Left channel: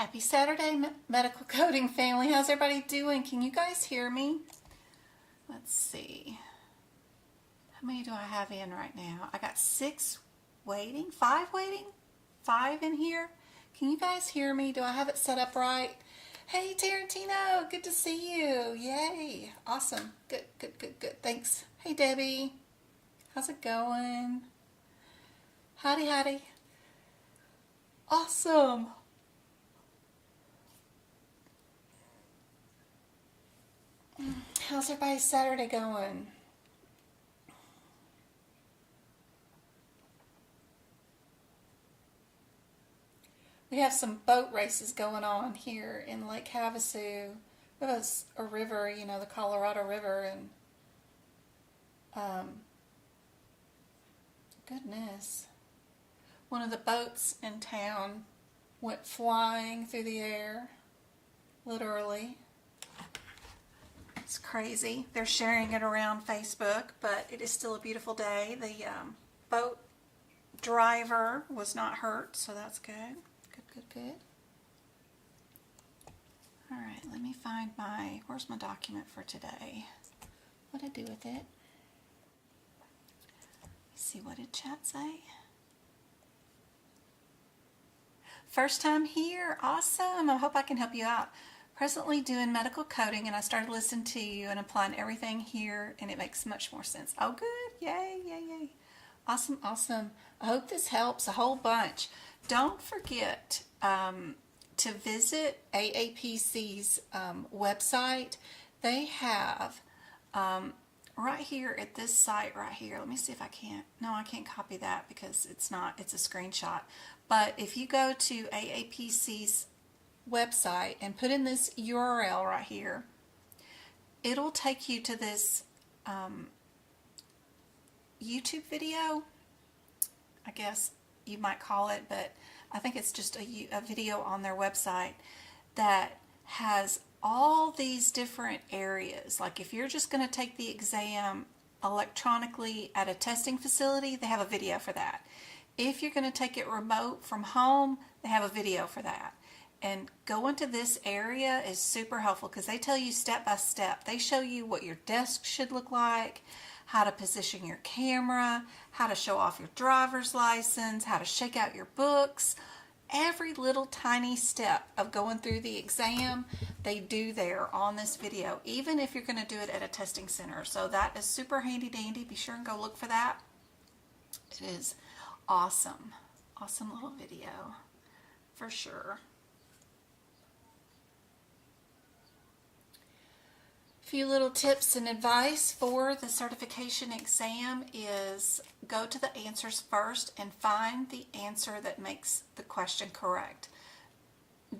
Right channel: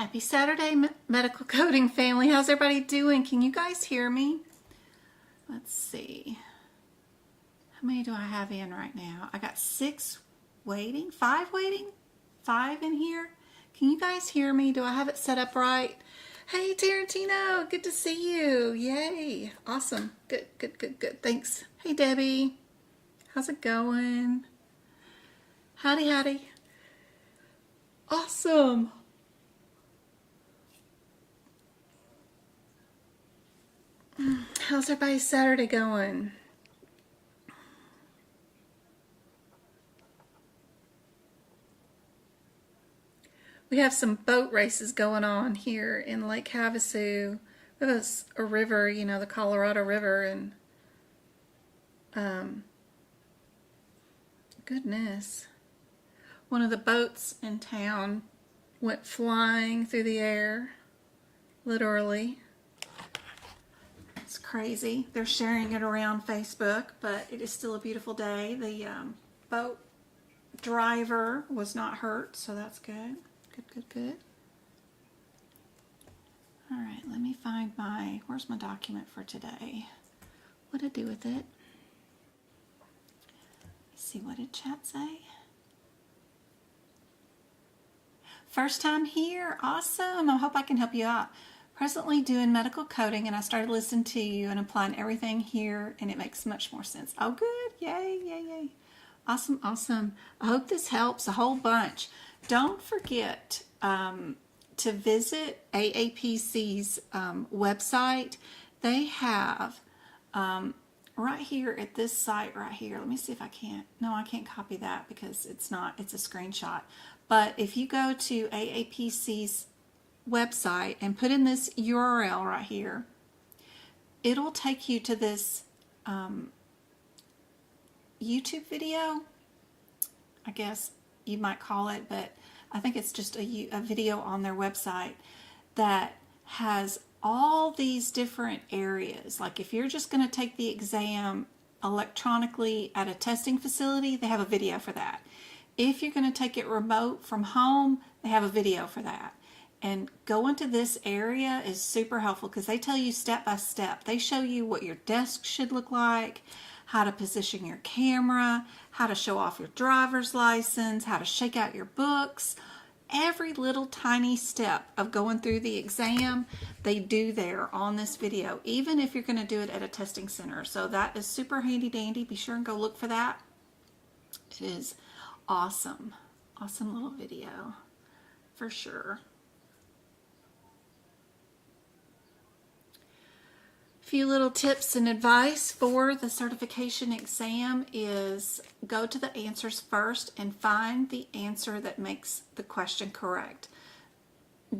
Happy Saturday, medical coding family. How's everybody doing? Can you guys hear me? Let's see. How many do I have in right now? I got 6 waiting, 5 waiting, 5 in here. Can you guys hear me? Do I have it set up right? Hey, Tarantino, good to see you. Yay. Awesome. Good, good, good, good. Thanks. Hey, Debbie. How's it going? Howdy, howdy. Awesome. How's everybody's Saturday going? We have some boat races going on here in Lake Havasu. We have a river, you know, the Colorado River, and goodness, one of the boats in town went flying through the air, literally. It's crazy. They're sharing it around Facebook, but it is still a beautiful day. The boat driver was not hurt, so that's good. Good, good, good. All right, let me find where's my document for today? What did I do with it? Let's see, what did chat say? First time here, awesome. I hope I can help you out. Presently doing medical coding, and I started listening to you and applying everything here, and it makes much more sense. Oh, good. Yay, yay, yay. Awesome, awesome. I hope this helps a whole bunch. Don't forget to visit AAPC's website. They have right here at this site right here. Let me see if I can't. No, I can't copy that because it's a screenshot. But if you go to AAPC's website and put in this URL right here, it'll take you to this YouTube video, I guess you might call it, but I think it's just a video on their website that has all these different areas. Like if you're just going to take the exam electronically at a testing facility, they have a video for that. If you're going to take it remote from home, they have a video for that. And going to this area is super helpful because they tell you step by step. They show you what your desk should look like, how to position your camera, how to show off your driver's license, how to shake out your books. Every little tiny step of going through the exam, they do there on this video, even if you're going to do it at a testing center. So that is super handy dandy. Be sure and go look for that. It is awesome. Awesome little video for sure. Few little tips and advice for the certification exam is go to the answers first and find the answer that makes the question correct.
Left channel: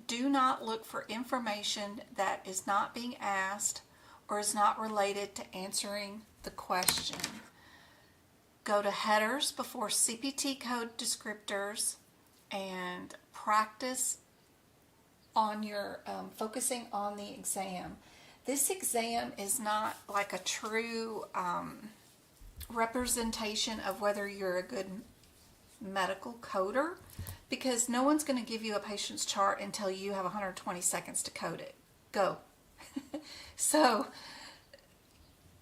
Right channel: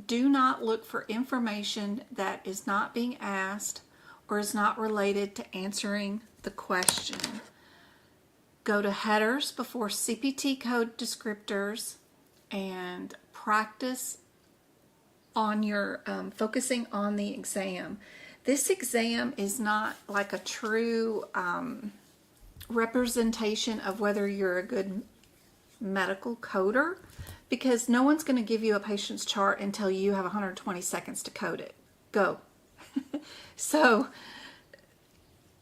Do not look for information that is not being asked or is not related to answering the question. Go to headers before CPT code descriptors and practice on your focusing on the exam. This exam is not like a true representation of whether you're a good medical coder, because no one's going to give you a patient's chart until you have 120 seconds to code it. Go. So,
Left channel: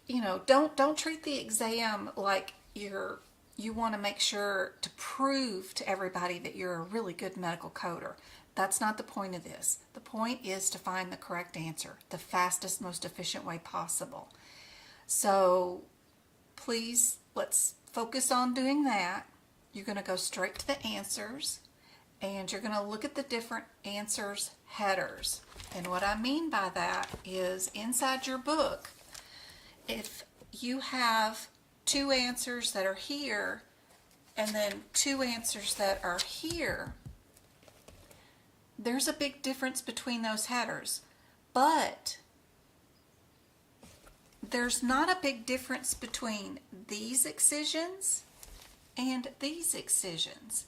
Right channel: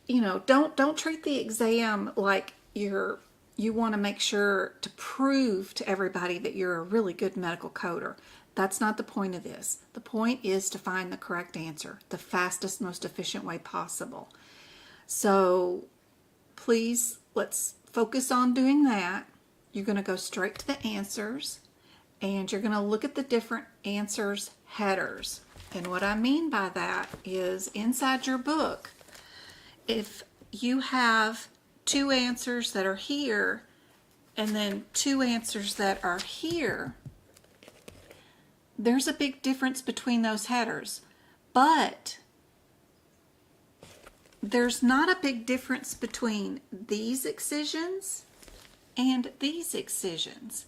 you know, don't treat the exam like you want to make sure to prove to everybody that you're a really good medical coder. That's not the point of this. The point is to find the correct answer, the fastest, most efficient way possible. So please, let's focus on doing that. You're going to go straight to the answers, and you're going to look at the different answers headers. And what I mean by that is inside your book, if you have 2 answers that are here and then 2 answers that are here, there's a big difference between those headers, but there's not a big difference between these excisions and these excisions.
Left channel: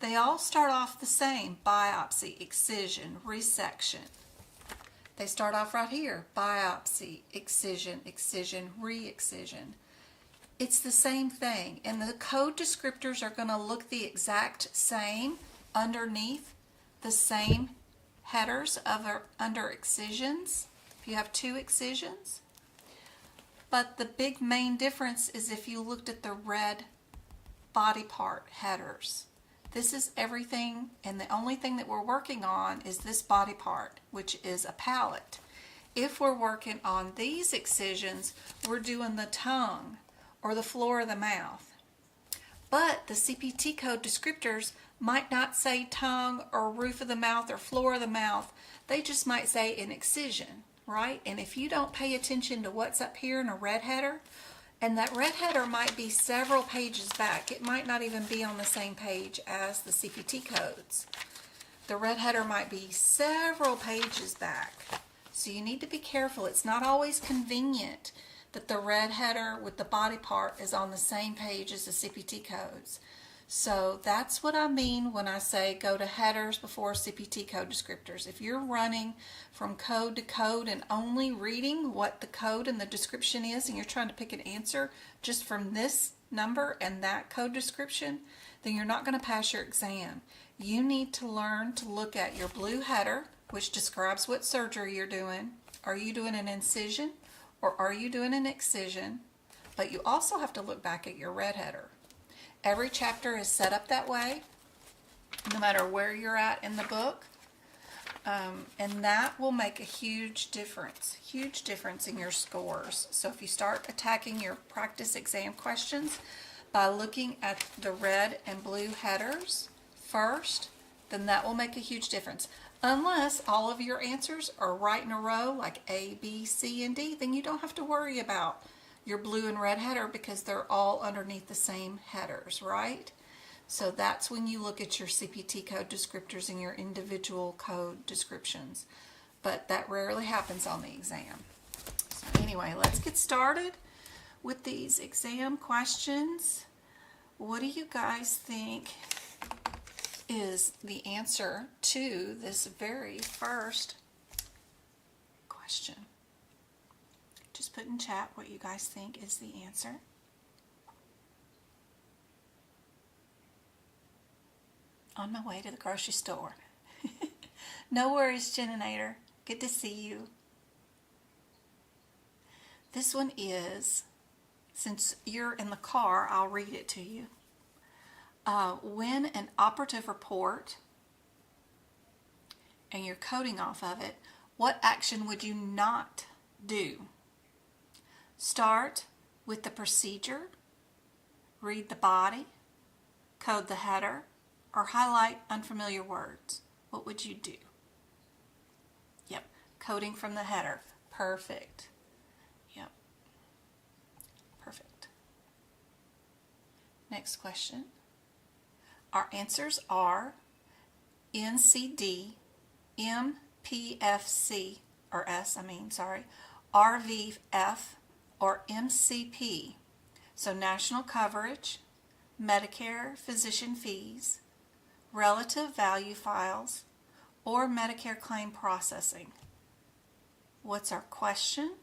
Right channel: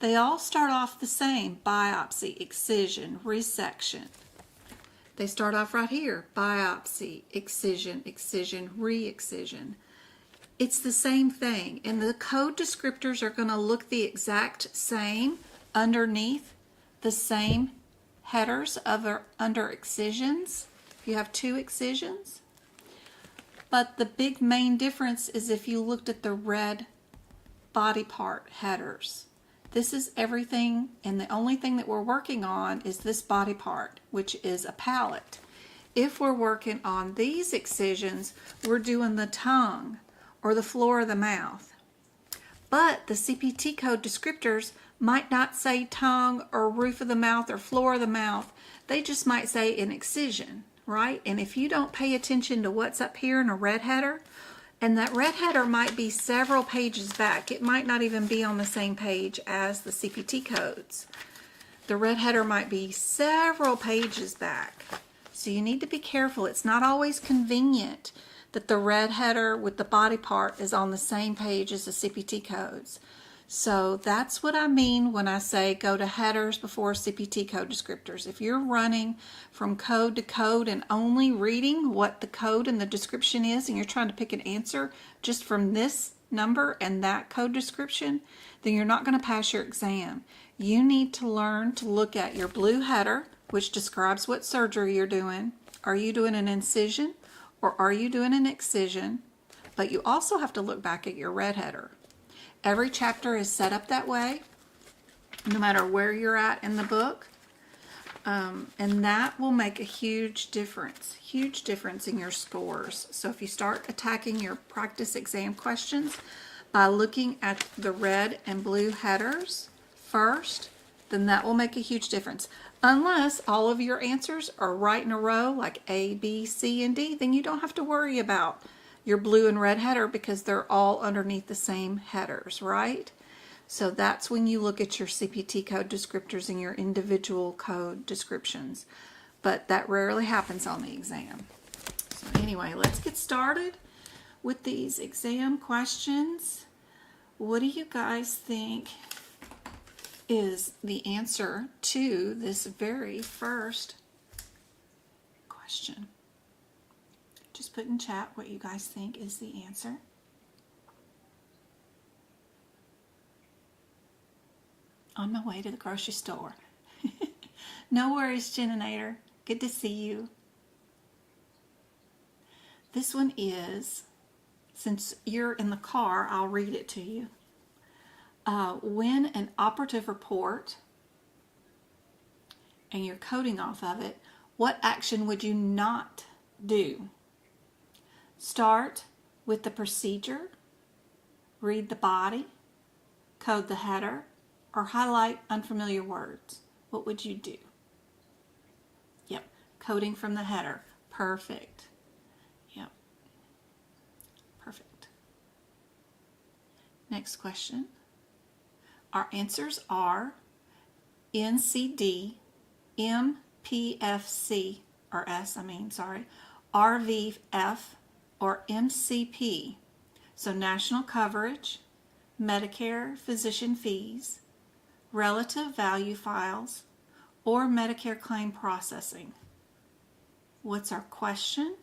They all start off the same: biopsy, excision, resection. They start off right here: biopsy, excision, excision, re-excision. It's the same thing, and the code descriptors are going to look the exact same underneath the same headers under excisions, if you have 2 excisions. But the big main difference is if you looked at the red body part headers. This is everything, and the only thing that we're working on is this body part, which is a palate. If we're working on these excisions, we're doing the tongue or the floor of the mouth. But the CPT code descriptors might not say tongue or roof of the mouth or floor of the mouth. They just might say an excision, right? And if you don't pay attention to what's up here in a red header, and that red header might be several pages back. It might not even be on the same page as the CPT codes. The red header might be several pages back. So you need to be careful. It's not always convenient that the red header with the body part is on the same page as the CPT codes. So that's what I mean when I say go to headers before CPT code descriptors. If you're running from code to code and only reading what the code and the description is, and you're trying to pick an answer just from this number and that code description, then you're not going to pass your exam. You need to learn to look at your blue header, which describes what surgery you're doing. Are you doing an incision or are you doing an excision? But you also have to look back at your red header. Every chapter is set up that way, no matter where you're at in the book, and that will make a huge difference in your scores. So if you start attacking your practice exam questions by looking at the red and blue headers first, then that will make a huge difference. Unless all of your answers are right in a row, like A, B, C, and D, then you don't have to worry about your blue and red header because they're all underneath the same headers, right? So that's when you look at your CPT code descriptors and your individual code descriptions. But that rarely happens on the exam. So anyway, let's get started with these exam questions. What do you guys think is the answer to this very first question? Just put in chat what you guys think is the answer. On my way to the grocery store. No worries, Geninator. Good to see you. This one is, since you're in the car, I'll read it to you. When an operative report and you're coding off of it, what action would you not do? Start with the procedure, read the body, code the header, or highlight unfamiliar words. What would you do? Yep, coding from the header. Perfect. Yep, perfect. Next question. Our answers are NCD, MPFC, or S, RVF, or MCP. So national coverage, Medicare physician fees, relative value files, or Medicare claim processing. What's our question?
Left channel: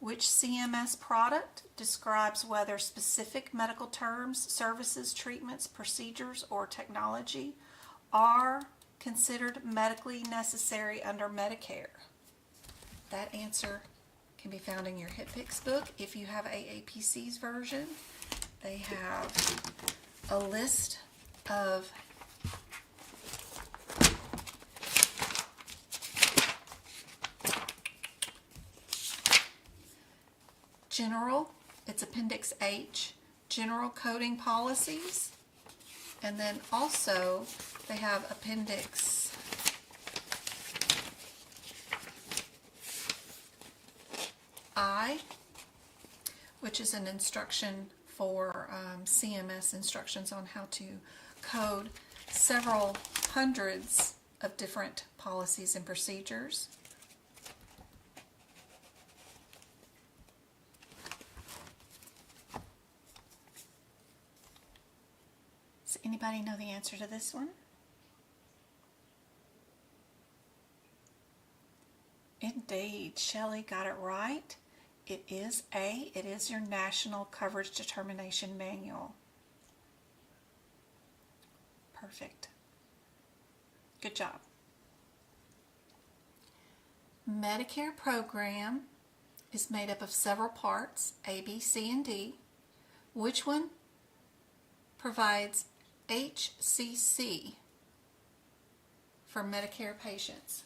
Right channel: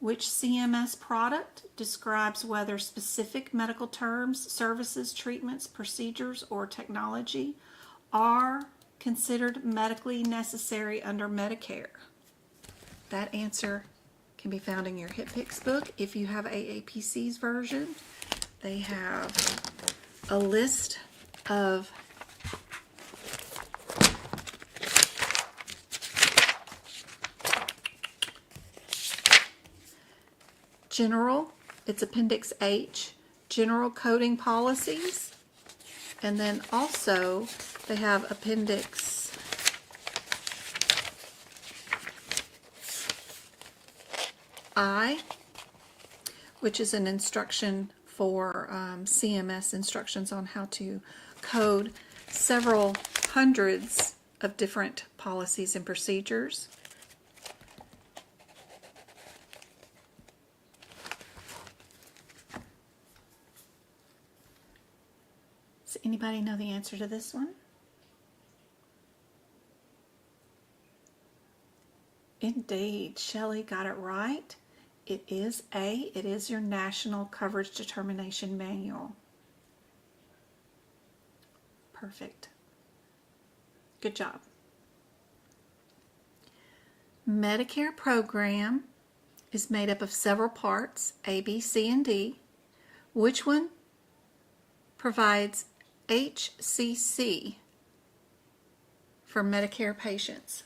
Which CMS product describes whether specific medical terms, services, treatments, procedures, or technology are considered medically necessary under Medicare? That answer can be found in your HIPAA book. If you have AAPC's version, they have a list of general, it's Appendix H, general coding policies, and then also they have Appendix I, which is an instruction for CMS instructions on how to code several hundreds of different policies and procedures. Does anybody know the answer to this one? Indeed, Shelley got it right. It is A. It is your National Coverage Determination Manual. Perfect. Good job. Medicare program is made up of several parts, A, B, C, and D. Which one provides HCC for Medicare patients?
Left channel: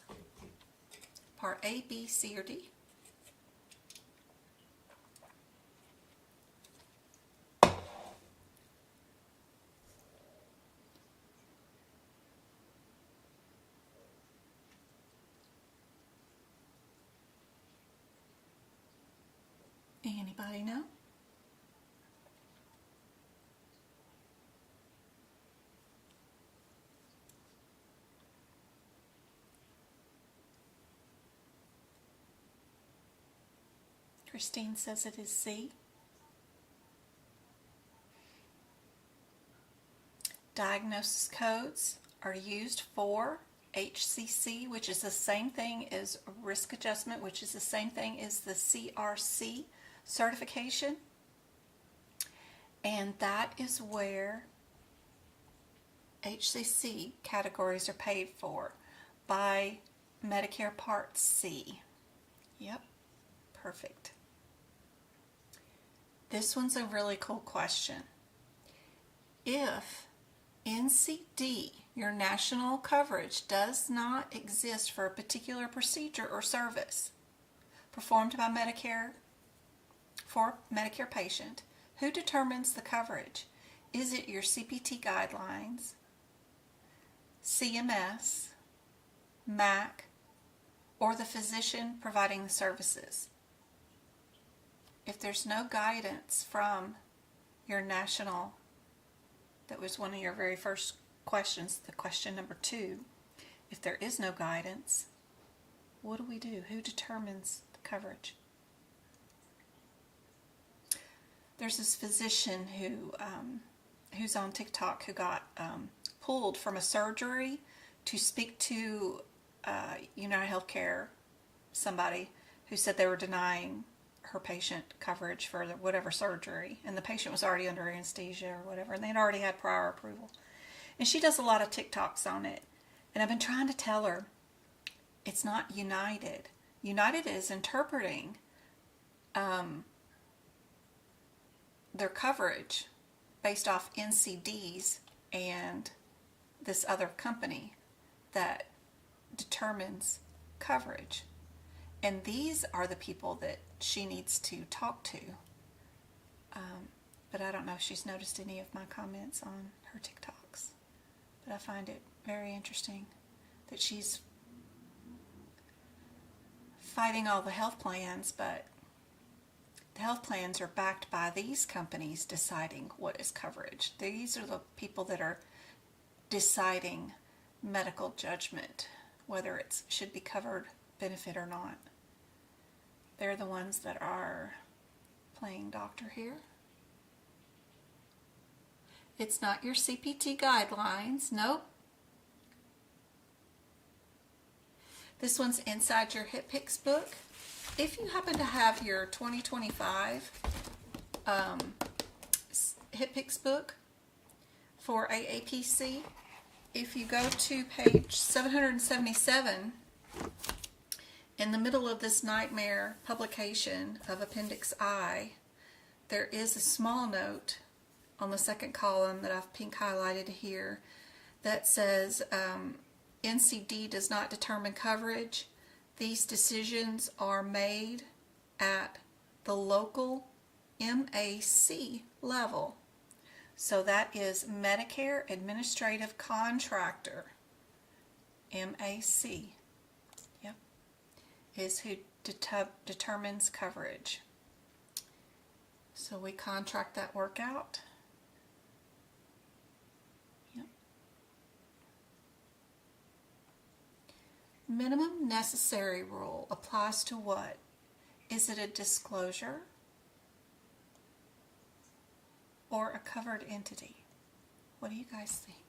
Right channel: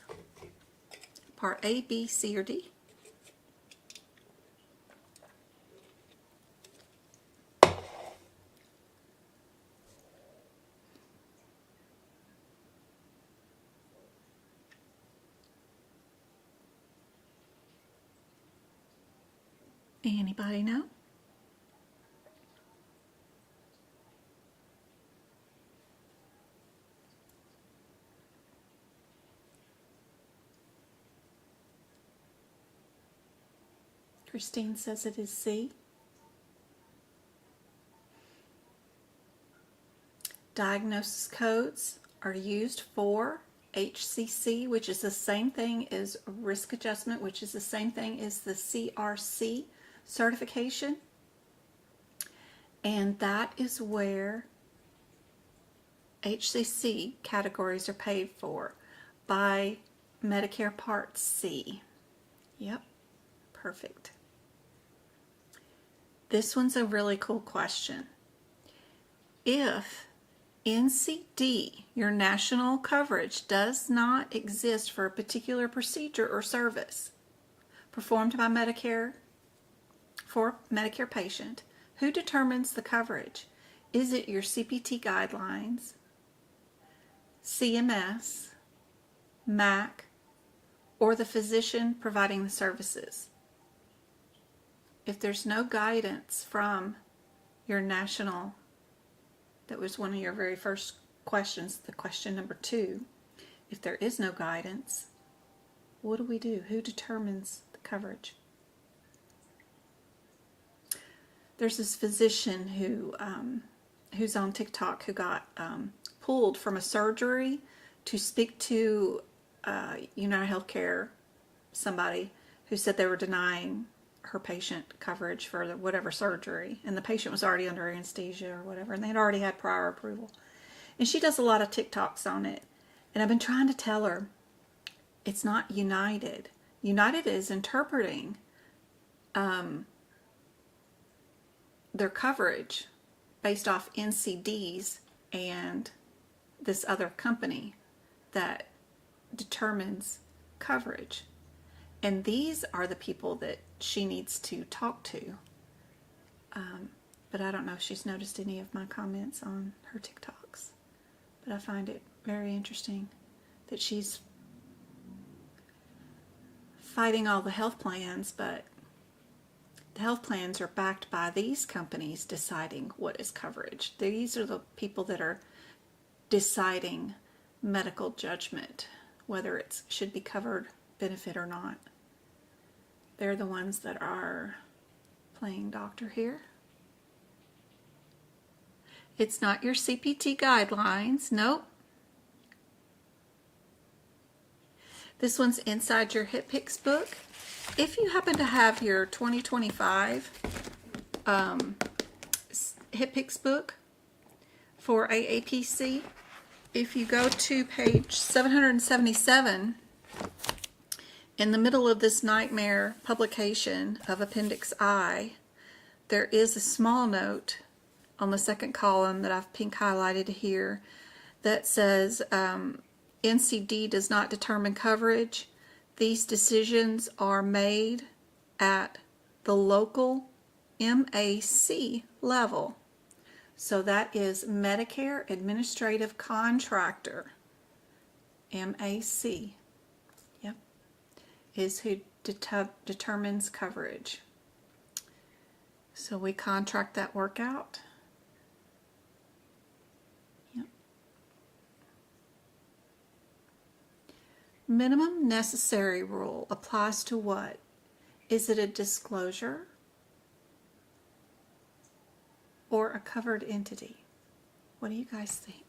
Part A, B, C, or D? Anybody know? Christine says it is C. Diagnosis codes are used for HCC, which is the same thing as risk adjustment, which is the same thing as the CRC certification. And that is where HCC categories are paid for by Medicare Part C. Yep, perfect. This one's a really cool question. If NCD, your national coverage, does not exist for a particular procedure or service performed by Medicare for Medicare patient, who determines the coverage? Is it your CPT guidelines, CMS, MAC, or the physician providing the services? If there's no guidance from your national, that was one of your very first questions, the question number 2. If there is no guidance, what do we do? Who determines the coverage? There's this physician who's on TikTok who got pulled from a surgery to speak to United Healthcare, somebody who said they were denying her patient coverage for whatever surgery, and the patient was already under anesthesia or whatever, and they'd already had prior approval. And she does a lot of TikToks on it, and I've been trying to tell her it's not United. United is interpreting their coverage based off NCDs and this other company that determines coverage. And these are the people that she needs to talk to. But I don't know if she's noticed any of my comments on her TikToks. But I find it very interesting that she's fighting all the health plans, but the health plans are backed by these companies deciding what is coverage. These are the people that are deciding medical judgment, whether it should be covered benefit or not. They're the ones that are playing doctor here. It's not your CPT guidelines. Nope. This one's inside your HIPAA book. If you happen to have your 2025 HIPAA book for AAPC, if you go to page 777, in the middle of this nightmare publication of Appendix I, there is a small note on the second column that I've pink highlighted here that says NCD does not determine coverage. These decisions are made at the local MAC level. So that is Medicare Administrative Contractor, MAC. Yep, is who determines coverage. So we contract that work out. Yep. Minimum necessary rule applies to what? Is it a disclosure or a covered entity? What do you guys think?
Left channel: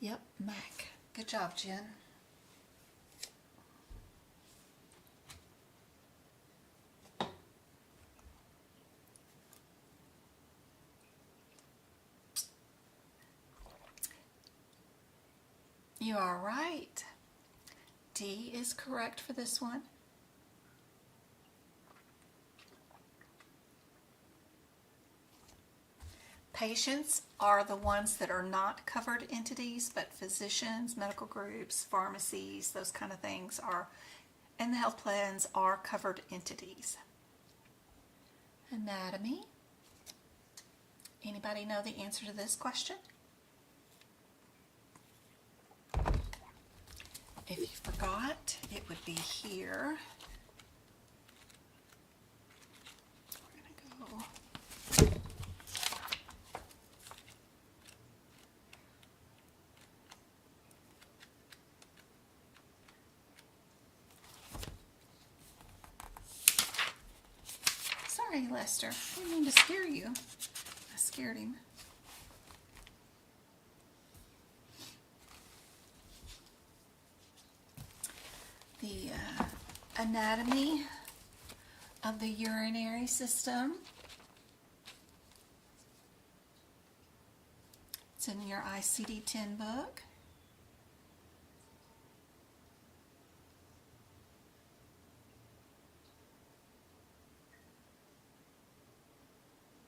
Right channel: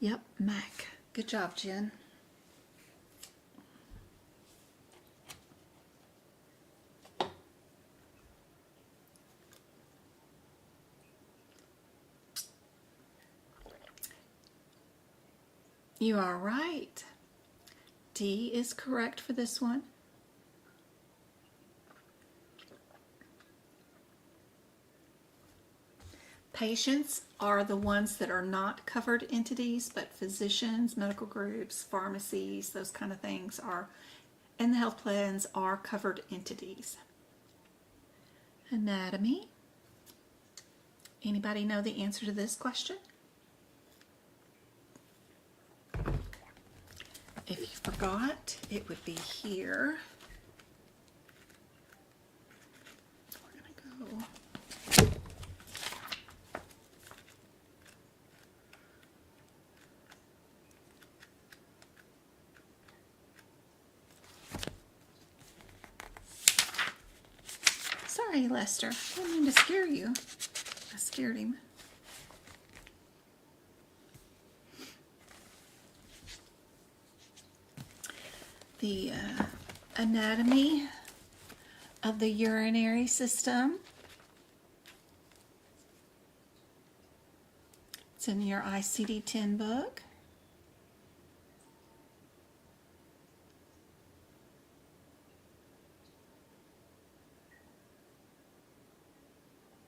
Yep, MAC. Good job, Jen. You are right. D is correct for this one. Patients are the ones that are not covered entities, but physicians, medical groups, pharmacies, those kind of things are, and the health plans are covered entities. Anatomy. Anybody know the answer to this question? If you forgot, it would be here. We're going to go. Sorry, Lester. I didn't mean to scare you. I scared him. The anatomy of the urinary system. It's in your ICD-10 book.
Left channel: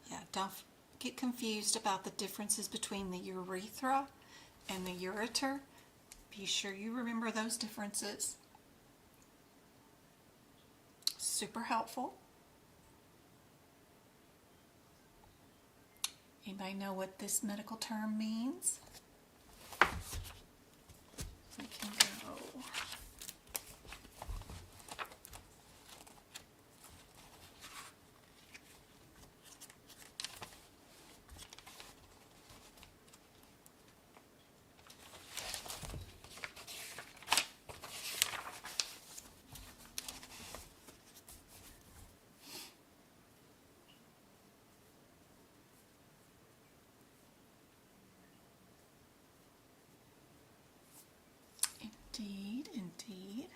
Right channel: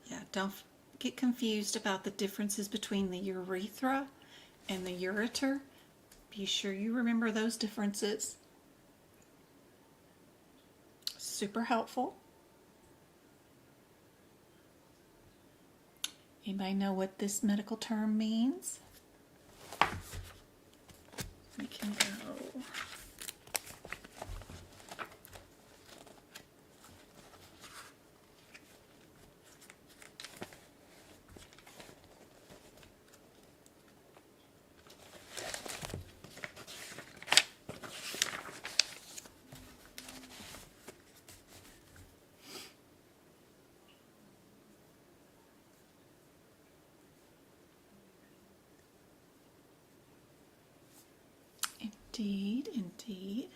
Yeah, don't get confused about the differences between the urethra and the ureter. Be sure you remember those differences. Super helpful. Anybody know what this medical term means? We can go. Indeed, indeed.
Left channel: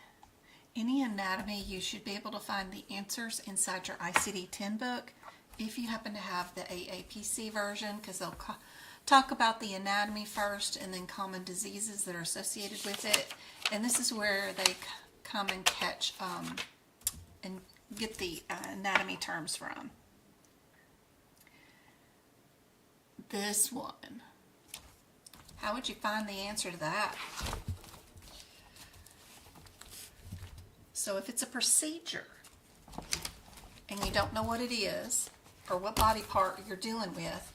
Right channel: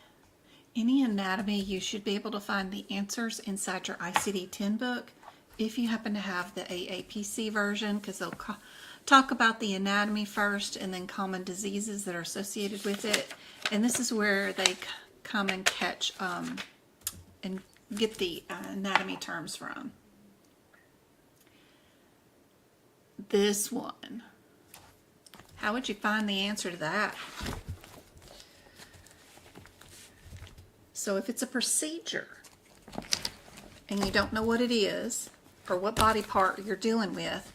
Any anatomy, you should be able to find the answers inside your ICD-10 book if you happen to have the AAPC version, because they'll talk about the anatomy first and then common diseases that are associated with it. And this is where they come and catch and get the anatomy terms from. This one. How would you find the answer to that? So if it's a procedure and you don't know what it is or what body part you're dealing with,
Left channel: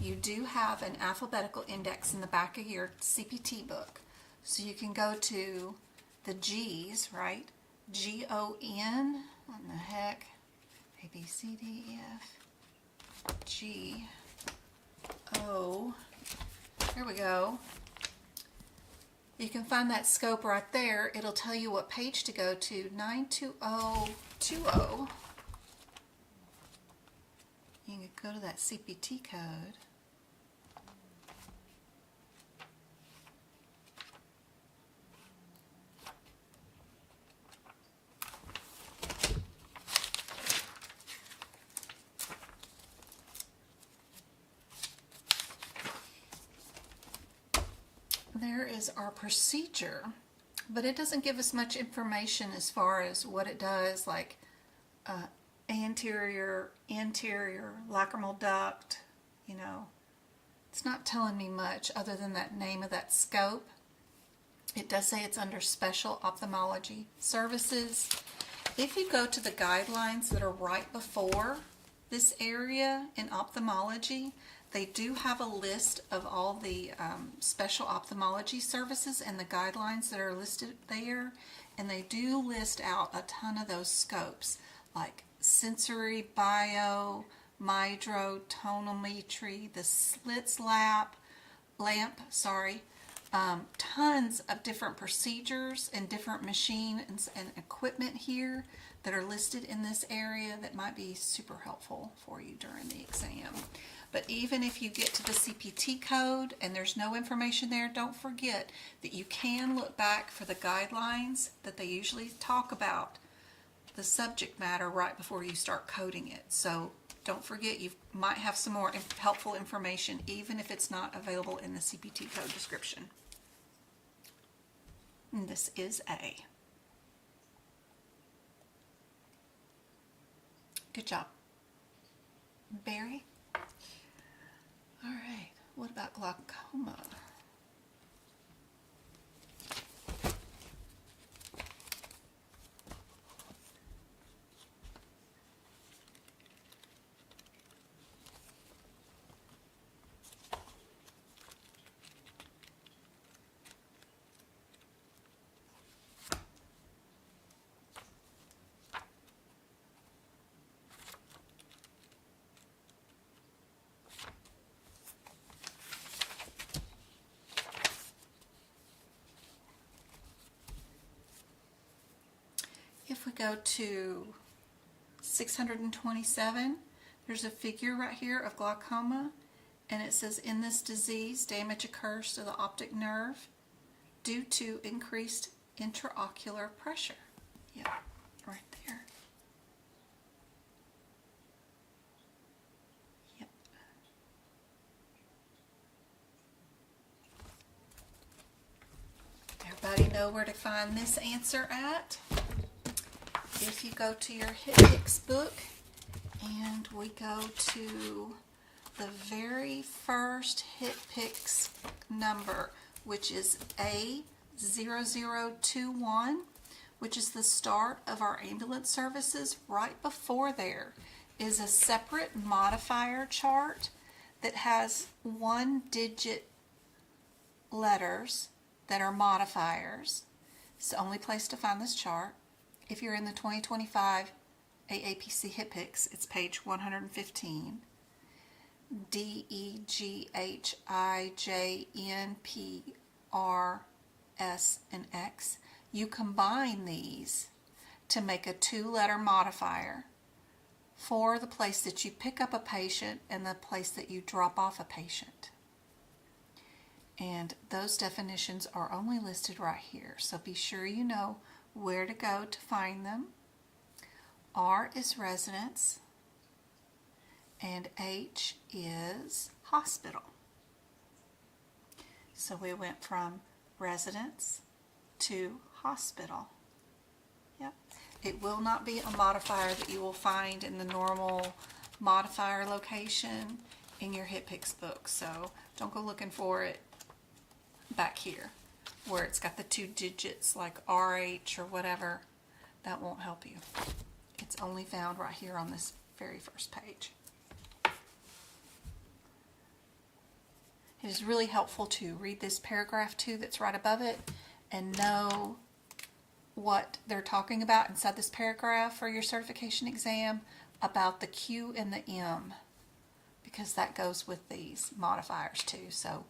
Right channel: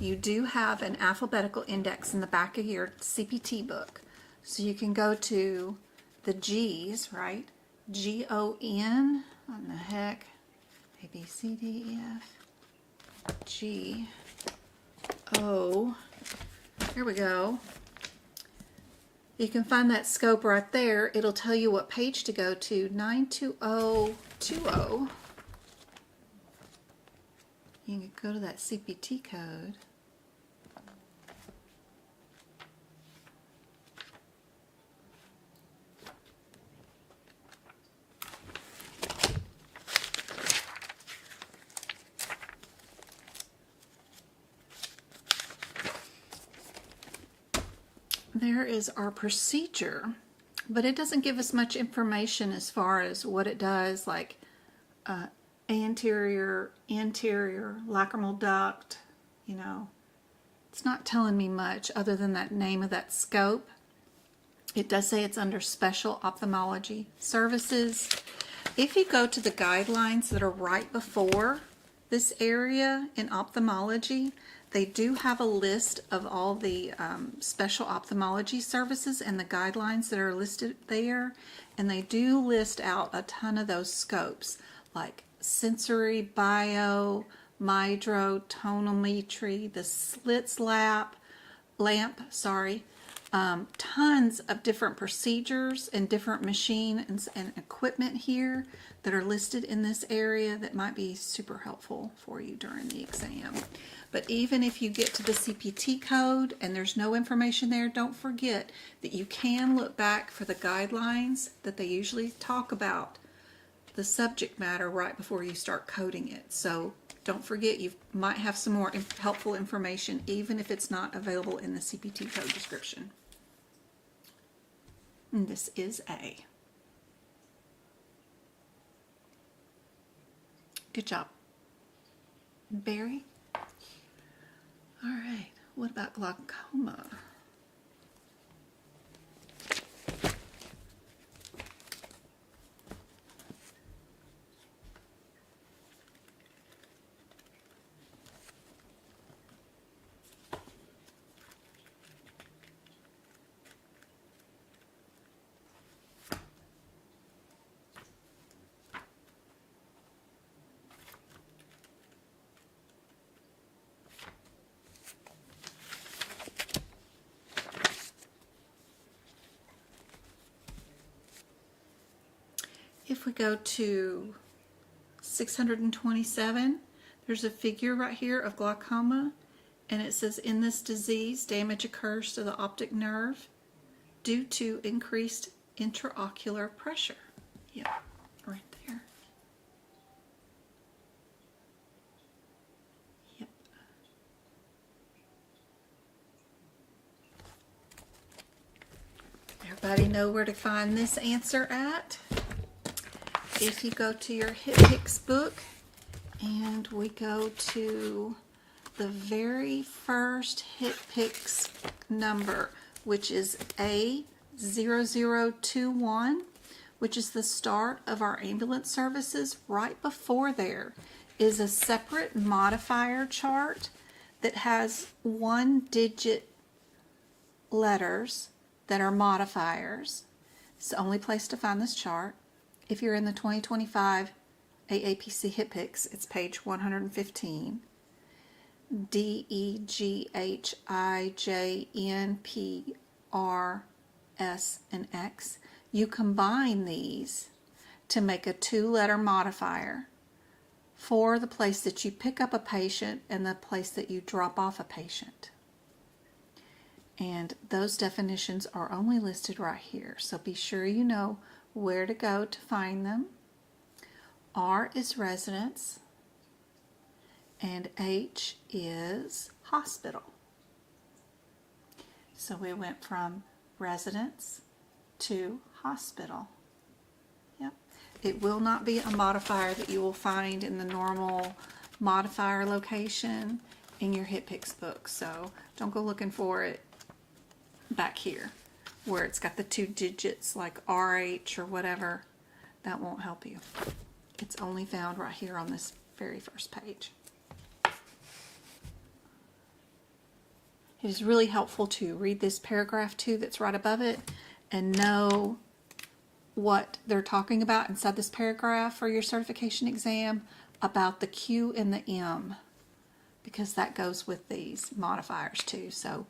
you do have an alphabetical index in the back of your CPT book. So you can go to the G's, right? G-O-N, what in the heck? A, B, C, D, E, F, G, O. Here we go. You can find that scope right there. It'll tell you what page to go to, 92020. You can go to that CPT code. There is our procedure, but it doesn't give us much information as far as what it does, like anterior, lacrimal duct, you know. It's not telling me much other than that name of that scope. It does say it's under special ophthalmology services. If you go to the guidelines that are right before this area in ophthalmology, they do have a list of all the special ophthalmology services and the guidelines that are listed there. And they do list out a ton of those scopes, like sensory, bio, mydro, tonometry, the slits lamp, tons of different procedures and different machines and equipment here that are listed in this area that might be super helpful for you during the exam. But even if you get to the CPT code and there's no information there, don't forget that you can look back for the guidelines that they usually talk about the subject matter right before you start coding it. So don't forget, you might have some more helpful information even if it's not available in the CPT code description. And this is A. Good job. Barry? All right, what about glaucoma? If we go to 627, there's a figure right here of glaucoma, and it says, in this disease, damage occurs to the optic nerve due to increased intraocular pressure. Yeah, right there. Yep. Everybody know where to find this answer at? If you go to your HIPAA book and we go to the very first HIPAA number, which is A0021, which is the start of our ambulance services, right before there is a separate modifier chart that has 1-digit letters that are modifiers. It's the only place to find this chart. If you're in the 2025 AAPC HIPAA, it's page 115. D, E, G, H, I, J, N, P, R, S, and X. You combine these to make a 2-letter modifier for the place that you pick up a patient and the place that you drop off a patient. And those definitions are only listed right here, so be sure you know where to go to find them. R is residence, and H is hospital. So we went from residence to hospital. Yep. It will not be a modifier that you will find in the normal modifier location in your HIPAA book, so don't go looking for it back here where it's got the 2 digits like RH or whatever. That won't help you. It's only found right here on this very first page. It is really helpful to read this paragraph too that's right above it and know what they're talking about inside this paragraph for your certification exam about the Q and the M, because that goes with these modifiers too. So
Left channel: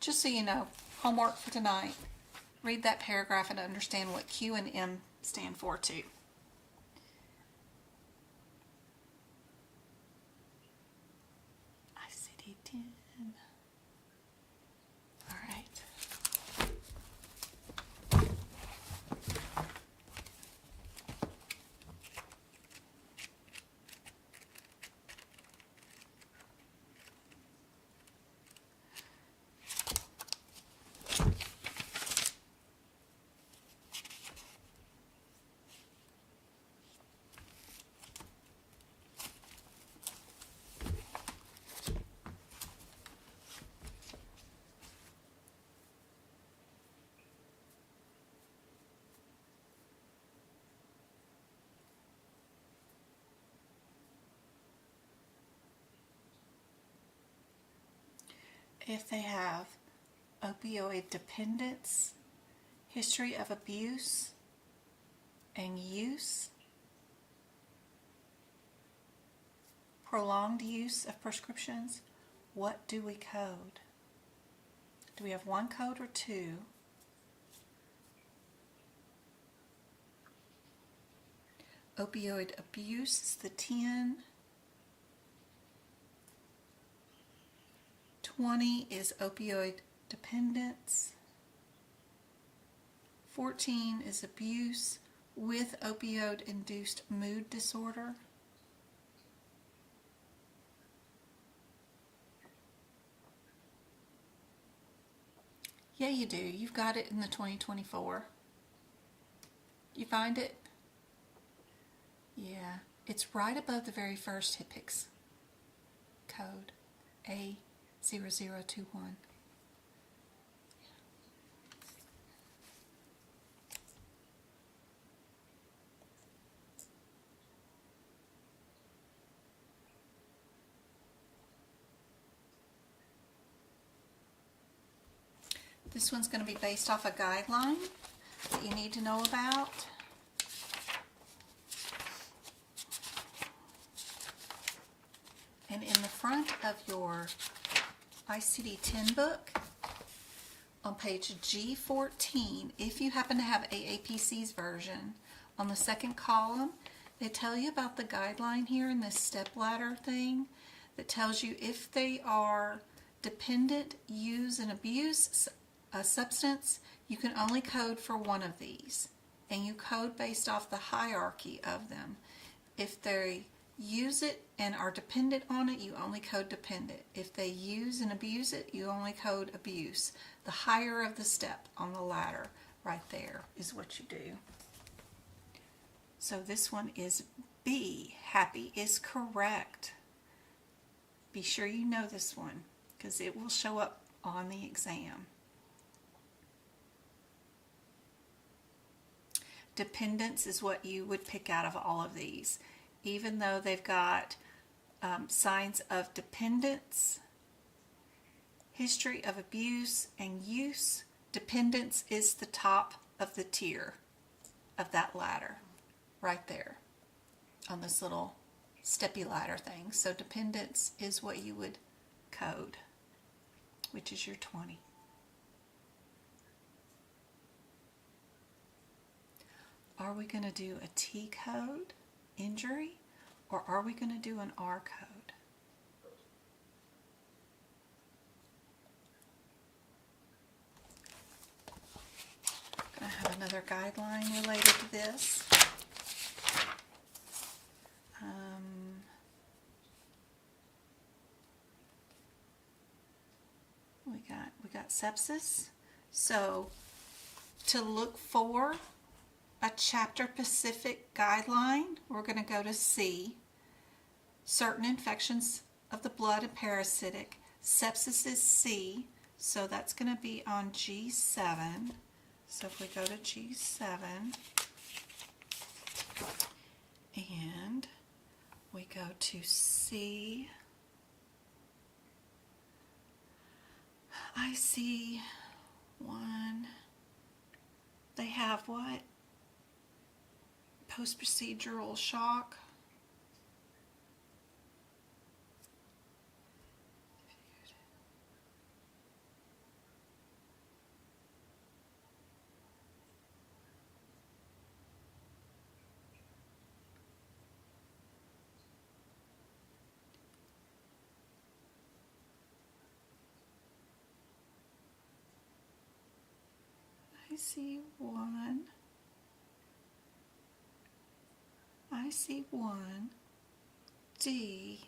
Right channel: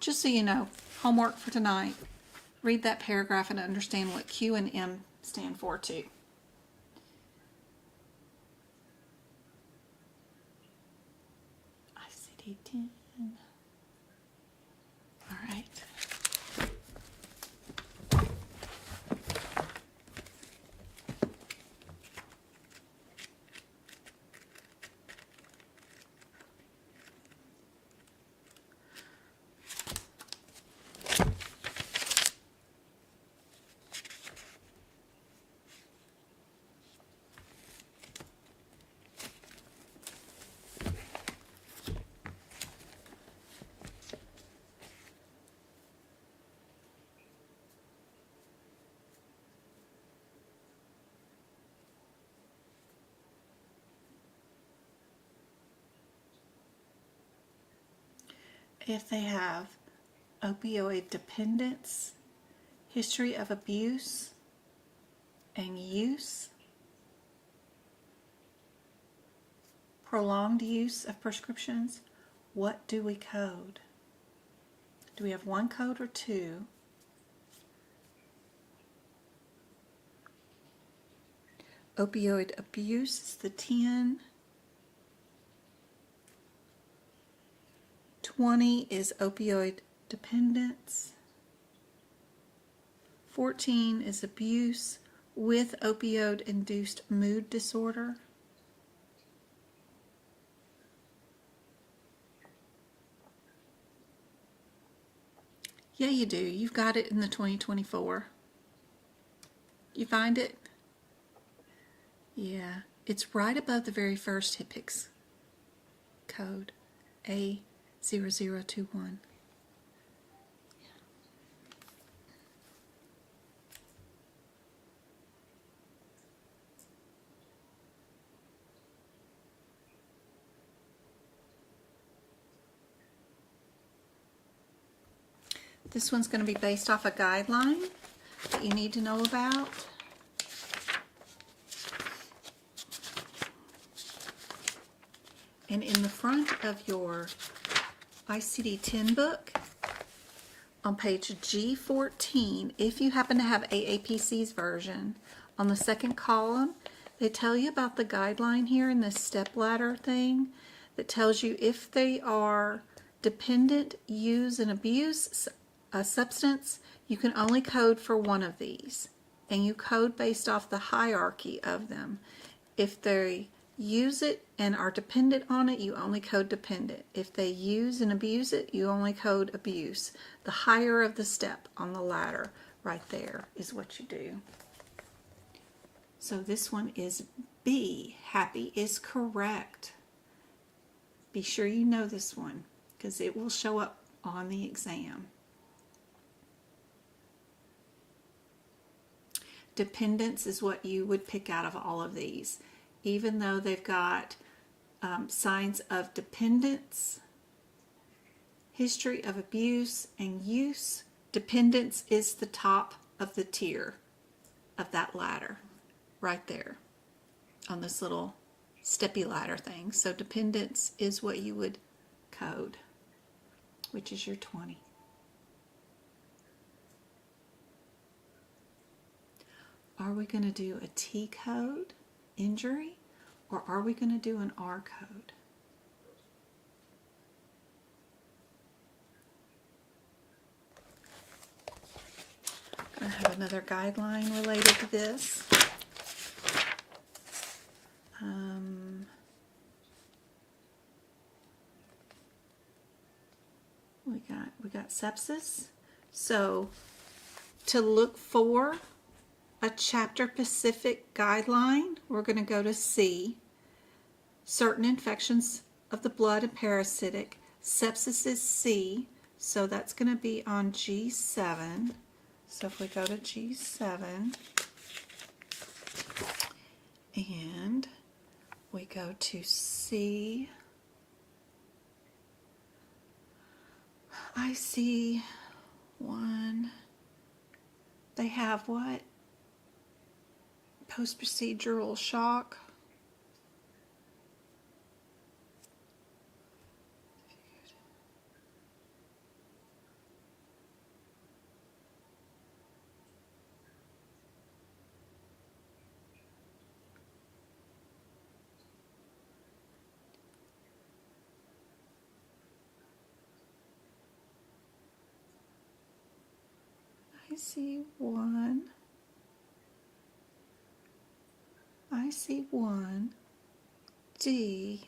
just so you know, homework for tonight, read that paragraph and understand what Q and M stand for too. ICD-10. All right. If they have opioid dependence, history of abuse and use, prolonged use of prescriptions, what do we code? Do we have 1 code or 2? Opioid abuse is the 10. 20 is opioid dependence. 14 is abuse with opioid-induced mood disorder. Yeah, you do. You've got it in the 2024. You find it? Yeah, it's right above the very first HIPAA code, A0021. This one's going to be based off a guideline that you need to know about. And in the front of your ICD-10 book, on page G14, if you happen to have AAPC's version, on the second column, they tell you about the guideline here in this stepladder thing that tells you if they are dependent, use, and abuse a substance, you can only code for one of these. And you code based off the hierarchy of them. If they use it and are dependent on it, you only code dependent. If they use and abuse it, you only code abuse. The higher of the step on the ladder right there is what you do. So this one is B. Happy is correct. Be sure you know this one because it will show up on the exam. Dependence is what you would pick out of all of these. Even though they've got signs of dependence, history of abuse, and use, dependence is the top of the tier of that ladder right there on this little steppy ladder thing. So dependence is what you would code, which is your 20. Are we going to do a T code, injury, or are we going to do an R code? I'm going to have another guideline related to this. We got sepsis. So to look for a chapter-specific guideline, we're going to go to C. Certain infections of the blood and parasitic. Sepsis is C, so that's going to be on G7. So if we go to G7, and we go to C, IC1, they have what? Post-procedural shock. IC1, D,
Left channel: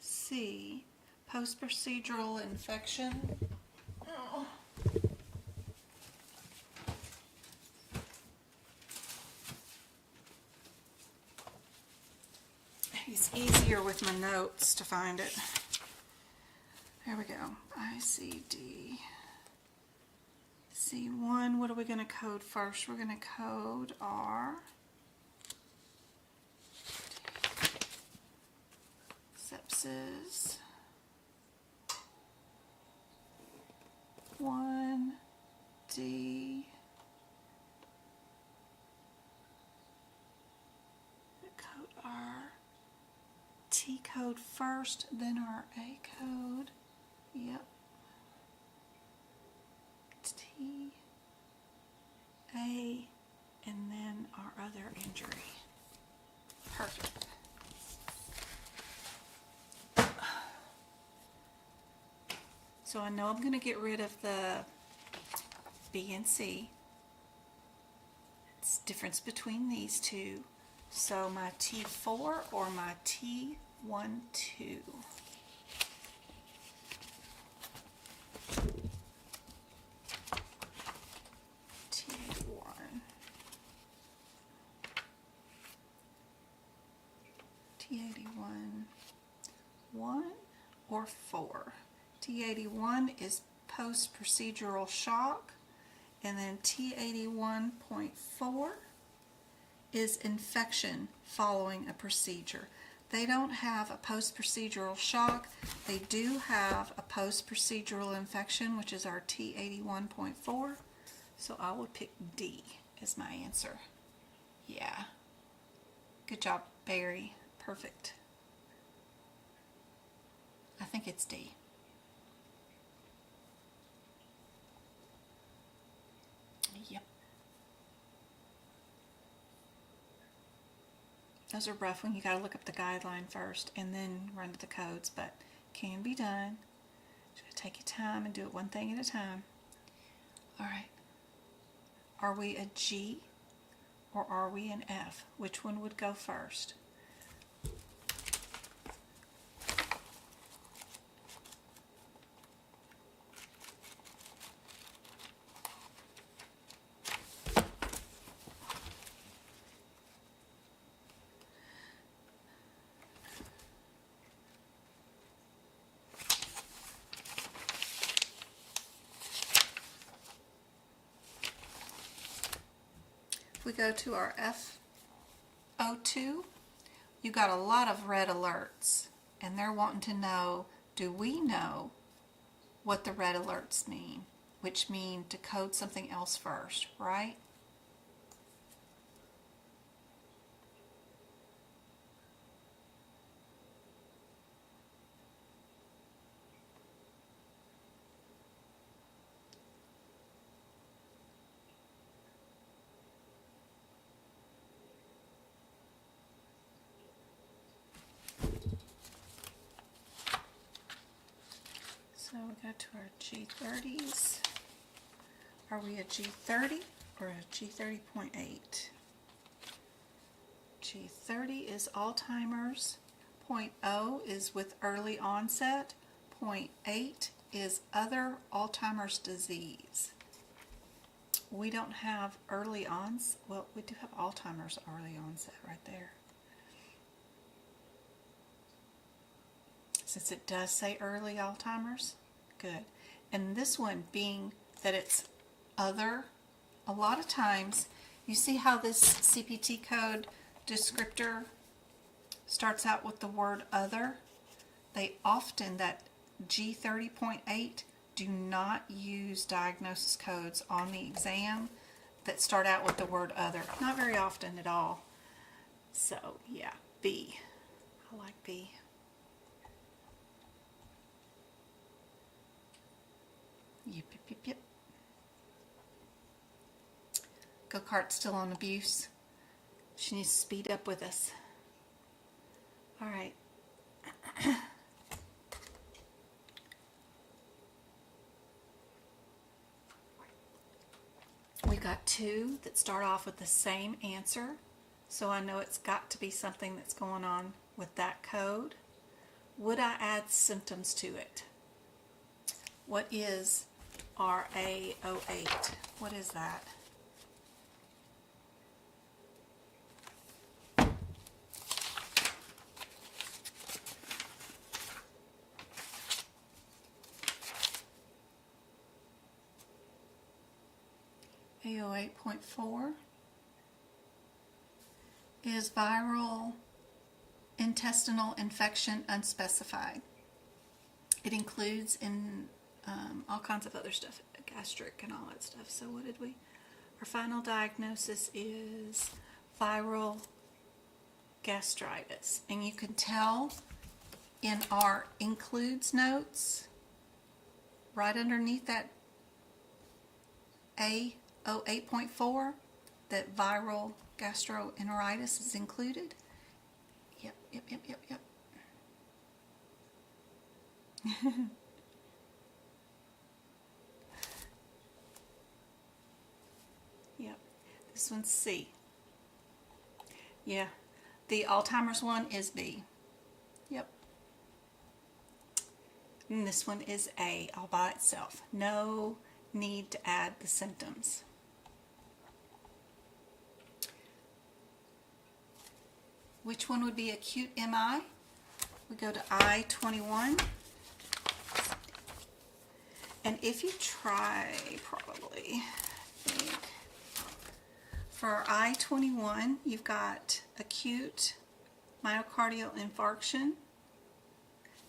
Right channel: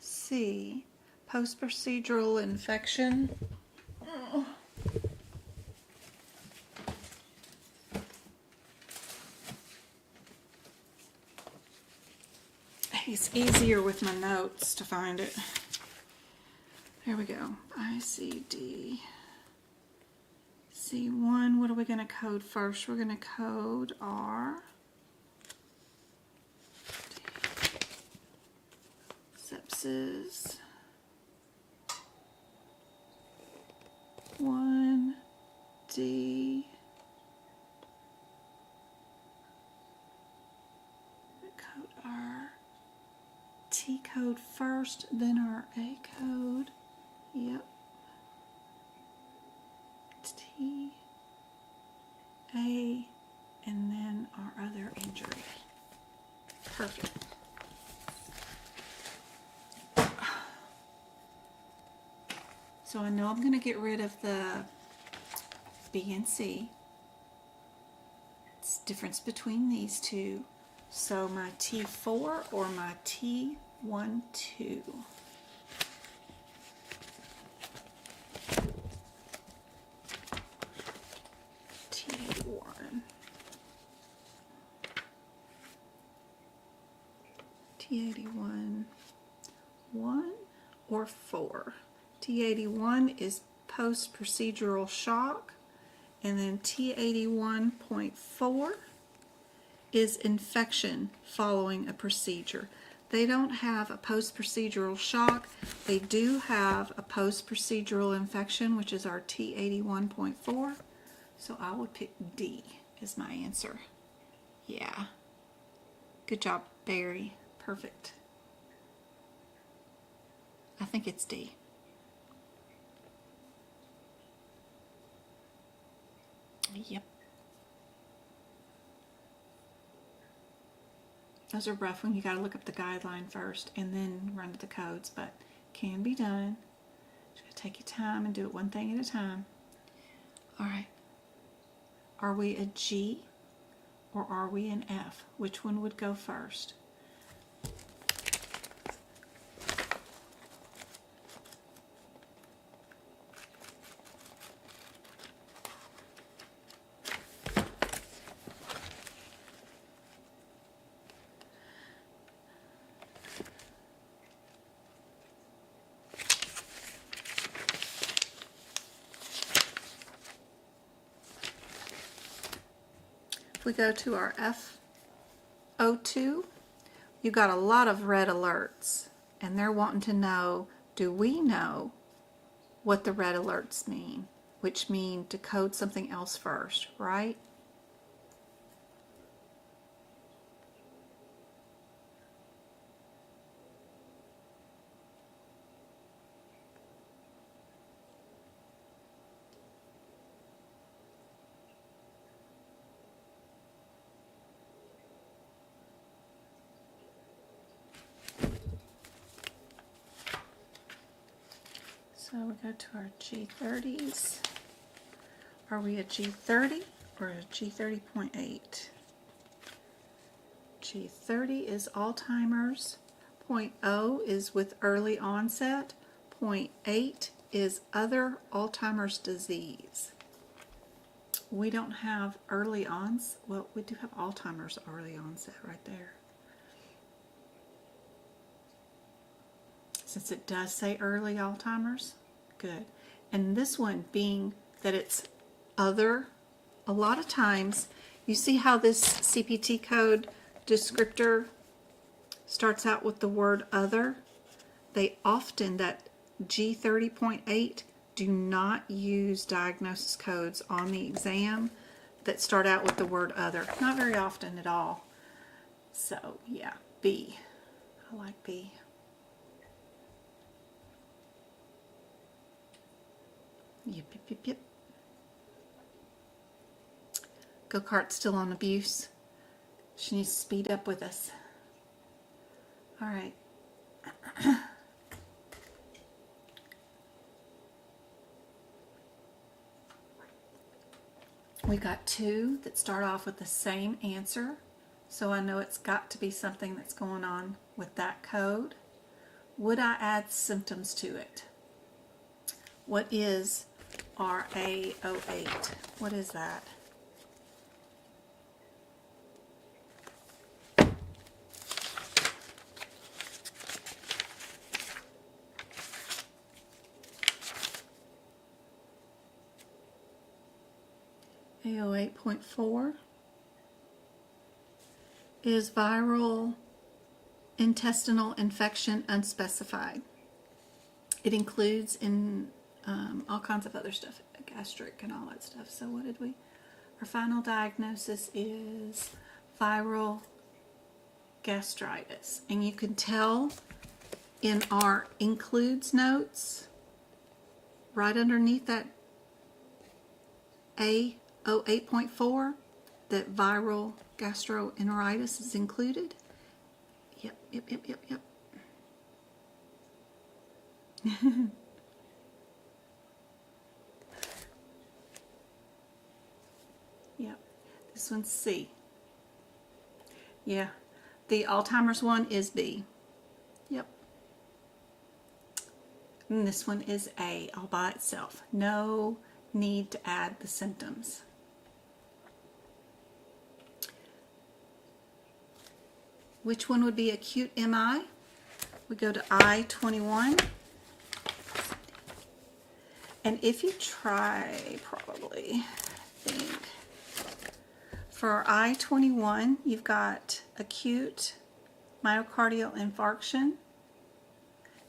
C, post-procedural infection. Oh. It's easier with my notes to find it. There we go. ICD. C1, what are we going to code first? We're going to code R. Sepsis. 1, D. Code R. T code first, then our A code. Yep. T, A, and then our other injury. Perfect. So I know I'm going to get rid of the B and C. It's the difference between these two. So my T4 or my T12. T T81, 1 or 4. T81 is post-procedural shock, and then T81.4 is infection following a procedure. They don't have a post-procedural shock. They do have a post-procedural infection, which is our T81.4. So I would pick D as my answer. Yeah. Good job, Barry. Perfect. I think it's D. Yep. Those are rough when you got to look up the guideline first and then run to the codes, but can be done. Just gotta take your time and do it one thing at a time. All right. Are we a G or are we an F? Which one would go first? If we go to our F02, you got a lot of red alerts, and they're wanting to know, do we know what the red alerts mean? Which mean to code something else first, right? So we go to our G30s. Are we a G30 or a G30.8? G30 is Alzheimer's. 0.0 is with early onset. 0.8 is other Alzheimer's disease. We don't have early onset. Well, we do have Alzheimer's early onset right there. Since it does say early Alzheimer's, good. And this one being that it's other, a lot of times, you see how this CPT code descriptor starts out with the word other? They often, that G30.8, do not use diagnosis codes on the exam that start out with the word other. Not very often at all. So, yeah, B. I like B. Yep, yep, yep, yep. Go-kart's still on abuse. She needs to speed up with us. All right. We've got two that start off with the same answer, so I know it's got to be something that's going on with that code. Would I add symptoms to it? What is RA08? What is that? A08.4 is viral intestinal infection unspecified. It includes in all kinds of other stuff, gastric and all that stuff. So what did we? Our final diagnosis is viral gastritis. And you can tell in our includes notes, right underneath that A08.4, that viral gastroenteritis is included. Yep. Yep, this one's C. Yeah, the Alzheimer's one is B. Yep. And this one is A all by itself. No need to add the symptoms. Which one would be acute MI? We go to I-21. And if you try, probably, I think, for I-21, you've got acute myocardial infarction.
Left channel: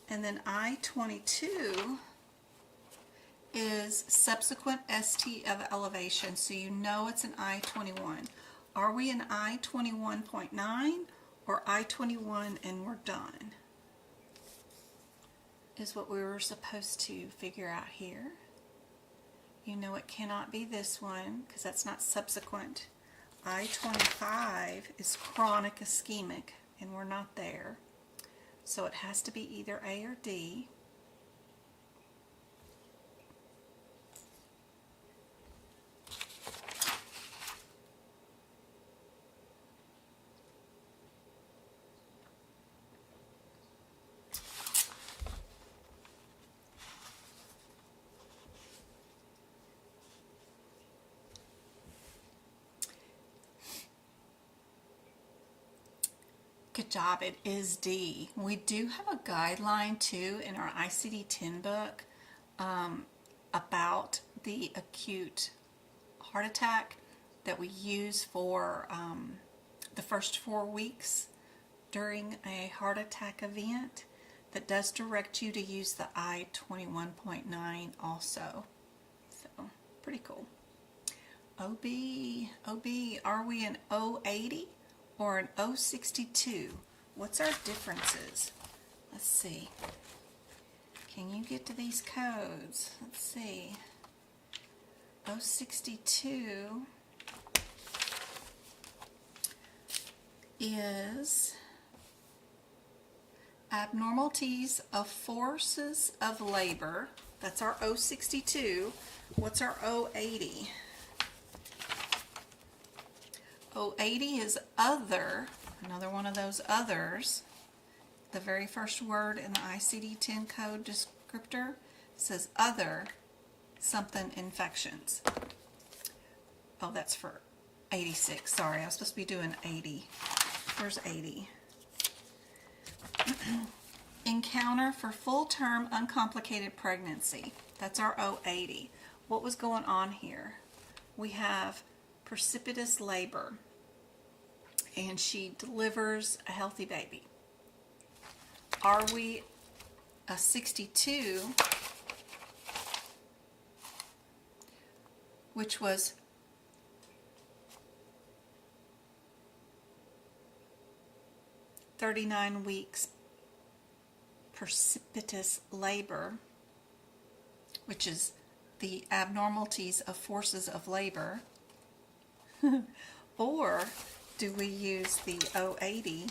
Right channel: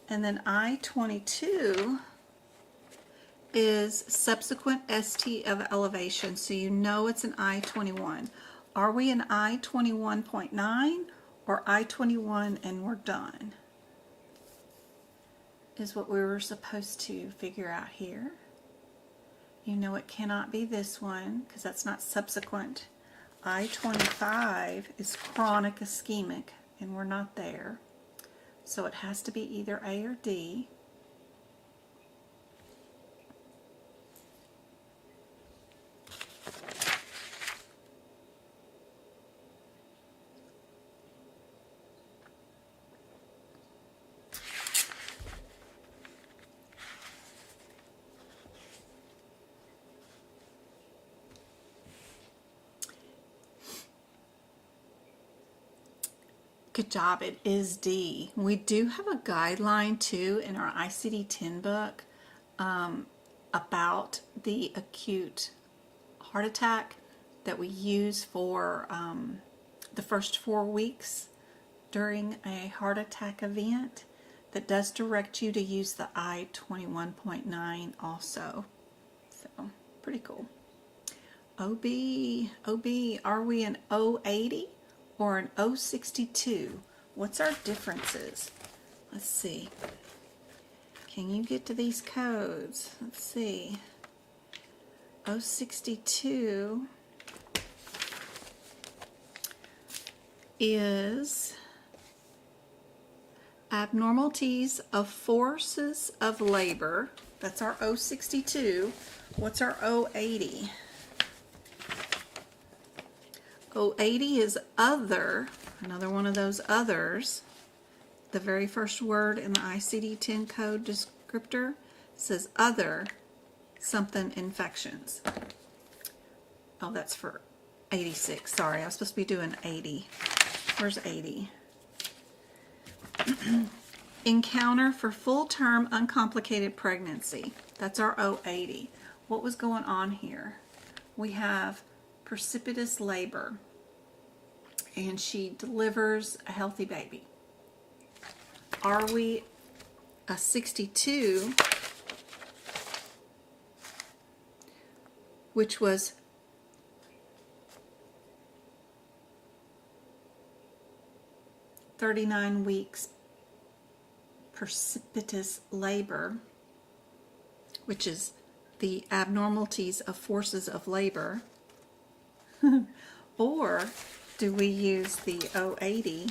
And then I-22 is subsequent ST of elevation. So you know it's an I-21. Are we an I-21.9 or I-21 and we're done? Is what we were supposed to figure out here. You know it cannot be this one because that's not subsequent. I-25 is chronic ischemic and we're not there. So it has to be either A or D. Good job, it is D. We do have a guideline too in our ICD-10 book about the acute heart attack that we use for the first 4 weeks during a heart attack event that does direct you to use the I-21.9 also. So, pretty cool. OB, are we an O80? Or an O62. What's our differences? Let's see. Can you get to these codes? Let's see. O62 is abnormalities of forces of labor. That's our O62. What's our O80? O80 is other, another one of those others. The very first word in the ICD-10 code descriptor says other something infections. Oh, that's for 86. Sorry, I was supposed to be doing 80. Where's 80? Encounter for full-term uncomplicated pregnancy. That's our O80. What was going on here? We have precipitous labor, and she delivers a healthy baby. Are we a 62, which was (39 weeks precipitous labor, which is the abnormalities of forces of labor? Or do we use the O80,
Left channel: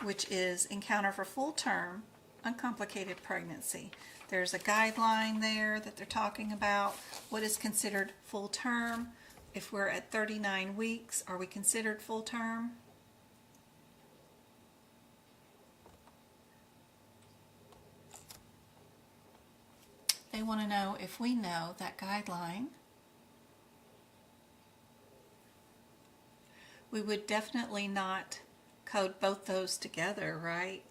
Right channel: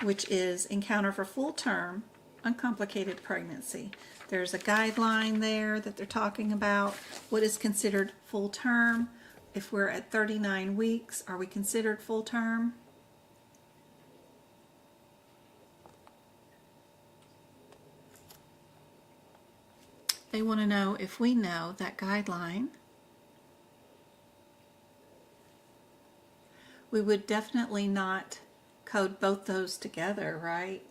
which is encounter for full-term uncomplicated pregnancy? There's a guideline there that they're talking about. What is considered full-term? If we're at 39 weeks, are we considered full-term? They want to know if we know that guideline. We would definitely not code both those together, right?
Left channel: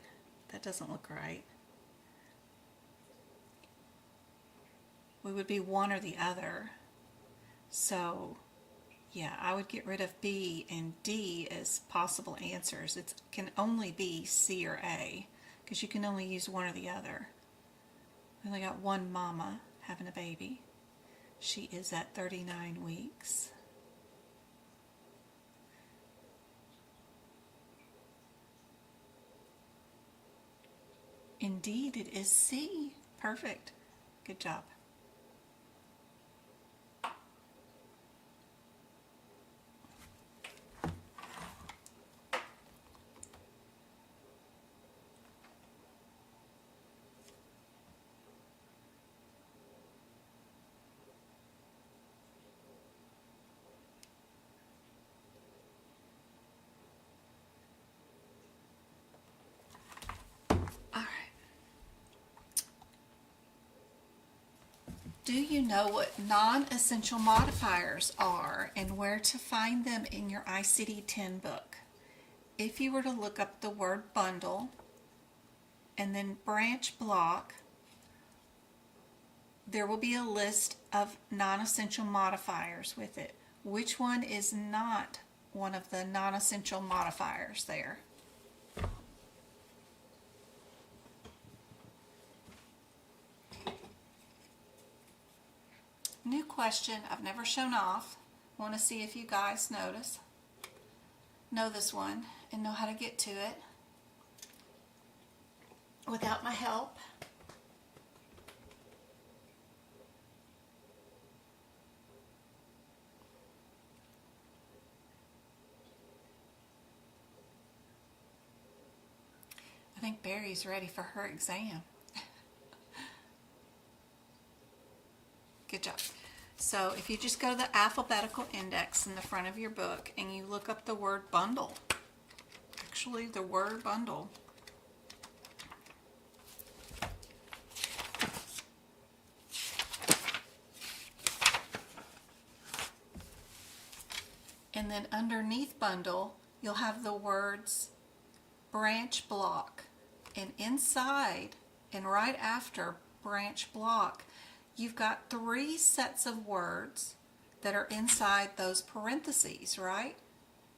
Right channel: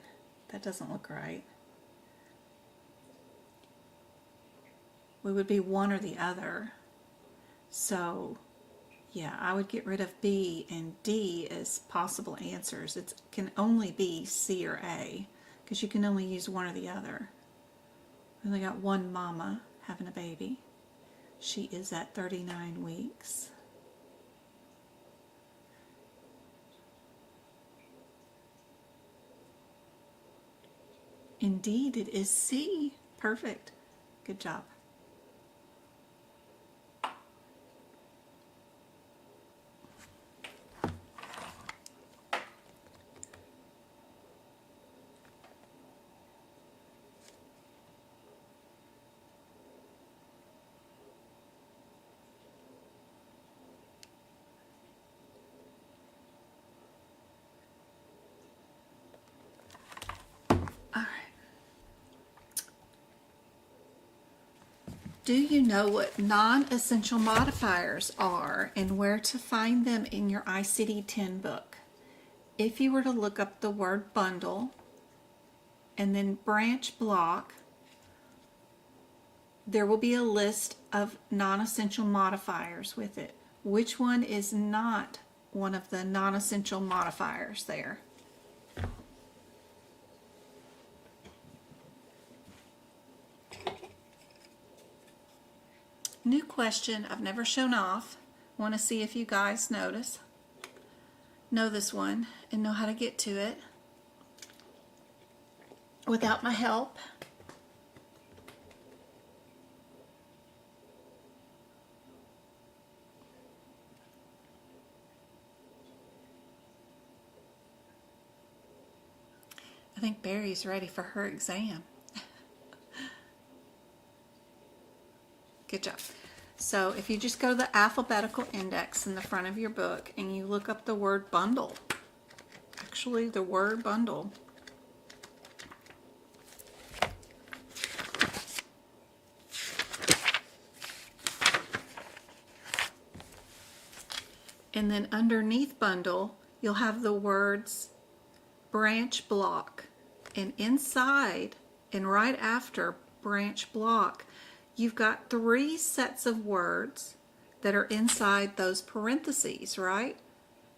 That doesn't look right. We would be one or the other. So, yeah, I would get rid of B and D as possible answers. It can only be C or A, because you can only use one or the other. We only got one mama having a baby. She is at 39 weeks. Indeed, it is C. Perfect. Good job. Do you know what non-essential modifiers are and where to find them in your ICD-10 book? if you were to look up the word bundle and then branch block, there will be a list of non-essential modifiers with it. Which one is not one of the non-essential modifiers there? New question I've never shown off. Want to see if you guys know this one and know how to get to it without my help. I think Barry's ready for her exam. Good job. So if you just go to the alphabetical index in the front of your book and you look up the word bundle, actually the word bundle, and then underneath bundle you'll have the words branch block, and inside and right after branch block you've got 3 sets of words that are inside those parentheses, right?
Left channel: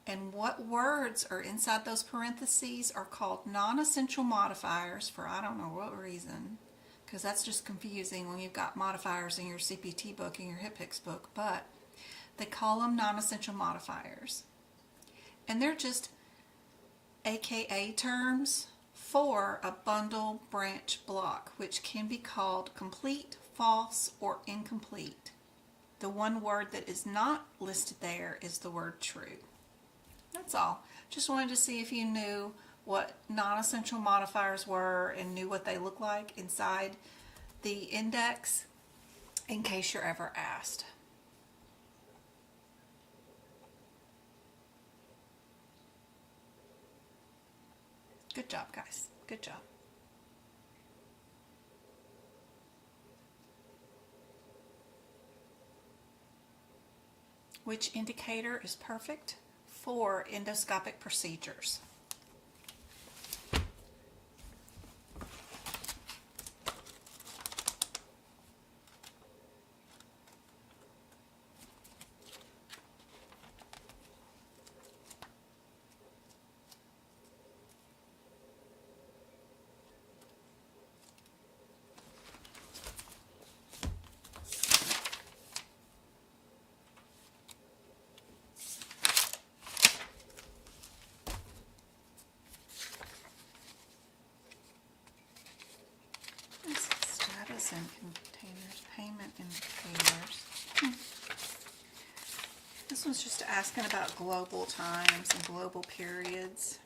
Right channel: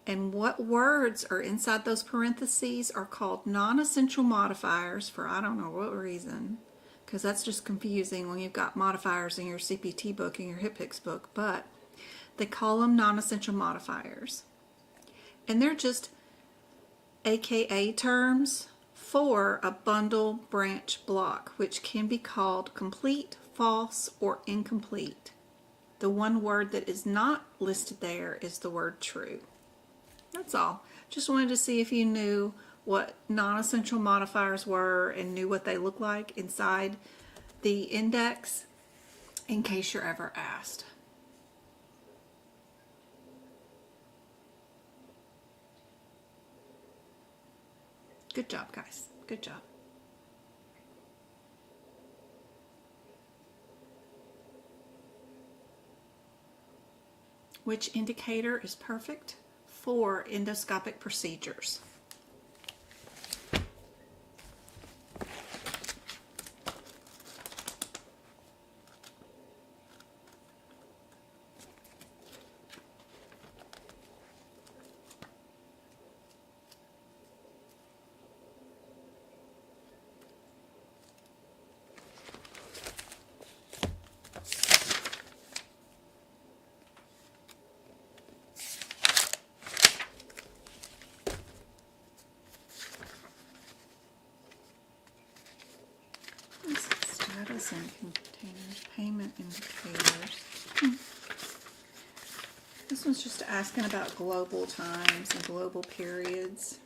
And what words are inside those parentheses are called non-essential modifiers for I don't know what reason, because that's just confusing when you've got modifiers in your CPT book and your HIPAA book, but they call them non-essential modifiers. And they're just AKA terms for a bundle branch block, which can be called complete, false, or incomplete. The one word that is not listed there is the word true. That's all. Just wanted to see if you knew what non-essential modifiers were and knew what they look like inside the index in case you're ever asked. Good job, guys. Good job. Which indicator is perfect for endoscopic procedures? Status and containers, payment indicators. This one's just asking about global times and global periods.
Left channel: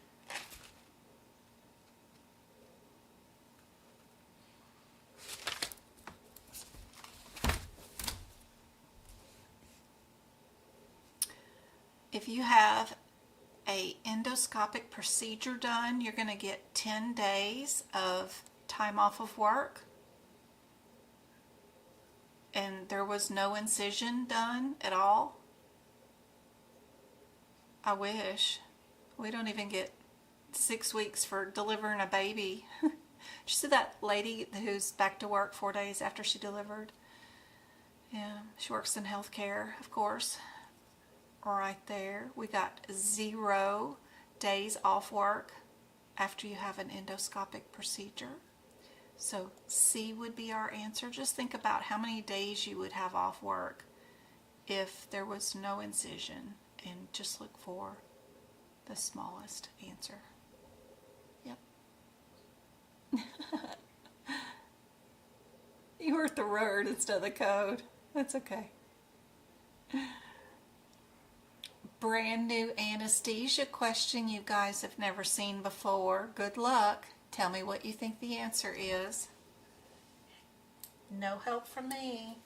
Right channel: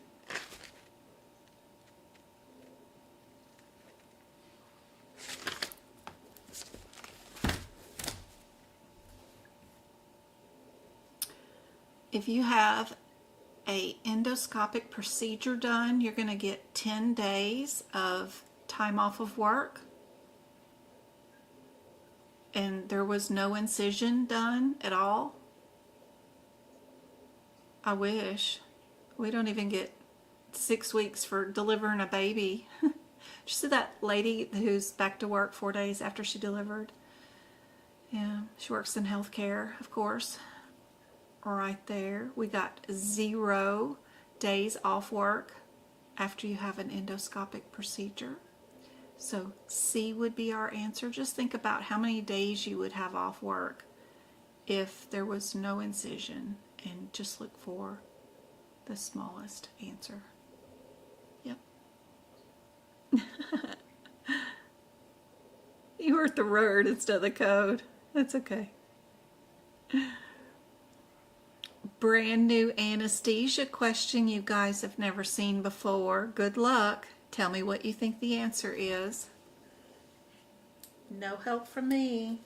If you have a endoscopic procedure done, you're going to get 10 days of time off of work. And there was no incision done at all. I wish. We don't even get 6 weeks for delivering a baby. Did you see that lady who's back to work 4 days after she delivered? Yeah, she works in healthcare, of course. Right there. We got 0 days off work after you have an endoscopic procedure. So C would be our answer. Just think about how many days you would have off work if there was no incision, and just look for the smallest answer. Yep. You wrote the word instead of the code. That's okay. Brand new anesthesia question you guys have never seen before. Good luck. Tell me what you think the answer is. No help from me.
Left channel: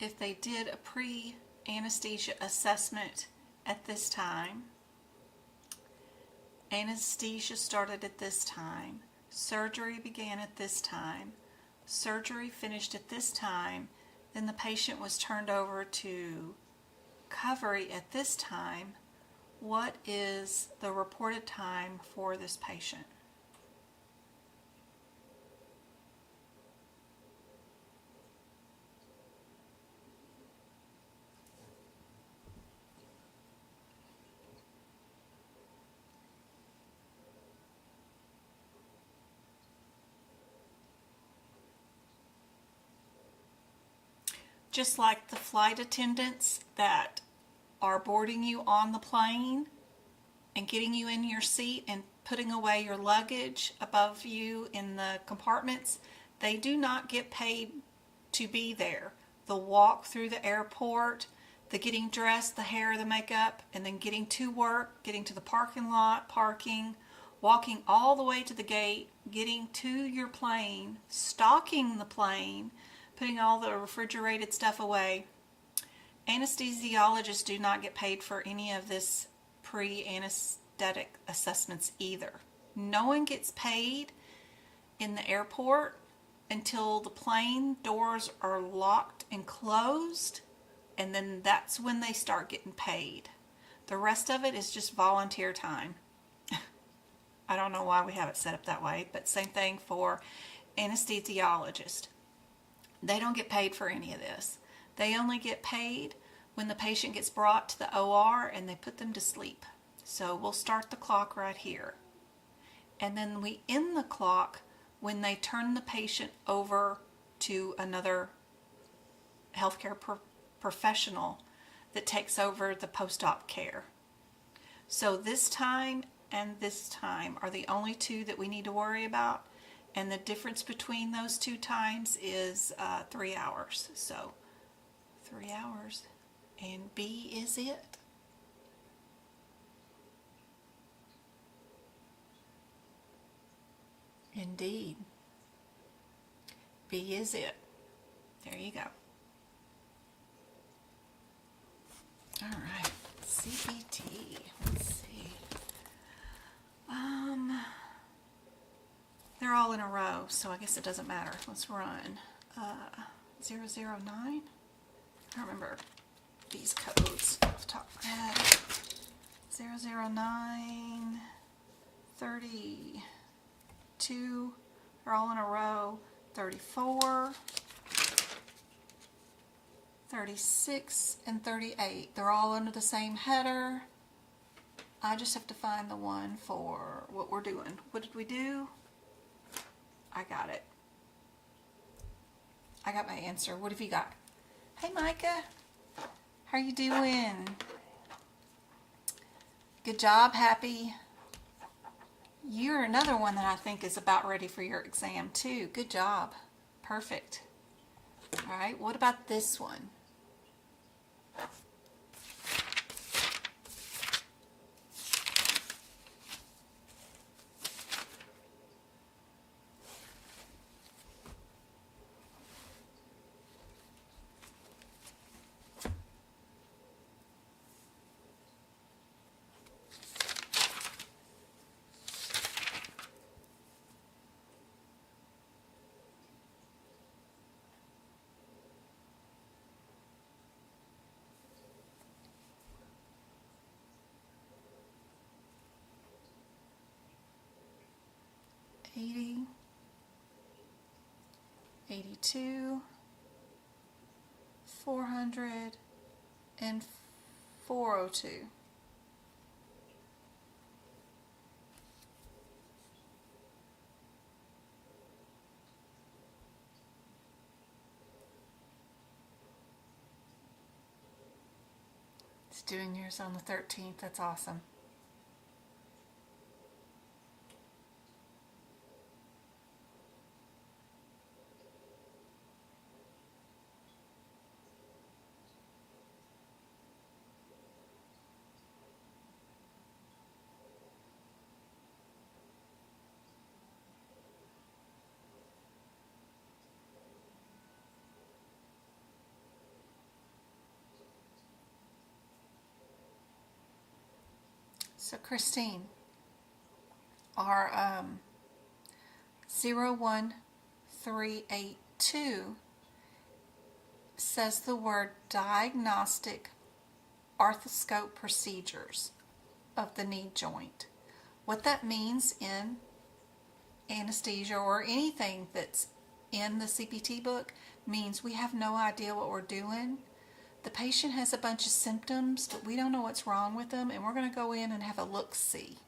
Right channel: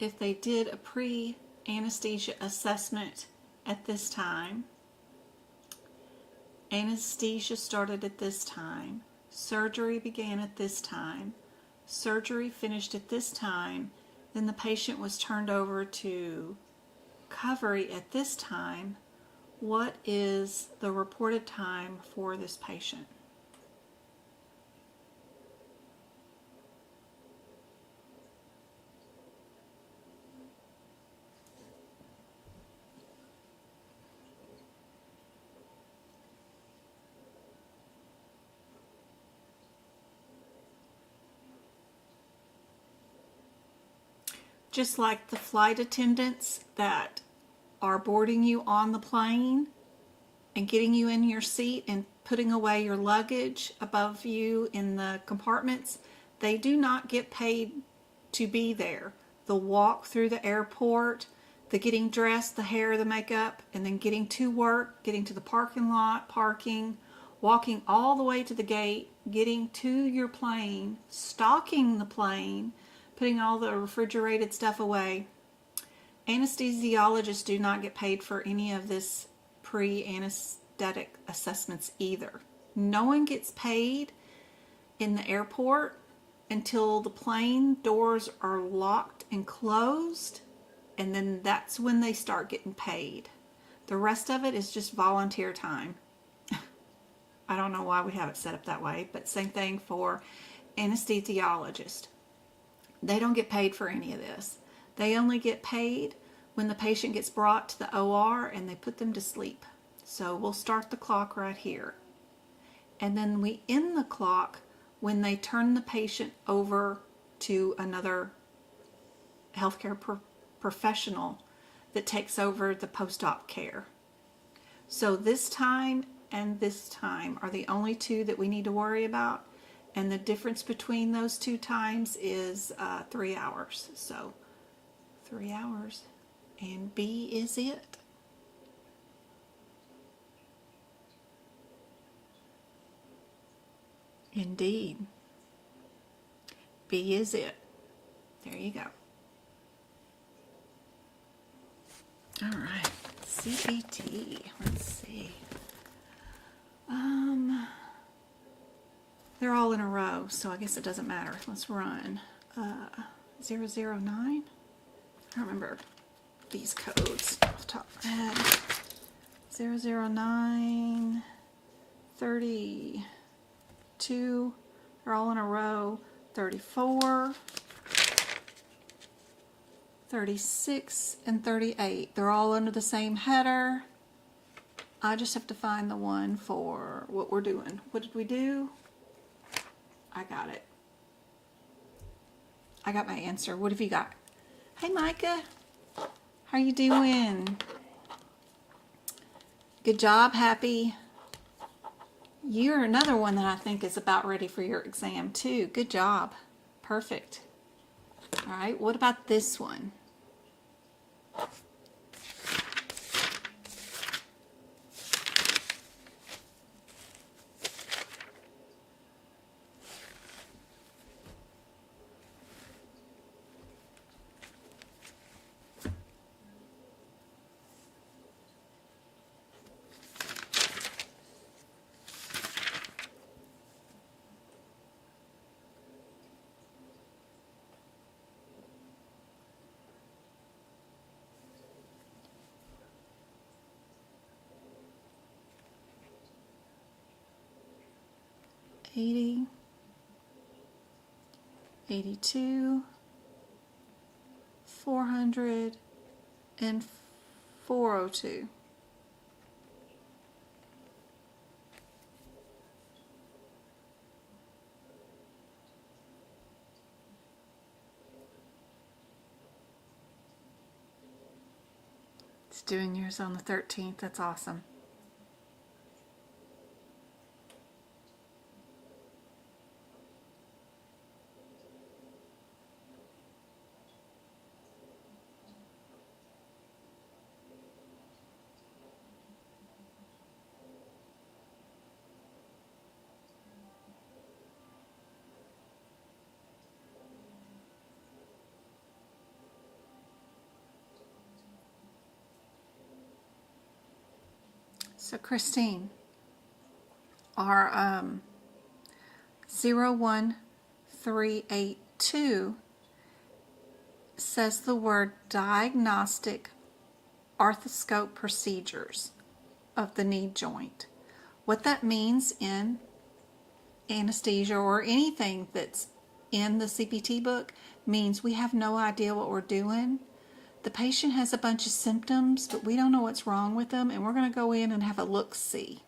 if they did a pre-anesthesia assessment at this time, anesthesia started at this time, surgery began at this time, surgery finished at this time, then the patient was turned over to recovery at this time, what is the reported time for this patient? Just like the flight attendants that are boarding you on the plane and getting you in your seat and putting away your luggage above you in the compartments, they do not get paid to be there. The walk through the airport, the getting dressed, the hair, the makeup, and then getting to work, getting to the parking lot, parking, walking all the way to the gate, getting to your plane, stocking the plane, putting all the refrigerated stuff away. Anesthesiologists do not get paid for any of this pre-anesthetic assessments either. No one gets paid in the airport until the plane doors are locked and closed, and then that's when they start getting paid. The rest of it is just volunteer time. I don't know why we have it set up that way, but same thing for anesthesiologists. They don't get paid for any of this. They only get paid when the patient gets brought to the OR and they put them to sleep. So we'll start the clock right here. And then we end the clock when they turn the patient over to another healthcare professional that takes over the post-op care. So this time and this time are the only two that we need to worry about. And the difference between those two times is 3 hours. So 3 hours. And B is it. Indeed. B is it. There you go. All right. CPT. Let's see. They're all in a row, so I guess it doesn't matter. Let's run 009. I don't remember these codes off the top of my head. 009, 32. They're all in a row. 34, 36, and 38. They're all under the same header. I just have to find the one for what we're doing. What did we do? I got it. I got my answer. What have you got? Hey, Micah. How you doing? Good job, Happy. You're another one that I think is about ready for your exam, too. Good job. Perfect. All right, what about this one? $80, $82, $400, and $402. It's doing yours on the 13th. That's awesome. So Christine, our 01382 says the word diagnostic arthroscope procedures of the knee joint. What that means in anesthesia or anything that's in the CPT book means we have no idea what we're doing. The patient has a bunch of symptoms, but we don't know what's wrong with them, and we're going to go in and have a look-see.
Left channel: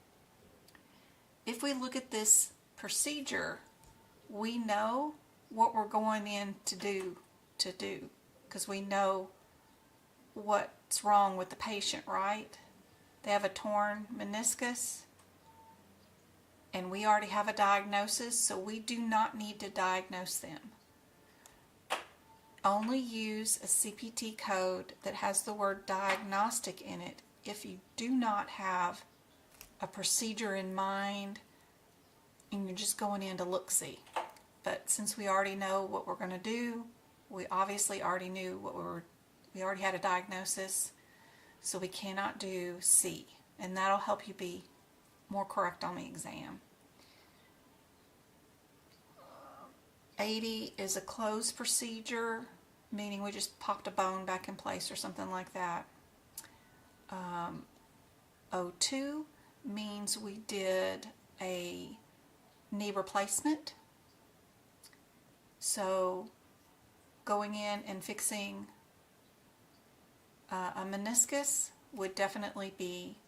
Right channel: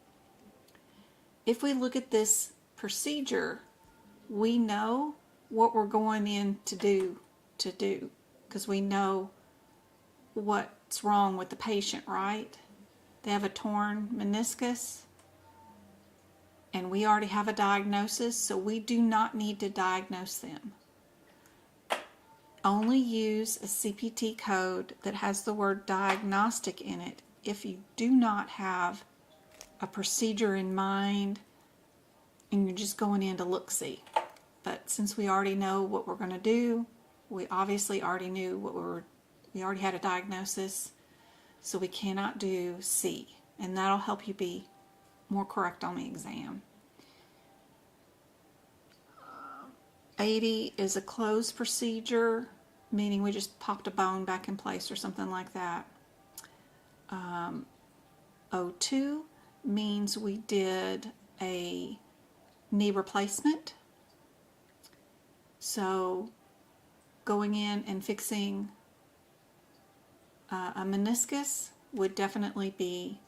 If we look at this procedure, we know what we're going in to do, because we know what's wrong with the patient, right? They have a torn meniscus, and we already have a diagnosis, so we do not need to diagnose them. Only use a CPT code that has the word diagnostic in it if you do not have a procedure in mind and you're just going in to look-see. But since we already know what we're going to do, we obviously already knew we already had a diagnosis, so we cannot do C, and that'll help you be more correct on the exam. 80 is a closed procedure, meaning we just popped a bone back in place or something like that. 02 means we did a knee replacement. So going in and fixing a meniscus would definitely be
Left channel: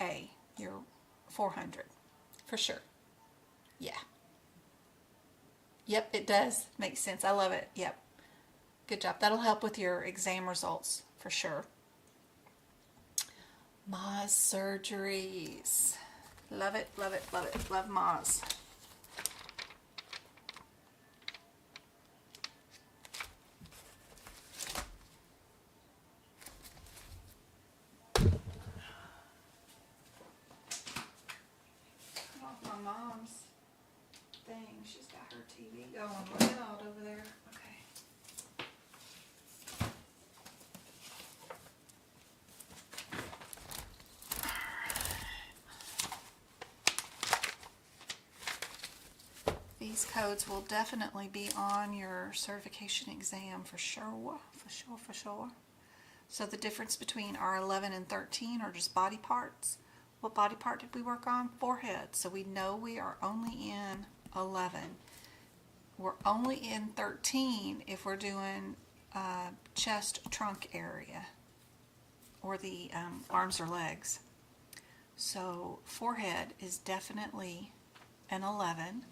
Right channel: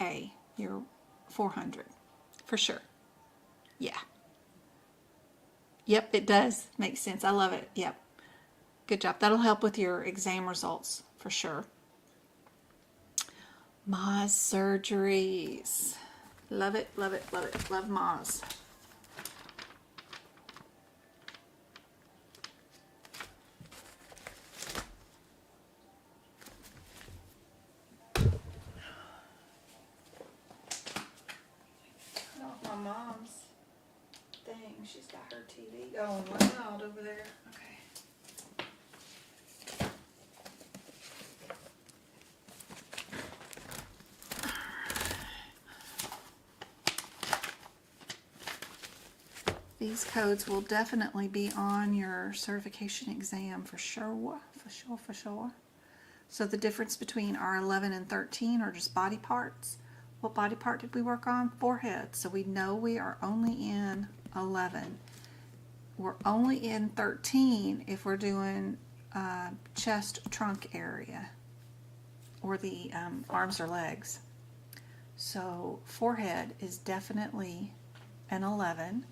A, your 400, for sure. Yeah. Yep, it does make sense. I love it. Yep. Good job. That'll help with your exam results, for sure. Mohs surgeries. Love it, love it, love it. Love Mohs. My mom's thing, she's got her TV going loud over there. Okay. These codes will definitely be on your certification exam for sure, for sure. So the difference between our 11 and 13 are just body parts. What body part did we work on? Forehead. So we know we are only in 11. We're only in 13 if we're doing chest, trunk area, or the arms or legs. So forehead is definitely an 11.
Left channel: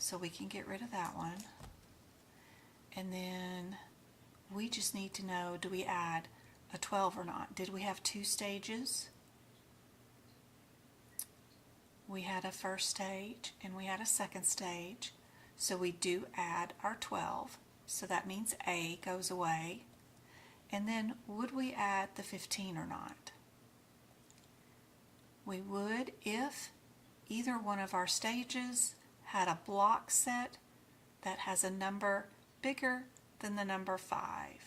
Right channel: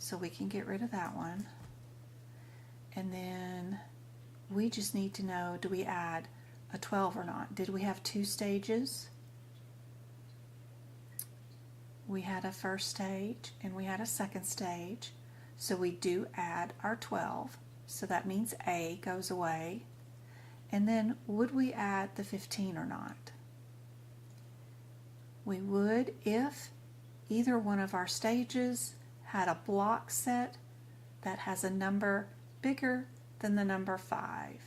So we can get rid of that one. And then we just need to know, do we add a 12 or not? Did we have 2 stages? We had a first stage and we had a second stage. So we do add our 12. So that means A goes away. And then would we add the 15 or not? We would if either one of our stages had a block set that has a number bigger than the number 5.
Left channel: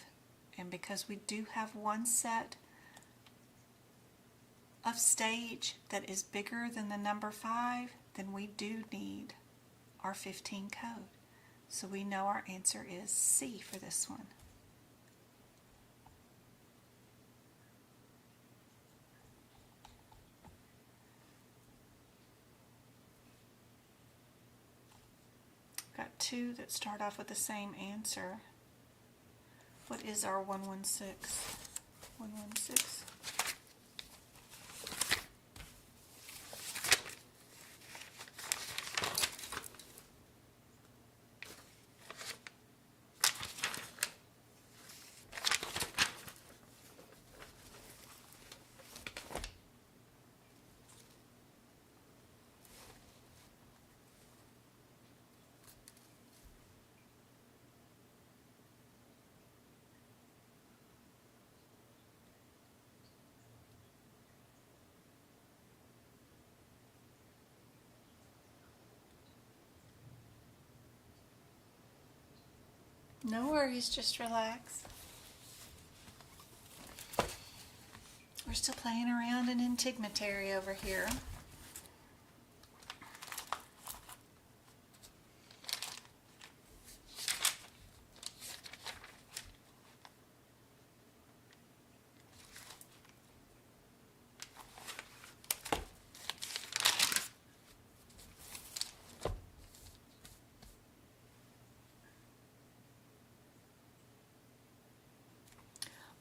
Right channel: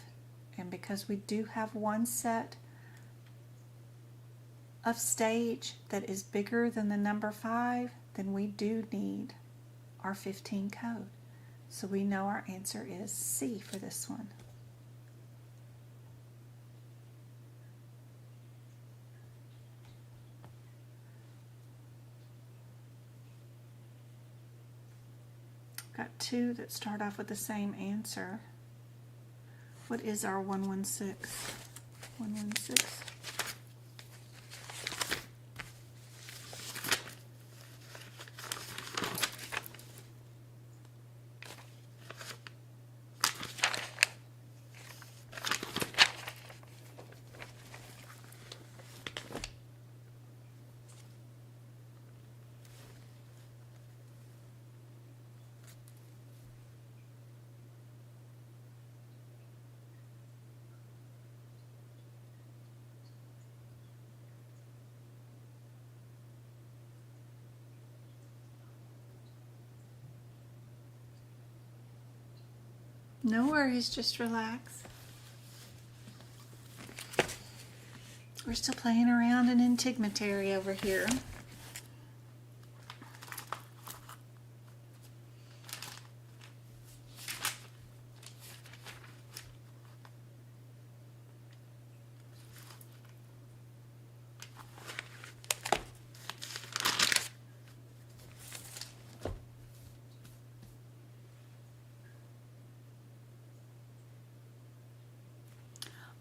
And because we do have one set of stage that is bigger than the number 5, then we do need our 15 code. So we know our answer is C for this one. Got 2 that start off with the same answer. What is our 116? 116. No worries, just relax. We're still playing around in integumentary over here.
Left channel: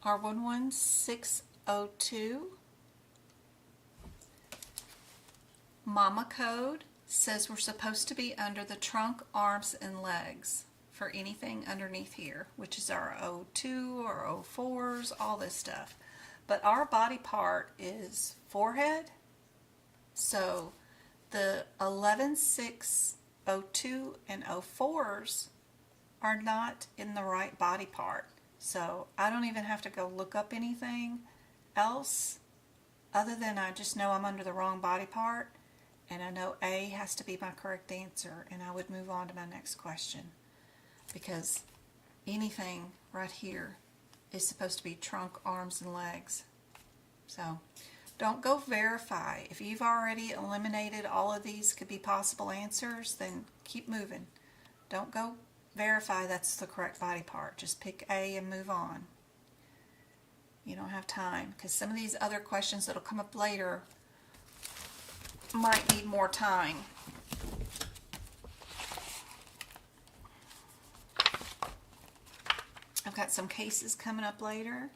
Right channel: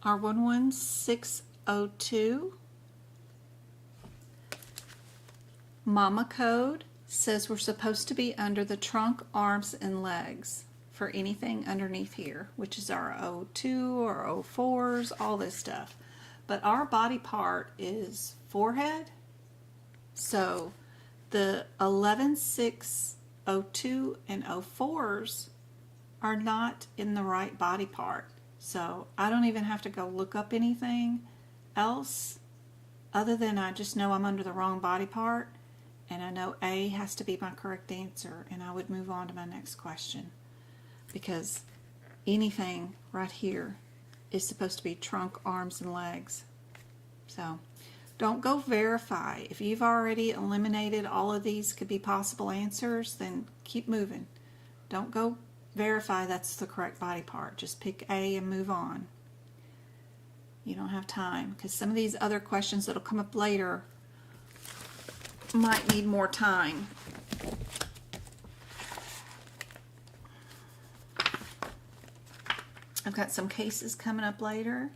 R11602 Mama code says we're supposed to be under the trunk, arms, and legs for anything underneath here, which is our O2 or O4s, all this stuff. But our body part is forehead, so the 11602 and O4s are not in the right body part. So I don't even have to go look up anything else other than I just know I'm under the wrong body part, and I know A has to be my correct answer, and I would move on to my next question, because anything right here is supposed to be trunk, arms, and legs. So don't go verify. If you've already eliminated all of these could be possible answers, then keep moving. Don't go verify that's the correct body part. Just pick A and move on. You don't have time, because some of these other questions that'll come up later might need more time. I've got some cases coming up later.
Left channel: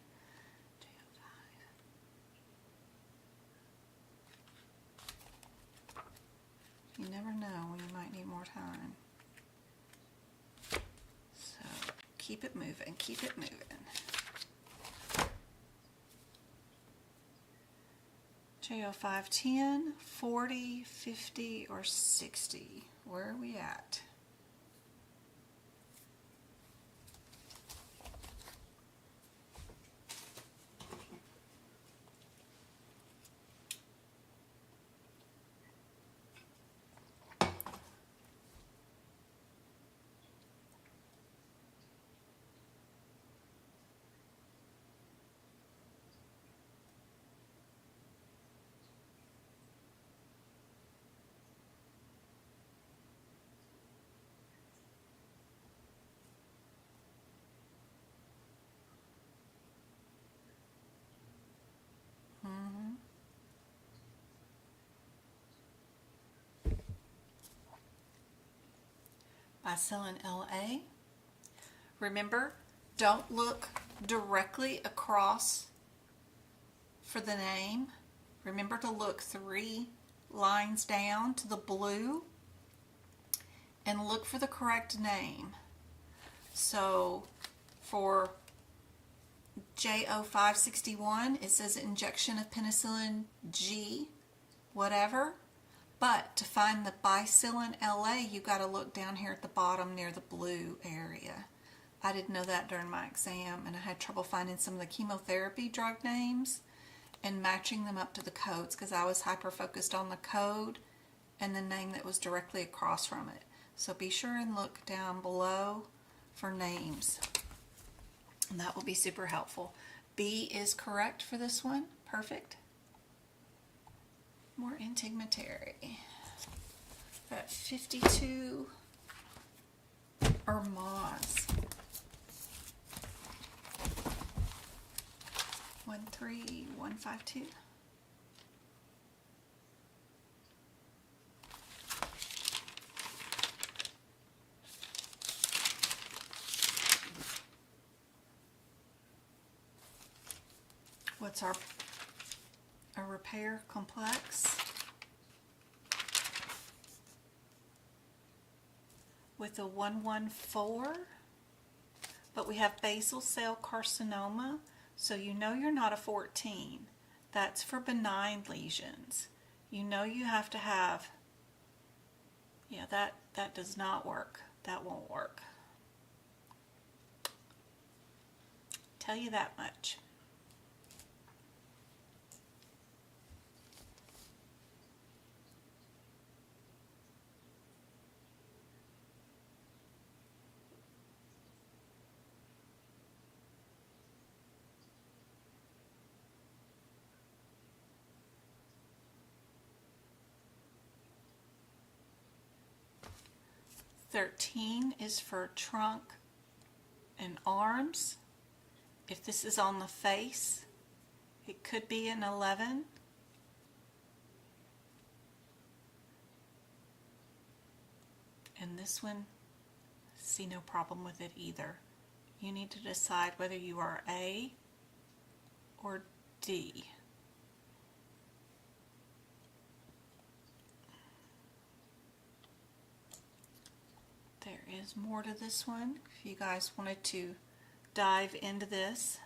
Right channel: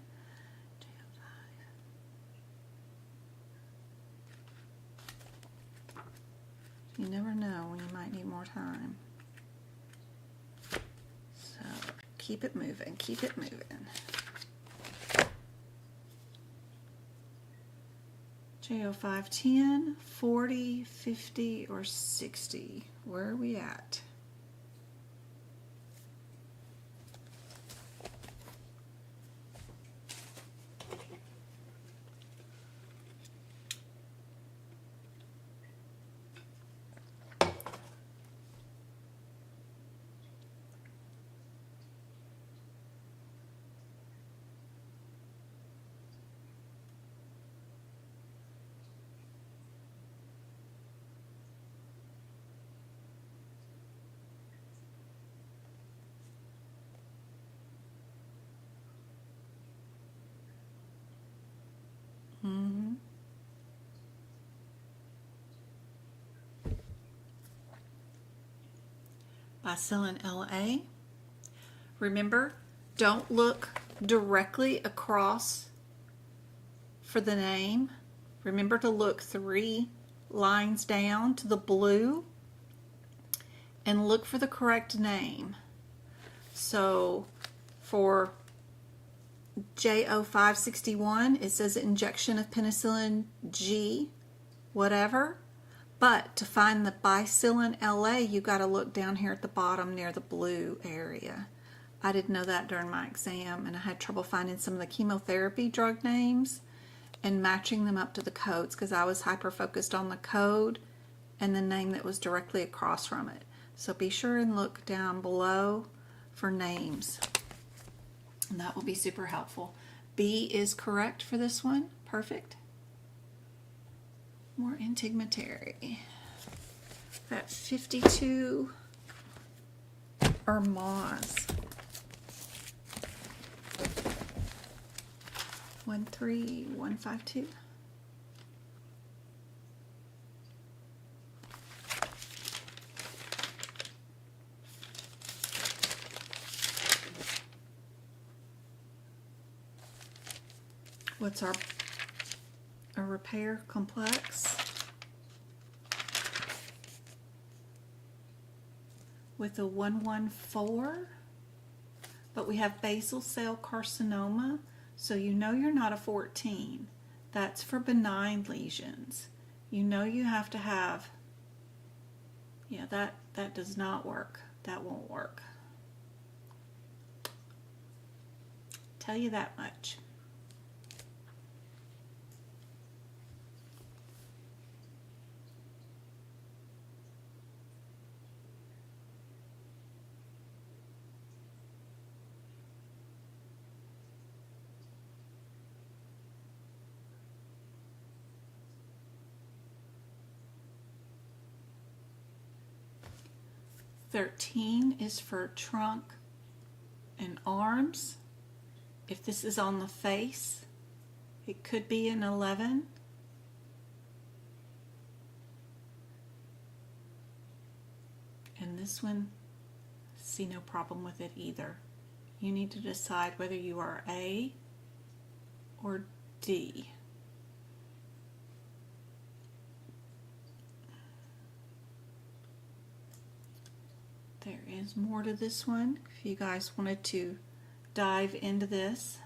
You never know when you might need more time. So keep it moving, keep it moving. JO510, 40, 50, or 60. Where are we at? Bacillin LA. Remember, don't look directly across for the name. Remember to look 3 lines down to the blue and look for the correct name. So for JO561, it says injection of penicillin G, whatever. But to find the Bacillin LA, you got to look down here at the bottom near the blue area. I didn't know that during my exam, and I had trouble finding some of the chemotherapy drug names and matching them up to the codes, because I was hyper-focused on the code and the name that was directly across from it. So be sure and look down below for names, and that will be super helpful. B is correct for this one. Perfect. More integumentary. At 52 or Mohs. 13152. What's a repair complex with a 114, but we have basal cell carcinoma, so you know you're not a 14. That's for benign lesions. You know you have to have, yeah, that does not work. That won't work. Tell you that much. 13 is for trunk and arms. If this is on the face, it could be an 11. And this one, see no problem with it either. You need to decide whether you are A or D. There is more to this one if you guys wanted to dive into this.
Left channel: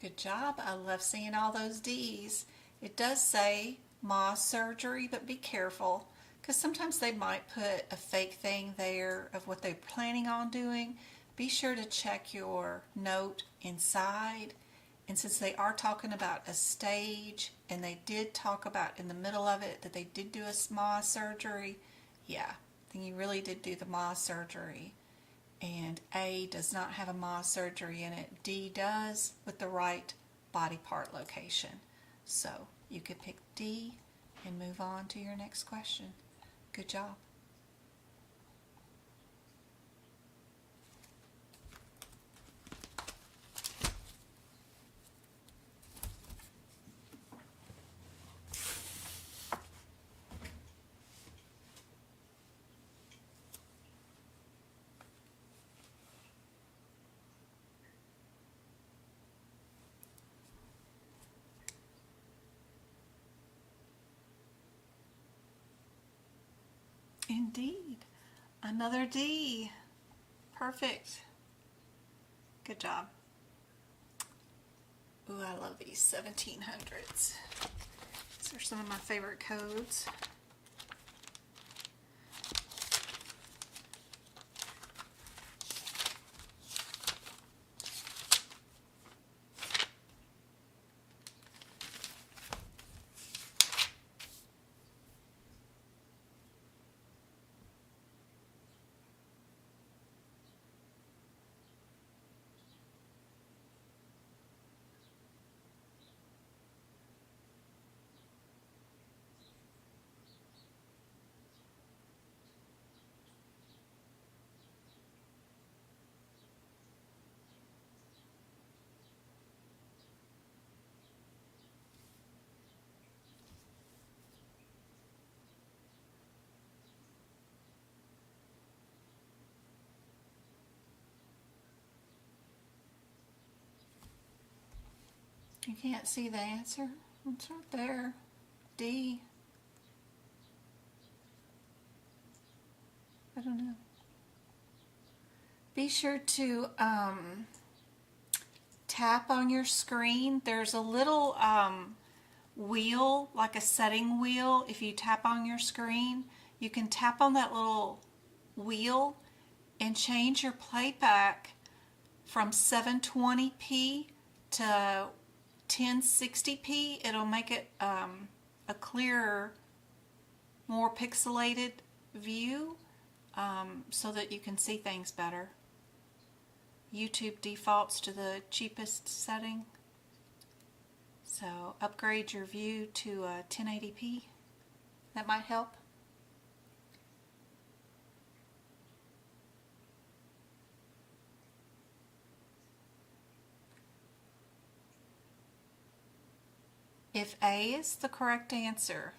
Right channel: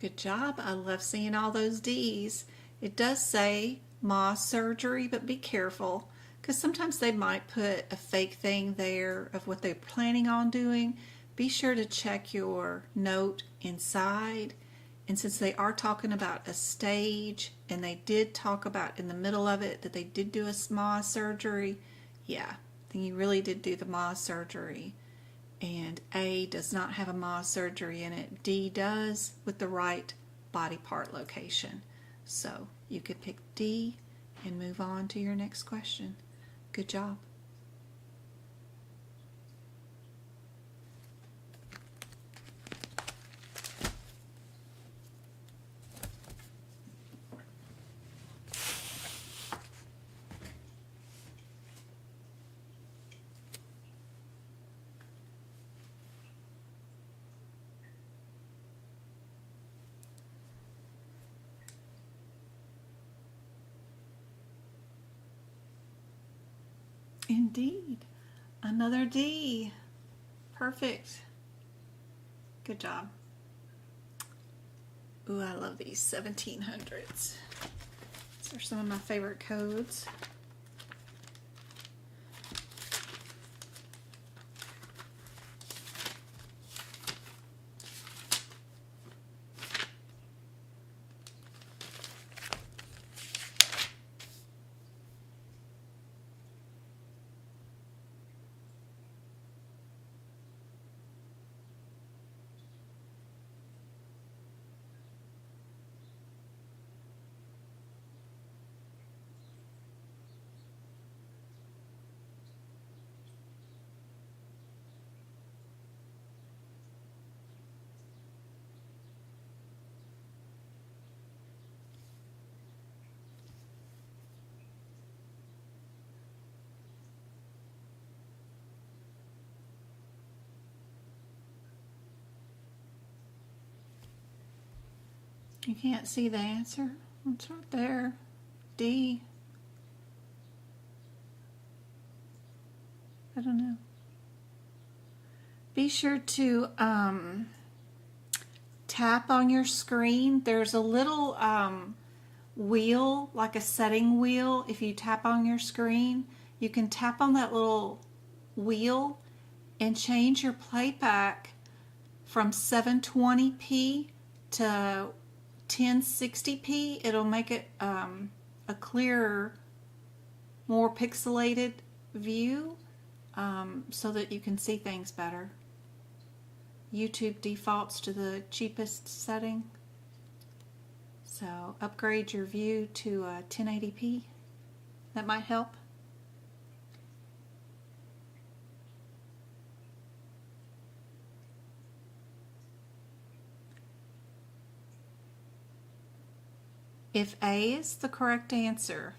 Good job. I love seeing all those D's. It does say Mohs surgery, but be careful because sometimes they might put a fake thing there of what they're planning on doing. Be sure to check your note inside. And since they are talking about a stage, and they did talk about in the middle of it that they did do a Mohs surgery, yeah, then you really did do the Mohs surgery. And A does not have a Mohs surgery in it. D does with the right body part location. So you could pick D and move on to your next question. Good job. Indeed. Another D. Perfect. Good job. Ooh, I love these 1700s. These are some of my favorite codes. You can't see the answer? It's right there. D. I don't know. Be sure to tap on your screen. There's a little wheel, like a setting wheel. If you tap on your screen, you can tap on that little wheel and change your playback from 720p to 1060p. It'll make it a clearer, more pixelated view so that you can see things better. YouTube defaults to the cheapest setting, so upgrade your view to 1080p. That might help. If A is the correct answer,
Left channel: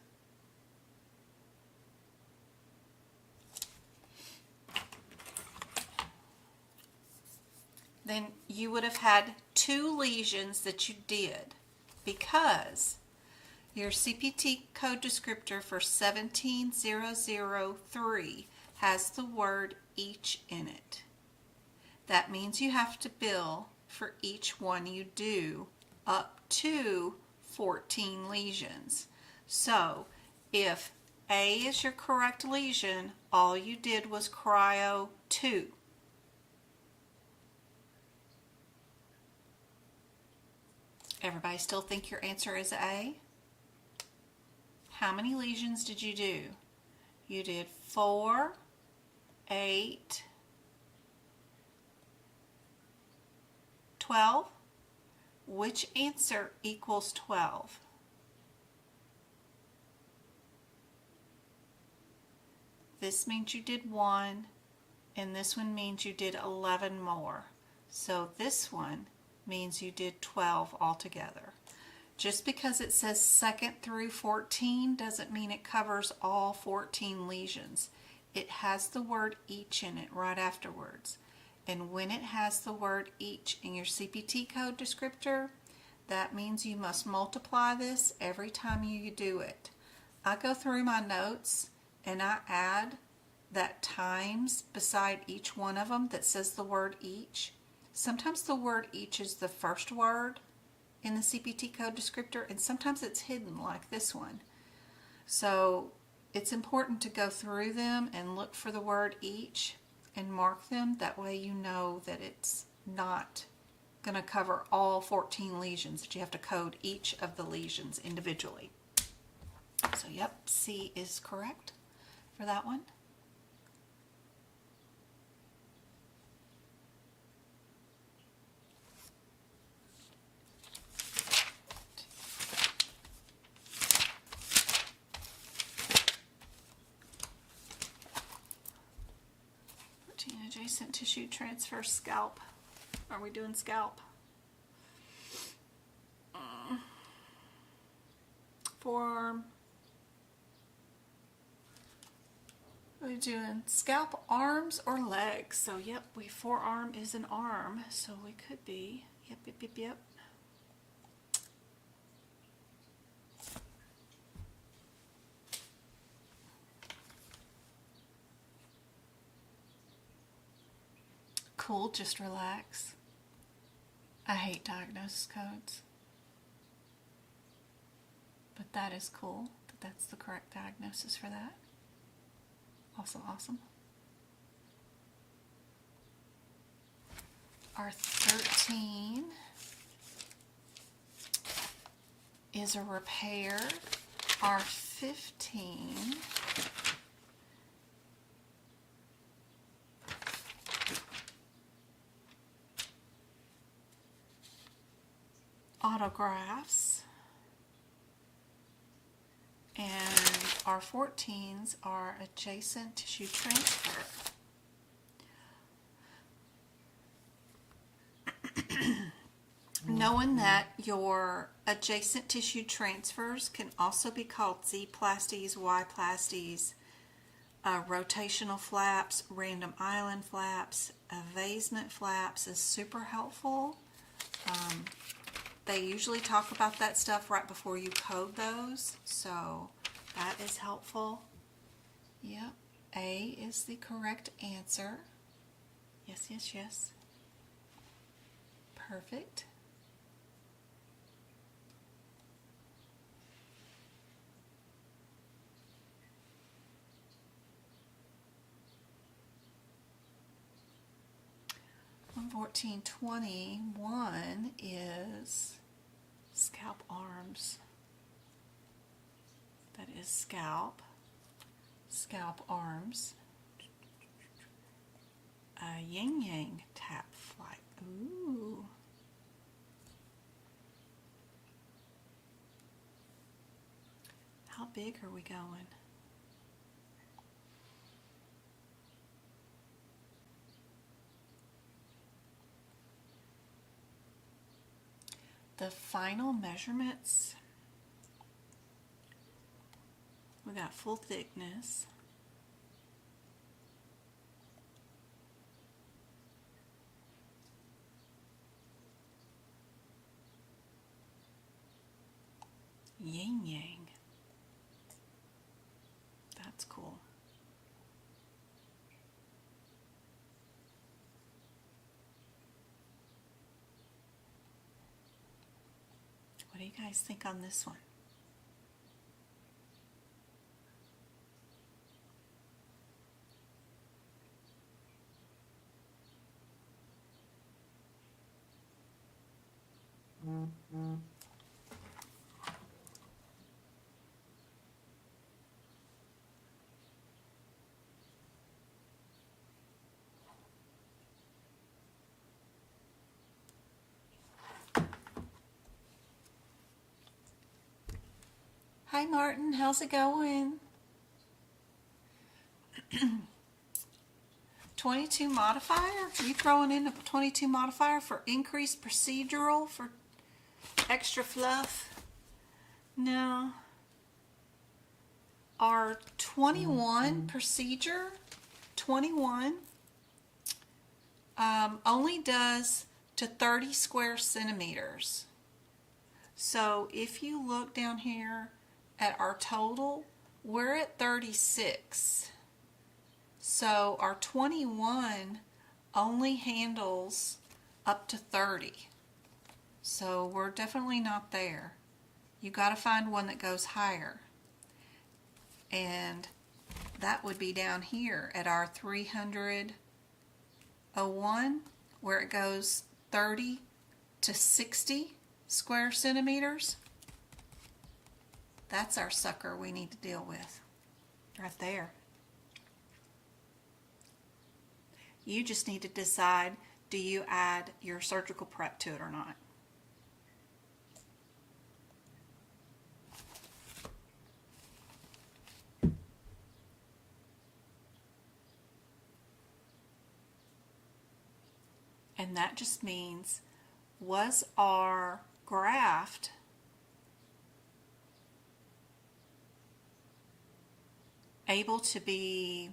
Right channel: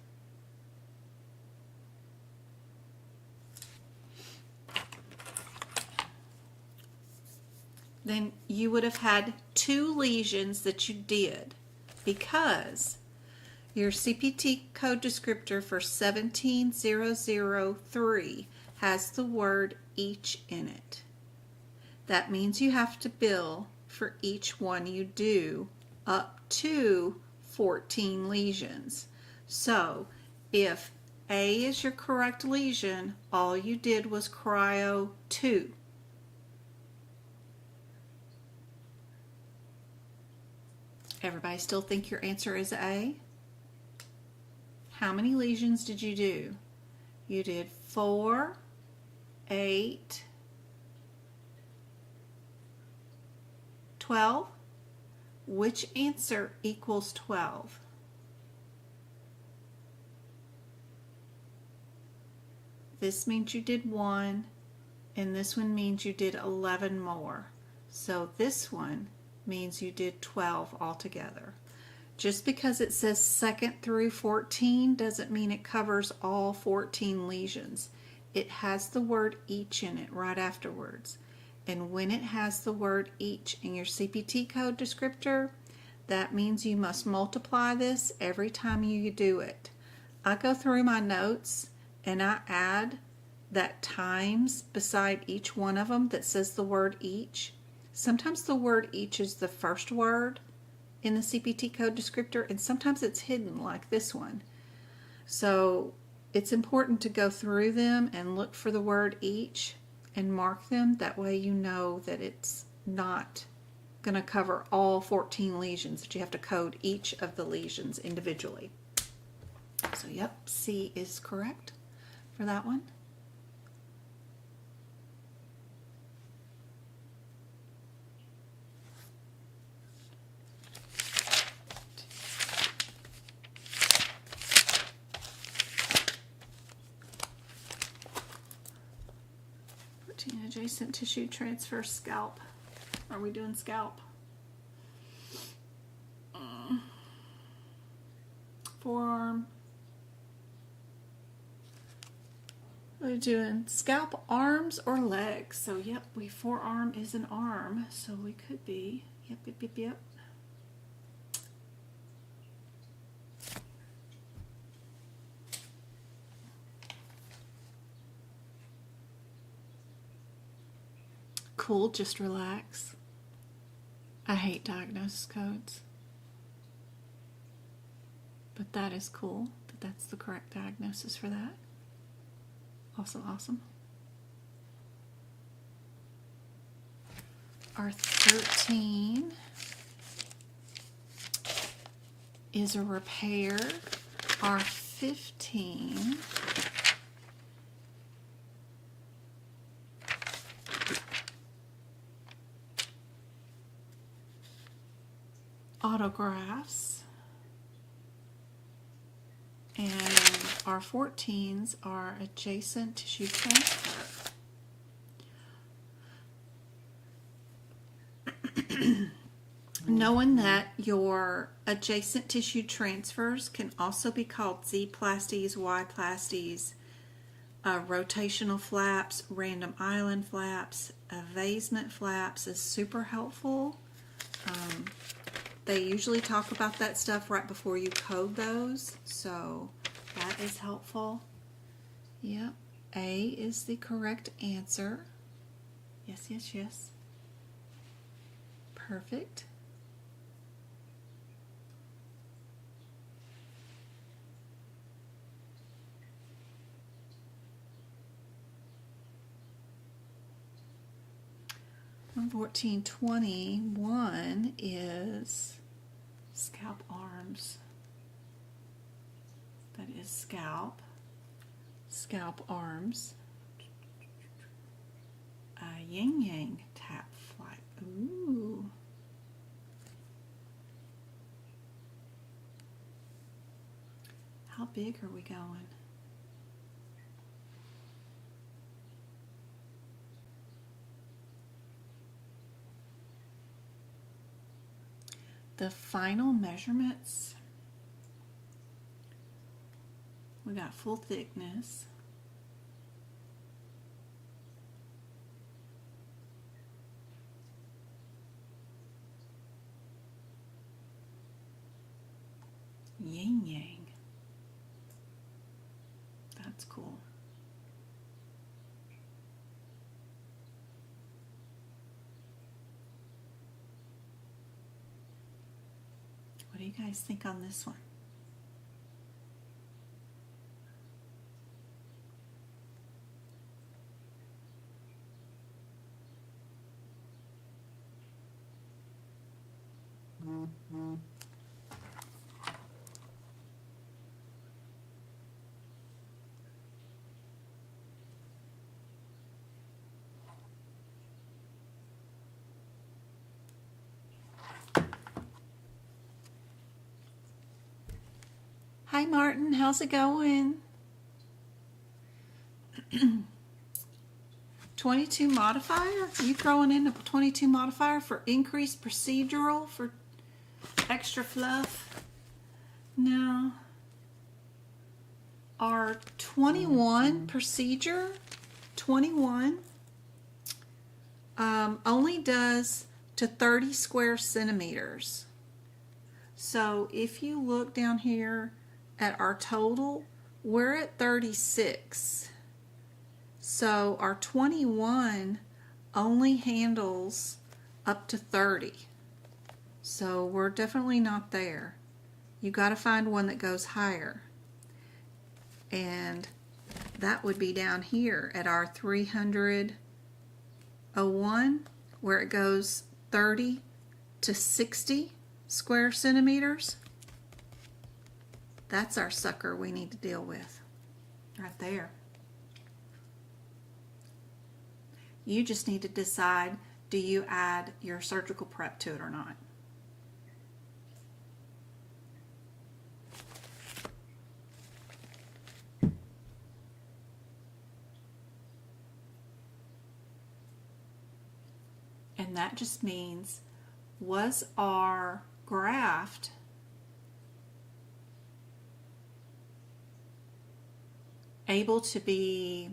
then you would have had 2 lesions that you did because your CPT code descriptor for 17003 has the word each in it. That means you have to bill for each one you do up to 14 lesions. So if A is your correct lesion, all you did was cryo 2. Everybody still think your answer is A? How many lesions did you do? You did 4, 8, 12. which answer equals 12? This means you did 1, and this one means you did 11 more. So this one means you did 12 altogether. Just because it says 2nd through 14 doesn't mean it covers all 14 lesions. It has the word each in it right afterwards. And when it has the word each in your CPT code descriptor, that means you must multiply this every time you do it. I go through my notes and I add that times beside each one of them that says the word each. Sometimes the word each is the first word in the CPT code descriptor, and sometimes it's hidden like this one. So it's important to go through them and look for the word each and mark them. That way you know that it's not going to cover all 14 lesions, that you have to code each of the lesions individually. So yep, C is correct for that one. Adjacent tissue transfer scalp. Are we doing scalp? Forearm. Are we doing scalp, arms, or legs? So yep, forearm is an arm, so we could be yep. Cool, just relax. I hate diagnosis codes. But that is cool that that's the correct diagnosis for that. Awesome, awesome. Our 13 is a repair. Our 15 autografts, and our 14s are adjacent tissue transfer. Knowing that your adjacent tissue transfers can also be called Z-plasties, Y-plasties, rotational flaps, random island flaps, avasement flaps is super helpful. They usually talk about that stuff right before you code those, so that is helpful. Yep, A is the correct answer. Yes, yes, yes. Perfect. On 1421 is scalp arms. That is scalp arms. A yin yang tap flight. Ooh. How big are we going? The final measurements, we got full thickness, yin yang, that's cool. What do you guys think on this one? Hi Martin, how's it going? 22 modifier? You throwing in a 22 modifier for increased procedural, for extra fluff? No. Our 21 procedure, 21, only does to 30 square centimeters. So if you look down here at our total, we're at 36. So our 21 only handles up to 30. So we're definitely not there. You got to find one that goes higher. And that would be down here at our 301, where it goes 30 to 60 square centimeters. That's our sucker we need to deal with right there. You just need to decide, do you add your surgical prep to it or not? And that just means, was our graft able to be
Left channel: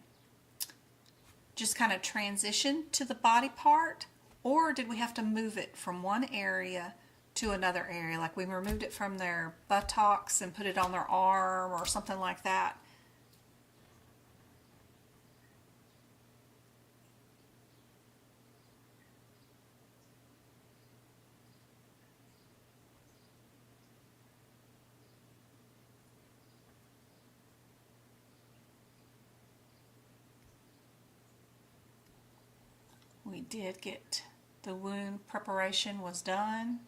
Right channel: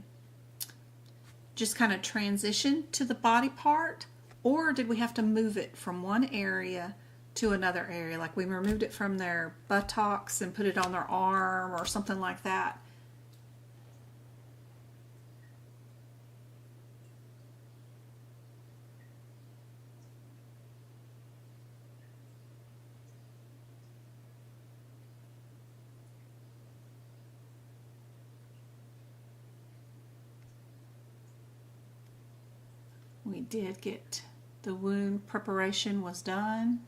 just kind of transition to the body part, or did we have to move it from one area to another area? Like we removed it from their buttocks and put it on their arm or something like that. We did get the wound preparation was done,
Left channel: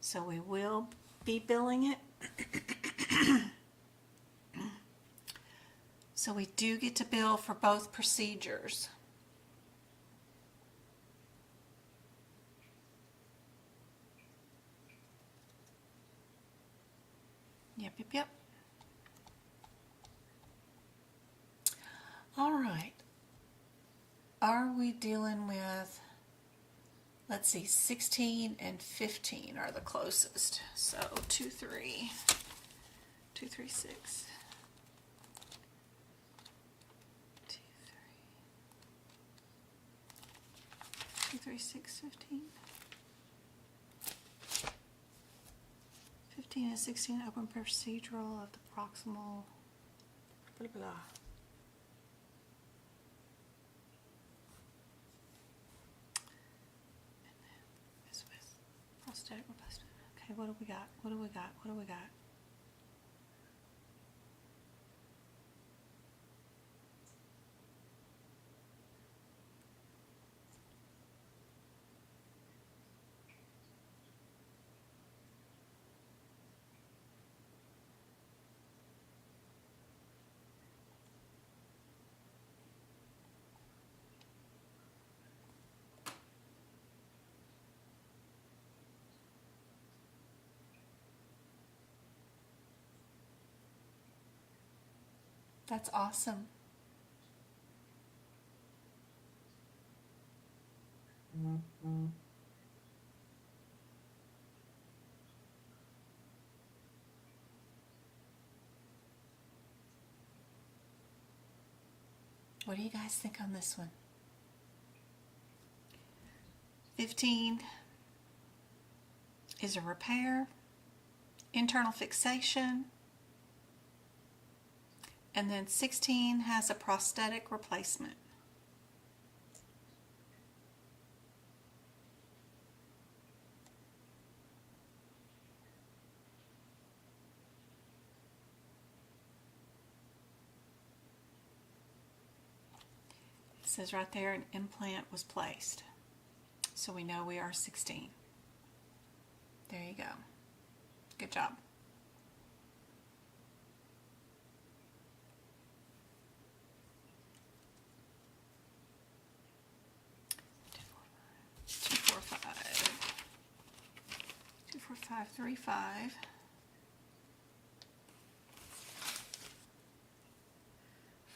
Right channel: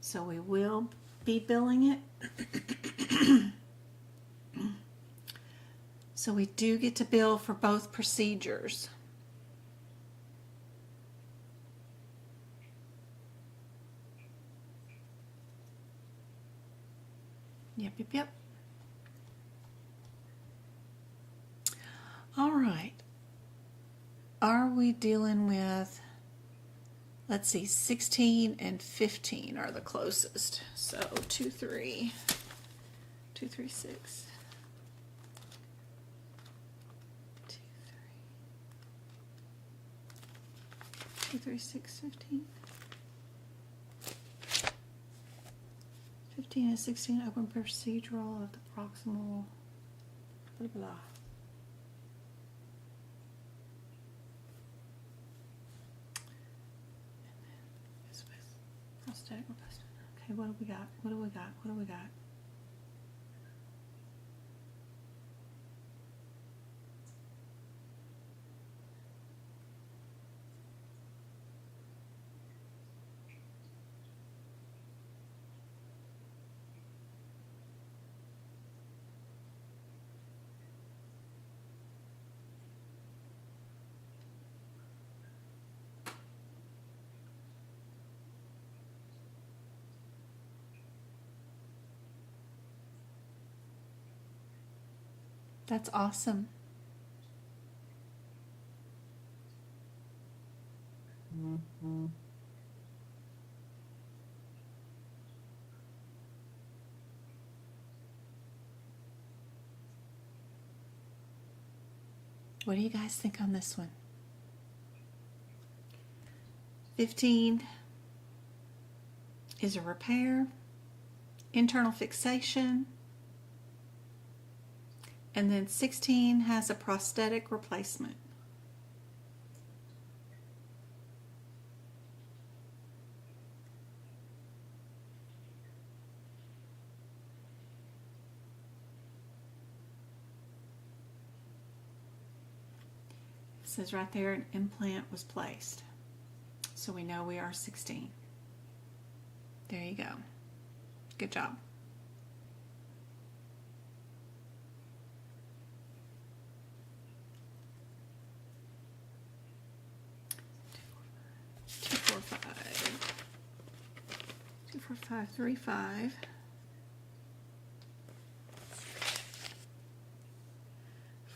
so we will be billing it. So we do get to bill for both procedures. Yep. All right. Are we dealing with, let's see, 16 and 15 are the closest. So 2, 3, 2, 3, 6. 2, 3. 2, 3, 6, 15. 15 and 16 open procedural of the proximal, blah, blah. Prosthetic replacement. Okay, what do we got? What do we got? What do we got? That's awesome. What do you guys think on this one? 15 is a repair, internal fixation, and then 16 has a prosthetic replacement. It says right there an implant was placed. So we know we are 16. There you go. Good job. Two, four, five. 2, 4, 5, 3, 5.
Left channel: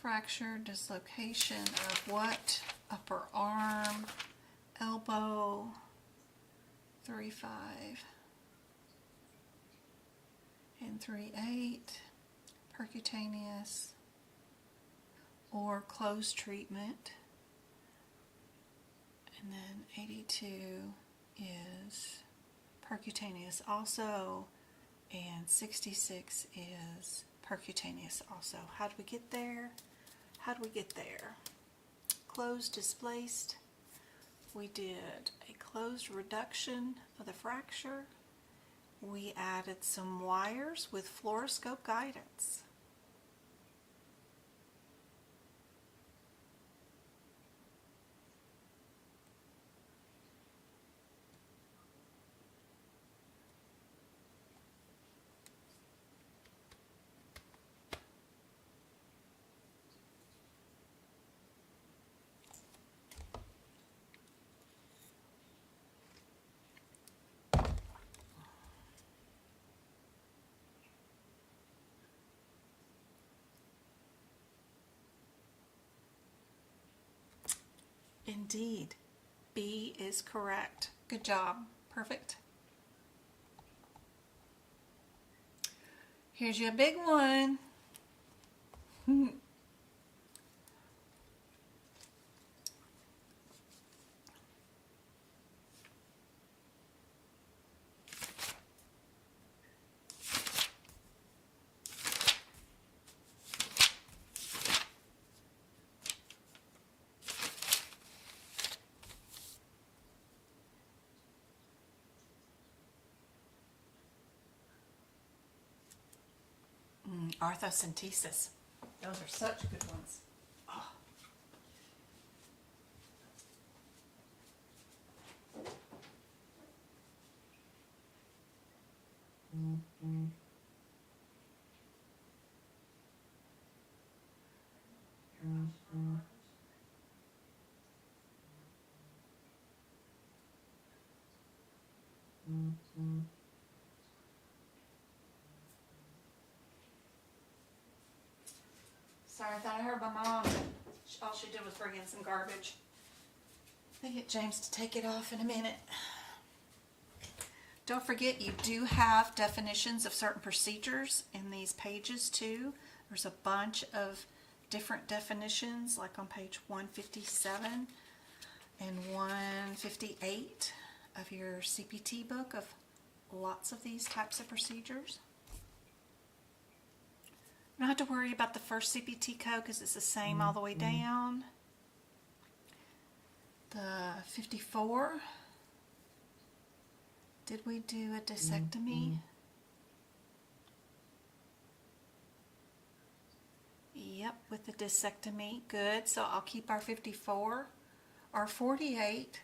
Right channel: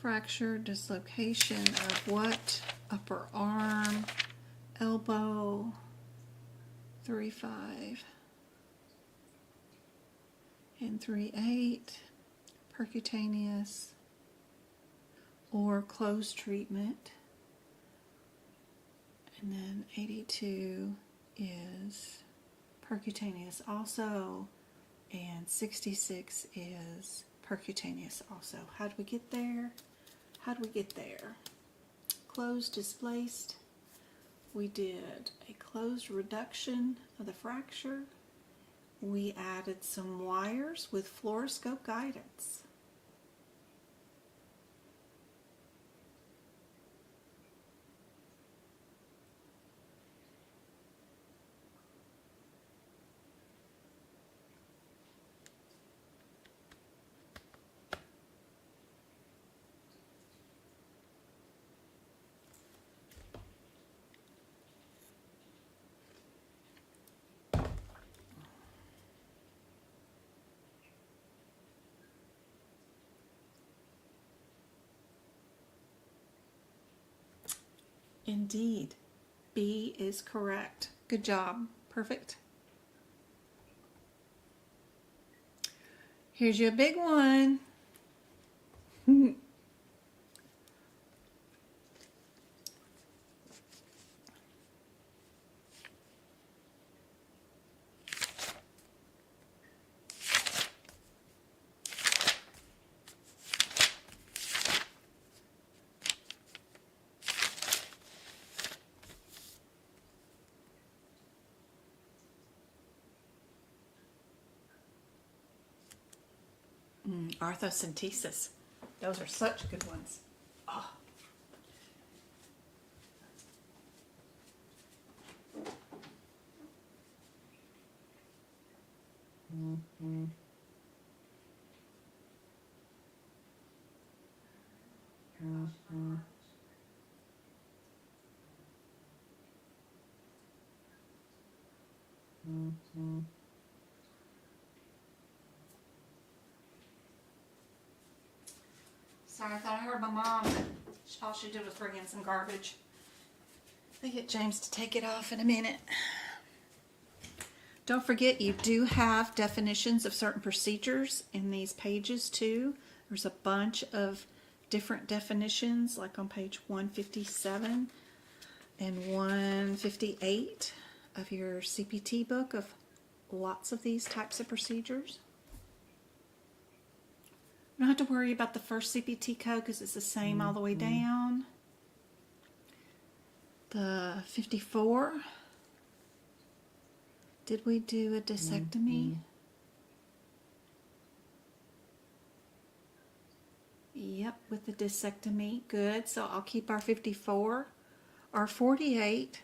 Fracture, dislocation of what? Upper arm, elbow, 3-5 and 3-8, percutaneous or closed treatment. And then 82 is percutaneous also, and 66 is percutaneous also. How do we get there? How do we get there? Closed, displaced. We did a closed reduction of the fracture. We added some wires with fluoroscope guidance. Indeed, B is correct. Good job. Perfect. Here's your big one. Orthocentesis. Those are such good ones. Oh. Sorry, I thought I heard my mom. All she did was bring in some garbage. I'll get James to take it off in a minute. Don't forget, you do have definitions of certain procedures in these pages too. There's a bunch of different definitions, like on page 157 and 158 of your CPT book, of lots of these types of procedures. You don't have to worry about the first CPT code because it's the same all the way down. The 54. Did we do a discectomy? Yep, with the discectomy. Good. So I'll keep our 54. Our 48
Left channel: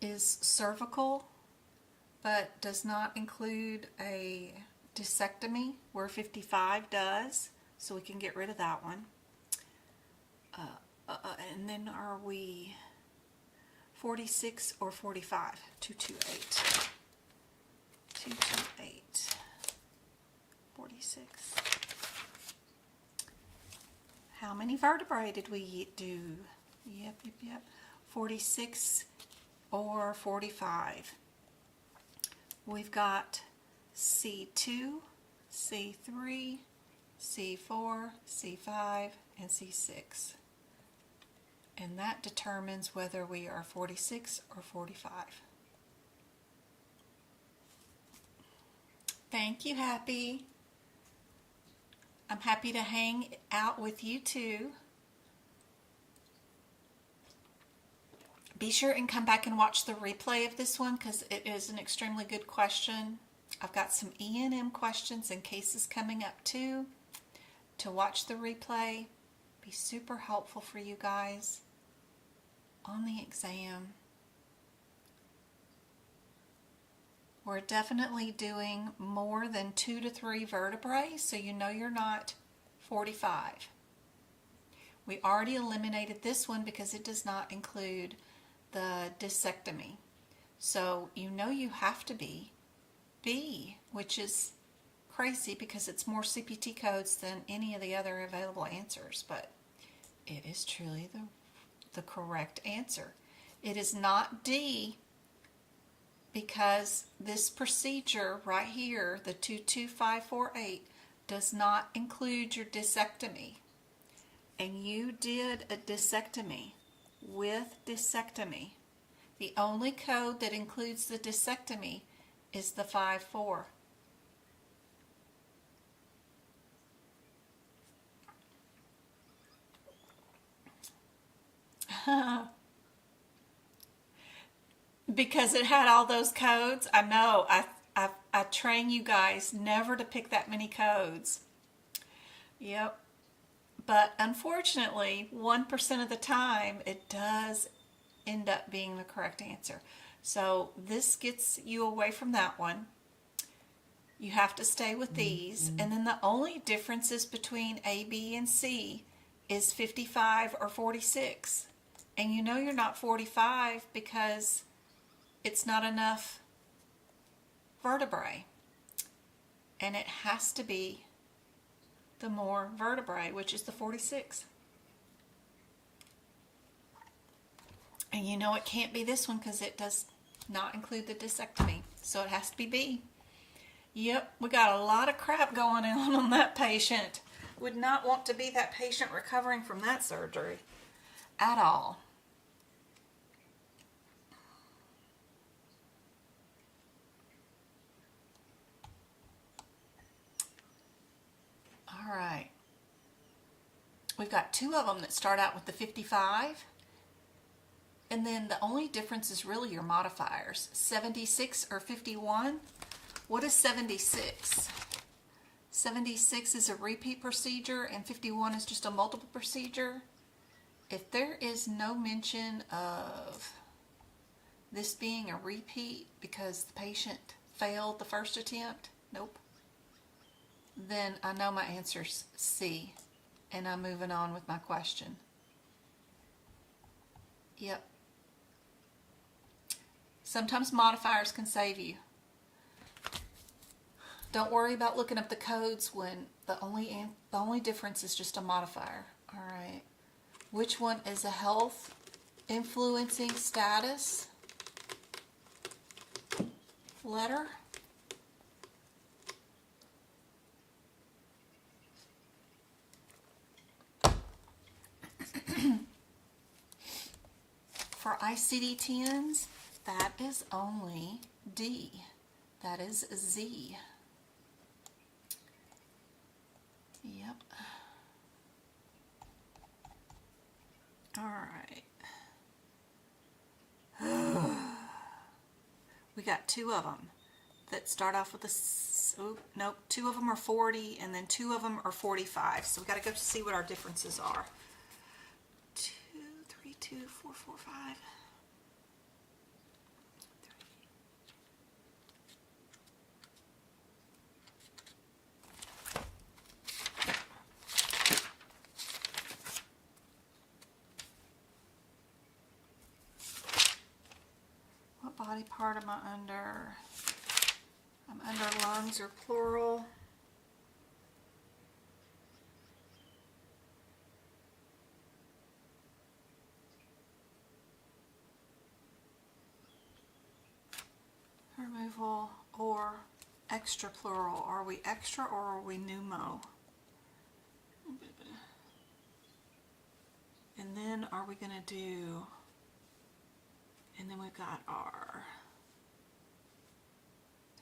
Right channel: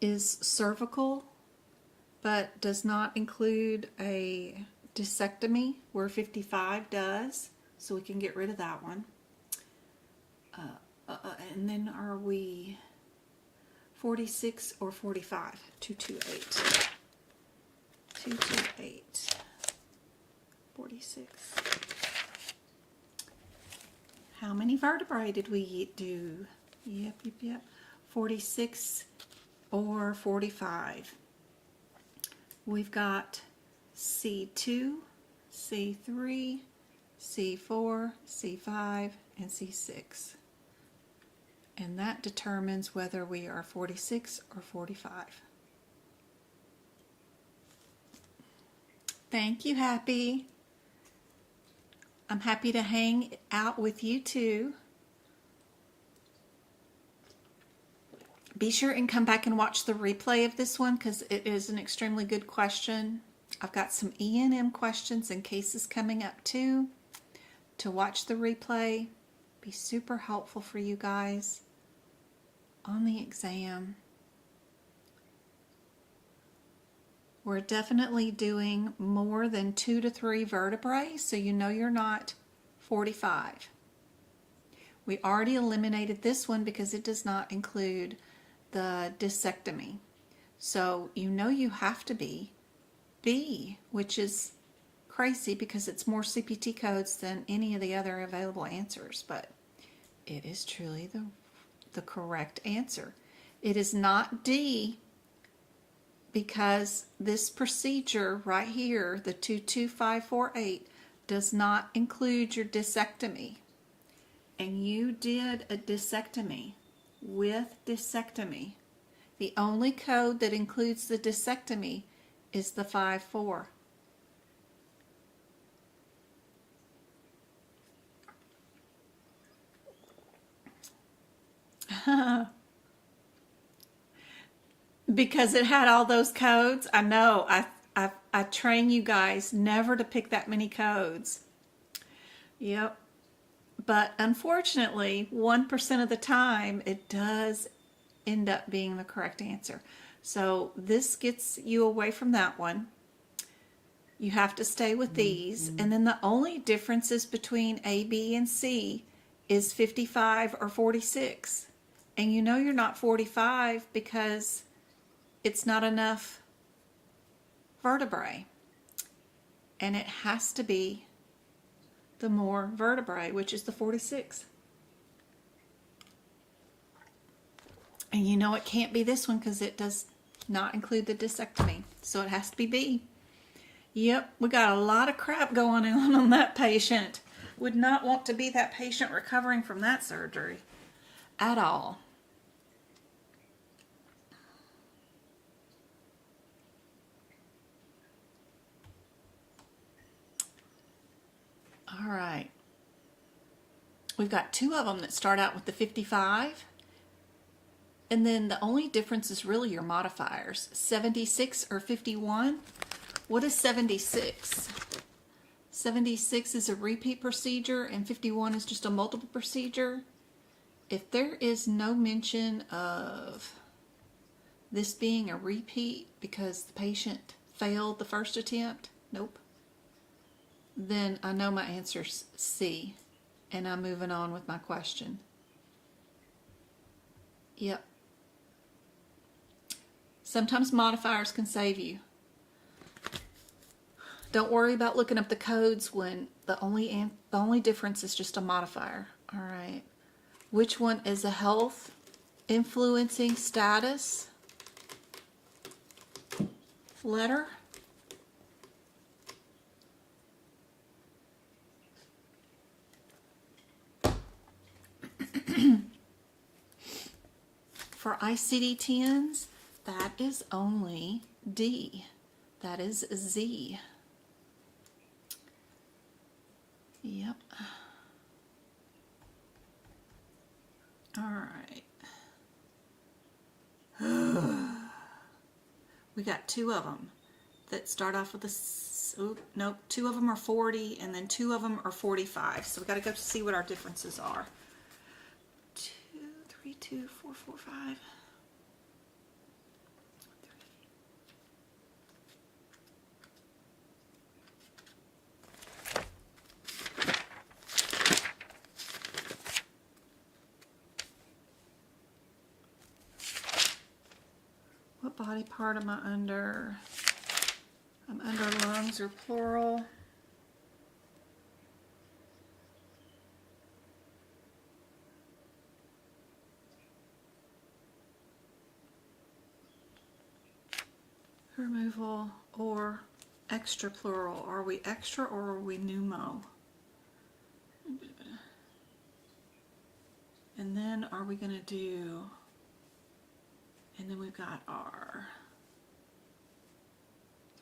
is cervical, but does not include a discectomy, where 55 does, so we can get rid of that one. And then are we 46 or 45? 228. 228. 46. How many vertebrae did we do? Yep. 46 or 45. We've got C2, C3, C4, C5, and C6. And that determines whether we are 46 or 45. Thank you, Happy. I'm happy to hang out with you too. Be sure and come back and watch the replay of this one because it is an extremely good question. I've got some E&M questions and cases coming up too. To watch the replay, be super helpful for you guys on the exam. We're definitely doing more than 2 to 3 vertebrae, so you know you're not 45. We already eliminated this one because it does not include the discectomy. So you know you have to be B, which is crazy because it's more CPT codes than any of the other available answers, but it is truly the correct answer. It is not D, because this procedure right here, the 22548, does not include your discectomy. And you did a discectomy with discectomy. The only code that includes the discectomy is the 54. Because it had all those codes. I know. I train you guys never to pick that many codes. Yep. But unfortunately, 1% of the time, it does end up being the correct answer. So this gets you away from that one. You have to stay with these. And then the only differences between A, B, and C is 55 or 46. And you know you're not 45 because it's not enough vertebrae. And it has to be the more vertebrae, which is the 46. And you know it can't be this one because it does not include the discectomy. So it has to be B. Yep, we got a lot of crap going on that patient. Would not want to be that patient recovering from that surgery at all. All right. We've got two of them that start out with the 55. And then the only difference is really your modifiers. 76 or 51. What is 76? 76 is a repeat procedure and 51 is just a multiple procedure. If there is no mention of this being a repeat because the patient failed the first attempt, nope, then I know my answer's C, and I'm moving on with my question. Yep. Sometimes modifiers can save you. Don't worry about looking up the codes when the only difference is just a modifier. All right. Which one is a health influencing status letter? For ICD-10s, that is only D. That is Z. Yep. All right. We got two of them that start off with a, nope, two of them are 40 and then two of them are 45. So we got to go see what our differences are. 2, 3, 2, 4, 4, 5. What body part am I under? I'm under lungs or pleural. Removal or extra pleural. Are we extra or are we pneumo? And then are we going to do, and then we've got our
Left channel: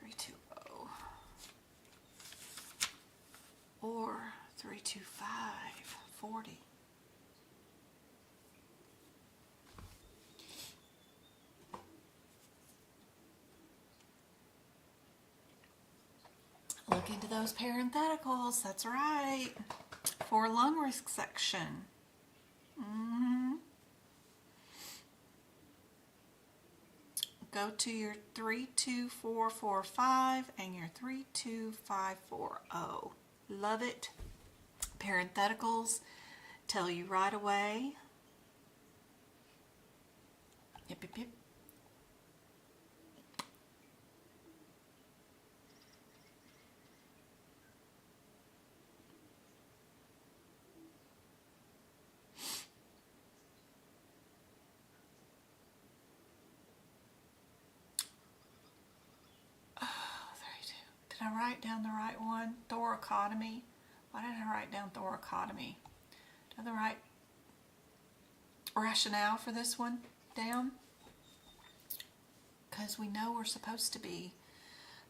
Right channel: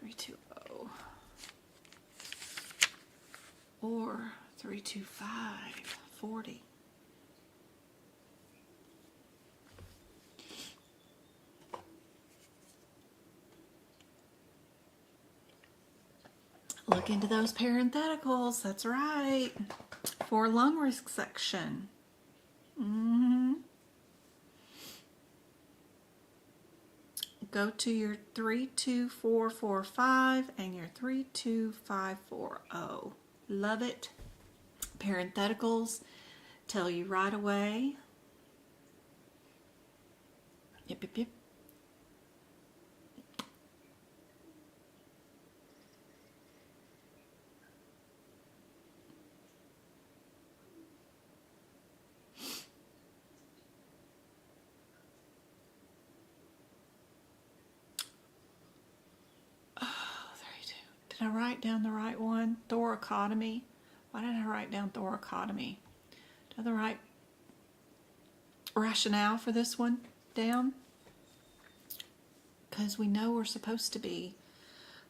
320 or 325, 40. Look into those parentheticals, that's right. For lung resection. Go to your 32445 and your 32540. Love it. Parentheticals tell you right away. Yep, yep, yep. I write down the right one? Thoracotomy. Why did I write down thoracotomy? Do I have the right rationale for this one down? Because we know we're supposed to be,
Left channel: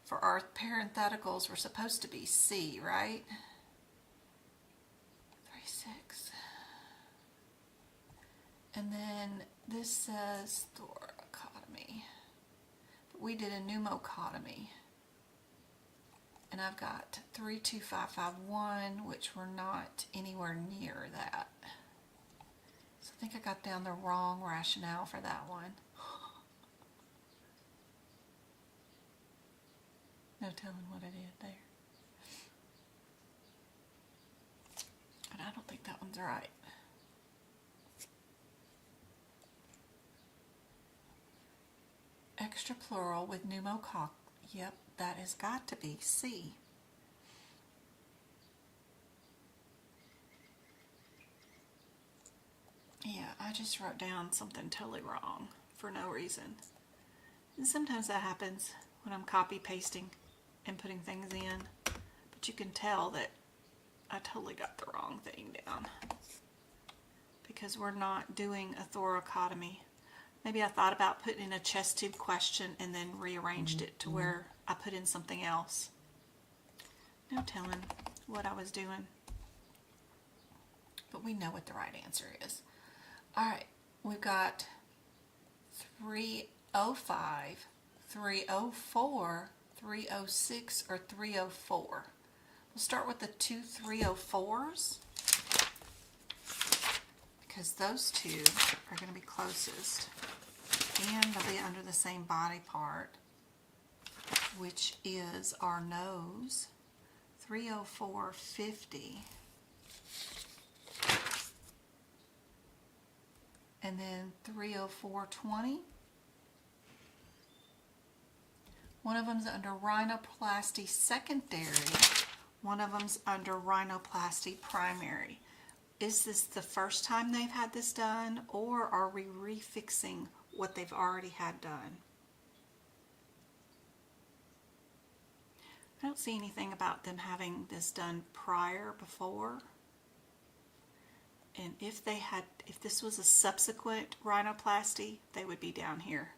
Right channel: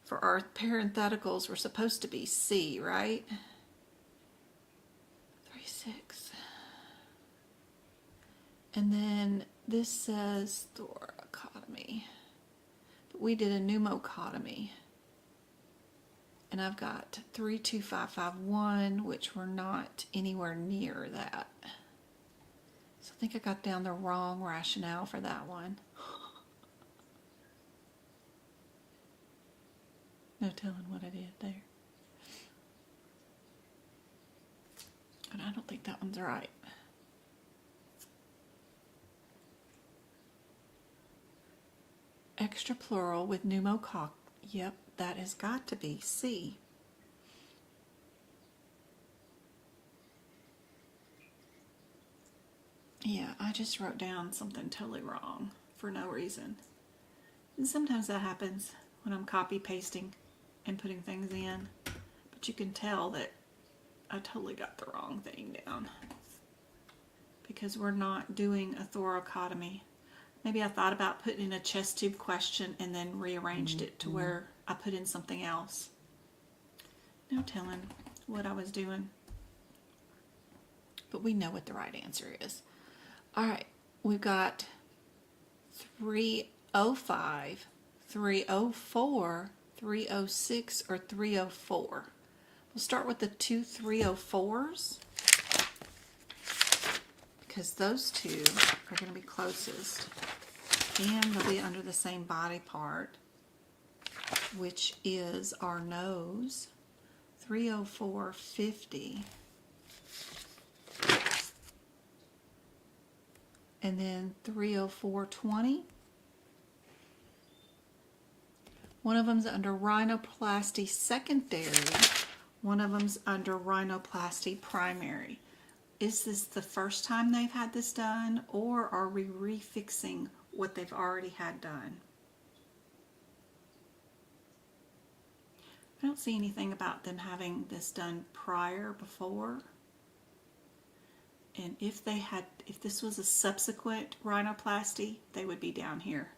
for our parentheticals, we're supposed to be C, right? 3-6. And then this says thoracotomy. But we did a pneumocotomy. And I've got 32551, which we're not anywhere near that. So I think I got down the wrong rationale for that one. No telling what I did there. But I don't think that one's right. Extra plural with pneumococ. Yep, that has got to be C. Yeah, I just wrote down something totally wrong for no reason. And sometimes that happens when I'm copy pasting and putting things in. But you can tell that I totally got the wrong thing down. Because we're not doing a thoracotomy. Maybe I thought about putting in a chest tube question and then rearranged it to where I put in something else. No telling what I was doing. But we know what the right answer is. Alright, we've got 305, 304, 306, or 304. We'll start with the two 304s. Because those two are going to be closest. And they'll be under the same body part, which is our nose. 304.50. And then 304.20. One of them's under rhinoplasty secondary. One of them's under rhinoplasty primary. Is this the first time they've had this done, or are we refixing what they've already had done? I don't see anything about them having this done before. And if this was a subsequent rhinoplasty, they would be down here.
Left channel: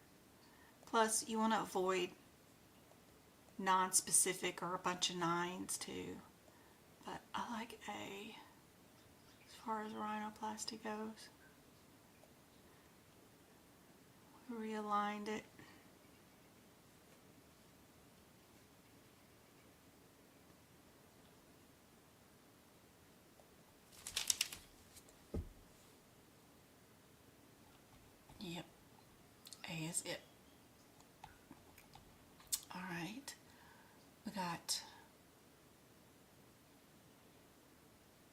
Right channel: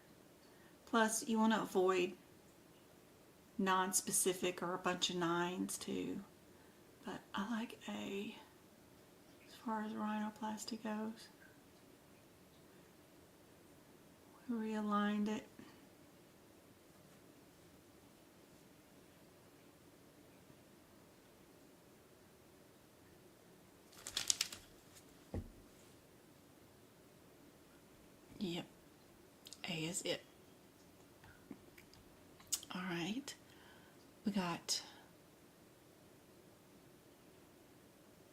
Plus, you want to avoid non-specific or a bunch of 9s too. But I like A as far as rhinoplasty goes. We realigned it. Yep, A is it. All right, we got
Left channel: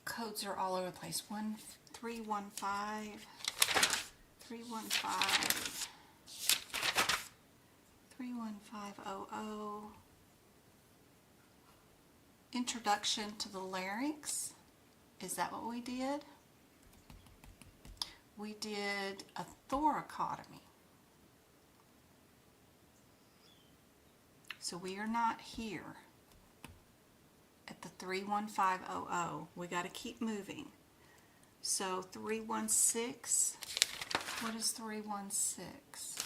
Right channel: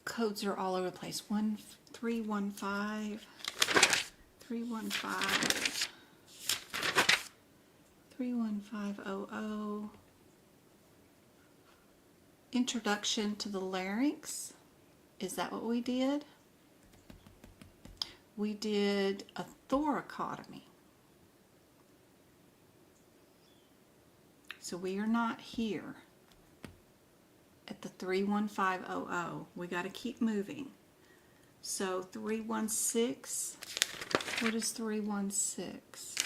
codes are all over the place. 1315, 315, 31500. Introduction to the larynx. Is that what we did? We did a thoracotomy. So we are not here at the 31500. We got to keep moving. So 316, what is 316?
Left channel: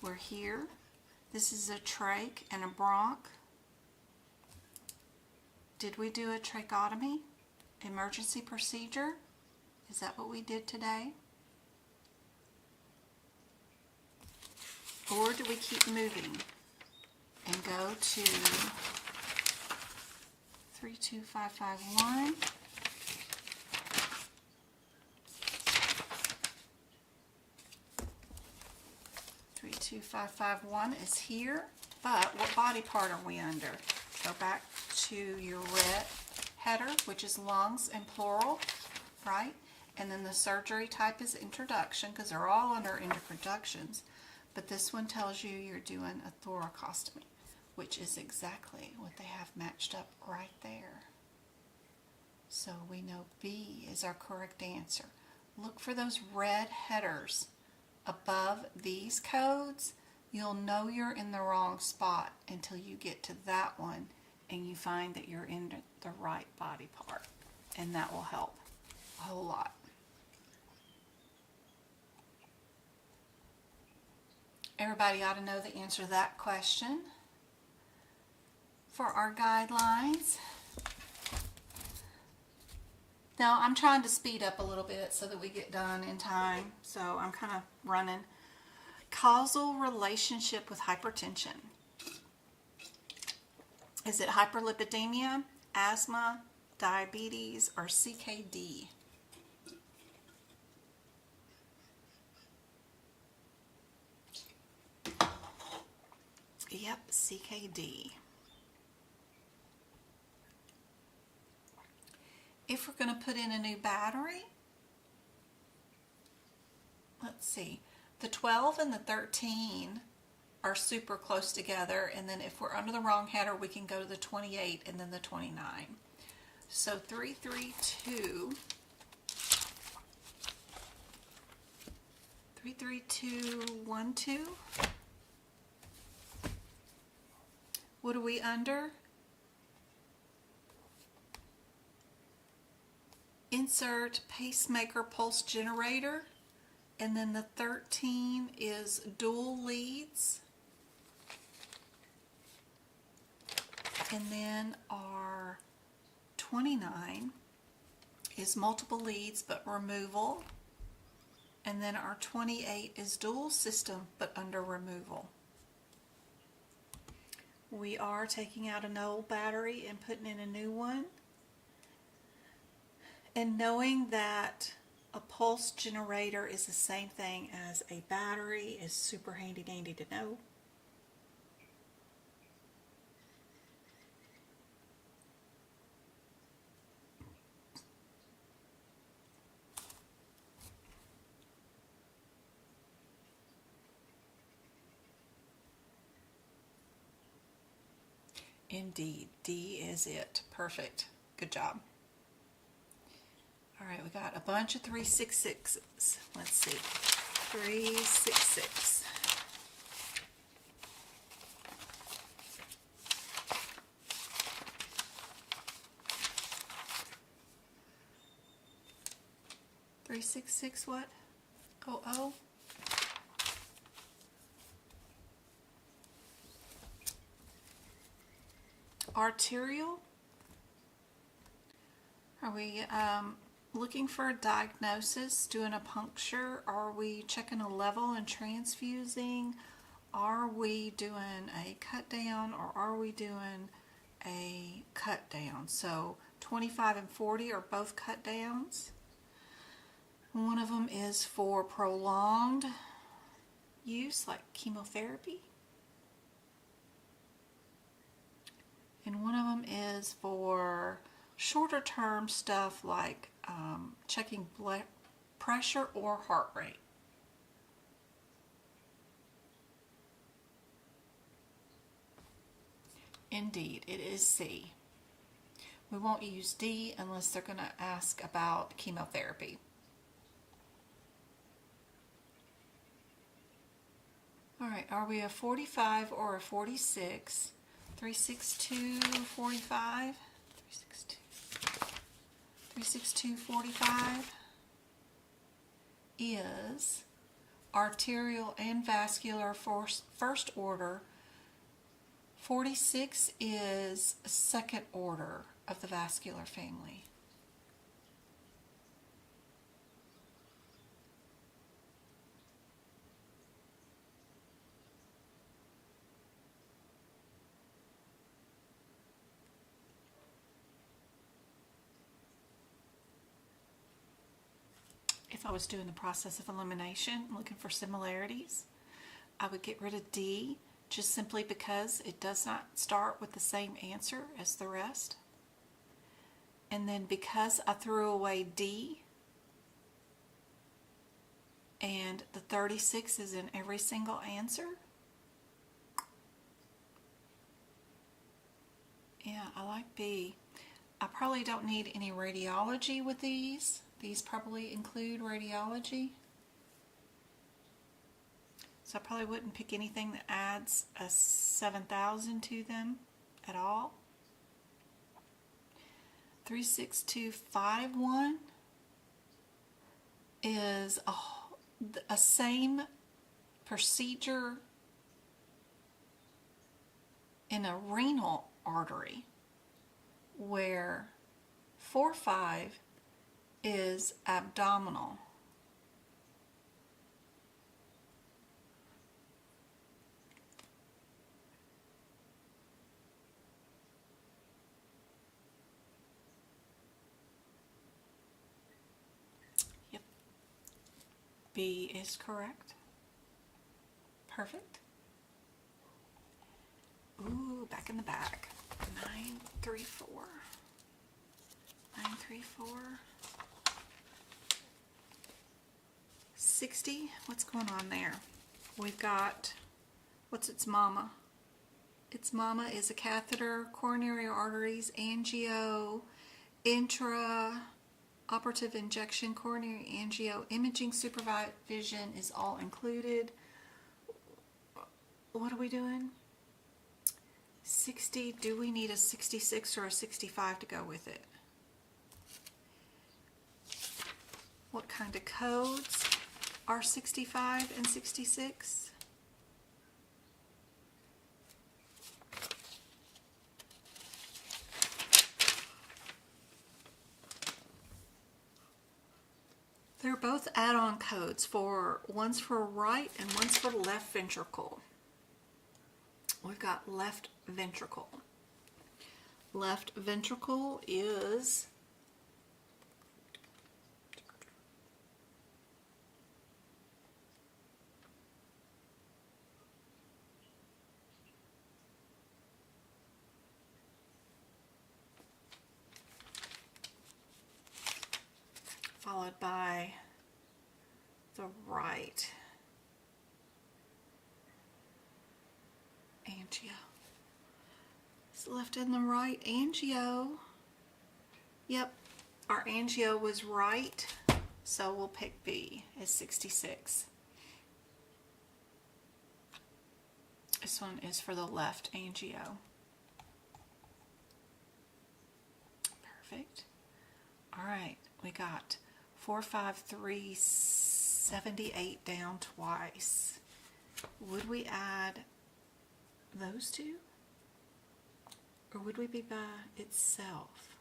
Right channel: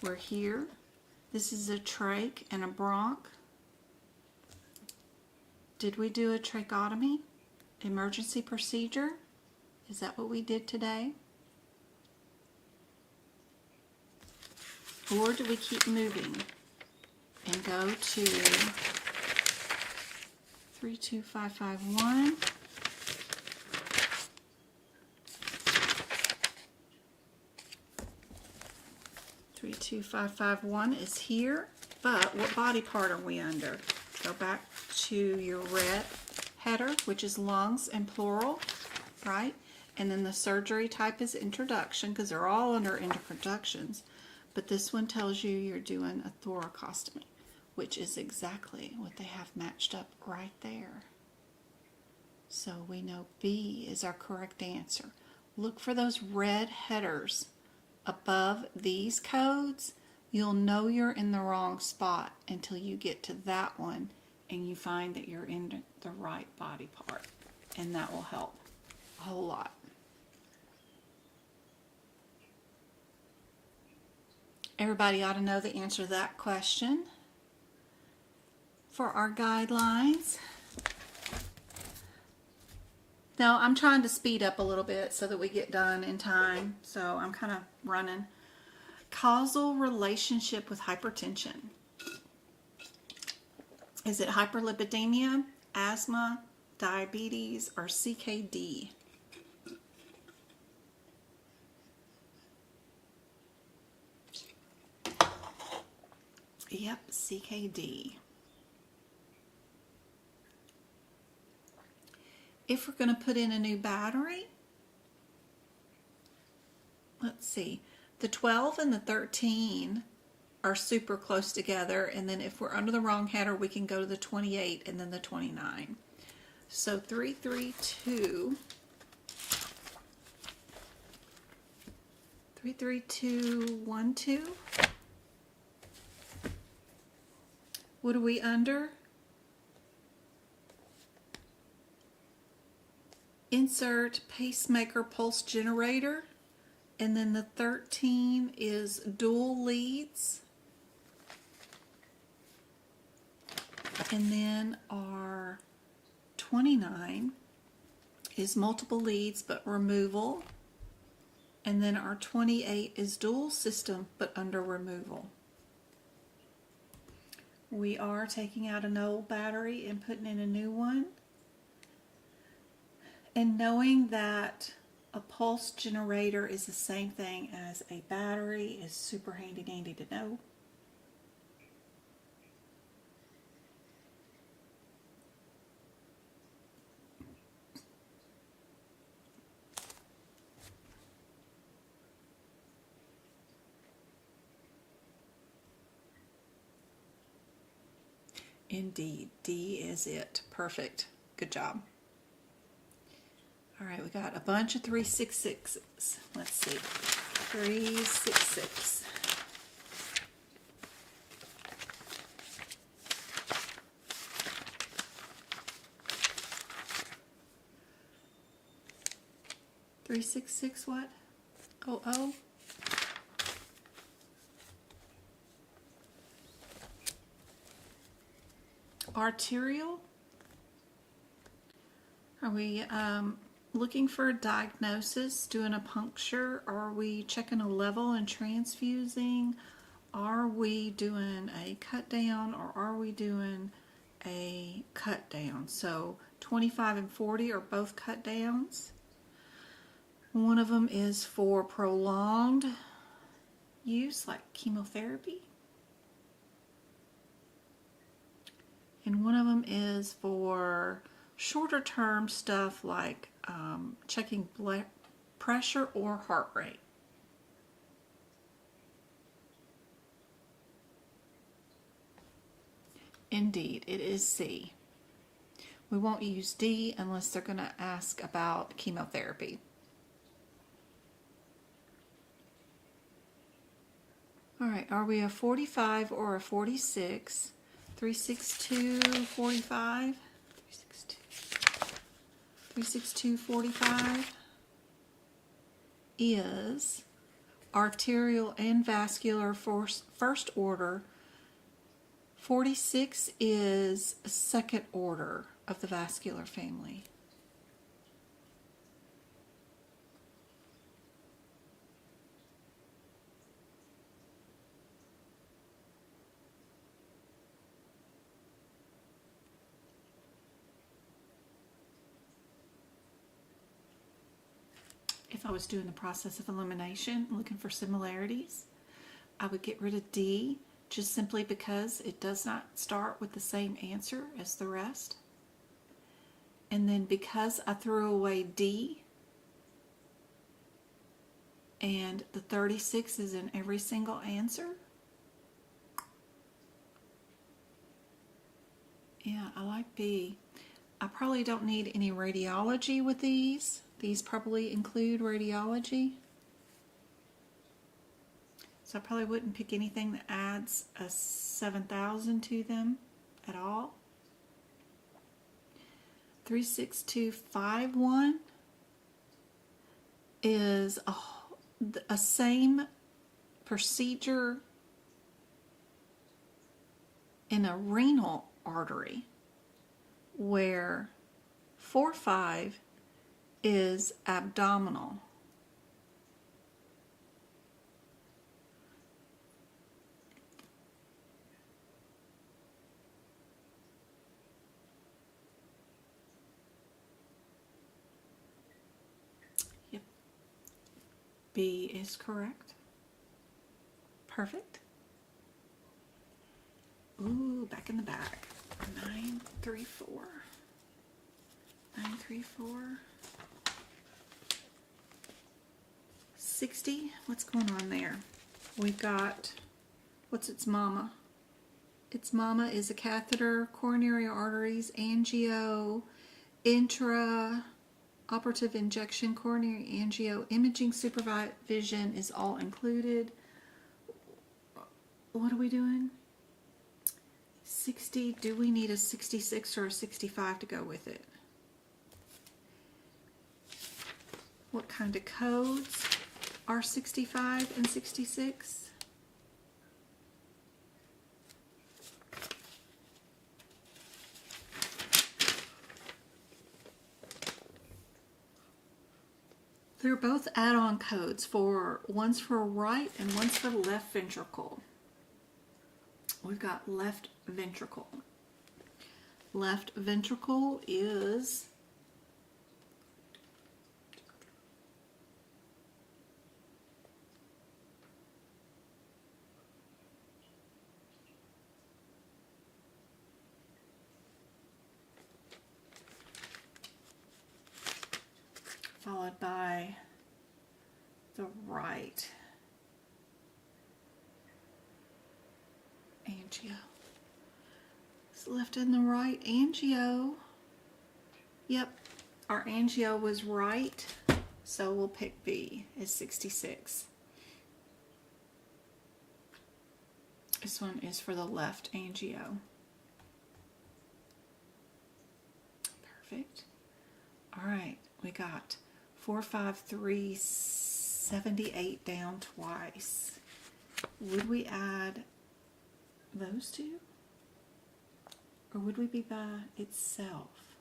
We're here. This is a trach and a bronch. Did we do a tracheotomy? Emergency procedure? Is that what we did today? Or do we keep moving and go to 32551? Three, 2, 5, 5, 1 is here, but what body part are we under? Go back to your red header, which is lungs and plural, right? And then the surgery type is introduction, because they're all under introductions. But this one tells you you're doing a thoracostomy, which is exactly what they have matched up right there. So we know B is our correct answer. Look for those red headers above these codes. You'll know you're in the wrong spot until you get to that one and you find that you're in the right body part. And that will help a whole lot. Everybody ought to know the answer to that question. For our guidelines, now I'm trying to speed up a little bit so that we get done in time, so I'm kind of running. Causal relationship with hypertension. Is it hyperlipidemia, asthma, diabetes, or CKD? Yep, CKD. If we're going to put in a new battery, let's see, the 12 and the 13 are super close together, and then if we're under the wrong header, we can go to the 28 and then the 29. So 332, 33212. What are we under? Insert pacemaker pulse generator, and then the 13 is dual leads, and then our 29 is multiple leads but removal, and then our 28 is dual system but under removal. We are taking out an old battery and putting in a new one. And knowing that a pulse generator is the same thing as a battery is super handy dandy to know. Indeed, D is it. Perfect. Good job. All right, we got a bunch of 366s. Let's see. 366. What? Oh. Arterial. Are we looking for a diagnosis, doing a puncture? Are we checking a level and transfusing? Are we doing a cut down, or are we doing a cut down? So 25 and 40 are both cut downs. One of them is for prolonged use, like chemotherapy. And one of them is for shorter term stuff like checking blood pressure or heart rate. Indeed, it is C. We won't use D unless they're going to ask about chemotherapy. All right, are we a 45 or a 46? 362, 45. 362, 45 is arterial and vascular first order. 46 is second order of the vascular family. If I was doing the process of elimination, looking for similarities, I would get rid of D, just simply because it does not start with the same answer as the rest. And then because I threw away D, and the 36 is in every single answer, yeah, I like B. I probably don't need any radiology with these. These probably include radiology. So I probably wouldn't pick anything that adds a 7,000 to them at all. 36251 is a same procedure in a renal artery, where 45 is abdominal. Yep. B is correct. Perfect. Ooh, back in the back. 934. 934. 60. What's going on there? We've got, what's its mama? Its mama is a catheter, coronary arteries, angio, intra-operative injection, coronary angio, imaging supervision is all included. What are we doing? 60. Do we need a 66 or a 65 to go with it? What kind of codes are 65 and 66? They're both add-on codes, one's for right and one's for left ventricle. We've got left ventricle. Left ventricle is followed by the right angio. It's left and the right angio. Yep, our angio was right, so we'll pick B as 66. This one is for the left angio. Perfect. All right, we got 45378 down twice. Would we add those two? Or would we be by itself?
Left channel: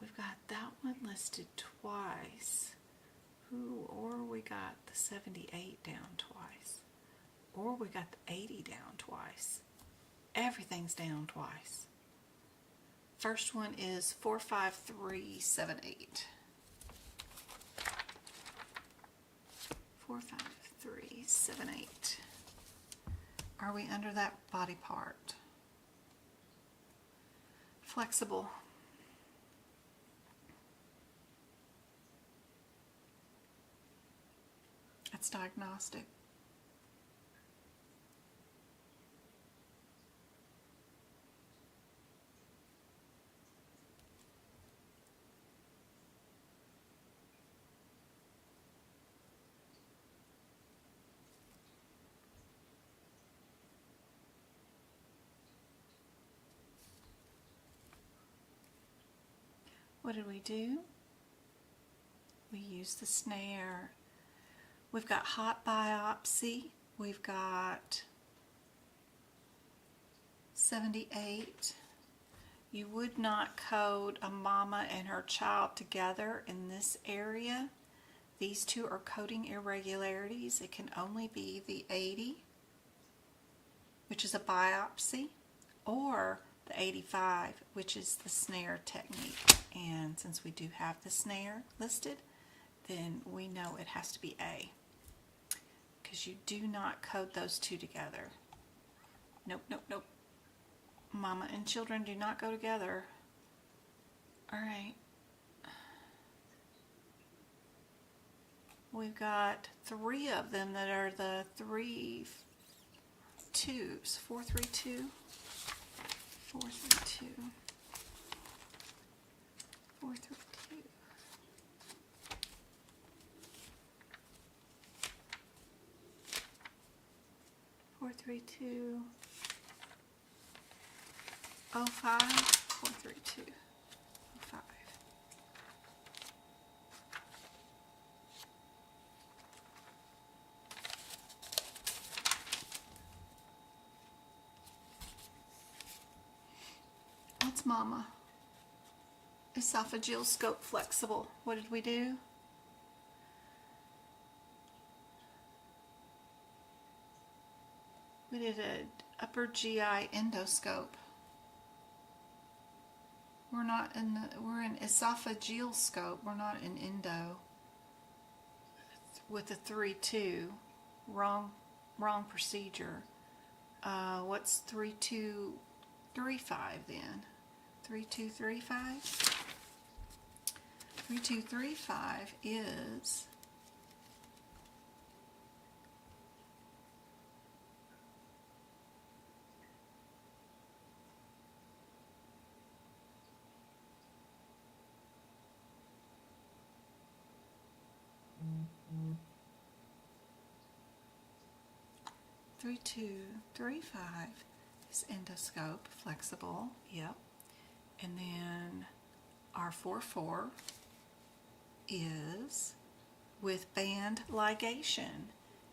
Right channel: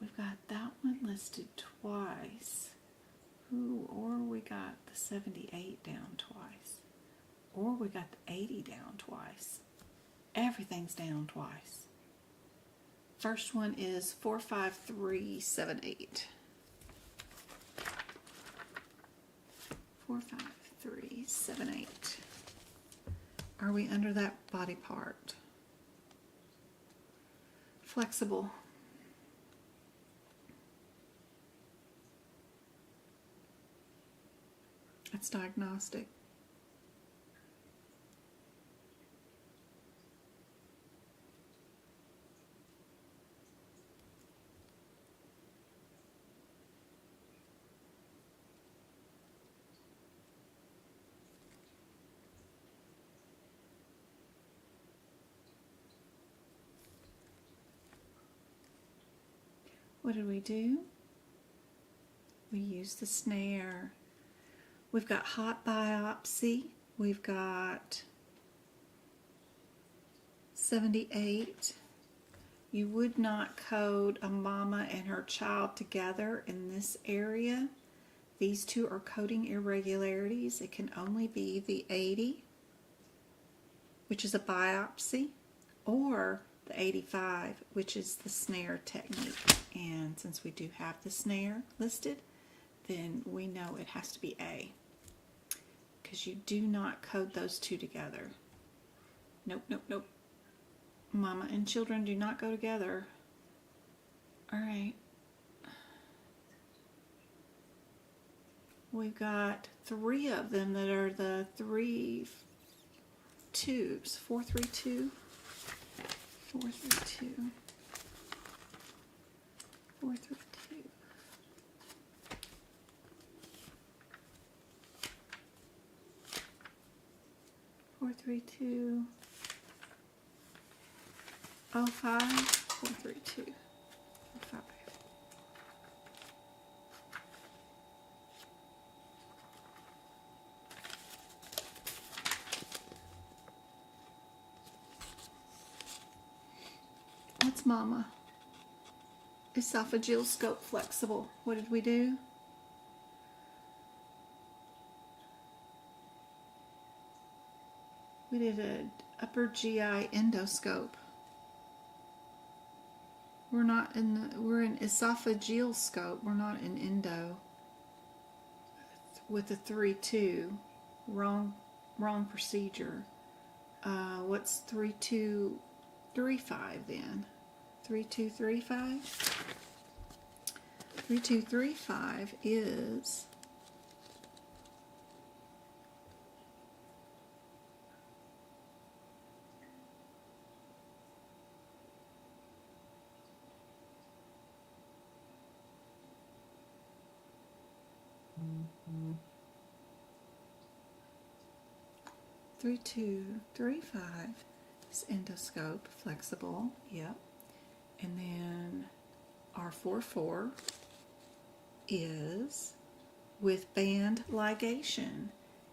We've got that one listed twice. Ooh, or we got the 78 down twice. Or we got the 80 down twice. Everything's down twice. First one is 45378. 45378. Are we under that body part? Flexible. That's diagnostic. What did we do? We used the snare. We've got hot biopsy. We've got 78. You would not code a mama and her child together in this area. These two are coding irregularities. It can only be the 80, which is a biopsy, or the 85, which is the snare technique. And since we do have the snare listed, then we know it has to be A, because you do not code those two together. Nope, nope, nope. Mama and children do not go together. All right. We've got 3 of them that are the 3 twos. 432. 432. 432. 432 05 432 05. What's mama? Esophageal scope flexible. What did we do? We did an upper GI endoscope. We're in esophageal scope. We're not in endo. With a 3-2. Wrong procedure. What's 3235 then? 3235? 3235 is three two three five is endoscope flexible, yep. And then our 4-4 is with band ligation,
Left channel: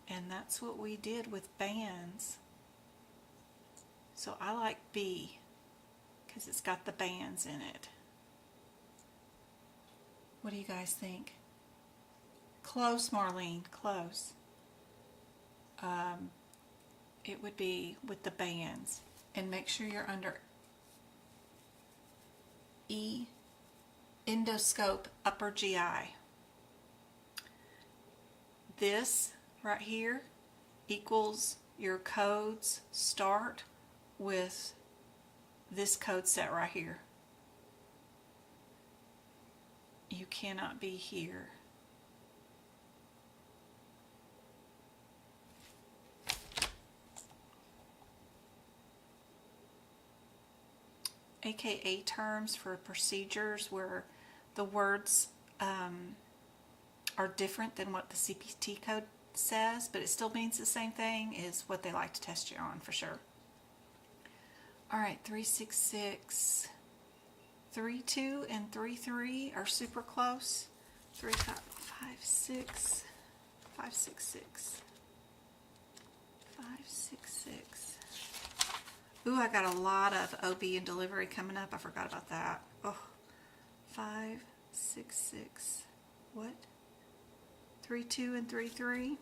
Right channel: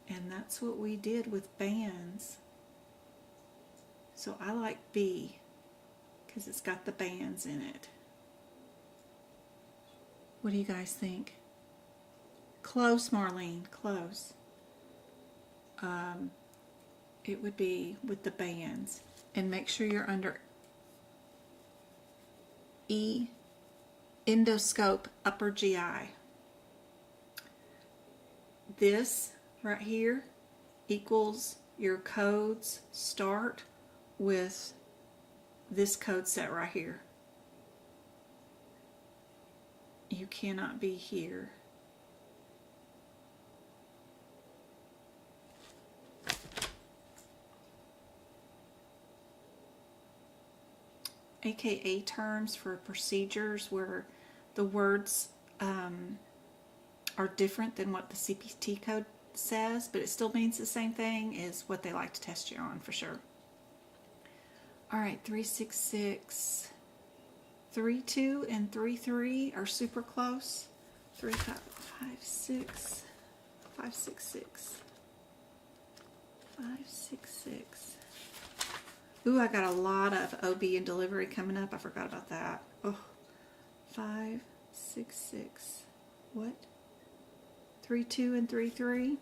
and that's what we did with bands. So I like B because it's got the bands in it. What do you guys think? Close, Marlene, close. It would be with the bands, and make sure you're under E, endoscope, upper GI. This right here equals your codes start with this code set right here. You cannot be here. AKA terms for procedures where the words are different than what the CPT code says, but it still means the same thing, is what they like to test you on for sure. All right, 366, 32 and 33 are super close. 3556, 566, 566. Ooh, I got a lot of OB and delivery coming up. I forgot about that. Oh, 566. What? 32 and 33.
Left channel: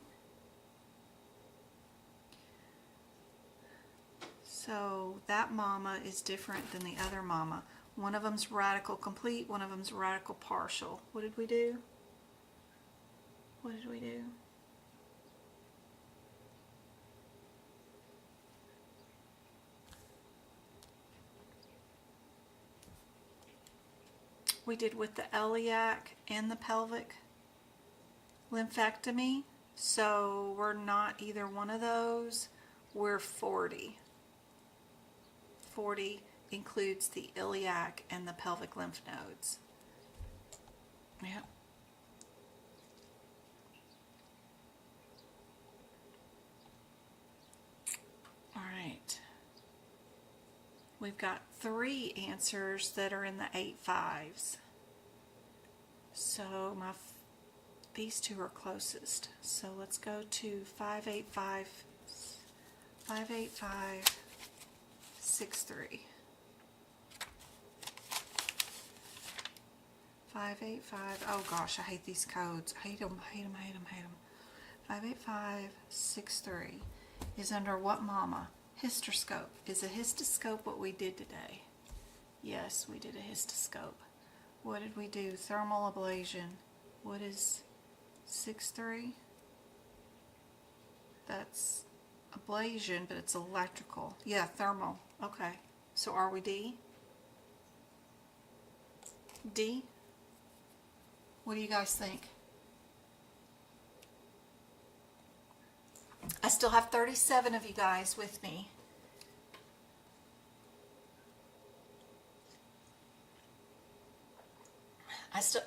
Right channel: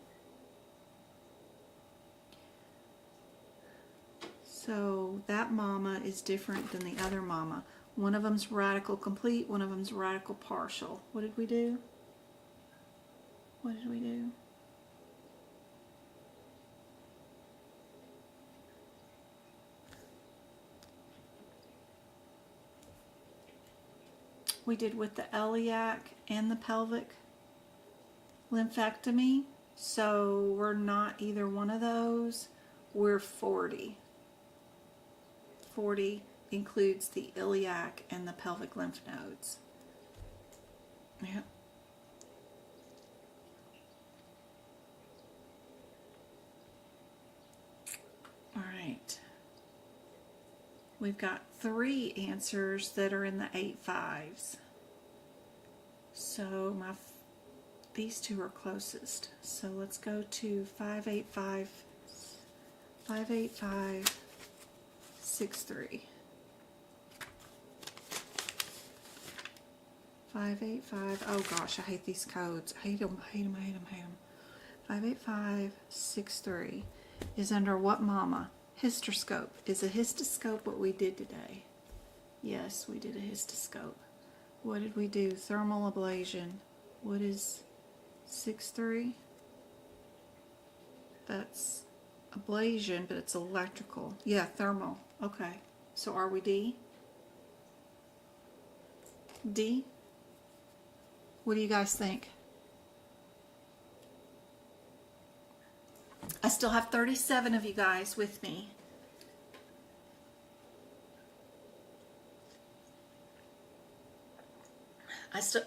So that mama is different than the other mama. One of them's radical complete, one of them's radical partial. What did we do? What did we do? We did with the iliac and the pelvic lymphectomy. So we're not either one of those. We're 40. 40 includes the iliac and the pelvic lymph nodes. Yep. All right. We've got 3 answers that are in the 8-5s. So these 2 are closest. So let's go to 585, 585, 63. 585. Oh gosh, I hate these codes. I hate them, hate them, hate them, hate them. 585, 63 is under what mama? Hysteroscope. Is a histoscope what we did today? Yes, we did a histoscope. What did we do? Thermal ablation. What is 6-3? That's ablation, but it's electrical. Yeah, thermal. Okay. So are we D? D? What do you guys think? I still have 37 of you guys with me.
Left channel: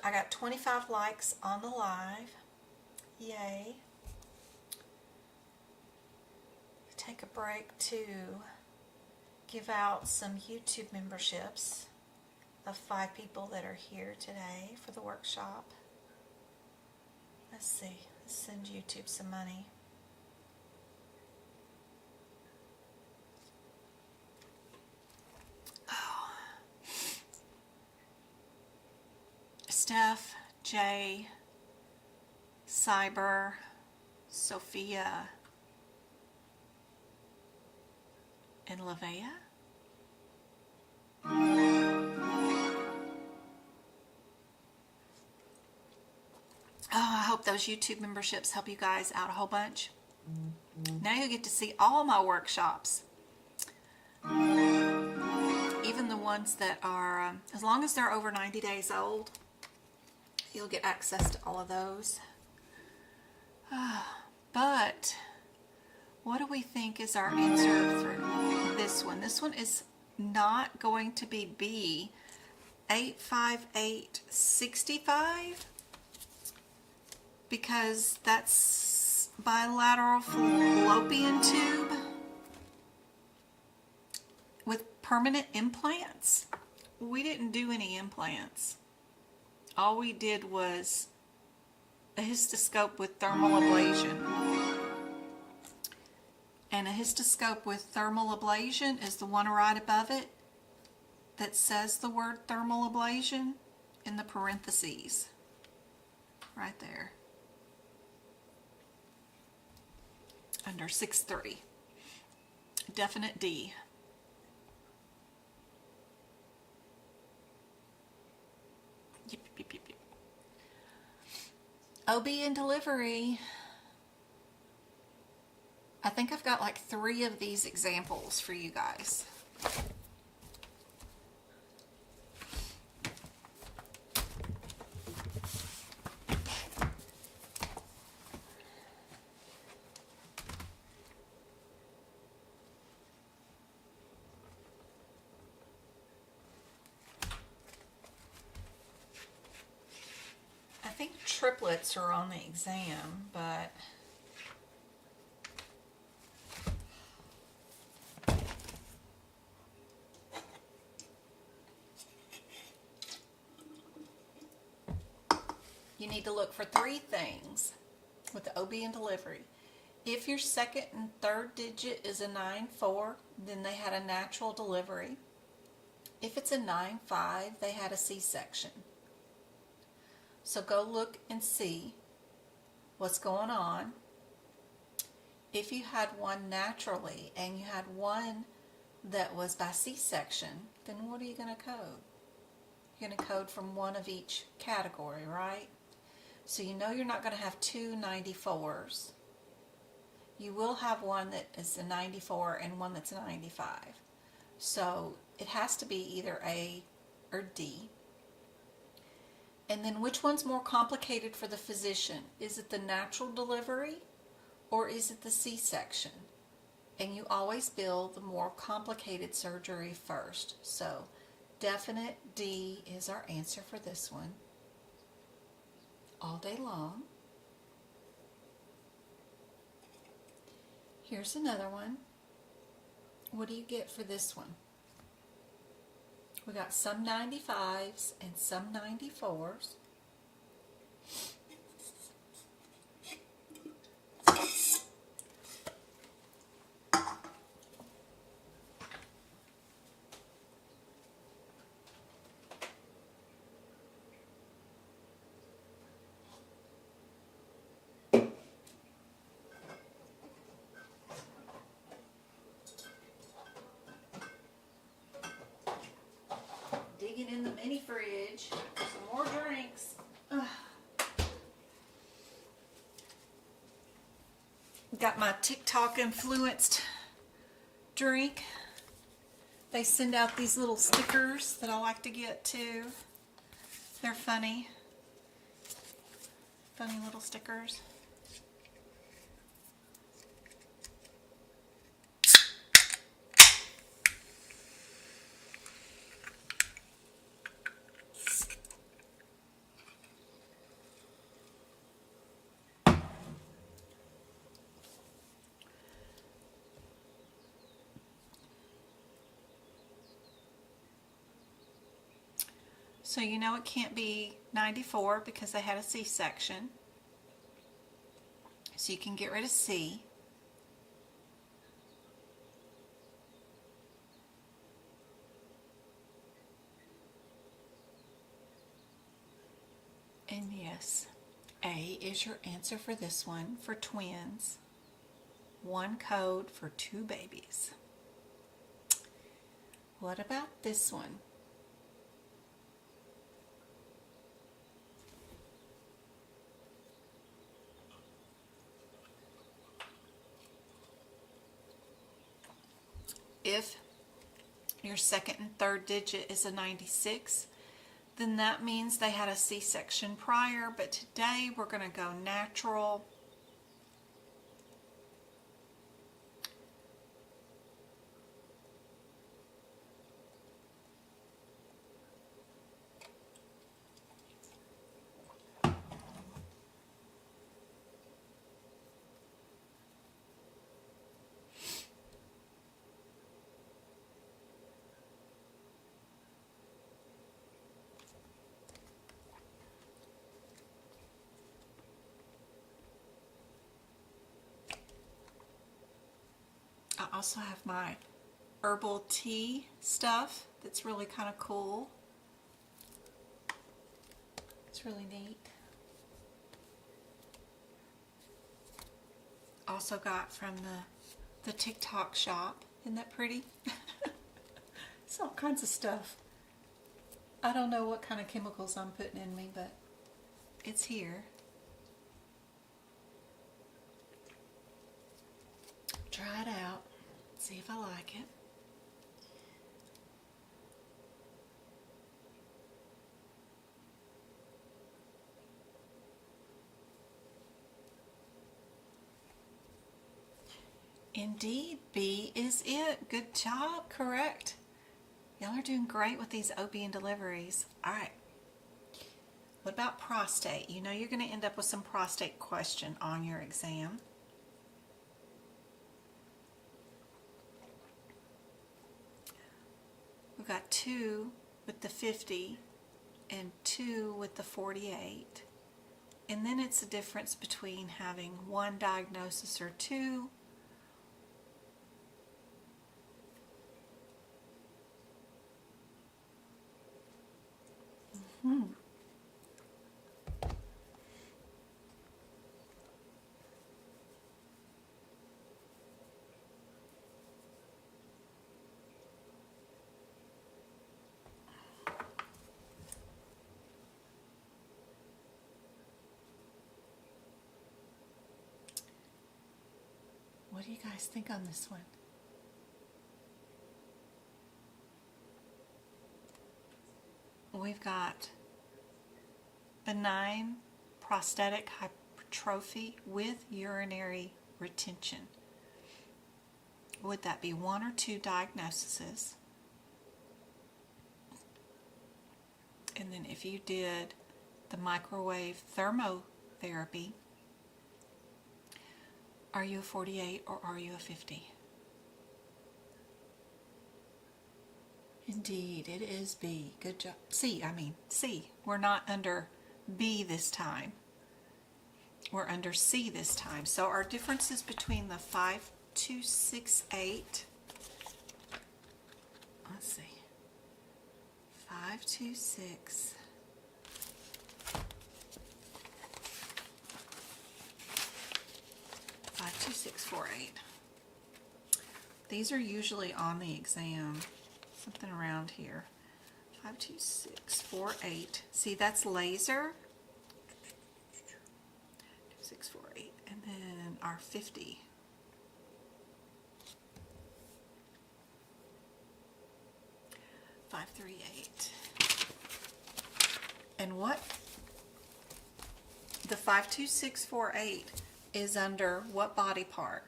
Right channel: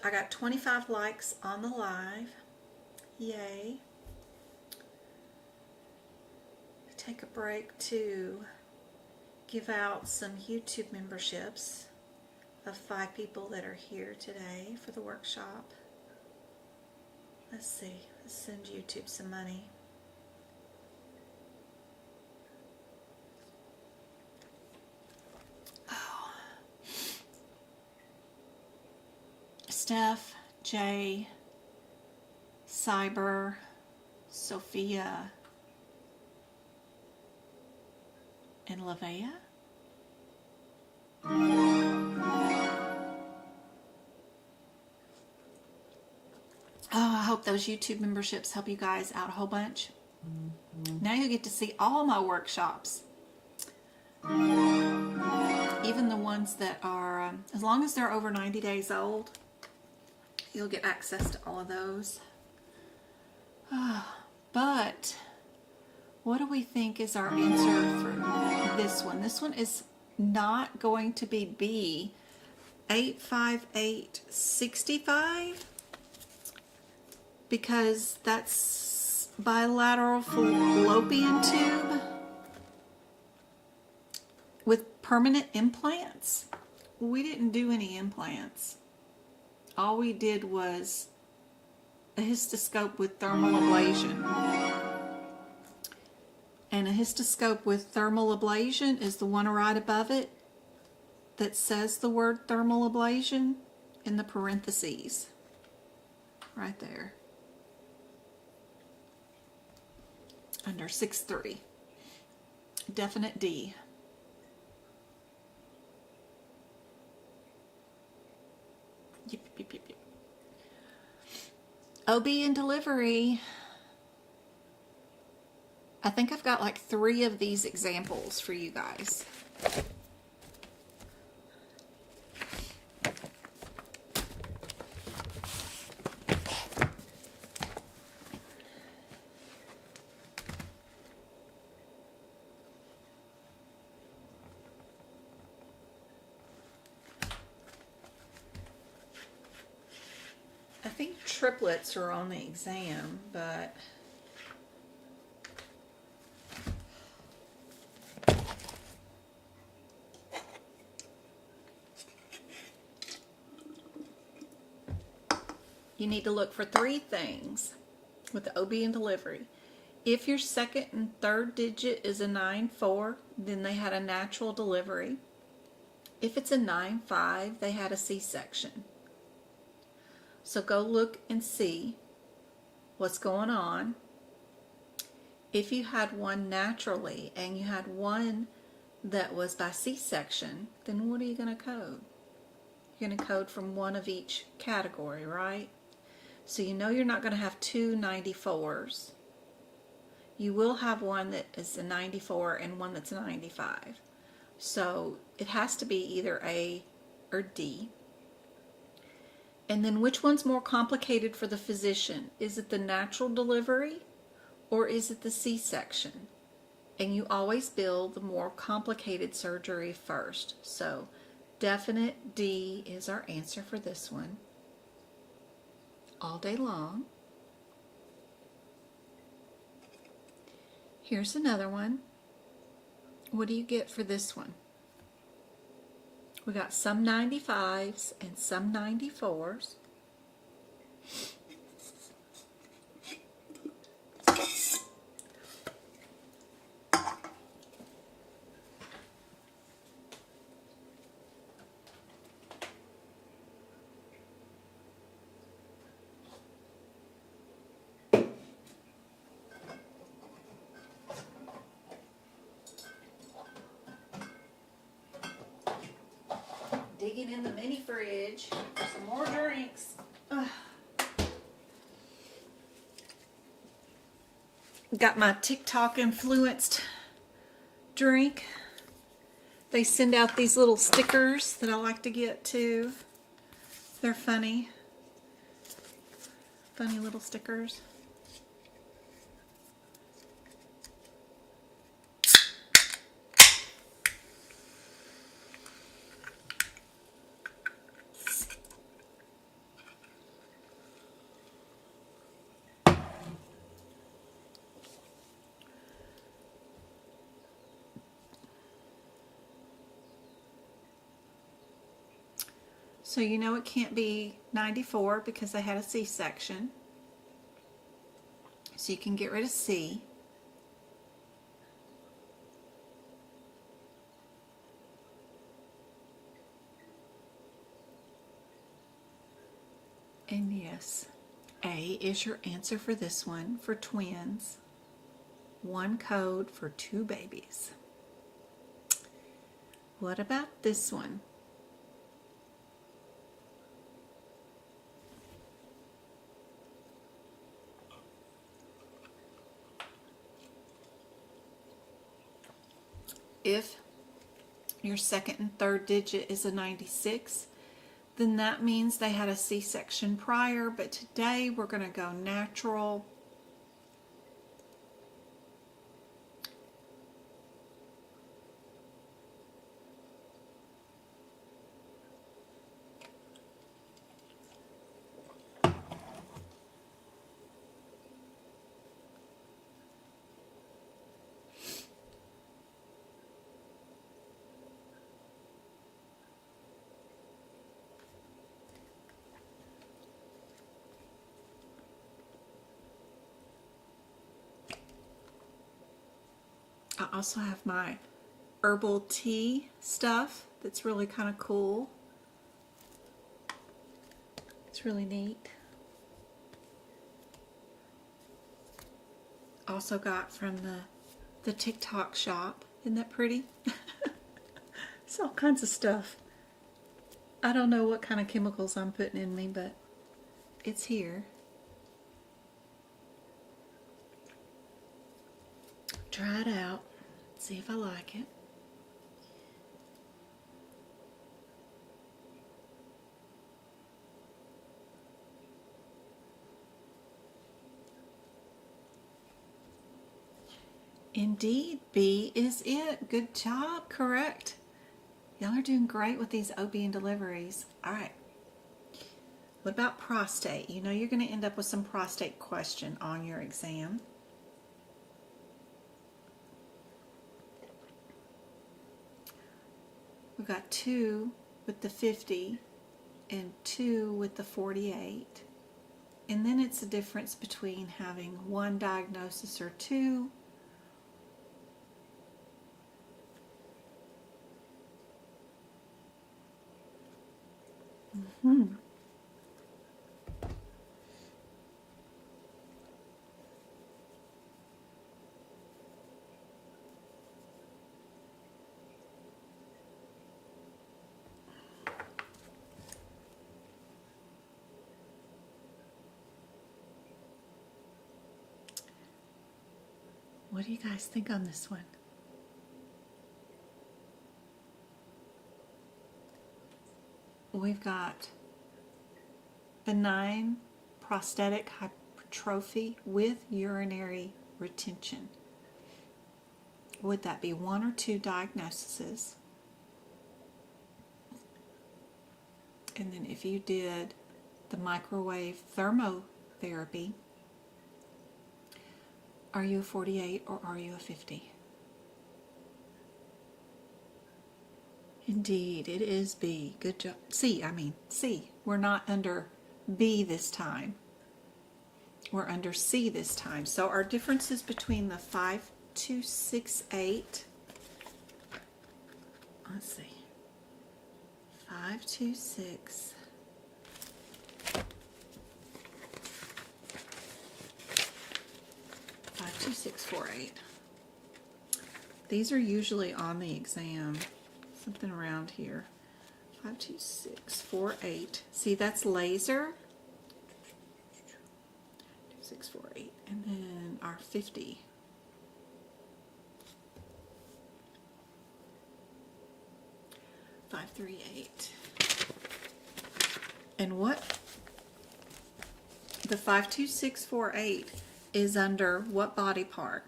I got 25 likes on the live. Yay. take a break to give out some YouTube memberships of 5 people that are here today for the workshop. Let's see, let's send YouTube some money. Oh. Steph, Jay, Cyber, Sophia, and Lavea. Oh, I hope those YouTube memberships help you guys out a whole bunch. Now you get to see all my workshops. Even the ones that are, as long as they're over 90 days old, you'll get access to all of those. But what do we think is our answer for this one? This one is not going to be B, 85865, because that's bilateral fallopian tube with permanent implants. We didn't do any implants. All we did was a histoscope with thermal ablation. And a histoscope with thermal ablation is the one right above it that says the word thermal ablation in the parentheses. Right there. Under 6.3. Definite D. Yep, yep, yep, yep. OB and delivery. I think I've got like 3 of these examples for you guys. I think triplets are on the exam, but you need to look for 3 things with the OB and delivery. If your second and third digit is a 9-4, then they had a natural delivery. If it's a 9-5, they had a C-section. So go look and see what's going on. If you had one naturally and you had one that was by C-section, then what are you going to code? You're going to code from one of each category, right? So you know you're not going to have 2 94s. You will have one that is a 94 and one that's a 95. So it has to be either A or D. And then which one's more complicated for the physician? Is it the natural delivery or is it the C-section? And you always bill the more complicated surgery first. So definite D is our answer for this one. All day long. Here's another one. What do you get for this one? We got some 95s and some 94s. Digging in the mini fridge for some more drinks. Ugh. Got my TikTok influenced drink. They send out these little stickers that I like to get too. They're funny. Funny little stickers. So you know it can't be 94 because they had a C-section. So you can get rid of C. And yes, A is your answer for this one, for twins. One code for two babies. What about this one? If your second and third digit is a 96, then that means they had a C-section prior, but today we're going to go natural. I also have my herbal tea stuff that's really kind of cool. It's really neat. Also got from the TicTok shop. Isn't that pretty? It's all kinds of stuff. I don't know what kind of chemicals I'm putting in me, but it's here. Try it out. See if I like it. Indeed, B is it. Good job. Correct. Y'all are doing great with these OB and deliveries. All right. What about prostate? You know you're going to end up with some prostate question on your exam. We've got 2 with the 50 and 2 with the 48. And then it's the difference between having one diagnosis or two. What do you guys think on this one? We've got benign prostatic hypertrophy with urinary retention. Would that be 1 or 2 diagnoses? And then if you did the microwave thermotherapy, are you a 48 or are you a 50? Indeed, it is B. Good job. C. We're not under B this time. We're under C this time. So our differences between the 5268, let's see, 526, 52648. These are usually on the exam. Something around here. 52648. See, that's laser. 2648. And then our 50. .538. And what? The 52648 is under what body part?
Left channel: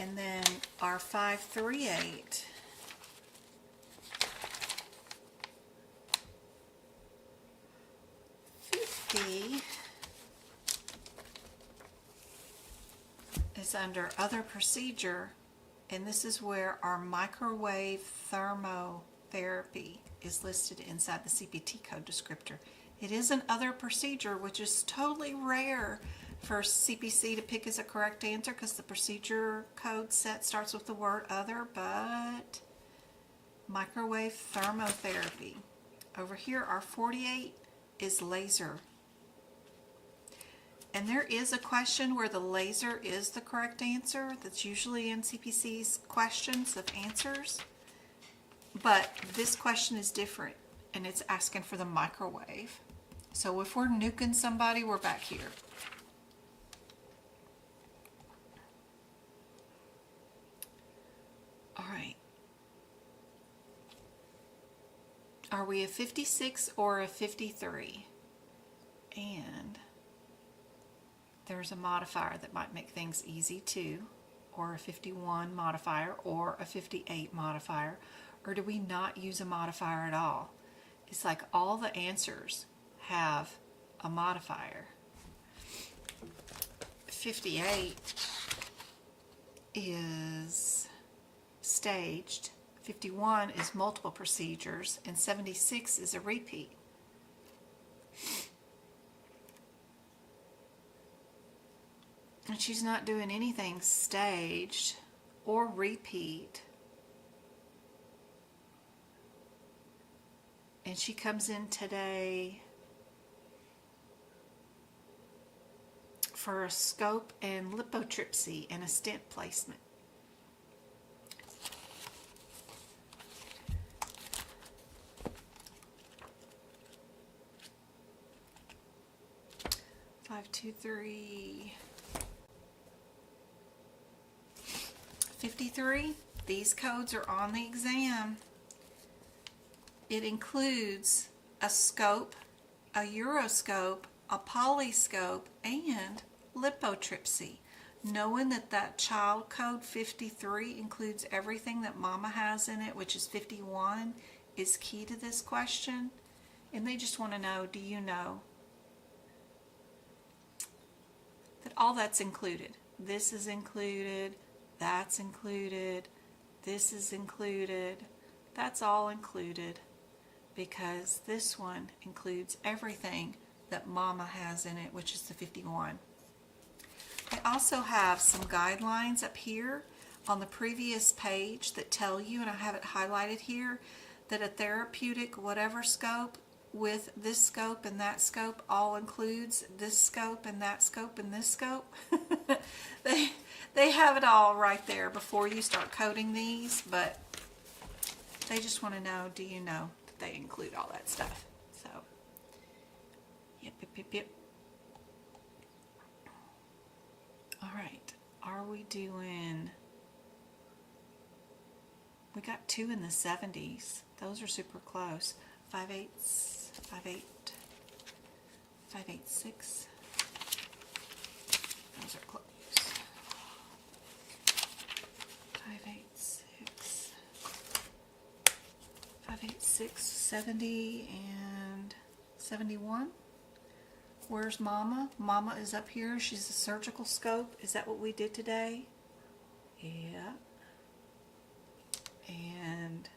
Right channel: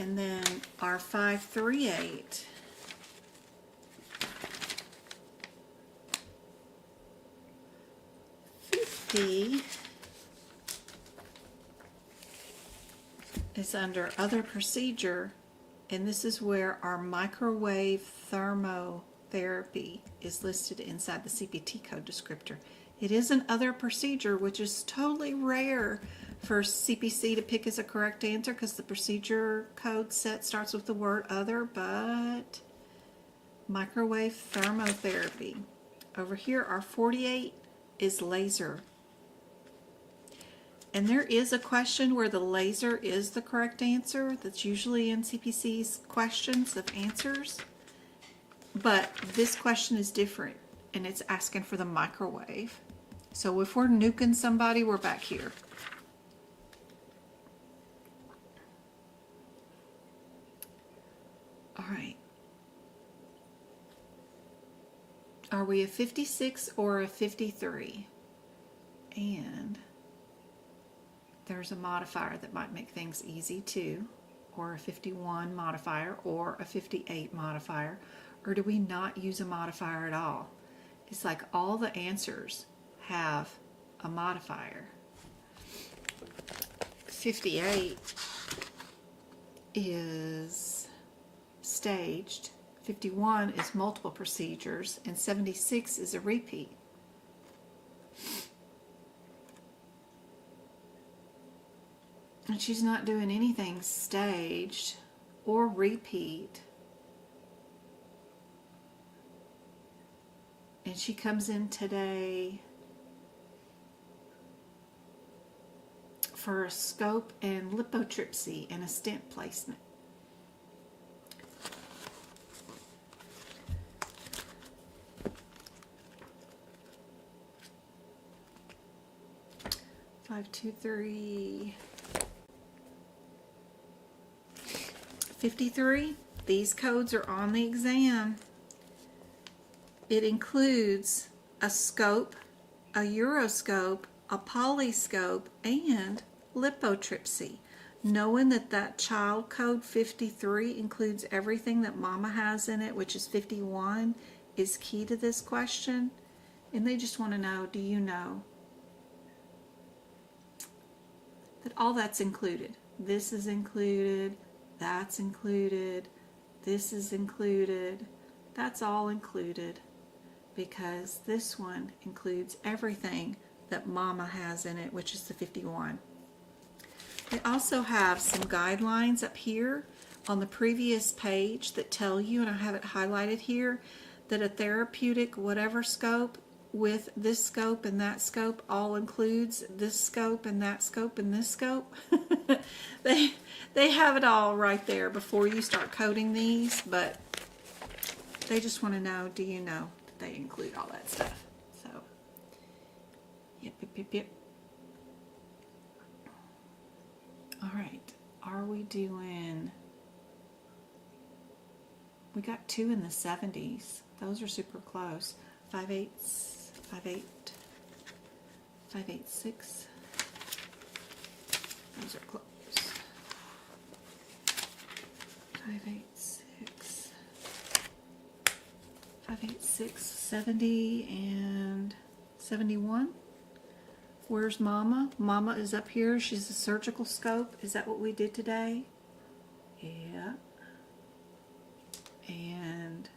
And then our 538 50 is under other procedure, and this is where our microwave thermotherapy therapy is listed inside the CPT code descriptor. It is an other procedure, which is totally rare for CPC to pick as a correct answer because the procedure code set starts with the word other, but microwave thermotherapy. Over here, our 48 is laser. And there is a question where the laser is the correct answer. That's usually in CPC's questions of answers. But this question is different, and it's asking for the microwave. So if we're nuking somebody, we're back here. All right. Are we a 56 or a 53? And there's a modifier that might make things easy too, or a 51 modifier, or a 58 modifier, or do we not use a modifier at all? It's like all the answers have a modifier. 58 is staged, 51 is multiple procedures, and 76 is a repeat. And she's not doing anything staged or repeat. And she comes in today for a scope and lithotripsy and a stent placement. Five, 2, 3. 53, these codes are on the exam. It includes a scope, a uroscope, a polyscope, and lithotripsy. Knowing that that child code 53 includes everything that mama has in it, which is 51, is key to this question. And they just want to know, do you know that all that's included? This is included. That's included, this is included, that's all included, because this one includes everything that mama has in it, which is the 51. They also have some guidelines up here on the previous page that tell you, and I have it highlighted here, that a therapeutic whatever scope with this scope and that scope all includes this scope and that scope and this scope. They have it all right there before you start coding these, but they just want to know, do you know that they include all that stuff? So, yep. All right, are we doing, we got 2 in the 70s. Those are super close. 5/8, 5/8, 5/8, 6. Those are close. 5/8, 6. 5/8, 6, 70 and 71. Where's Mama? Mama is up here. She's a surgical scope. Is that what we did today? Yeah. And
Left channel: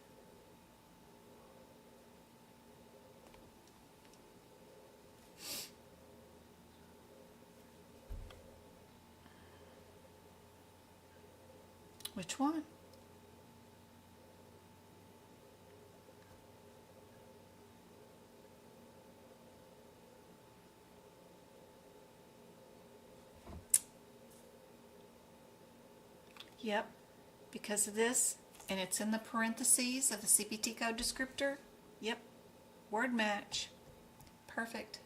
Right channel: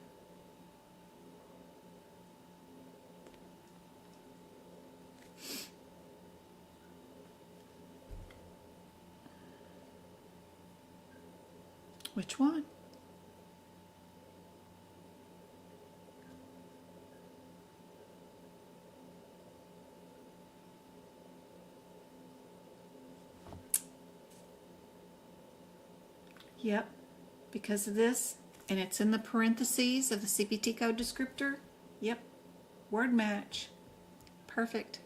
which one? Yep, because of this, and it's in the parentheses of the CPT code descriptor. Yep, word match. Perfect.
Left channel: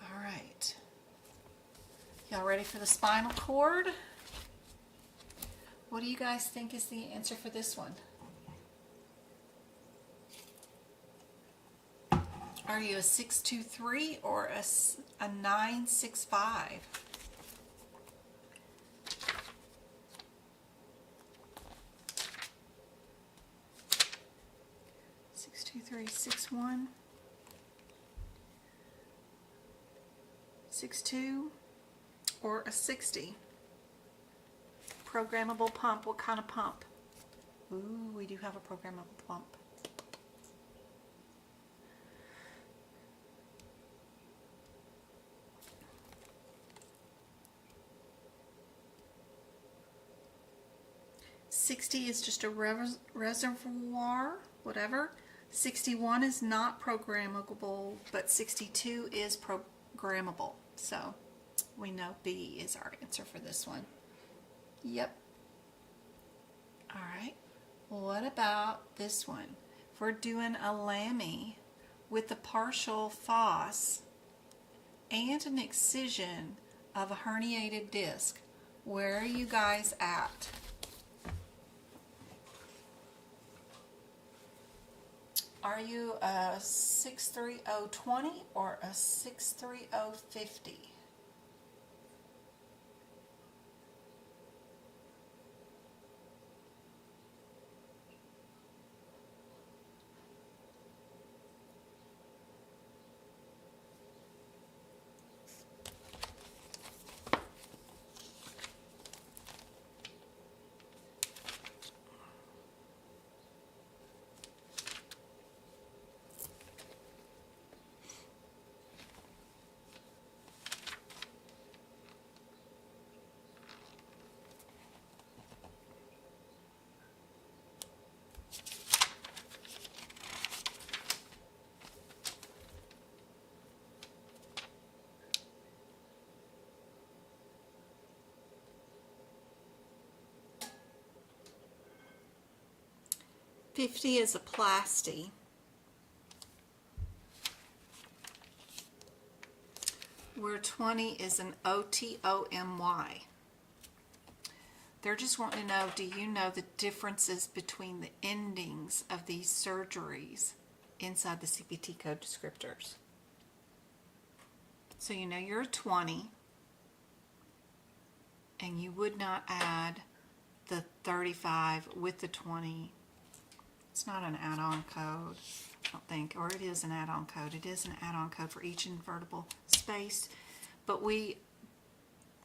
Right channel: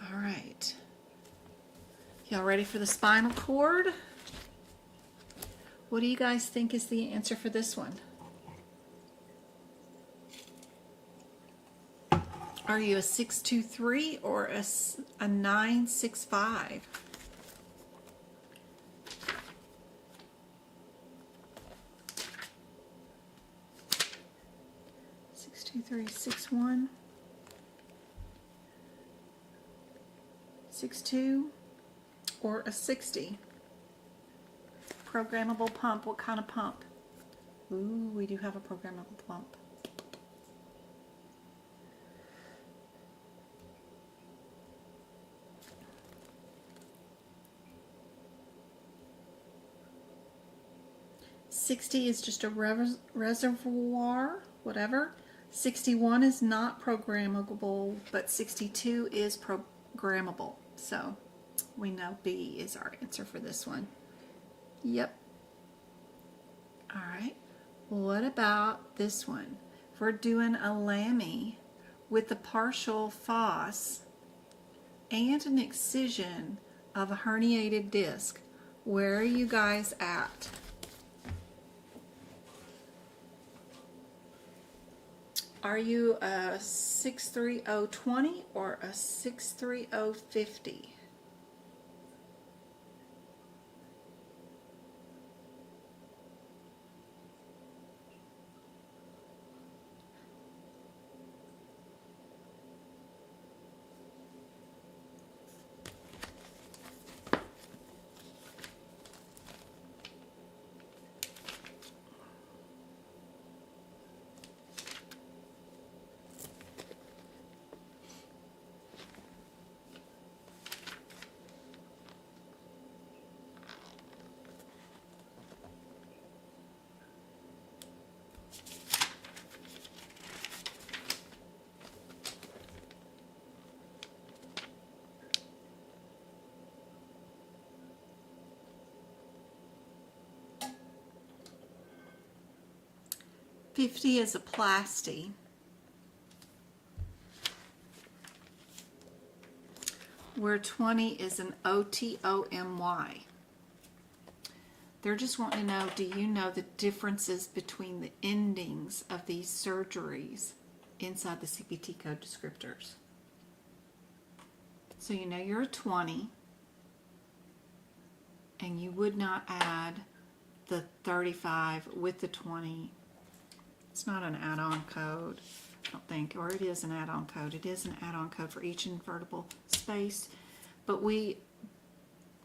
All right. Y'all ready for the spinal cord? What do you guys think is the answer for this one? Are you a 623 or a 965? Two, 3, 6, 1, 6, 2, or a 60. Programmable pump. What kind of pump? Ooh, we do have a programmable pump. $60 is just a reservoir, whatever. 61 is not programmable, but 62 is programmable. So we know B is our answer for this one. Yep. All right. What about this one? If we're doing a LAMI with a partial FOSS and an excision of a herniated disc, where are you guys at? Are you a 63020 or a 63050? $50 is a plasty. Where 20 is an OTOMY. They're just wanting to know, do you know the differences between the endings of these surgeries inside the CPT code descriptors? So you know you're a 20, and you would not add the 35 with the 20. It's not an add-on code, I don't think, or it is an add-on code. It is an add-on code for each invertible space, but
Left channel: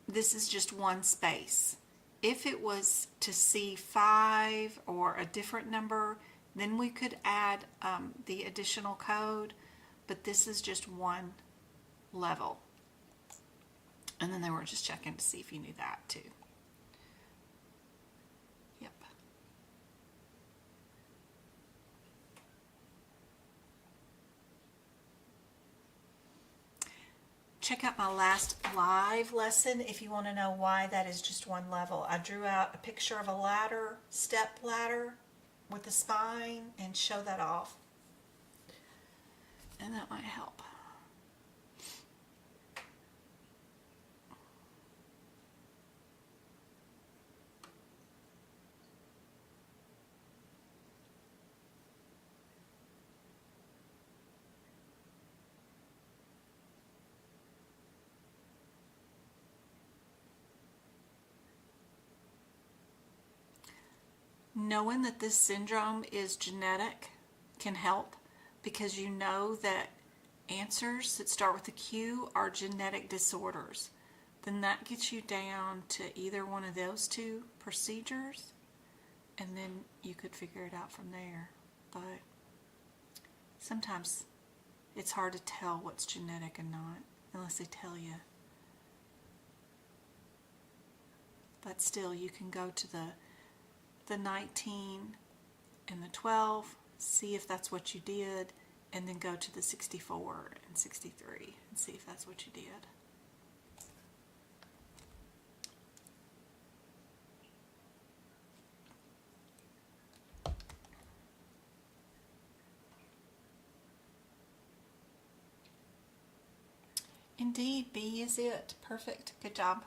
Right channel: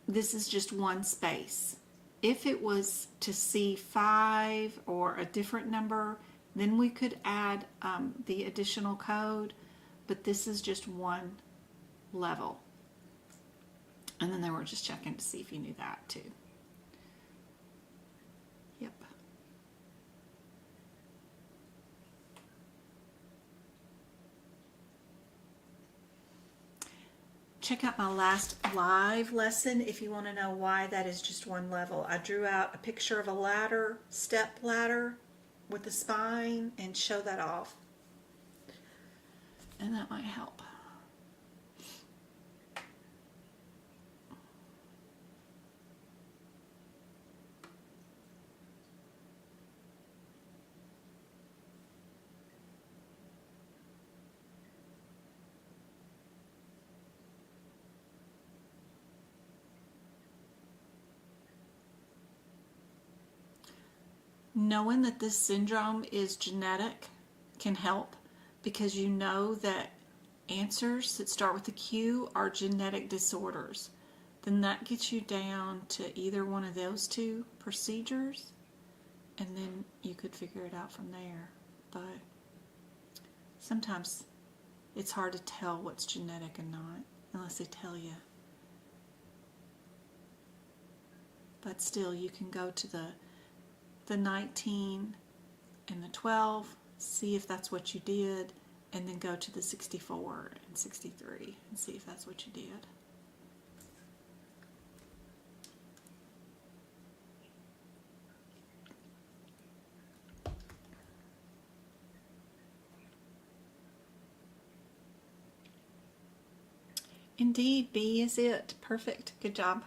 this is just one space. If it was to C5 or a different number, then we could add the additional code, but this is just one level. And then they were just checking to see if you knew that too. Yep. Check out my last live lesson if you want to know why that is just one level. I drew out a picture of a ladder, step ladder with the spine, and show that off. And that might help. Knowing that this syndrome is genetic can help, because you know that answers that start with a Q are genetic disorders. Then that gets you down to either one of those two procedures, and then you could figure it out from there. But sometimes it's hard to tell what's genetic and not unless they tell you. But still, you can go to the 19 and the 12, see if that's what you did, and then go to the 64 and 63 and see if that's what you did. Indeed, B is it. Perfect. Good job.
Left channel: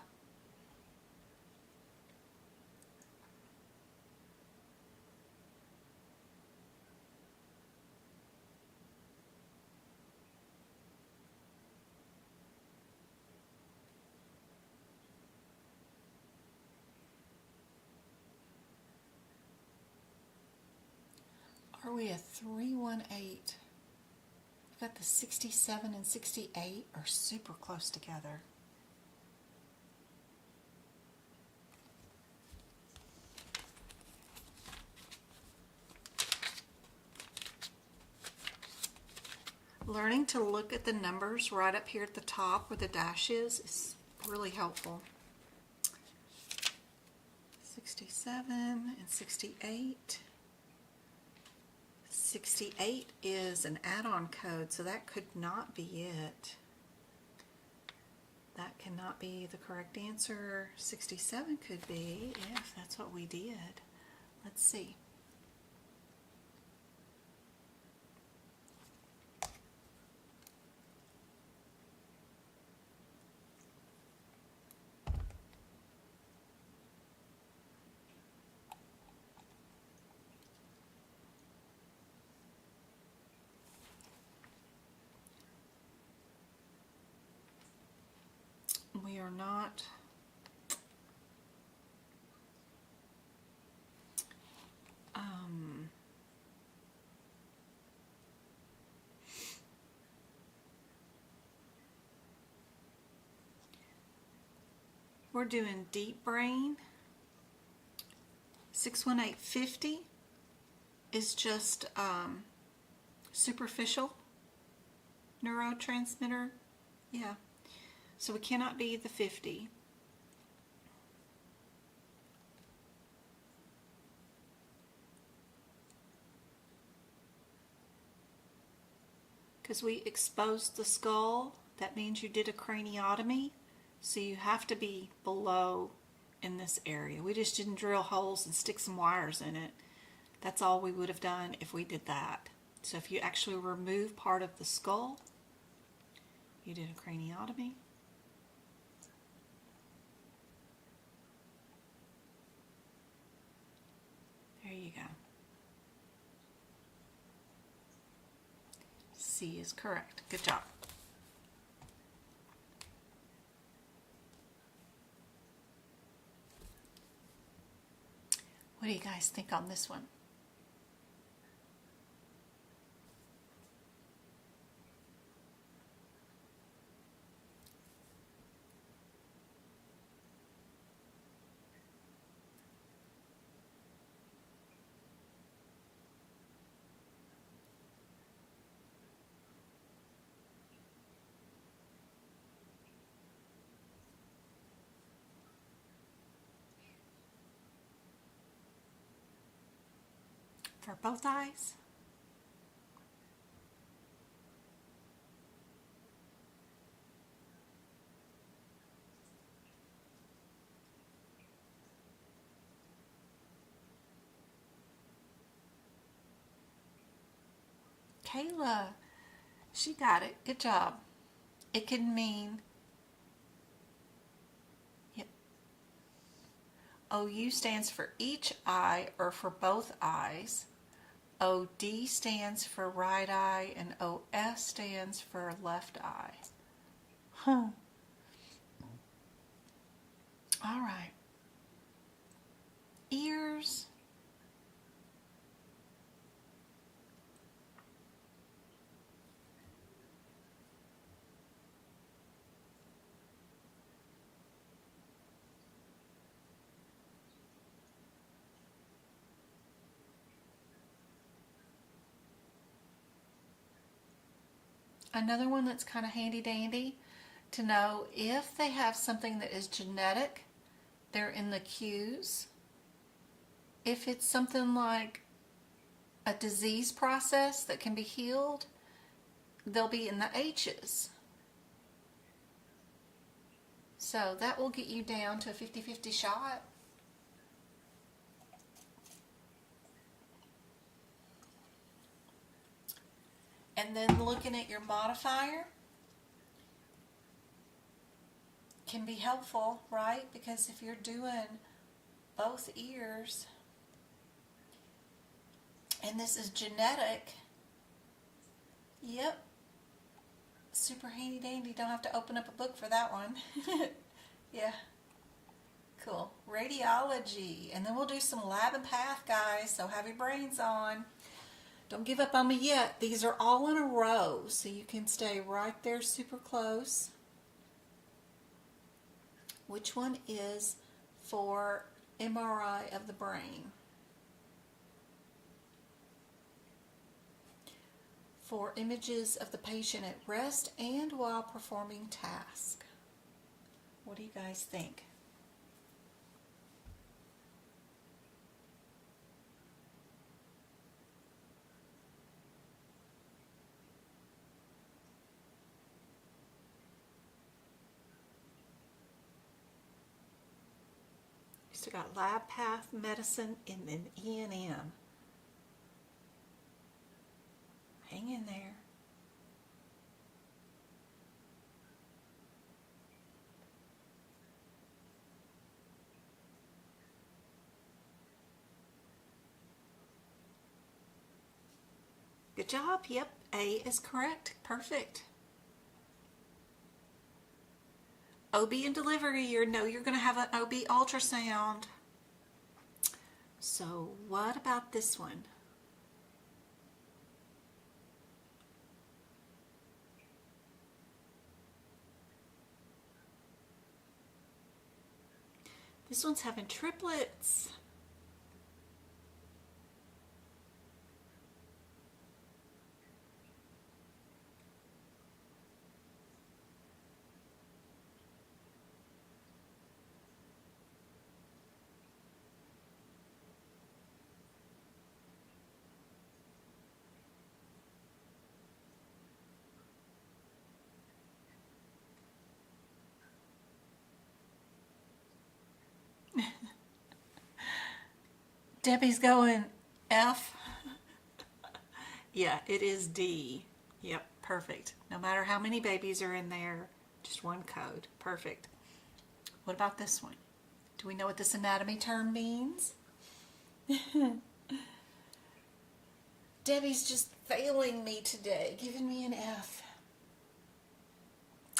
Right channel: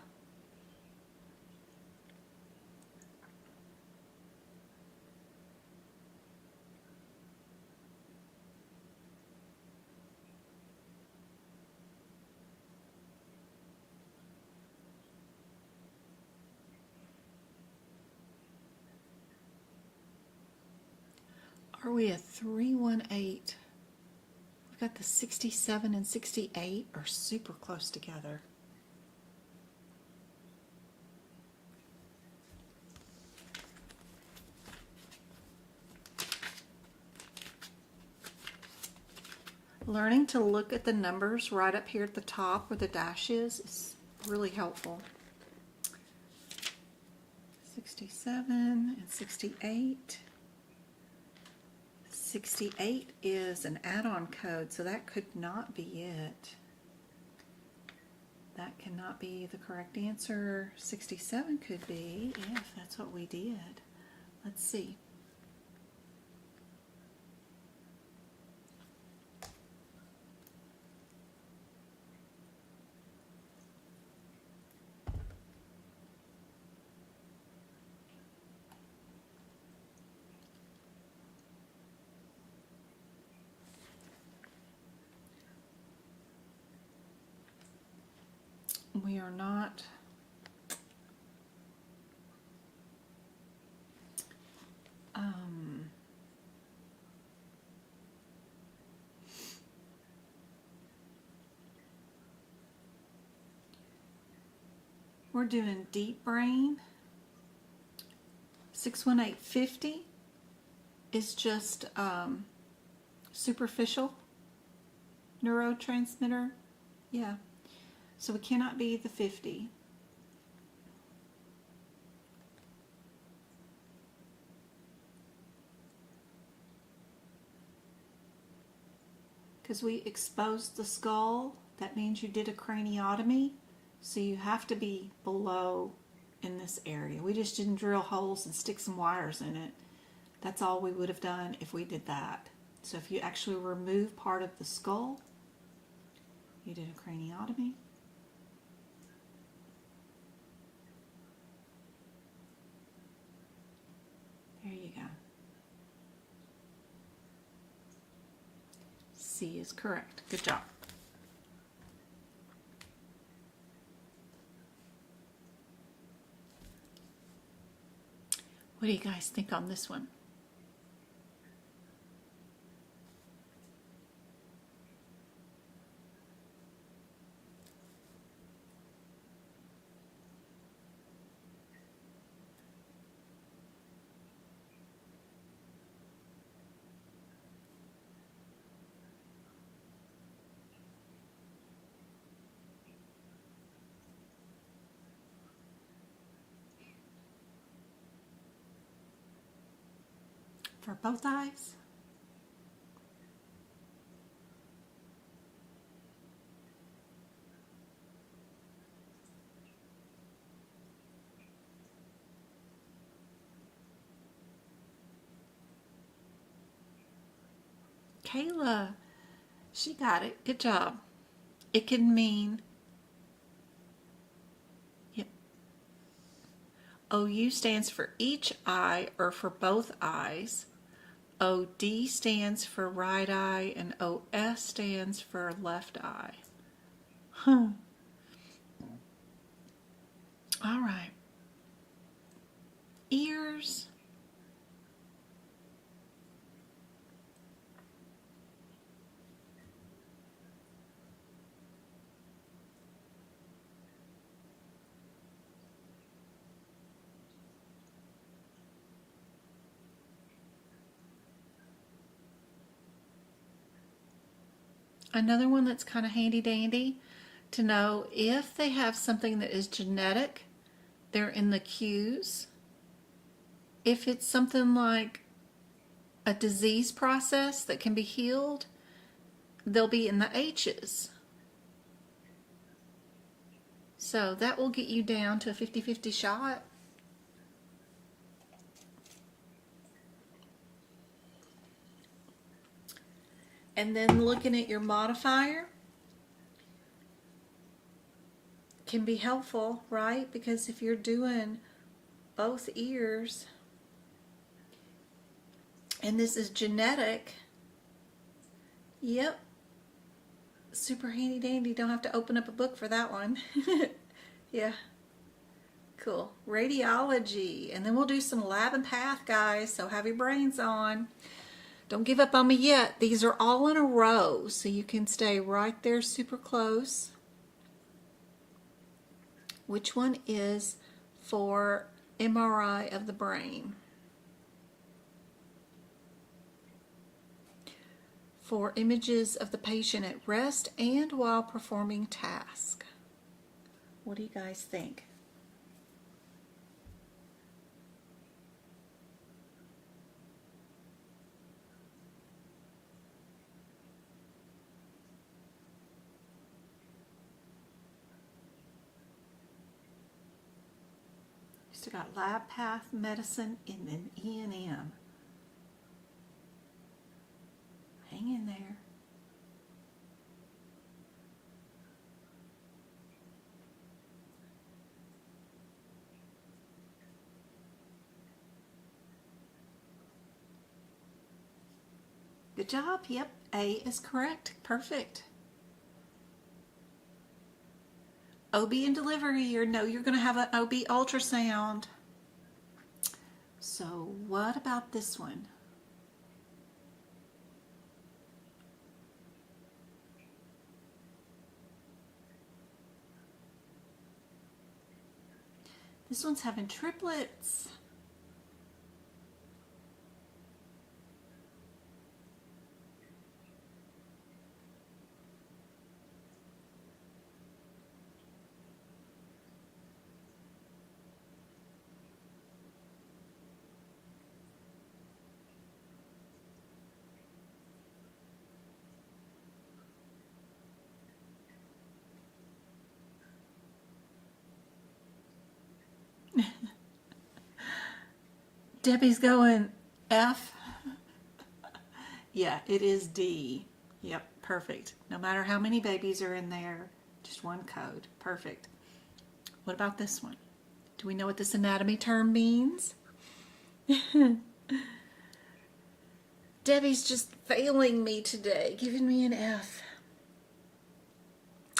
Are we a 318? We've got the 67 and 68 are super close together. Learning to look at the numbers right up here at the top where the dash is really helpful. 67 and 68. 68 is an add-on code, so that could not be it. That cannot be the correct answer. 67 could be, if that's what we did. Let's see. We are not we're doing deep brain. 61850 is just superficial neurotransmitter. Yeah. So we cannot be the 50. Because we exposed the skull, that means you did a craniotomy, so you have to be below in this area. We just didn't drill holes and stick some wires in it. That's all we would have done if we did that. So if you actually remove part of the skull, you did a craniotomy. There you go. C is correct. Good job. What do you guys think on this one? For both eyes? Kayla, she got it. Good job. It can mean, yep. OU stands for each eye or for both eyes. OD stands for right eye and OS stands for left eye. Huh. All right. Ears. Another one that's kind of handy dandy to know if they have something that is genetic, they're in the Q's. If it's something like a disease process that can be healed, they'll be in the H's. So that will get you down to a 50-50 shot. And then looking at your modifier can be helpful, right? Because if you're doing both ears, and this is genetic, yep, super handy dandy. Don't have to open up a book for that one. Yeah, cool. Radiology, and then we'll do some lab and path, guys, so have your brains on. Don't give up on me yet. These are all in a row, so you can stay right there super close. Which one is for MRI of the brain? for images of the patient at rest and while performing task. What do you guys think? Still got lab path, medicine, and then E&M. Hang in there. Good job. Yep, A is correct. Perfect. OB and delivery, you're going to have an OB ultrasound. So what about this one? This one's having triplets. Debbie's going F. Yeah, it is D. Yep, perfect. No matter how many babies are in there, just one code. Perfect. What about this one? Do we know what this anatomy term means? Debbie's just failing me today, giving me an F.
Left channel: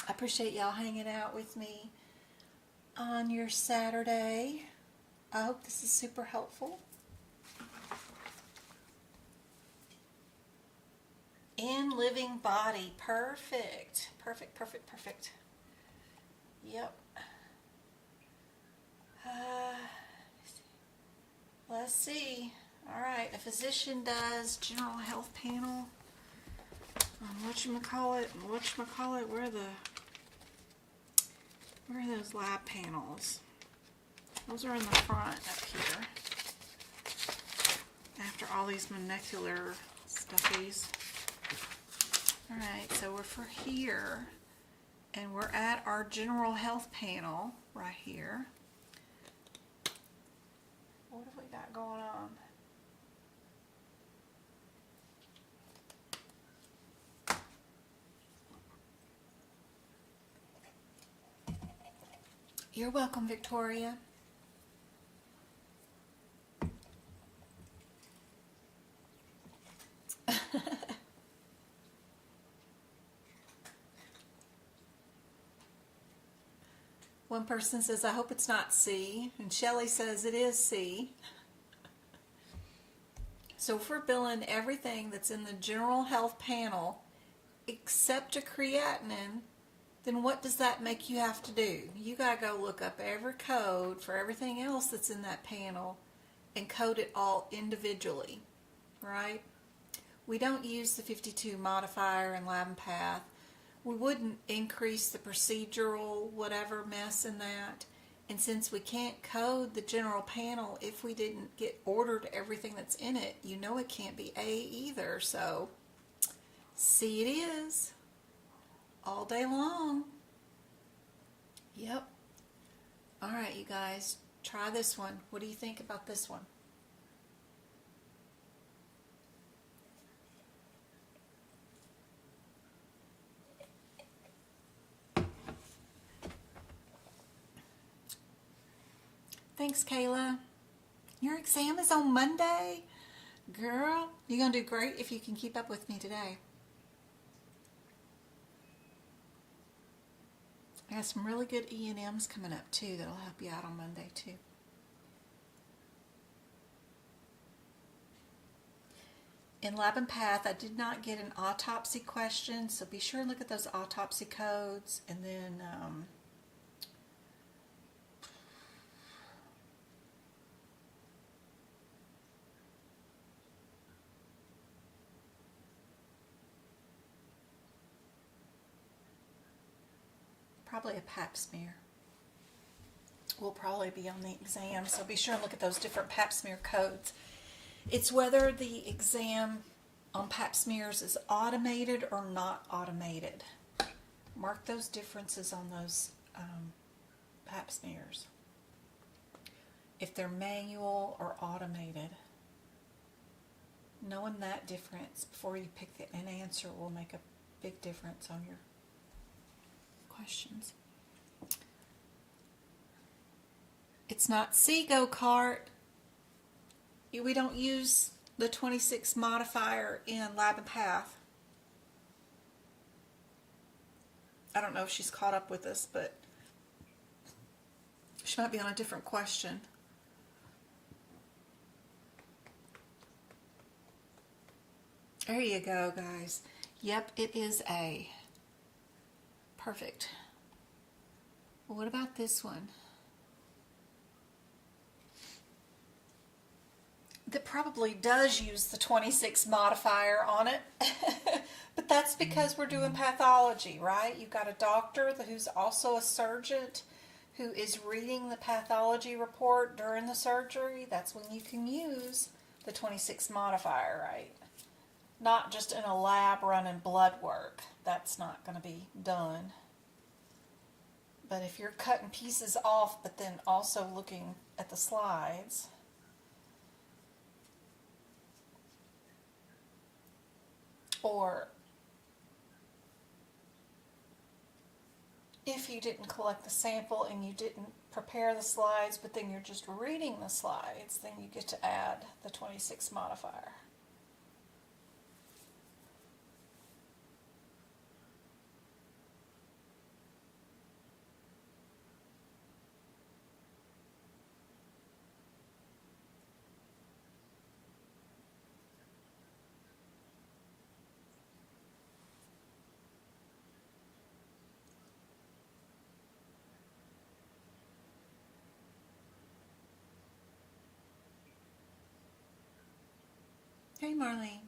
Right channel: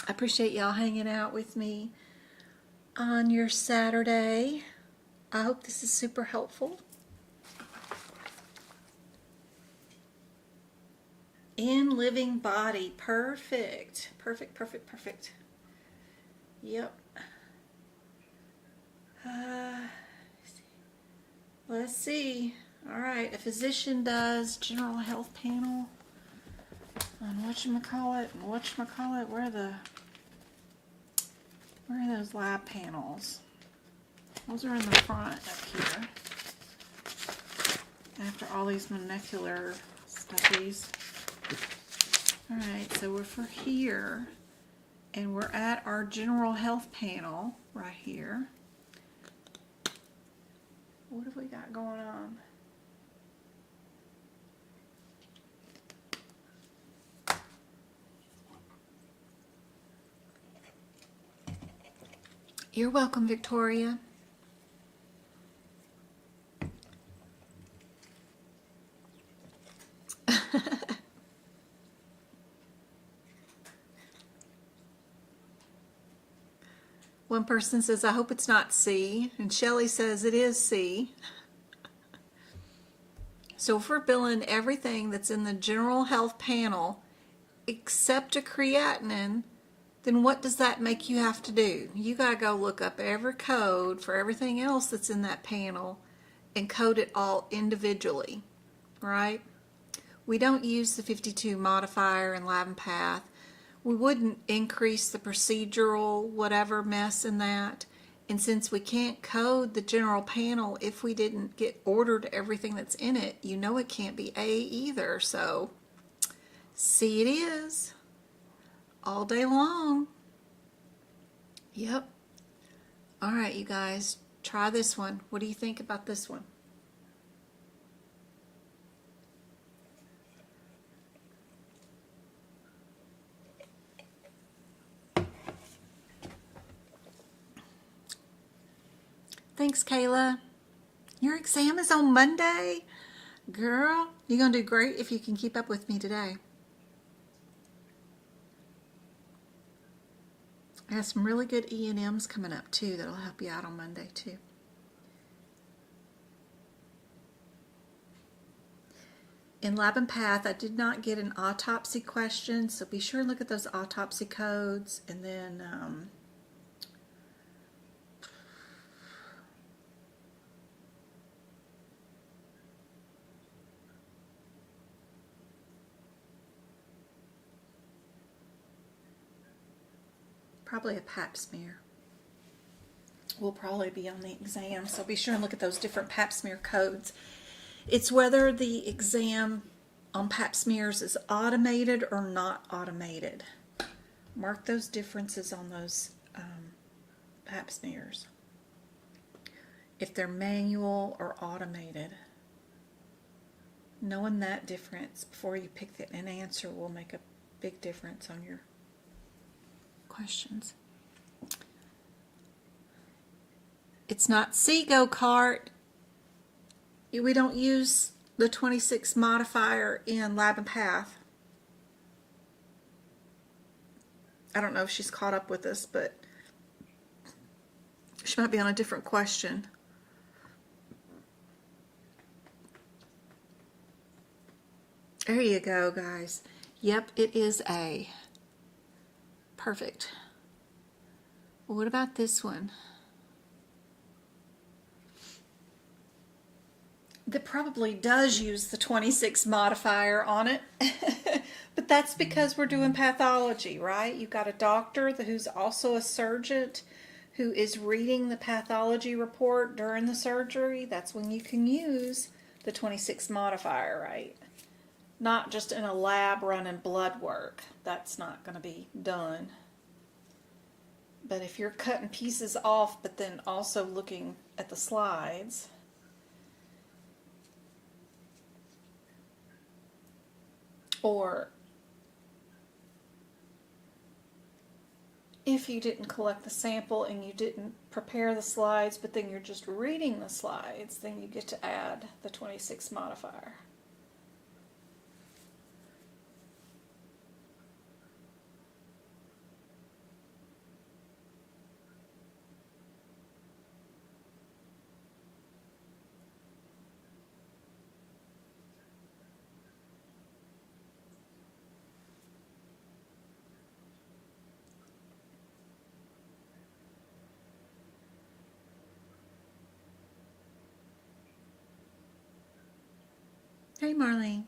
I appreciate y'all hanging out with me on your Saturday. I hope this is super helpful. In living body. Perfect. Perfect, perfect, perfect. Yep. Let's see. All right. A physician does general health panel on whatchamacallit and whatchamacallit. Where are those lab panels? Those are in the front up here. After all these molecular stuffies. Alright, so we're here, and we're at our general health panel right here. What have we got going on? You're welcome, Victoria. One person says, I hope it's not C, and Shelley says it is C. So if we're billing everything that's in the general health panel except a creatinine, then what does that make you have to do? You got to go look up every code for everything else that's in that panel and code it all individually, right? We don't use the 52 modifier and lab and path. We wouldn't increase the procedural whatever mess in that. And since we can't code the general panel if we didn't get ordered everything that's in it, you know it can't be A either. So C it is. All day long. Yep. All right, you guys, try this one. What do you think about this one? Thanks, Kayla. Your exam is on Monday? Girl, you're going to do great if you can keep up with me today. I got some really good E&Ms coming up, too, that'll help you out on Monday, too. In Lab and Path, I did not get an autopsy question, so be sure and look at those autopsy codes, and then probably a pap smear. Will probably be on the exam, so be sure and look at those different pap smear codes. It's whether the exam on pap smears is automated or not automated. Mark those differences on those pap smears. If they're manual or automated. Knowing that difference before you pick an answer will make a big difference on your questions. It's not C go-kart. We don't use the 26 modifier in lab and path. I don't know if she's caught up with us, but she might be on a different question. There you go, guys. Yep, it is A. Perfect. Well, what about this one? That probably does use the 26 modifier on it. But that's because we're doing pathology, right? You've got a doctor who's also a surgeon who is reading the pathology report during the surgery. That's when you can use the 26 modifier, right? Not just in a lab running blood work. That's not going to be done. But if you're cutting pieces off, but then also looking at the slides, or if you didn't collect the sample and you didn't prepare the slides, but then you're just reading the slides, then you get to add the 26 modifier. Hey Marlene,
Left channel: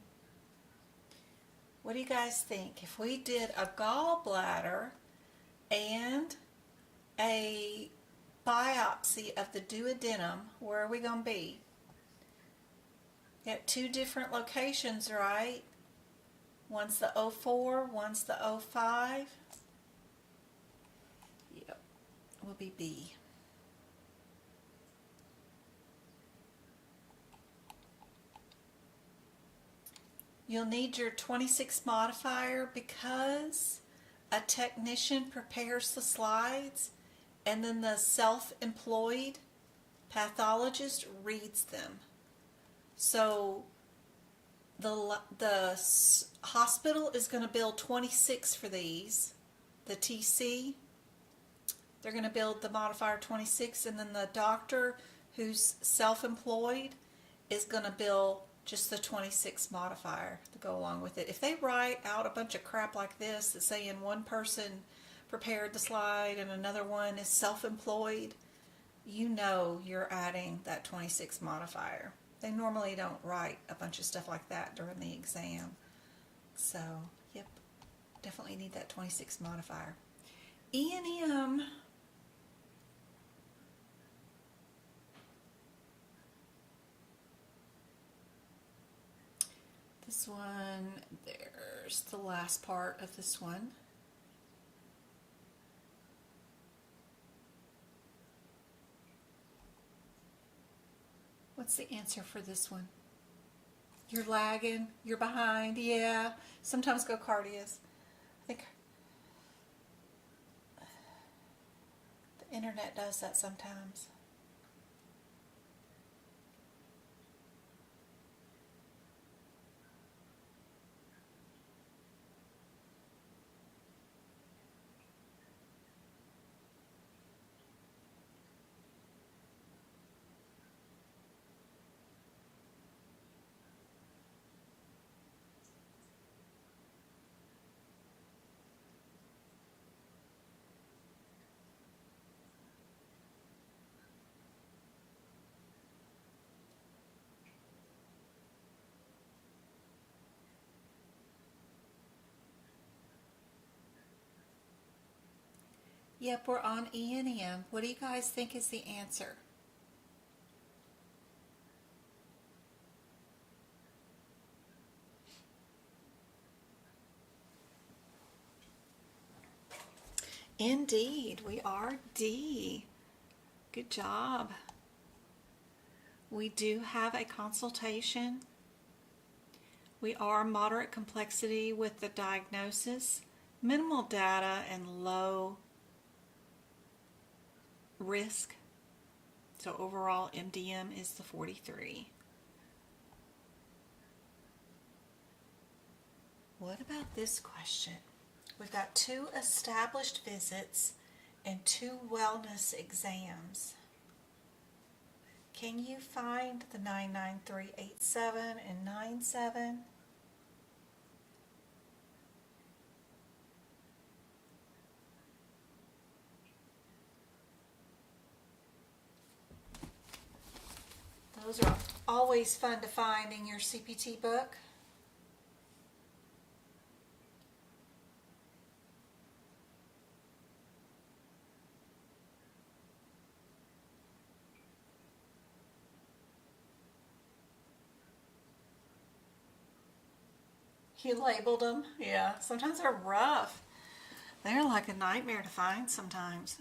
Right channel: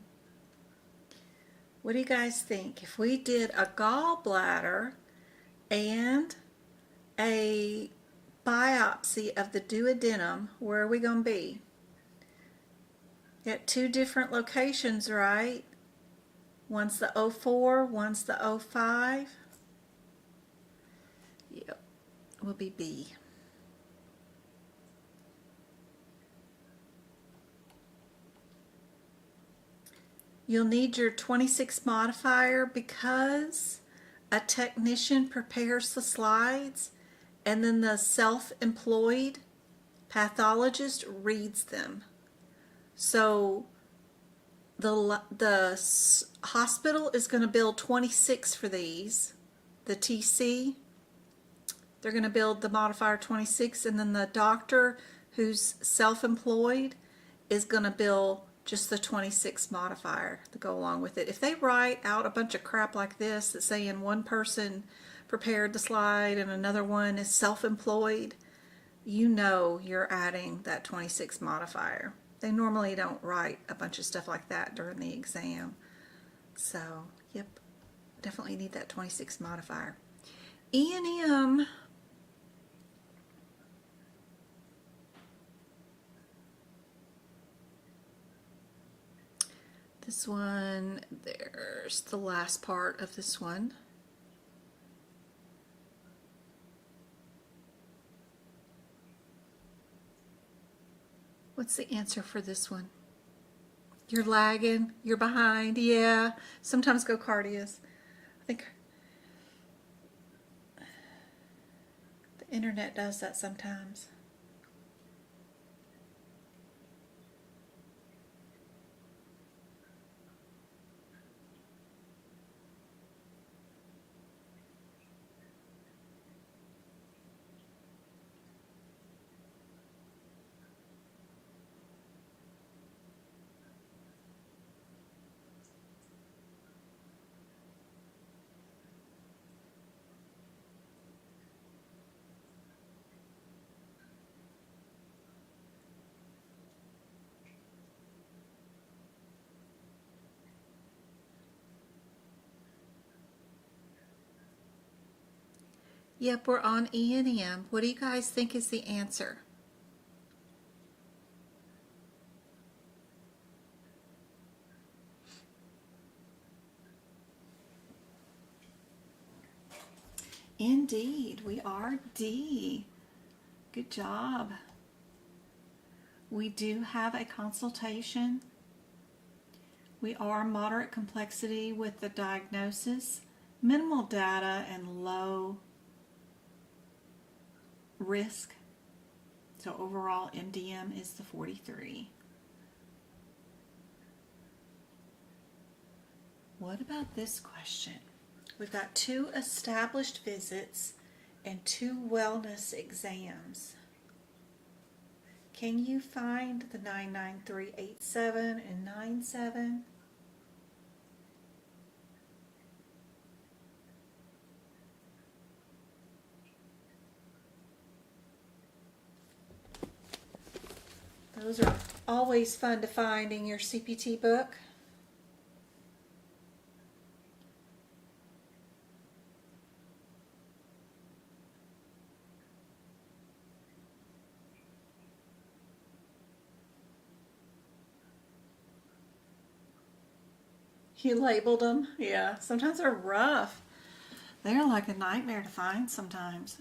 what do you guys think? If we did a gallbladder and a biopsy of the duodenum, where are we going to be? At two different locations, right? One's the 04, one's the 05. Yep, will be B. You'll need your 26 modifier because a technician prepares the slides and then the self-employed pathologist reads them. So the hospital is going to bill 26 for these. The TC, they're going to bill the modifier 26, and then the doctor who's self-employed is going to bill just the 26 modifier to go along with it. If they write out a bunch of crap like this that's saying one person prepared the slide and another one is self-employed, you know you're adding that 26 modifier. They normally don't write a bunch of stuff like that during the exam. So, yep, definitely need that 26 modifier. E&M, this one, there's the last part of this one. What's the answer for this one? You're lagging, you're behind, yeah. Sometimes go cardias. I think the internet does that sometimes. Yep, we're on E and M. What do you guys think is the answer? Indeed, we are D. Good job. We do have a consultation. We are moderate complexity with the diagnosis, minimal data, and low risk. So overall, MDM is the 43. What about this question? We've got 2 established visits and 2 wellness exams. Can you find the 99387 and 97? Those are always fun to find in your CPT book. You labeled them? Yeah, sometimes they're rough. They're like a nightmare to find sometimes.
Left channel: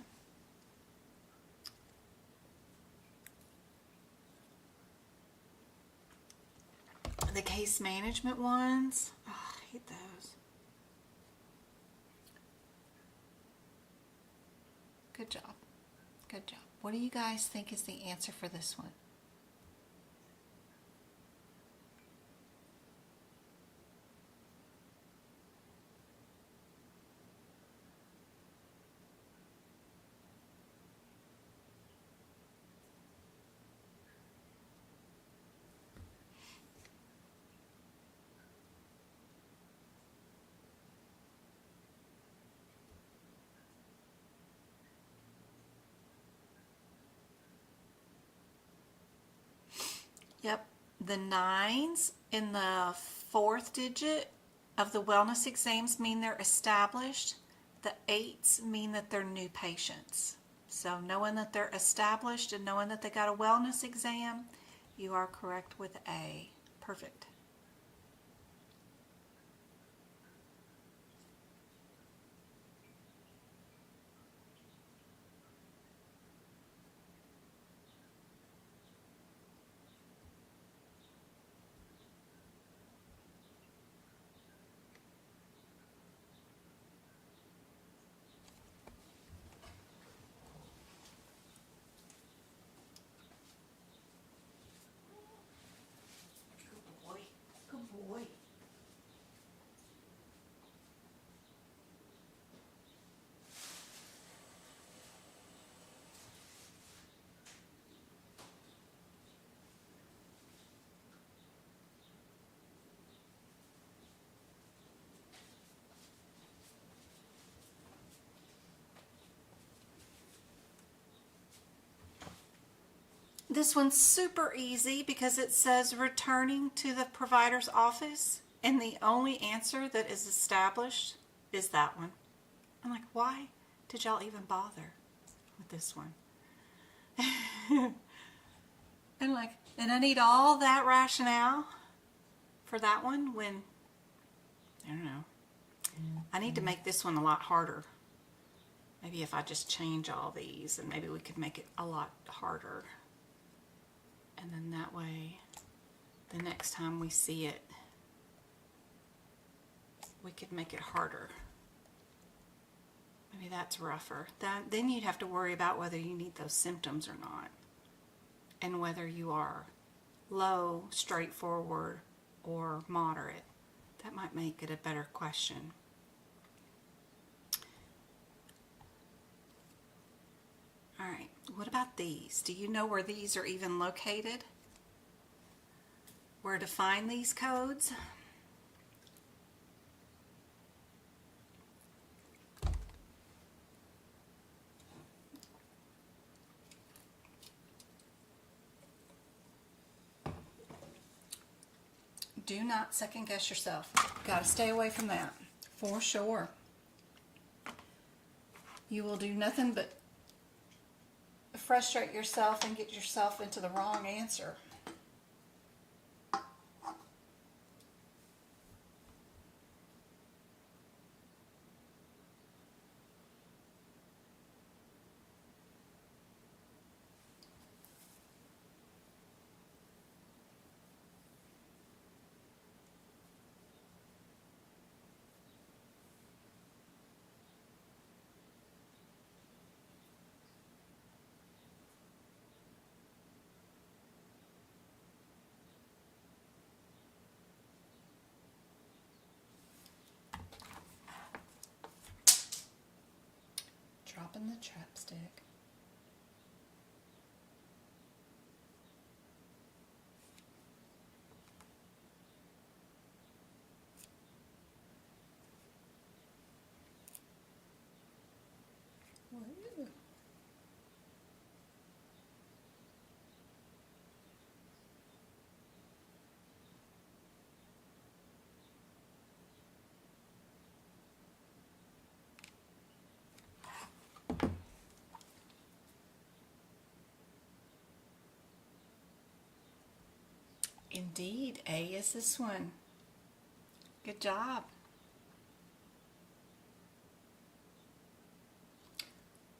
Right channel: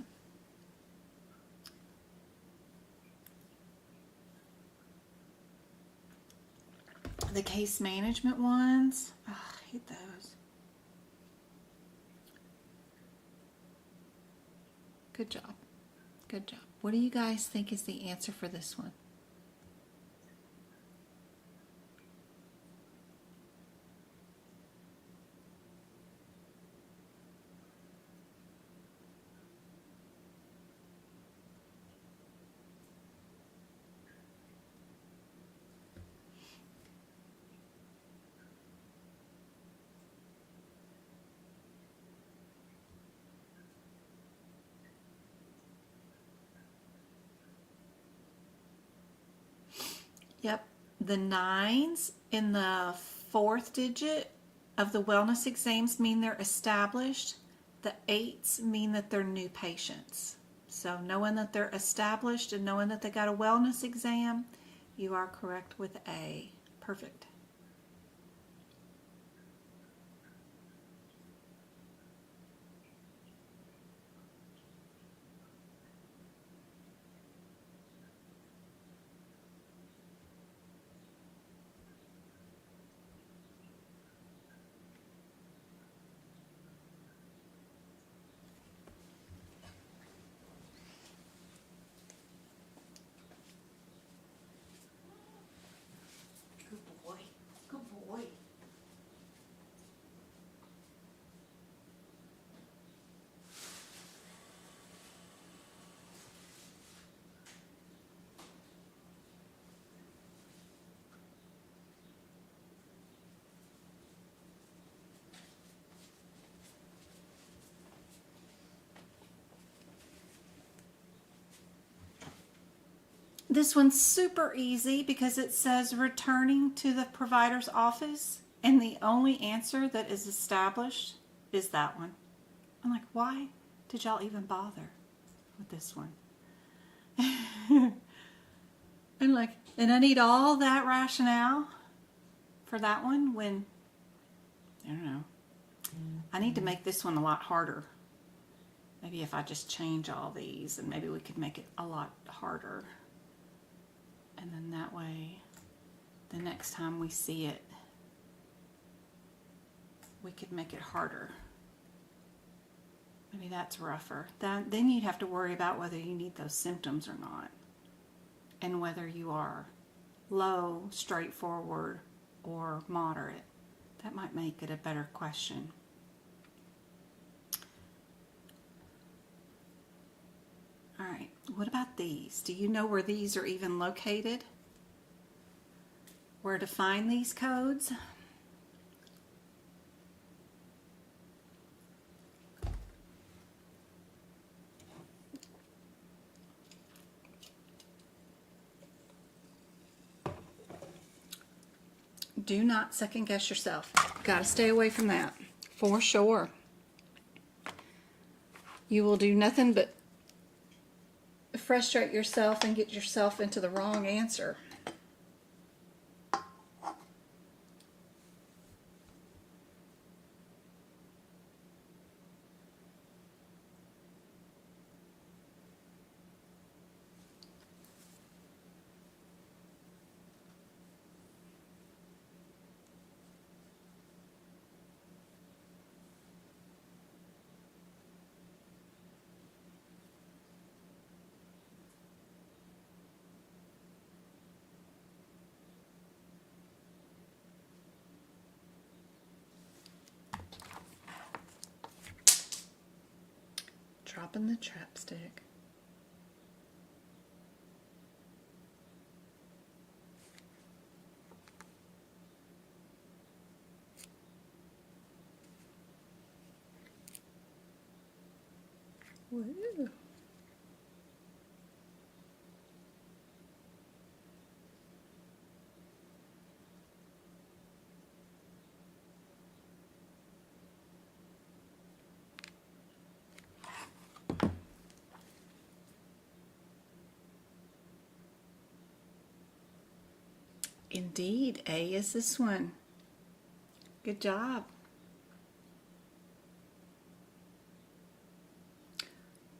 The case management ones, oh, I hate those. Good job. Good job. What do you guys think is the answer for this one? Yep, the 9s in the 4th digit of the wellness exams mean they're established. The 8s mean that they're new patients. So knowing that they're established and knowing that they got a wellness exam, you are correct with A. Perfect. This one's super easy because it says returning to the provider's office, and the only answer that is established is that one. I'm like, why did y'all even bother with this one? And I need all that rationale for that one when, I don't know, I need to make this one a lot harder. Maybe if I just change all these, and maybe we could make it a lot harder. And then that way, the next time we see it, we could make it harder. Maybe that's rougher. Then you'd have to worry about whether you need those symptoms or not, and whether you are low, straightforward, or moderate. That might make it a better question. All right, what about these? Do you know where these are even located? Where to find these codes? Do not second guess yourself. Got to stay away from that, for sure. you will do nothing but frustrate yourself and get yourself into the wrong answer. Dropping the chapstick. Woo. Indeed, A is this one. Good job.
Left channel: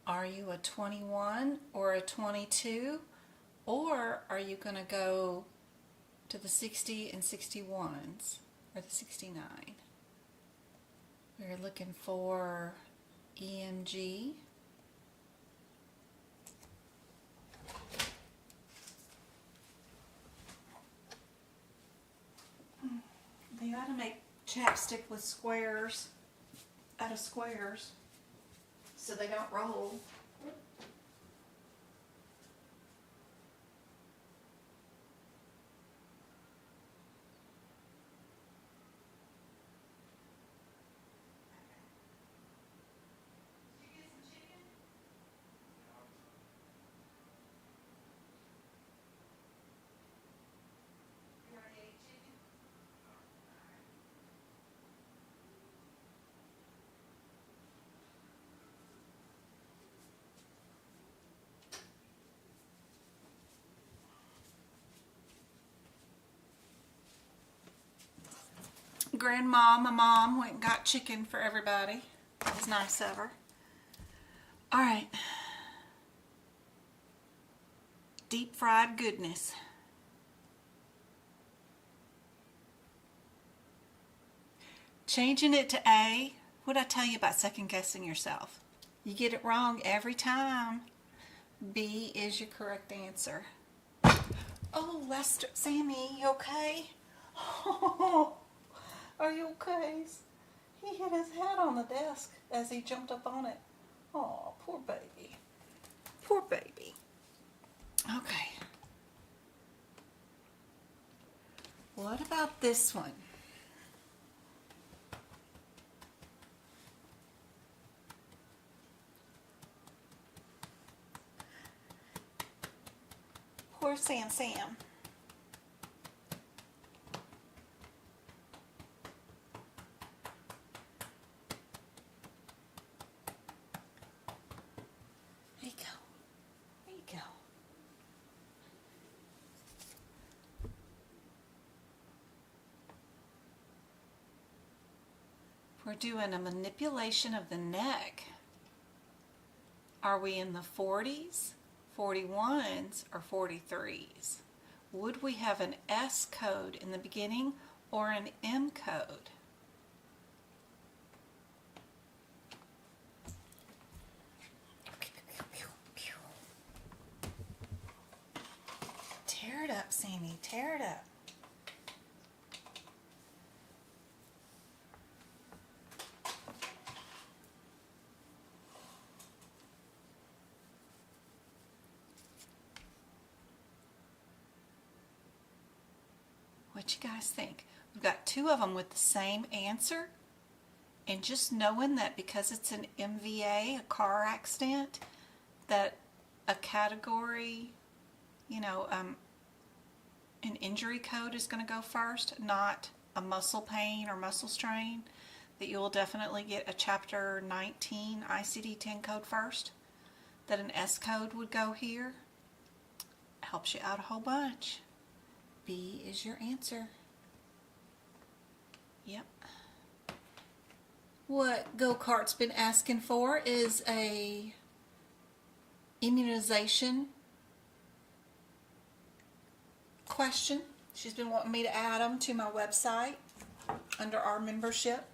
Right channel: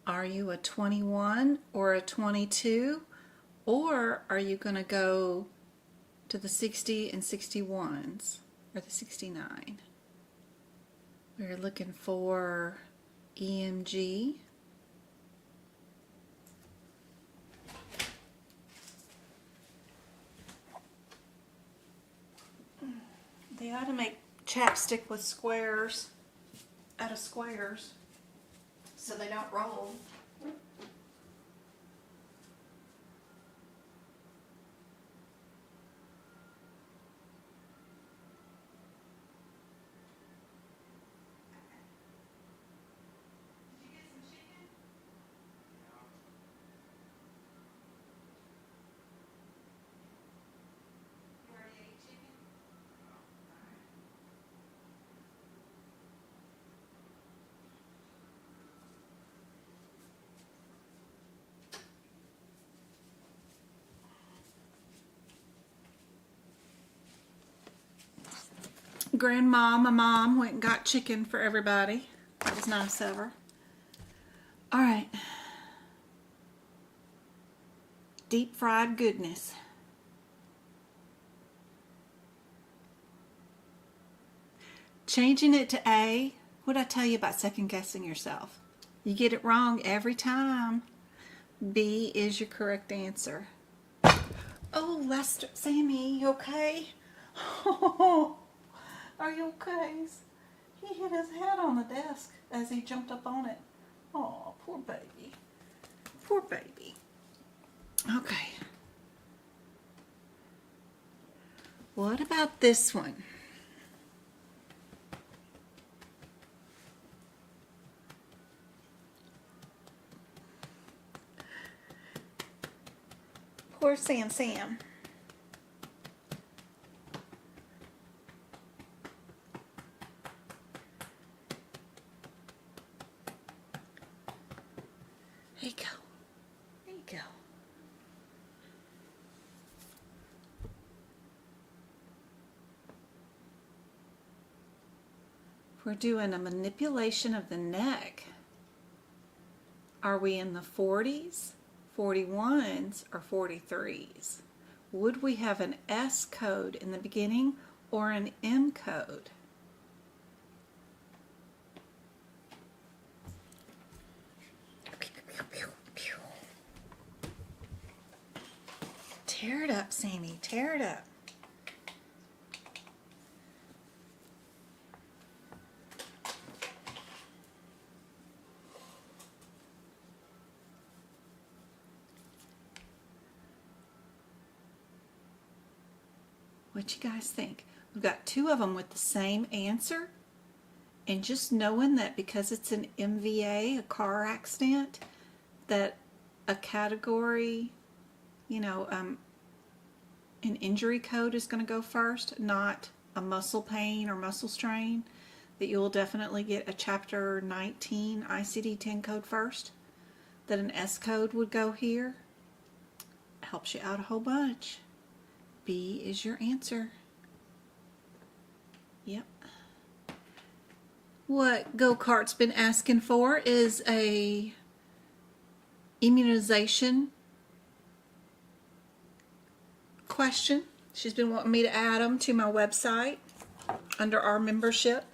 Are you a 21 or a 22? Or are you going to go to the 60 and 61s or the 69? We're looking for EMG. They ought to make chapstick with squares, out of squares, so they don't roll. Grandma, my mom, went and got chicken for everybody. That was nice of her. All right. Deep fried goodness. Changing it to A. What'd I tell you about second guessing yourself? You get it wrong every time. B is your correct answer. Oh, Lester, Sammy, you okay? Are you okay? He hit his head on the desk as he jumped up on it. Oh, poor baby. Poor baby. Okay. What about this one? Poor Sam. There you go. There you go. We're doing a manipulation of the neck. Are we in the 40s, 41s, or 43s? Would we have an S code in the beginning or an M code? Tear it up, Sammy. Tear it up. What you guys think? We've got two of them with the same answer. And just knowing that because it's an MVA, a car accident, that a category, an injury code is going to go first, not a muscle pain or muscle strain. that you will definitely get a Chapter 19 ICD-10 code first, that an S code would go here. Helps you out a whole bunch. B is your answer. Yep. What Go-Kart's been asking for is a immunization question. She's been wanting me to add them to my website under our membership,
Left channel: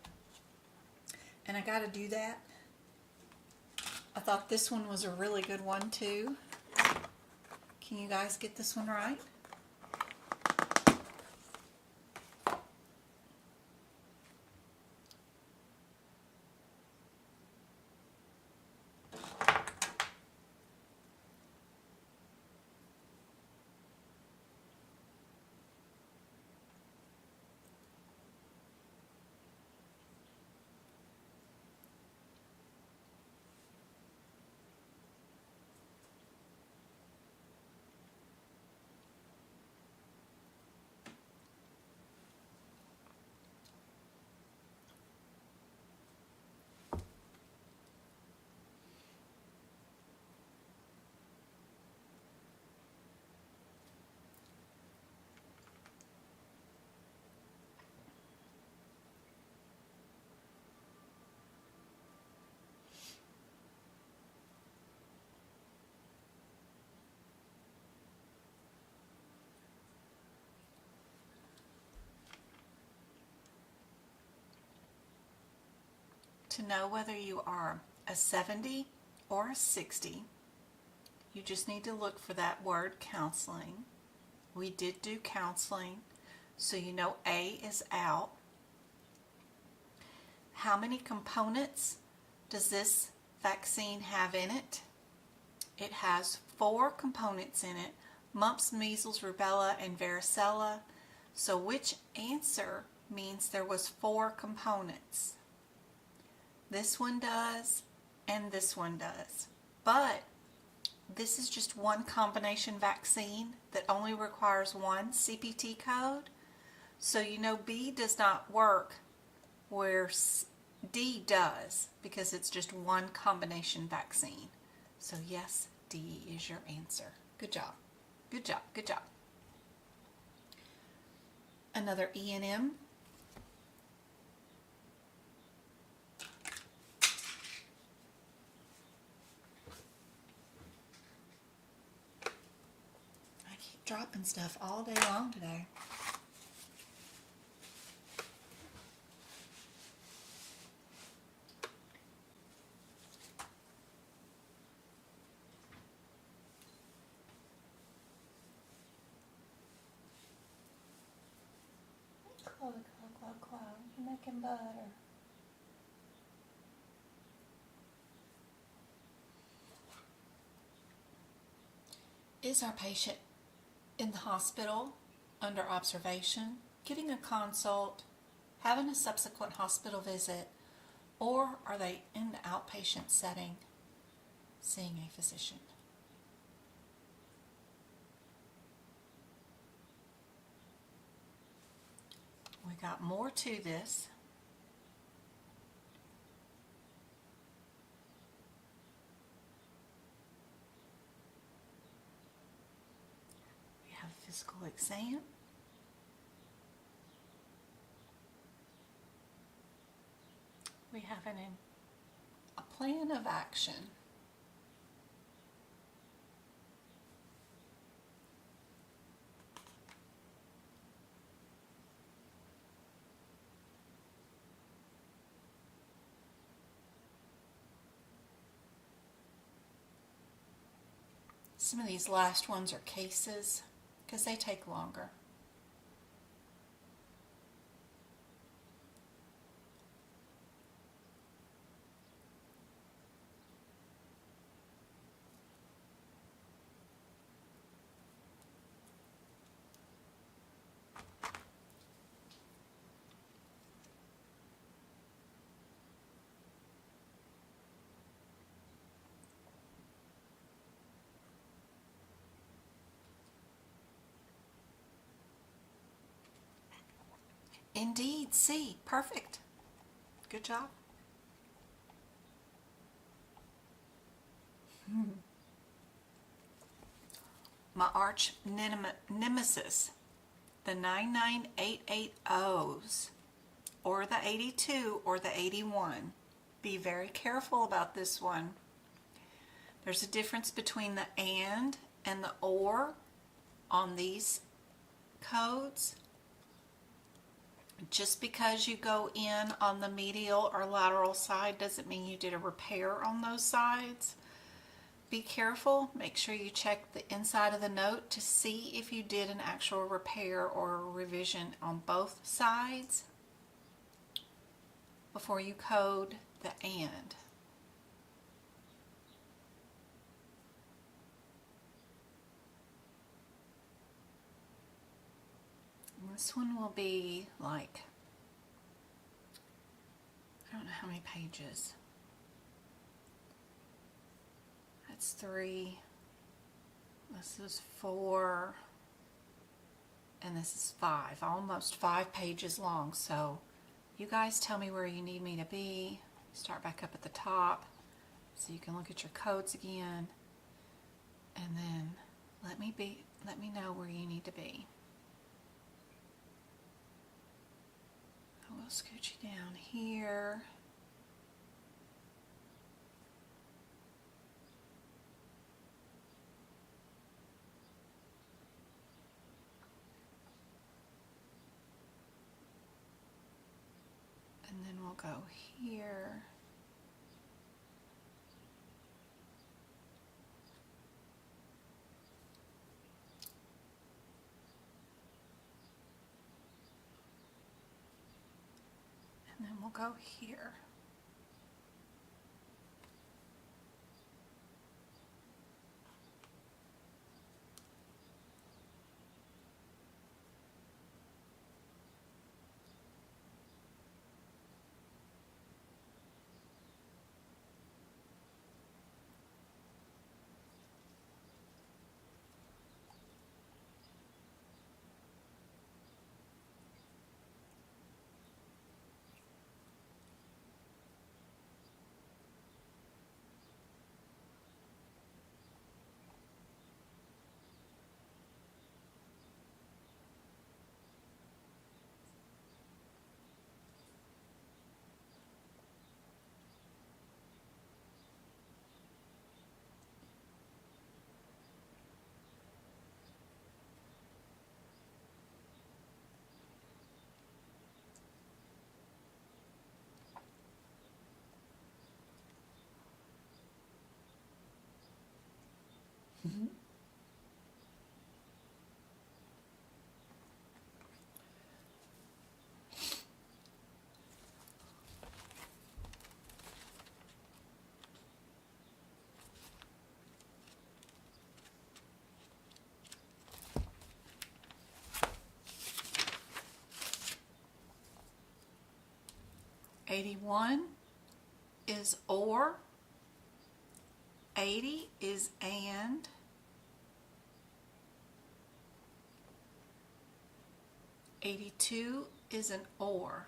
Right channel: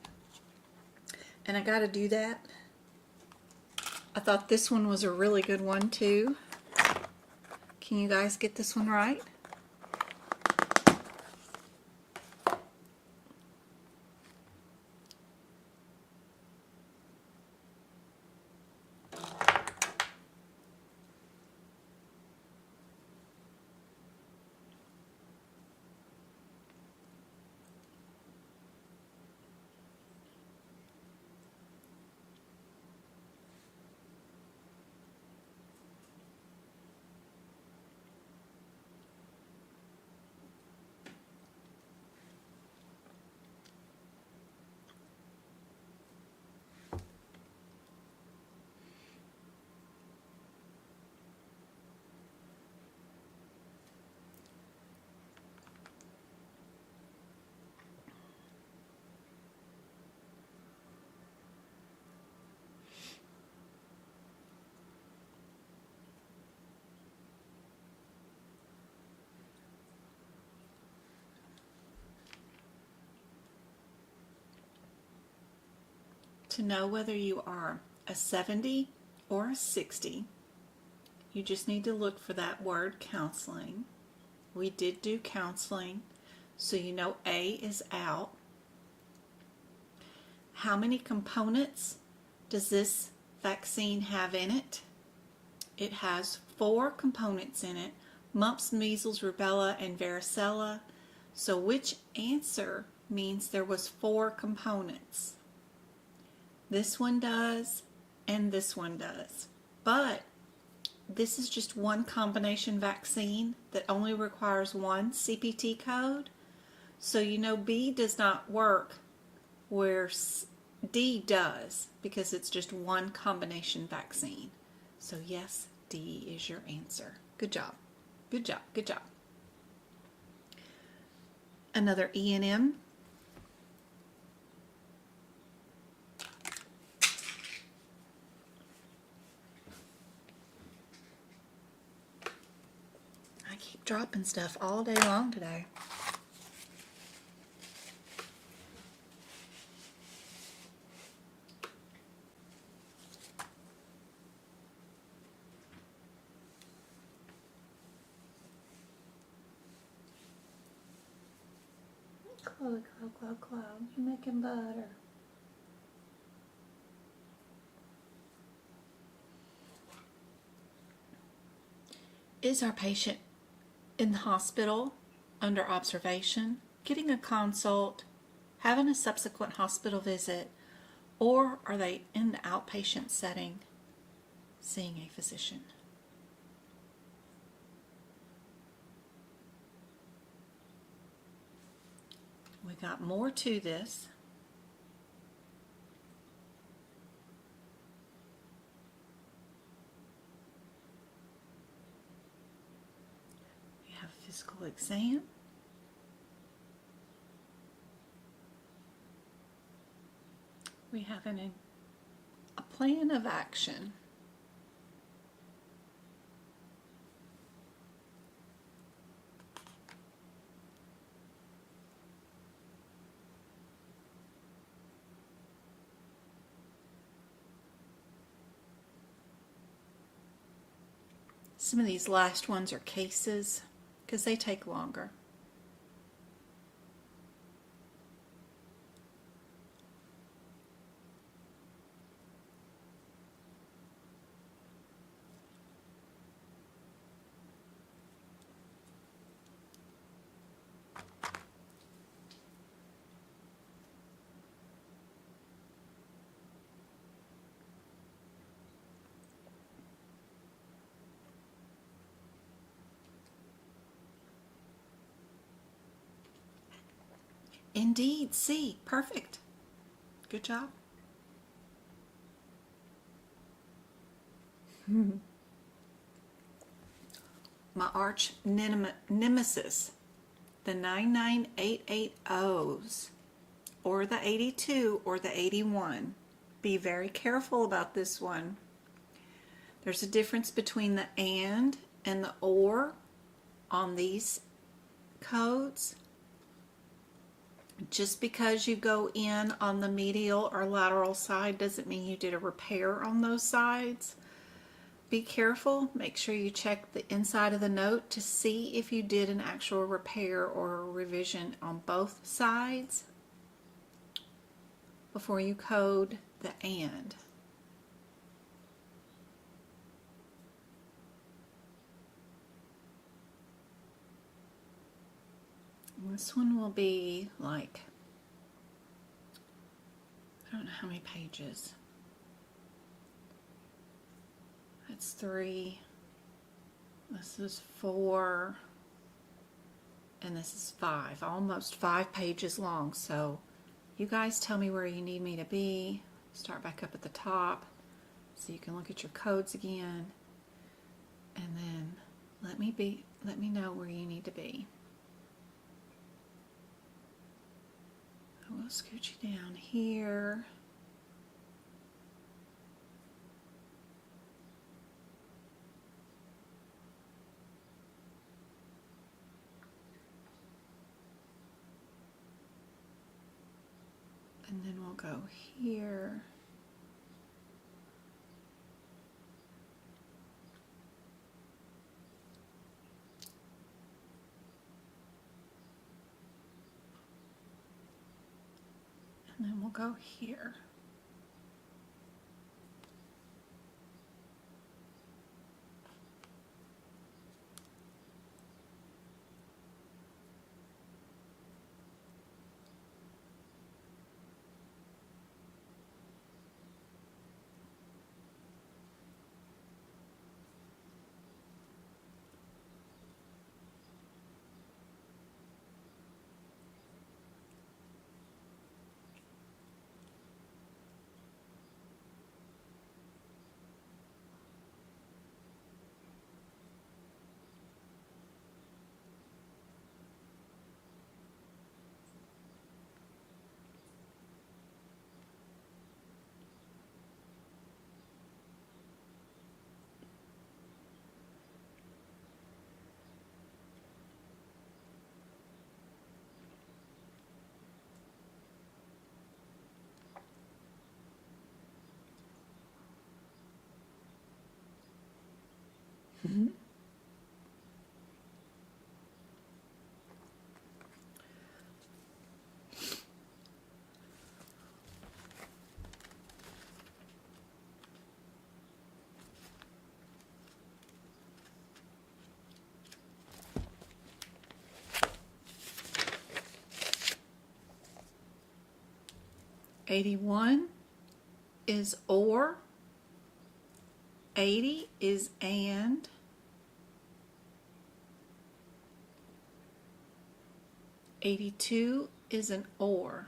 and I got to do that. I thought this one was a really good one too. Can you guys get this one right? To know whether you are a 70 or a 60, you just need to look for that word counseling. We did do counseling, so you know A is out. How many components does this vaccine have in it? It has 4 components in it: mumps, measles, rubella, and varicella. So which answer means there was 4 components? This one does, and this one does. But this is just one combination vaccine that only requires one CPT code. So you know B does not work where D does, because it's just one combination vaccine. So yes, D is your answer. Good job. Good job. Good job. Another E&M. Dropping stuff all day long today. Chloe, Chloe, you're making butter. Is our patient in the hospital under observation, getting a consult, having a subsequent hospital visit, or are they in the outpatient setting seeing a physician? We got more to this. Physical exam. We have a plan of action. Some of these last ones are cases, because they take longer. Indeed, C. Perfect. Good job. My arch nemesis, the 99880s, or the 82 or the 81. Be very careful about this one. There's a difference between the and the or on these codes. Just because you go in on the medial or lateral side doesn't mean you did a repair on those sides. Be careful. Make sure you check the inside of the note to see if you did an actual repair or a revision on both sides before you code the and. This one will be like, I don't know how many pages. That's 3. This is 4. And this is 5. Almost 5 pages long. So you guys tell me where you need me to be. Start back up at the top so you can look at your codes again. And then let me know where you need to be. We'll scoot you down here. And then we'll go here. And then we'll go here. Mm-hmm. "81" is or, 80 is and, 82 is an or.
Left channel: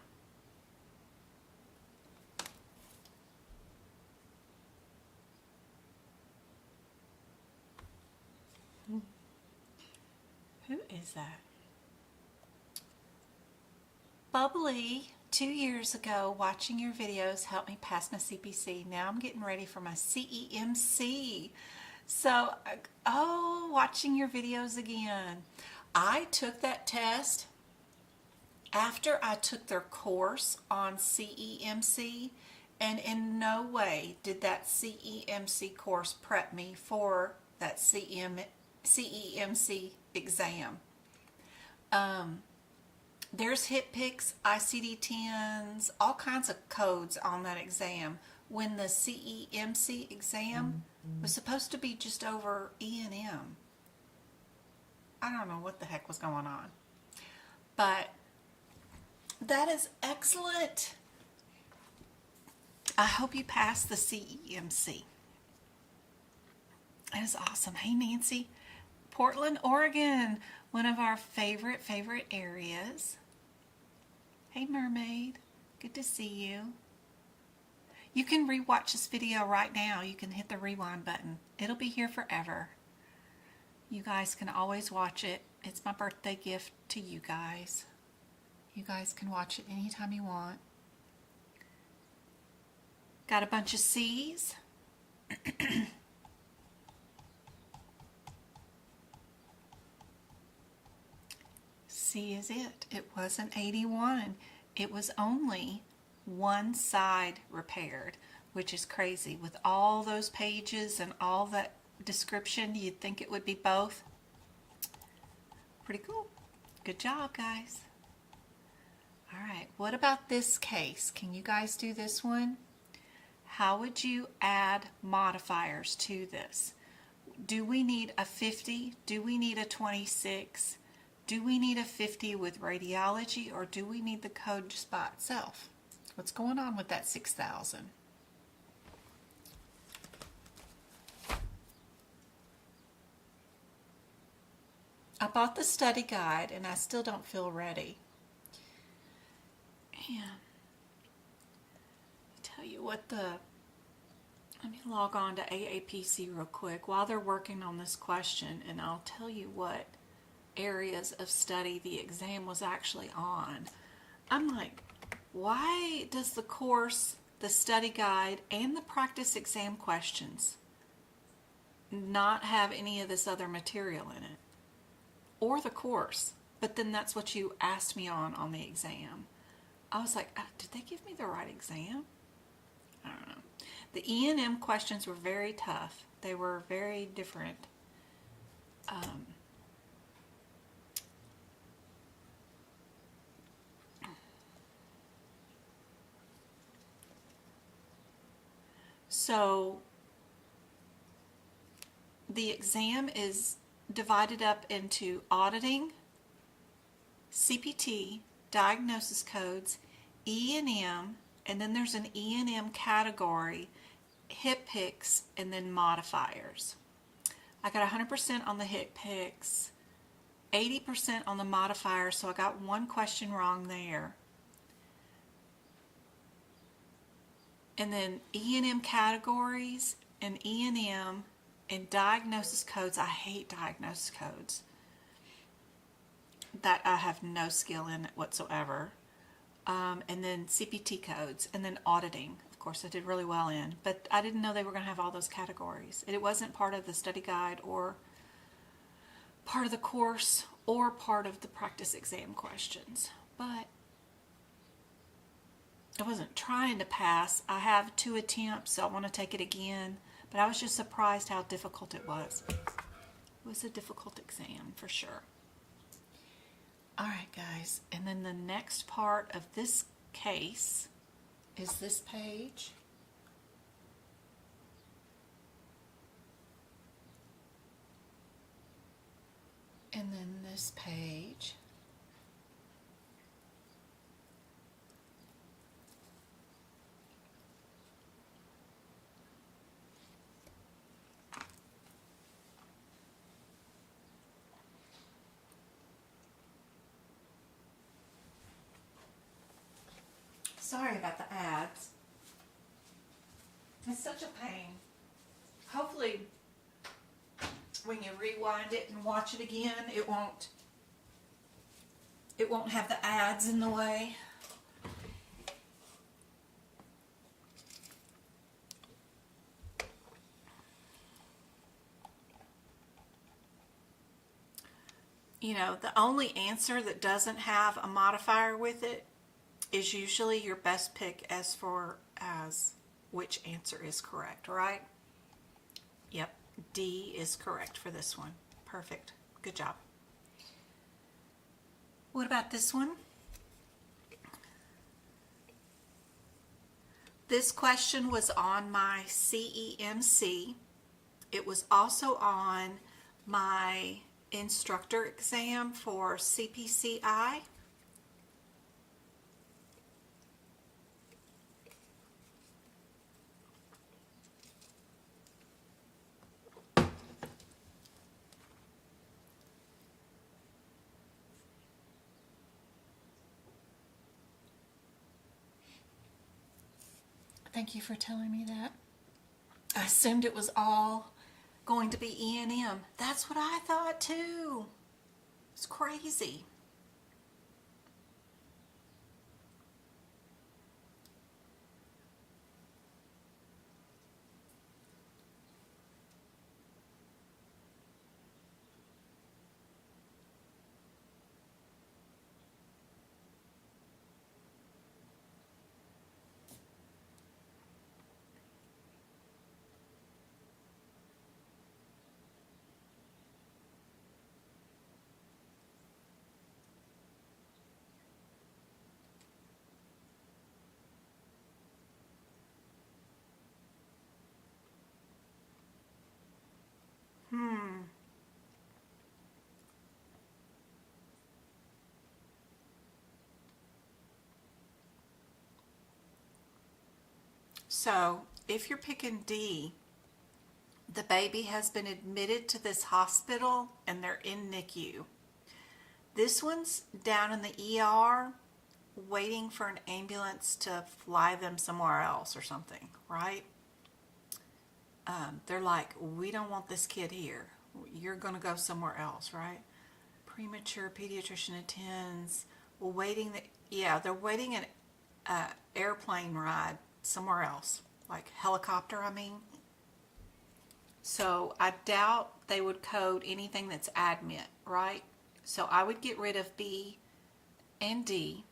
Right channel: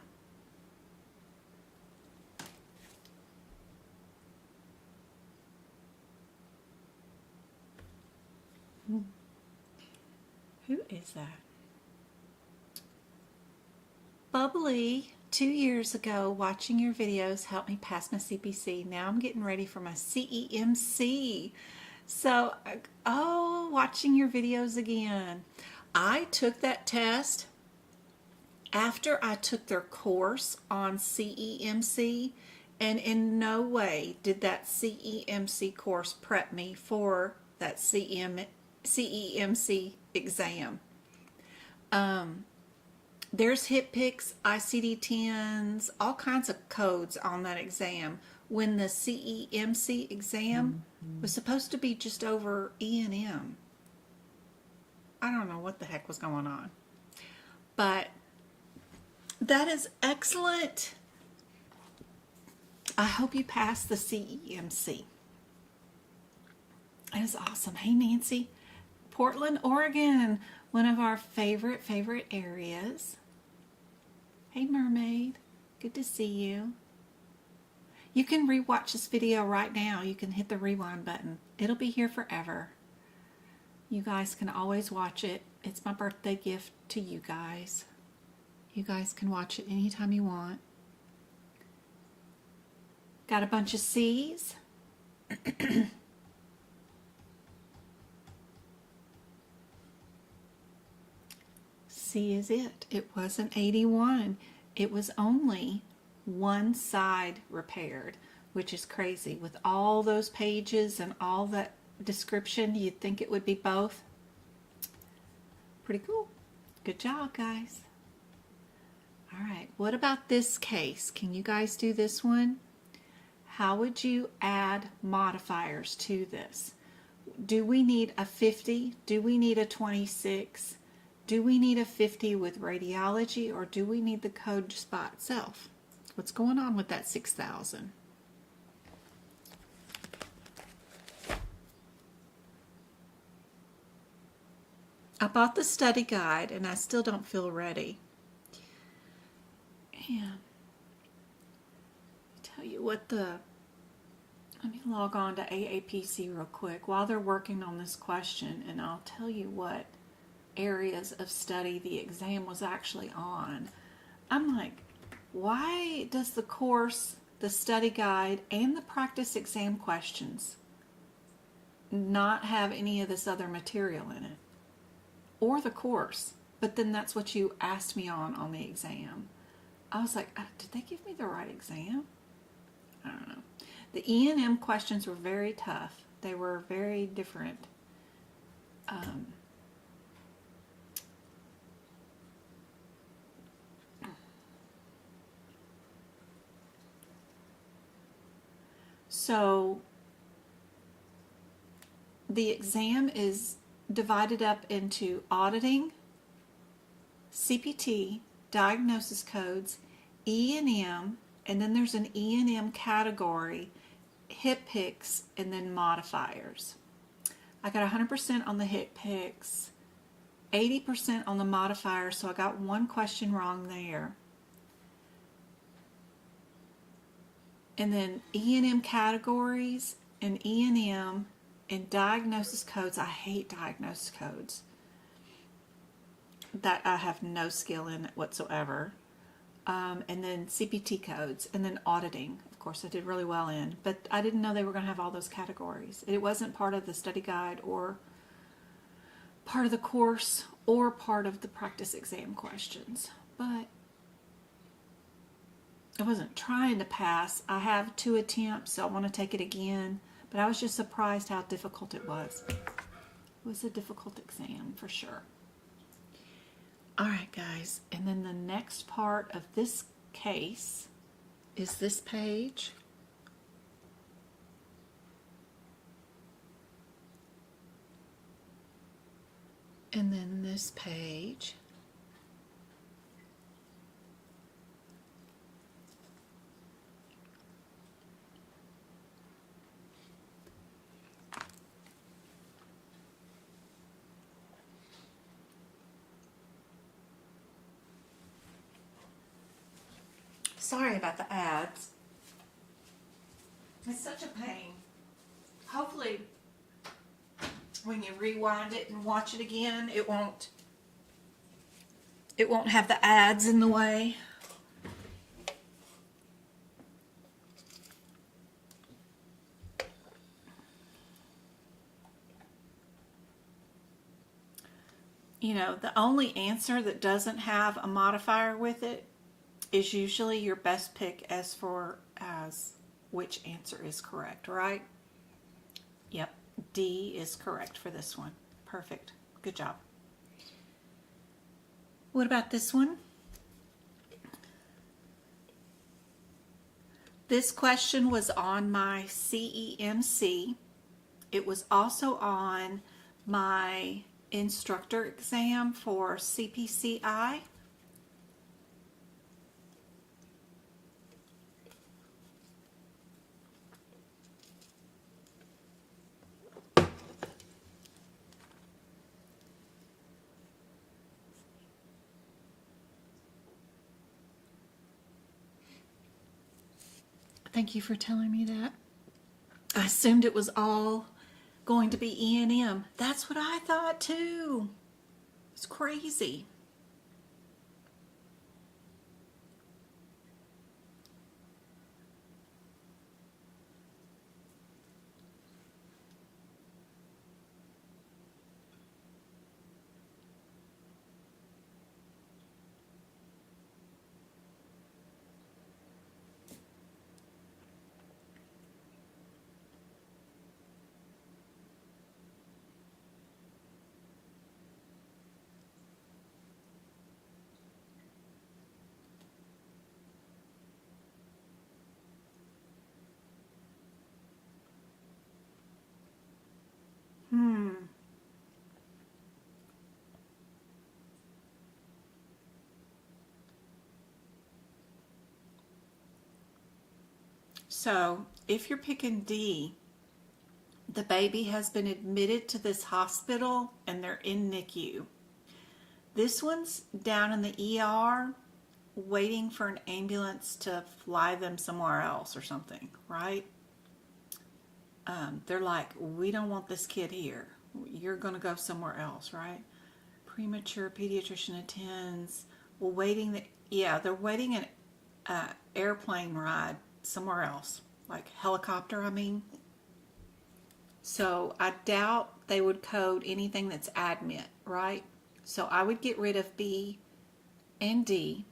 Who is that? Bubbly, 2 years ago, watching your videos helped me pass my CPC. Now I'm getting ready for my CEMC. So, watching your videos again. I took that test after I took their course on CEMC, and in no way did that CEMC course prep me for that CEMC exam. There's HIPAA, ICD-10s, all kinds of codes on that exam, when the CEMC exam was supposed to be just over E&M. I don't know what the heck was going on. But that is excellent. I hope you pass the CEMC. That is awesome. Hey, Nancy. Portland, Oregon, one of our favorite areas. Hey, Mermaid. Good to see you. You can rewatch this video right now. You can hit the rewind button. It'll be here forever. You guys can always watch it. It's my birthday gift to you guys. You guys can watch it anytime you want. Got a bunch of C's. C is it. It wasn't 81. It was only one side repaired, which is crazy. With all those pages and all that description, you'd think it would be both. Pretty cool. Good job, guys. All right, what about this case? Can you guys do this one? How would you add modifiers to this? Do we need a 50? Do we need a 26? Do we need a 50 with radiology, or do we need the code just by itself? What's going on with that 6,000? I bought the study guide and I still don't feel ready. And tell you what let me log on to AAPC real quick while they're working on this question, and I'll tell you what areas of study the exam was actually on. I'm like, why does the course, the study guide, and the practice exam questions not have any of this other material in it? Or the course? But then that's what you asked me on the exam. I was like, did they give me the right exam? I don't know. The E&M questions were very tough. They were very different. So the exam is divided up into auditing, CPT, diagnosis codes, E&M, and then there's an E&M category, HIPAA, and then modifiers. I got 100% on the HIPAA, 80% on the modifiers, so I got one question wrong there. And then E&M categories and E&M and diagnosis codes. I hate diagnosis codes. That I have no skill in whatsoever. And then CPT codes, and then auditing. Of course, I did really well in, but I didn't know they were going to have all those categories. It wasn't part of the study guide or part of the course or part of the practice exam questions. But I wasn't trying to pass. I have 2 attempts, so I want to take it again. But I was just surprised how difficult it was. It was a difficult exam for sure. All right, guys. And then the next part of this case is this page. And then this page. Sorry about the ads. It's such a pain. Hopefully, when you rewind it and watch it again, it won't have the ads in the way. You know, the only answer that doesn't have a modifier with it is usually your best pick as which answer is correct, right? Yep, D is correct for this one. Perfect. Good job. What about this one? This question was on my CEMC. It was also on my instructor exam for CPCI. Thank you for telling me that. I assumed it was all going to be E&M. That's what I thought too. It's crazy. So, if you're picking D, the baby has been admitted to this hospital and they're in NICU. This one's down in the ER waiting for an ambulance to fly them somewhere else or something, right? They're like, we don't want this kid here. You're going to go somewhere else, right? Premature pediatrician attends. Well, they're waiting an airplane ride somewhere else, like helicopter, I mean. So I doubt they would code anything that's admit, right? So I would get rid of B and D.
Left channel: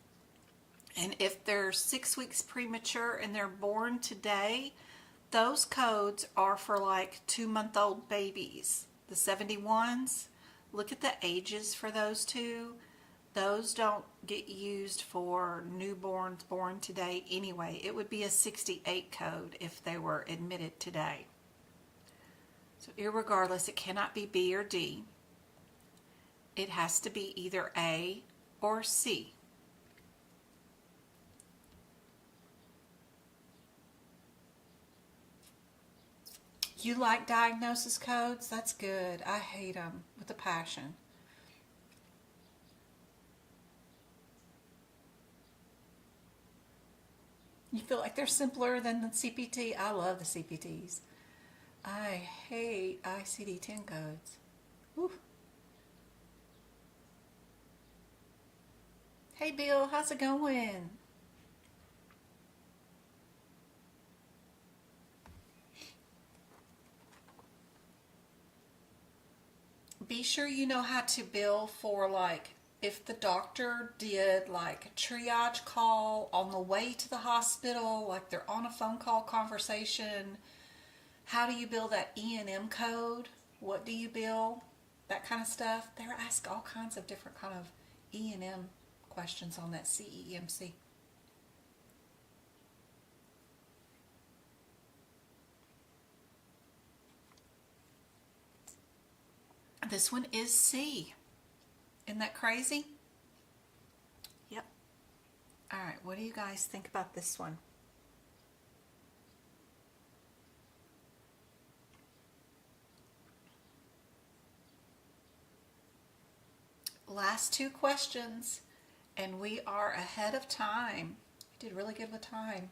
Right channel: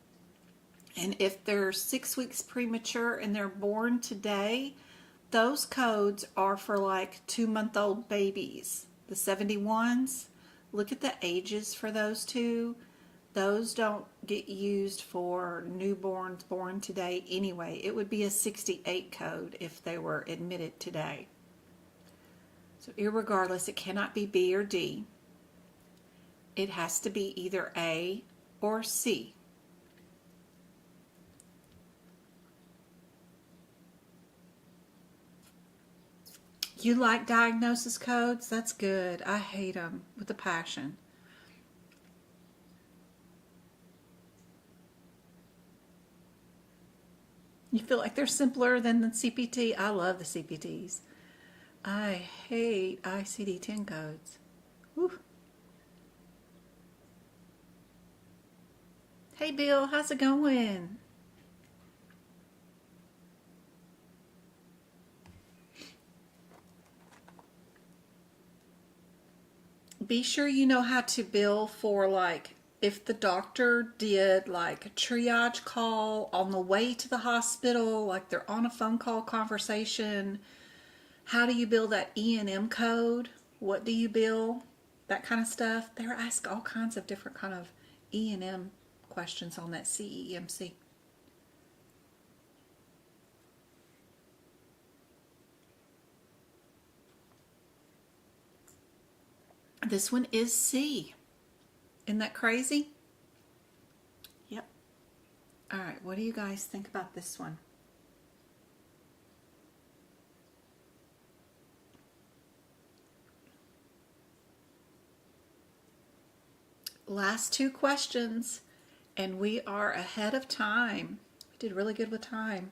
And if they're 6 weeks premature and they're born today, those codes are for like 2-month-old babies. The 71s, look at the ages for those two. Those don't get used for newborns born today anyway. It would be a 68 code if they were admitted today. So irregardless, it cannot be B or D. It has to be either A or C. You like diagnosis codes? That's good. I hate them with a passion. You feel like they're simpler than the CPT? I love the CPTs. I hate ICD-10 codes. Whew. Hey Bill, how's it going? Be sure you know how to bill for, like, if the doctor did like a triage call on the way to the hospital, like they're on a phone call conversation, how do you bill that E&M code? What do you bill? That kind of stuff. They're asked all kinds of different kind of E&M questions on that CEMC. This one is C. Isn't that crazy? Yep. All right, what do you guys think about this one? Last two questions, and we are ahead of time. We did really good with time.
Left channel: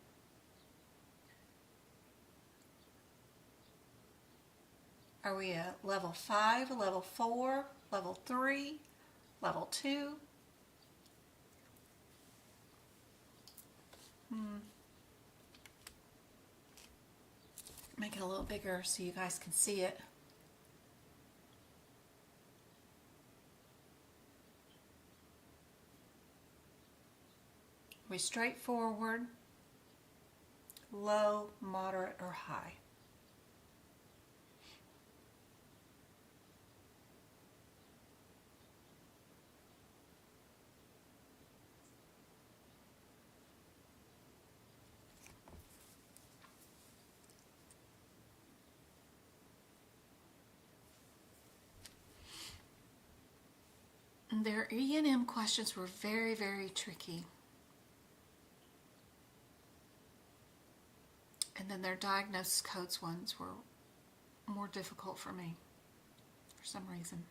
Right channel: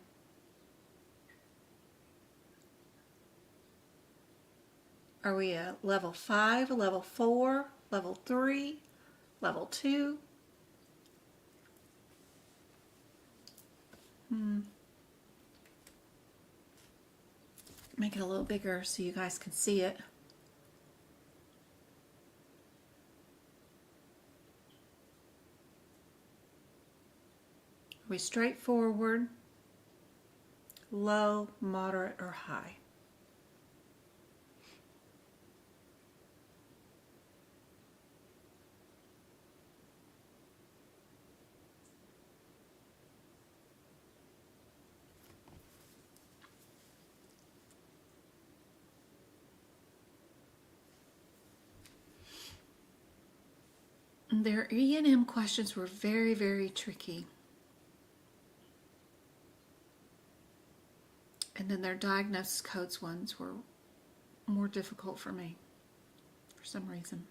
Are we at level 5, level 4, level 3, level 2? Make it a little bigger so you guys can see it. Are we straightforward, low, moderate, or high? Their E&M questions were very, very tricky. And then their diagnosis codes ones were more difficult for me for some reason.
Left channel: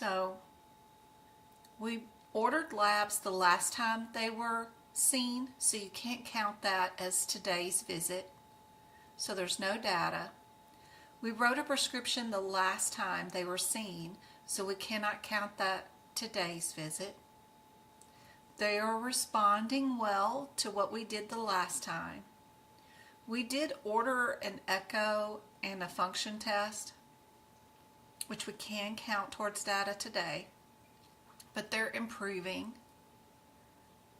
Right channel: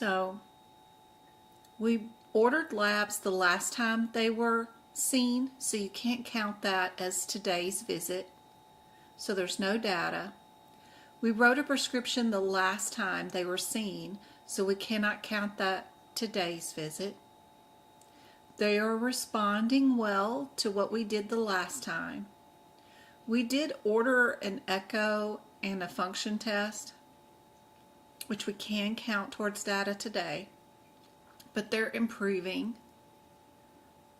So we ordered labs the last time they were seen, so you can't count that as today's visit. So there's no data. We wrote a prescription the last time they were seen, so we cannot count that today's visit. They are responding well to what we did the last time. We did order an echo and a function test, which we can count towards data today, but they're improving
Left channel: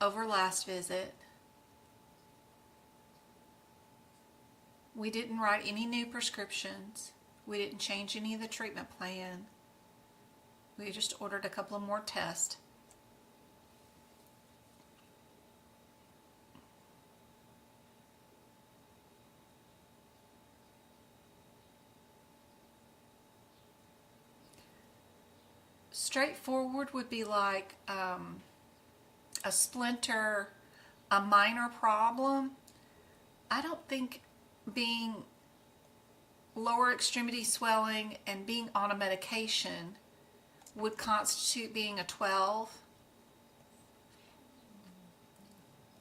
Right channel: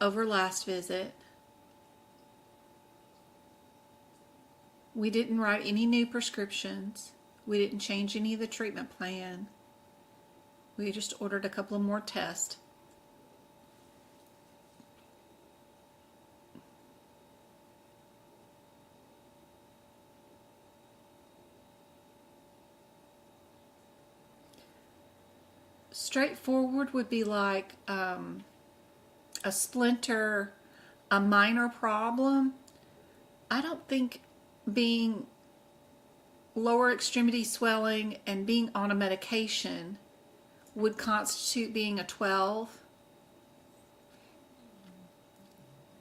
over last visit. We didn't write any new prescriptions. We didn't change any of the treatment plan. We just ordered a couple of more tests. Straightforward would be like a splinter, a minor problem. I don't think being lower extremity swelling and being on a medication would constitute being a 12.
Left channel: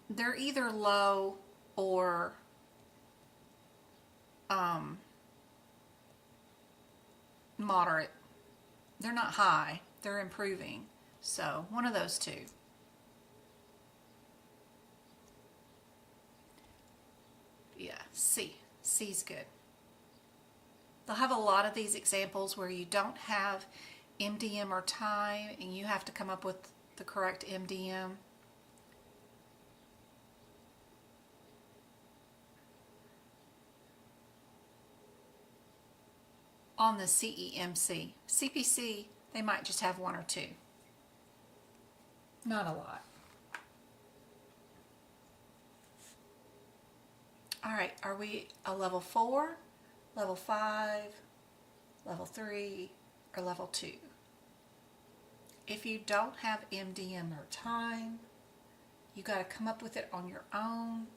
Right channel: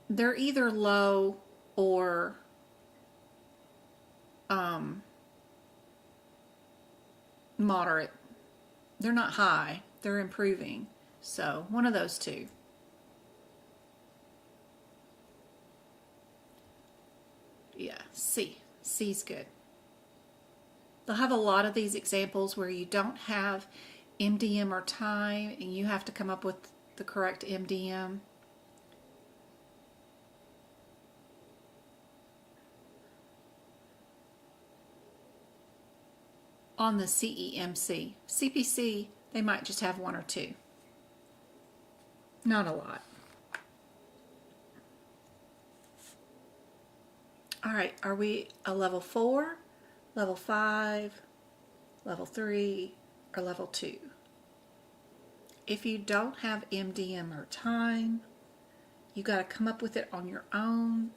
They're either low or moderate. They're not high. They're improving. So one of those two. Yeah, C. C's good. They'll have a lot of these examples where you don't have MDM or time and you have to come up with the correct MDM. On the CEMC. CPC, they might just have one or two. Not a lot. All right, are we a level 4, level 5, level 3, or level 2? If you don't have MDM or time, you got to come up with it on your own.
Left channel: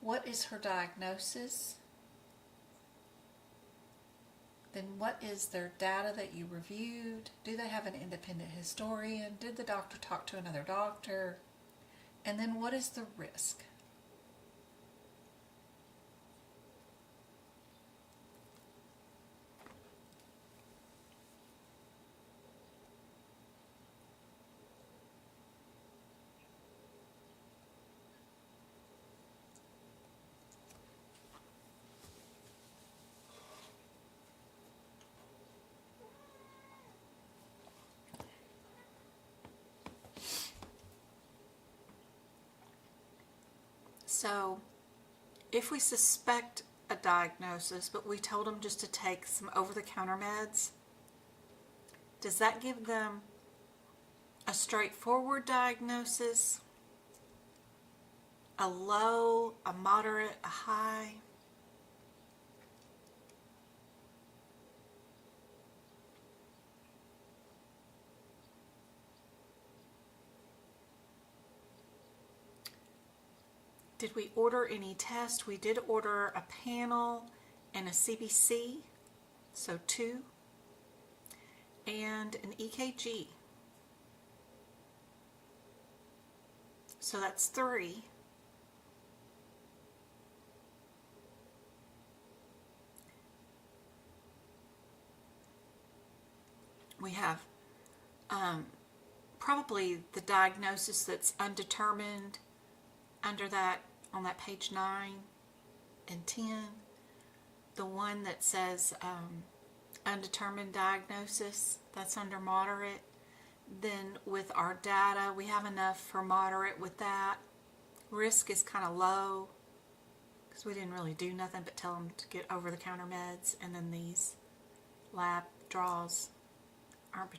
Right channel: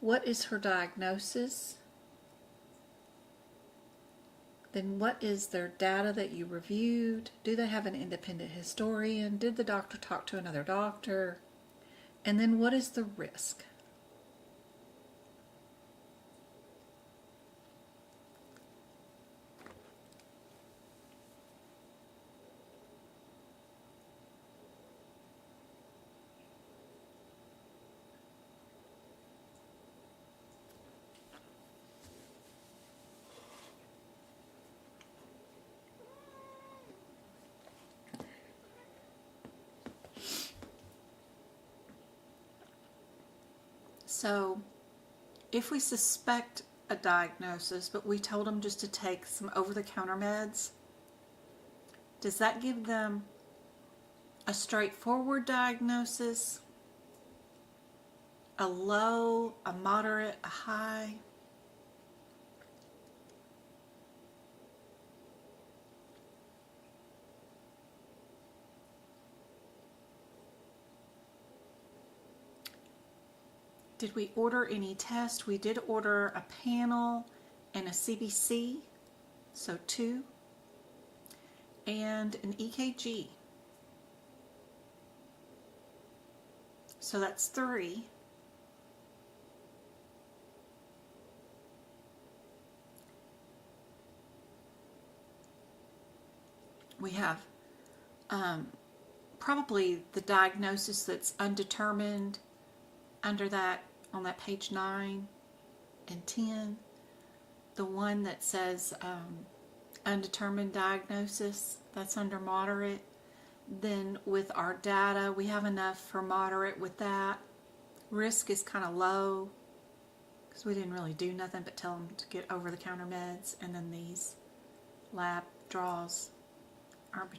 What is her diagnosis? Then what is their data that you reviewed? Do they have an independent historian? Did the doctor talk to another doctor? And then what is the risk? So if we suspect a diagnosis, but we told them just to take some over-the-counter meds, does that give them a straightforward diagnosis, a low, a moderate, a high? Did we order any tests? We did order a panel and a CPC, so 2, and an EKG. So that's 3. We have probably the diagnosis that's undetermined under that, on that page 9 and 10, the one that says undetermined diagnosis, that's under moderate. Then with our data, we have enough for moderate with that. Risk is kind of low because we didn't really do nothing but tell them to get over-the-counter meds, and then these lab draws aren't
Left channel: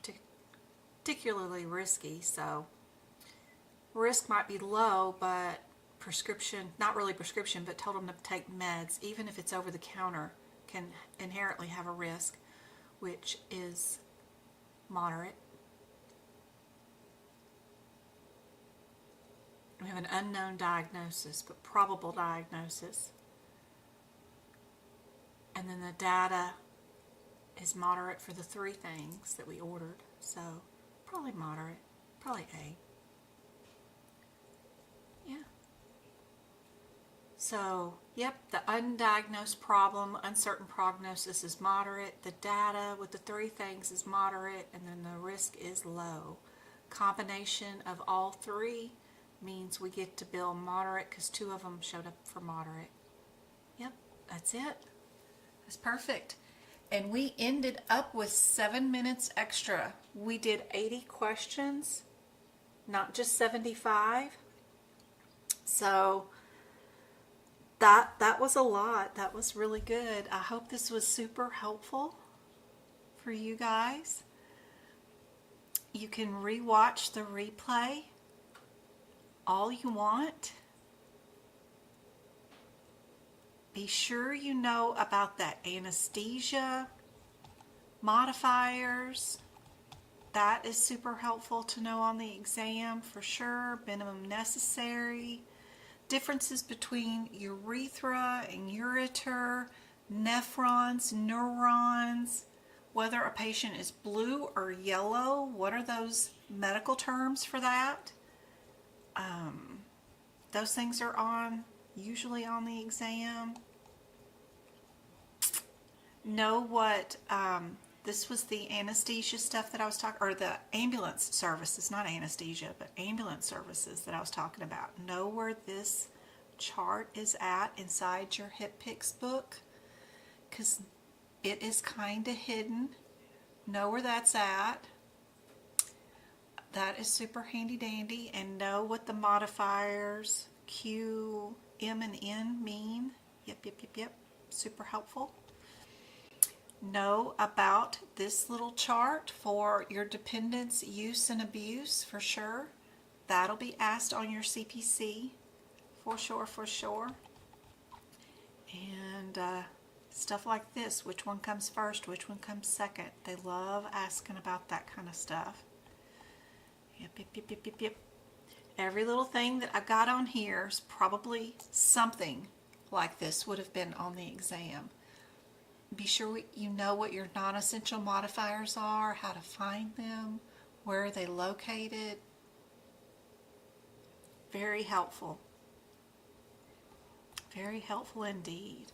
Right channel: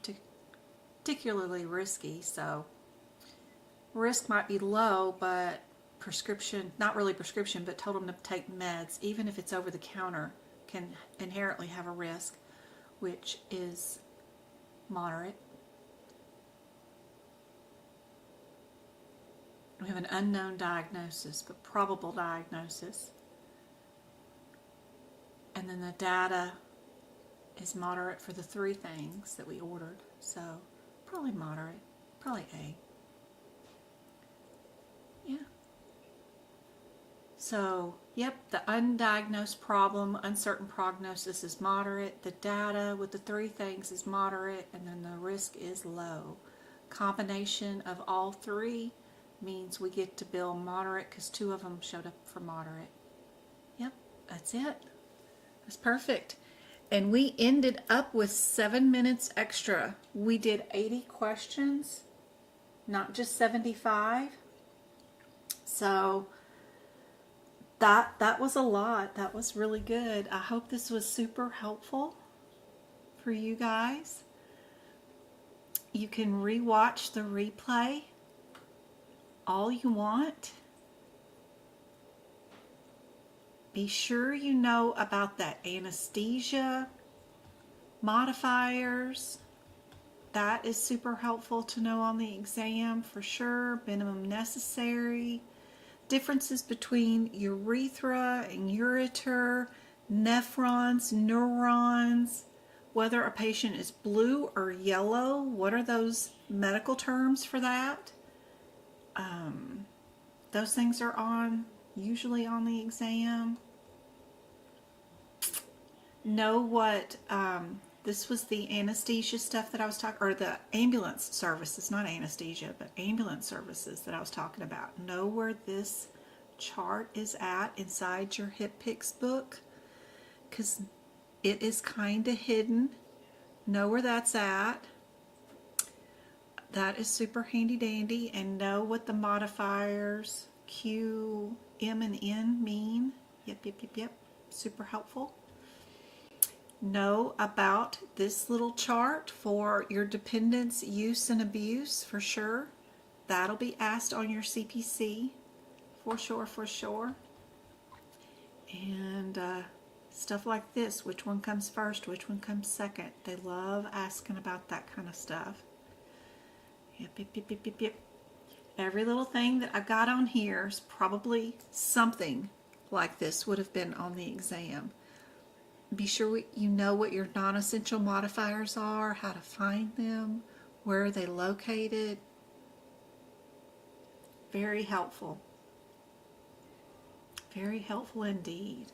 particularly risky, so risk might be low, but prescription, not really prescription, but told them to take meds, even if it's over the counter, can inherently have a risk, which is moderate. We have an unknown diagnosis, but probable diagnosis. And then the data is moderate for the 3 things that we ordered. So probably moderate, probably A. Yeah. So, yep, the undiagnosed problem, uncertain prognosis is moderate. The data with the 3 things is moderate, and then the risk is low. Combination of all 3 means we get to bill moderate because 2 of them showed up for moderate. Yep, that's it. That's perfect. And we ended up with 7 minutes extra. We did 80 questions, not just 75. So that was a lot. That was really good. I hope this was super helpful for you guys. You can rewatch the replay all you want. Be sure you know about that anesthesia, modifiers. That is super helpful to know on the exam for sure. Minimum necessary. Differences between urethra and ureter, nephrons, neurons, whether a patient is blue or yellow. What are those medical terms for that? Those things are usually on the exam. Know what, this was the anesthesia stuff that I was talking, or the ambulance services, not anesthesia, but ambulance services that I was talking about. Know where this chart is at inside your HIPAA book, because it is kind of hidden. Know where that's at. That is super handy dandy. And know what the modifiers Q, M, and N mean. Yep. Super helpful. Know about this little chart for your dependence, use, and abuse for sure. That'll be asked on your CPC for sure. And stuff like this, which one comes first, which one comes second. They love asking about that kind of stuff. Yep. Every little thing that I got on here is probably something like this would have been on the exam. Be sure you know what your non-essential modifiers are, how to find them, where are they located. Very helpful. Very helpful indeed.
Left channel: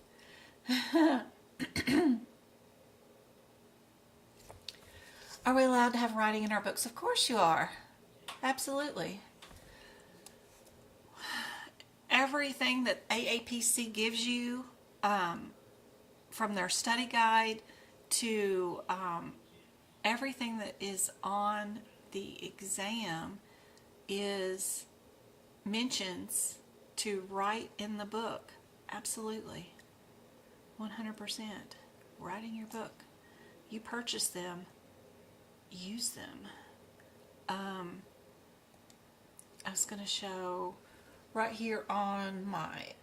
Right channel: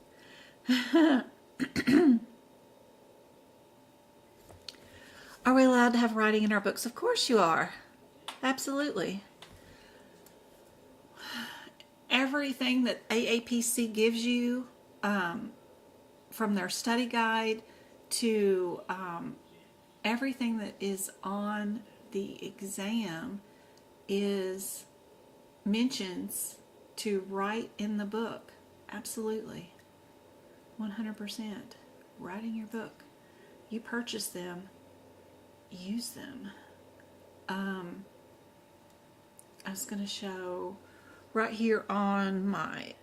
Are we allowed to have writing in our books? Of course you are. Absolutely. Everything that AAPC gives you, from their study guide to everything that is on the exam is mentions to write in the book. Absolutely. 100%. Write in your book. You purchase them. Use them. I was going to show right here on my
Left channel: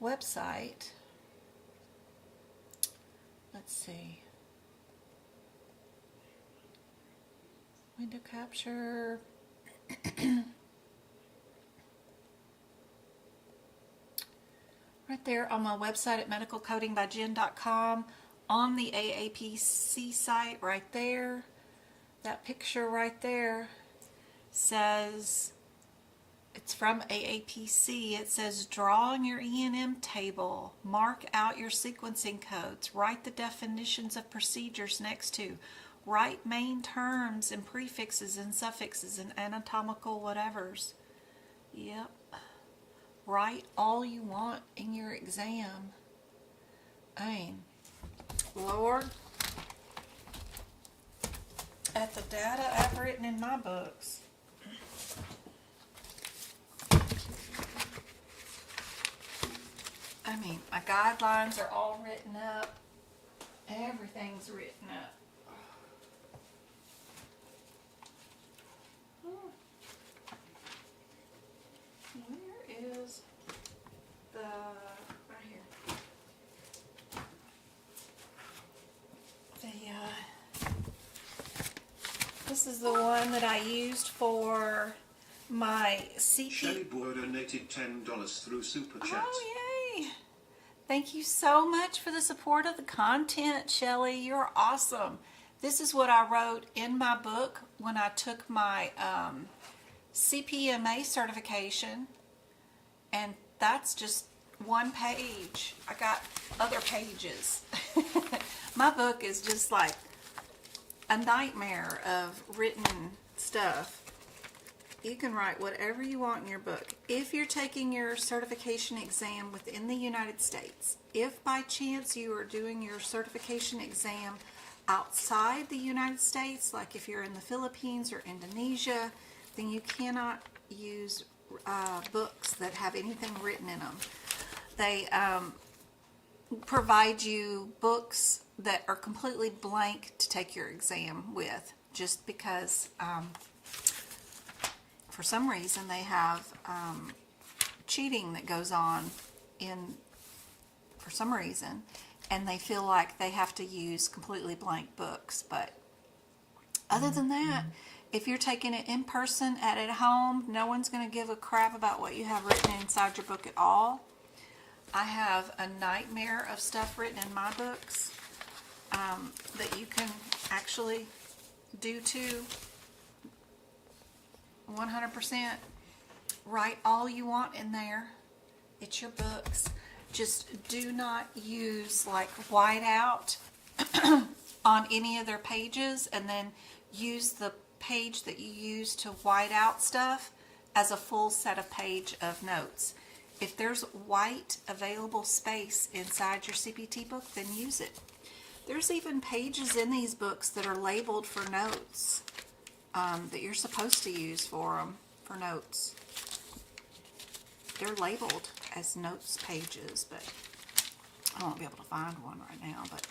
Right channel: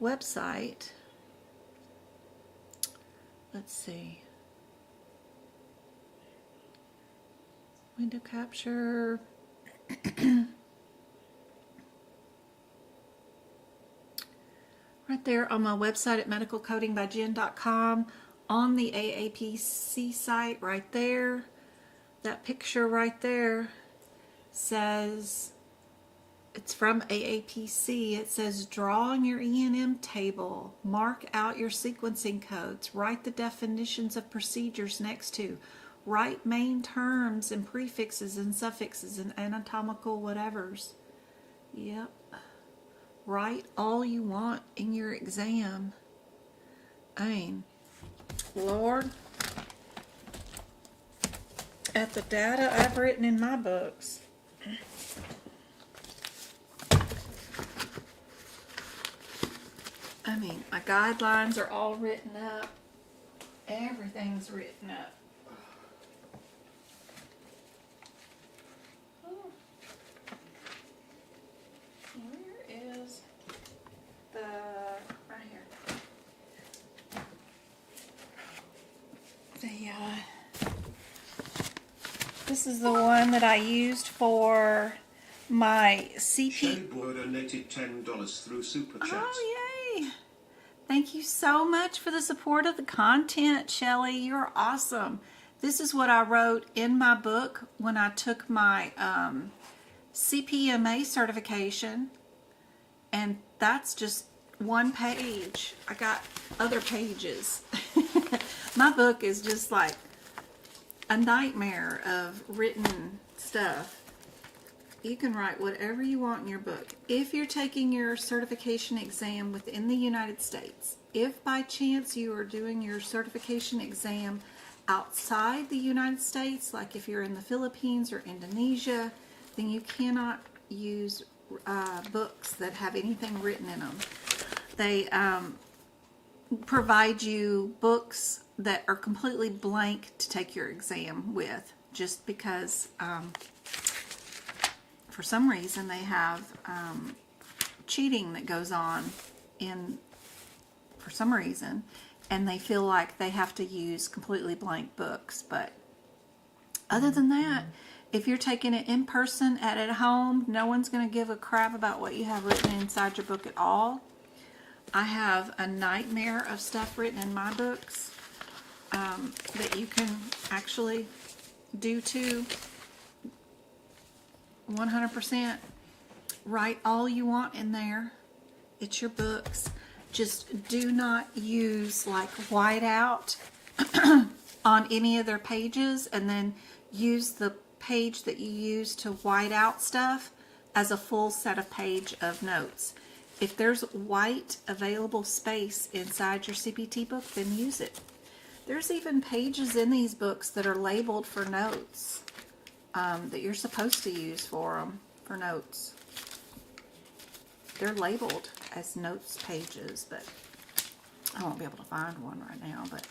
website. Let's see. Window capture. Right there on my website at medicalcodingbyjen.com, on the AAPC site right there. That picture right there says, it's from AAPC. It says, draw on your E&M table, mark out your sequencing codes, write the definitions of procedures next to, write main terms and prefixes and suffixes and anatomical whatevers. Yep. Write all you want in your exam. I mean, Lord, at the data I've written in my books. I mean, my guidelines are all written up. Everything's written up. Where is the... right here. This is the one that I used for my CP... Sherry Boy donated $10 through Super Chat. Oh, yay! Thank you so much for the support of the content, Shelly. You're awesome. This is what I wrote in my book when I took my CPMA certification, and that's just one page. I got other pages. My book is just like a nightmare of written stuff. You can write whatever you want in your book. If you're taking your certification exam within the United States, if by chance you are doing your certification exam outside the United States, like if you're in the Philippines or Indonesia, then you cannot use books that have anything written in them. They provide you books that are completely blank to take your exam with, just because for some reason they have cheating that goes on for some reason, and they feel like they have to use completely blank books. But other than that, if you're taking it in person at home, no one's going to give a crap about what you have written inside your book at all. I have a nightmare of stuff written in my books that you can actually do too. 100%. Write all you want in there. It's your books. Just do not use like whiteout on any of their pages, and then use the page that you use to white out stuff as a full set of page of notes. If there's white available space inside your CPT book, then use it. There's even pages in these books that are labeled for notes that you're supposed to use for notes. They're labeled as notes pages, but I won't be able to find one right now, but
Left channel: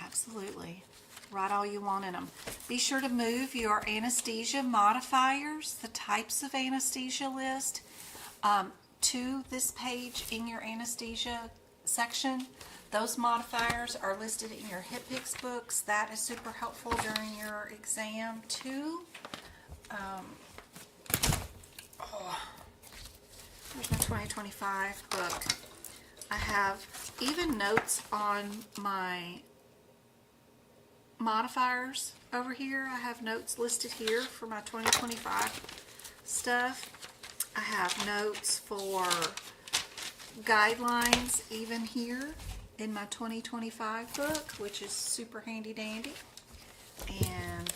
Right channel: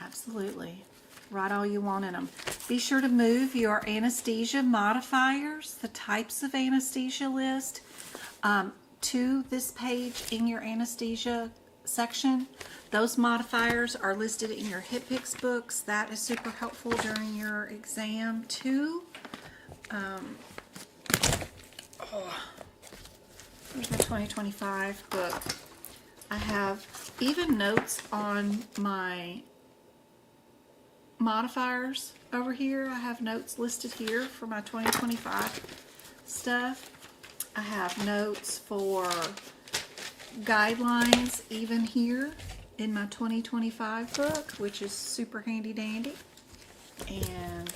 absolutely. Write all you want in them. Be sure to move your anesthesia modifiers, the types of anesthesia list, to this page in your anesthesia section. Those modifiers are listed in your HIPAA books. That is super helpful during your exam too. Here's my 2025 book. I have even notes on my modifiers over here. I have notes listed here for my 2025 stuff. I have notes for guidelines even here in my 2025 book, which is super handy dandy. And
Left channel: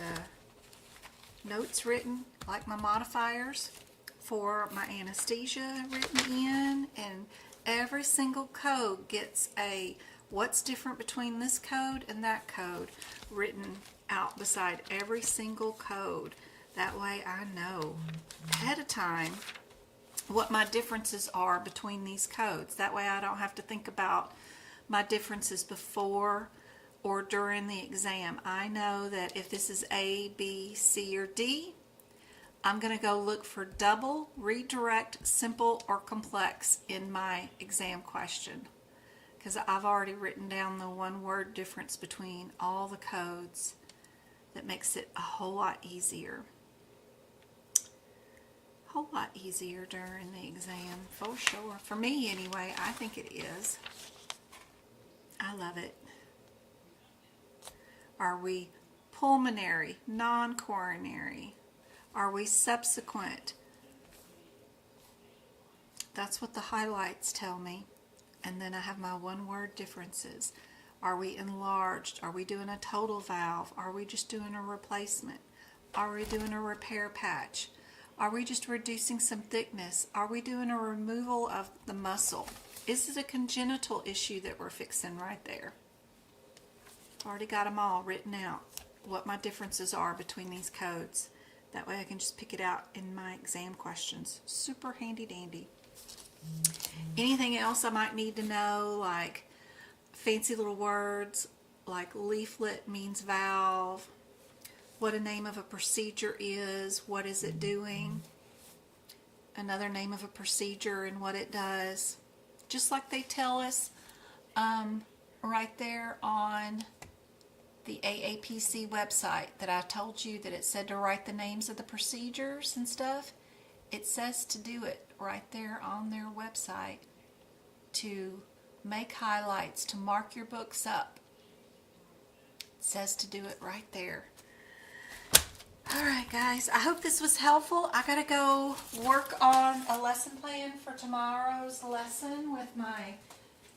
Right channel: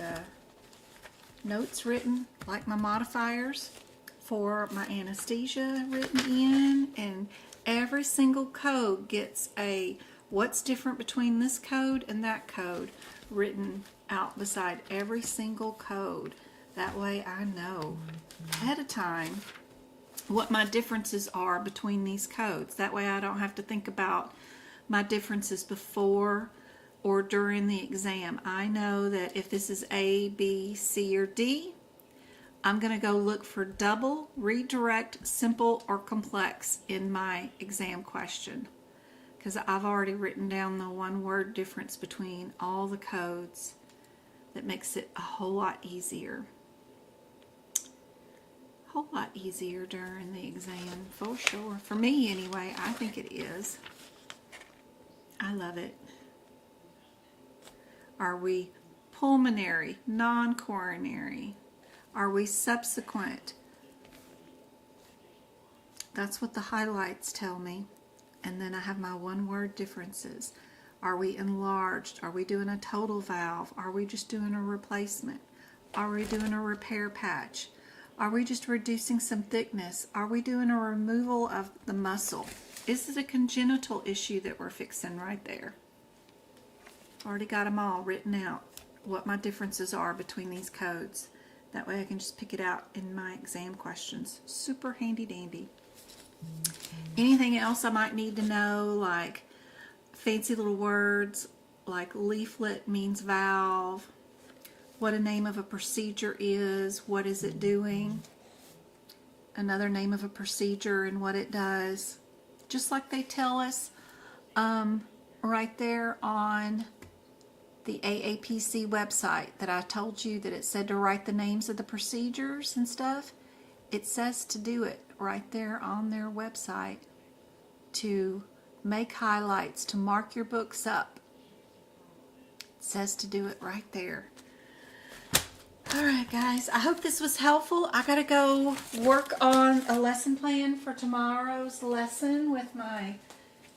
notes written like my modifiers for my anesthesia written in, and every single code gets a what's different between this code and that code written out beside every single code. That way I know ahead of time what my differences are between these codes. That way I don't have to think about my differences before or during the exam. I know that if this is A, B, C, or D, I'm going to go look for double, redirect, simple, or complex in my exam question, because I've already written down the one-word difference between all the codes that makes it a whole lot easier. Whole lot easier during the exam, for sure. For me, anyway, I think it is. I love it. Are we pulmonary, non-coronary? Are we subsequent? That's what the highlights tell me. And then I have my one-word differences. Are we enlarged? Are we doing a total valve? Are we just doing a replacement? Are we doing a repair patch? Are we just reducing some thickness? Are we doing a removal of the muscle? Is it a congenital issue that we're fixing right there? Already got them all written out, what my differences are between these codes. That way I can just pick it out in my exam questions. Super handy dandy. Anything else I might need to know, like fancy little words like leaflet means valve, what a name of a procedure is, what is it doing, another name of a procedure and what it does. Just like they tell us right there on the AAPC website that I told you that it said to write the names of the procedures and stuff. It says to do it right there on their website, to make highlights to mark your books up. It says to do it right there. All right, guys, I hope this was helpful. I gotta go work on a lesson plan for tomorrow's lesson with my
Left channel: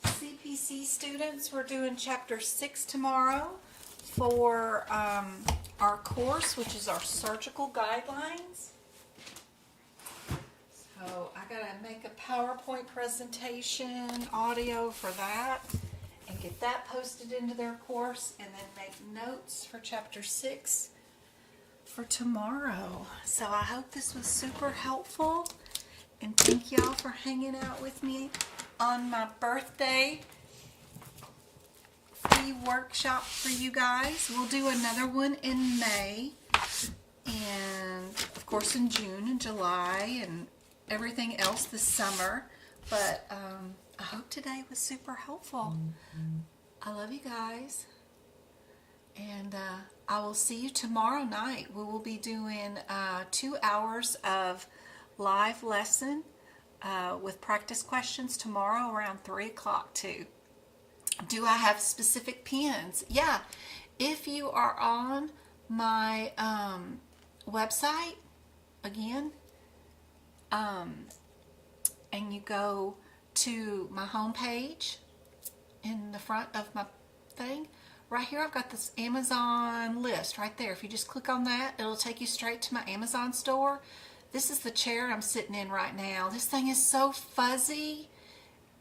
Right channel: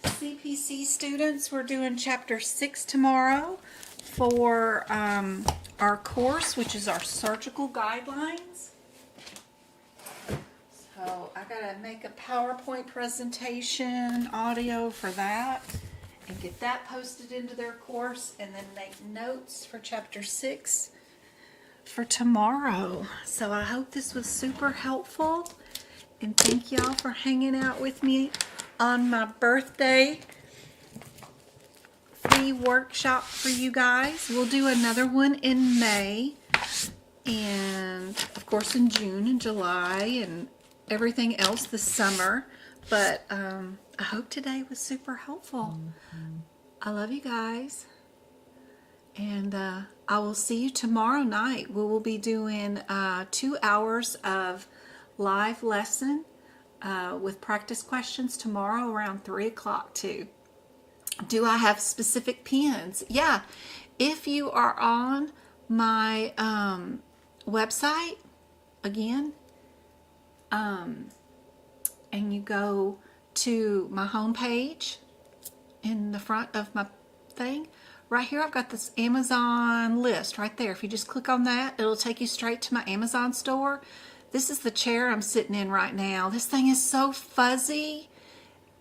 CPC students. We're doing chapter 6 tomorrow for our course, which is our surgical guidelines. So I gotta make a PowerPoint presentation, audio for that, and get that posted into their course, and then make notes for chapter 6 for tomorrow. So I hope this was super helpful, and thank y'all for hanging out with me on my birthday free workshop for you guys. We'll do another one in May, and of course in June and July and everything else this summer. But I hope today was super helpful. I love you guys, and I will see you tomorrow night. We will be doing 2 hours of live lesson with practice questions tomorrow around 3 o'clock too. Do I have specific pens? Yeah. If you are on my website, again, and you go to my home page in the front of my thing, right here I've got this Amazon list right there. If you just click on that, it'll take you straight to my Amazon store. This is the chair I'm sitting in right now. This thing is so fuzzy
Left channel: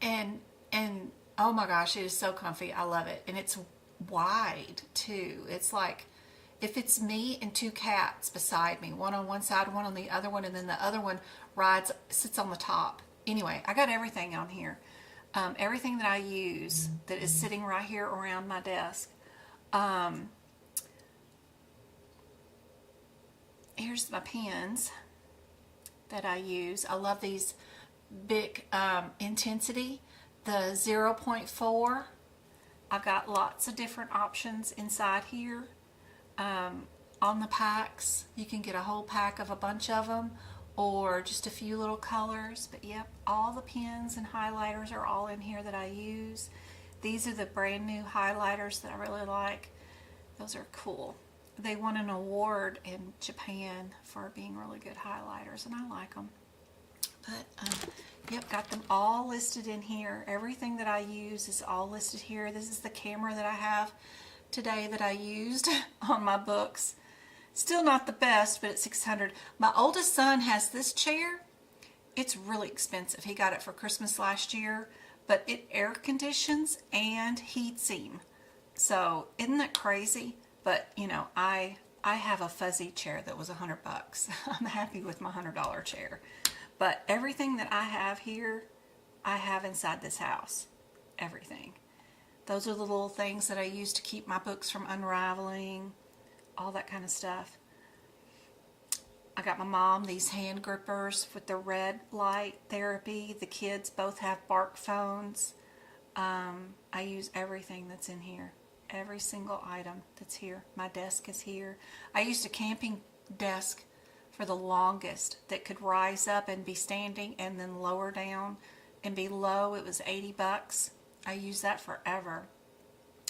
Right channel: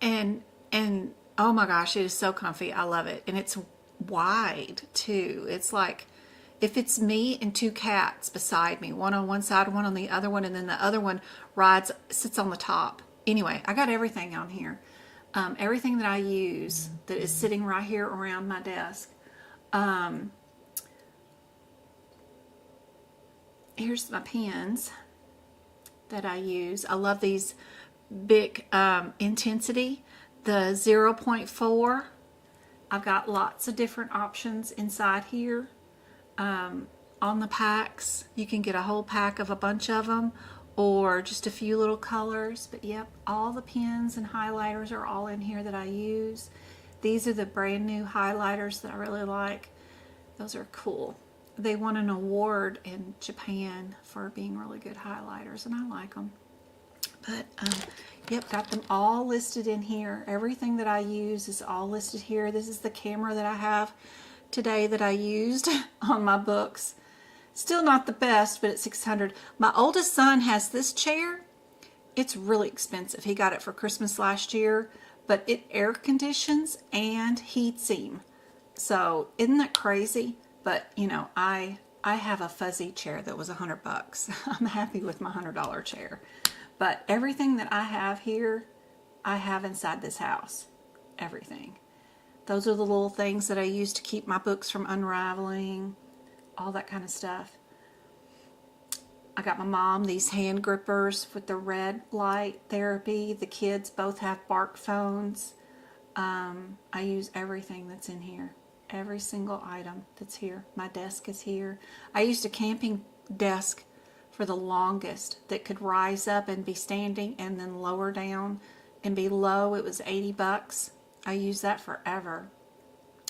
and oh my gosh, it is so comfy. I love it. And it's wide too. It's like if it's me and 2 cats beside me, one on one side, one on the other one, and then the other one sits on the top. Anyway, I got everything on here. Everything that I use that is sitting right here around my desk. Here's my pens that I use. I love these big intensity, the 0.4. I've got lots of different options inside here. On the packs, you can get a whole pack of a bunch of them, or just a few little colors. But yep, all the pens and highlighters are all in here that I use. These are the brand new highlighters that I really like. Those are cool. They won an award in Japan for being really good highlighters, and I like them. But yep, got them all listed in here. Everything that I use is all listed here. This is the camera that I have today that I used on my books. Still not the best, but it's $600. My oldest son has this chair. It's really expensive. He got it for Christmas last year, but it air conditions and heats him. So isn't that crazy? But you know, I have a fuzzy chair that was $100. I'm happy with my $100 chair. But everything that I have here, I have inside this house. Everything. Those are the little things that I use to keep my books from unraveling. All that kind of stuff. I got my mom these hand grippers with the red light therapy. The kids both have Bark phones. I use everything that's in here. Every single item that's here. My desk is here. I used a camping desk for the longest that could rise up and be standing and then lower down and be low. It was $80. I used that forever.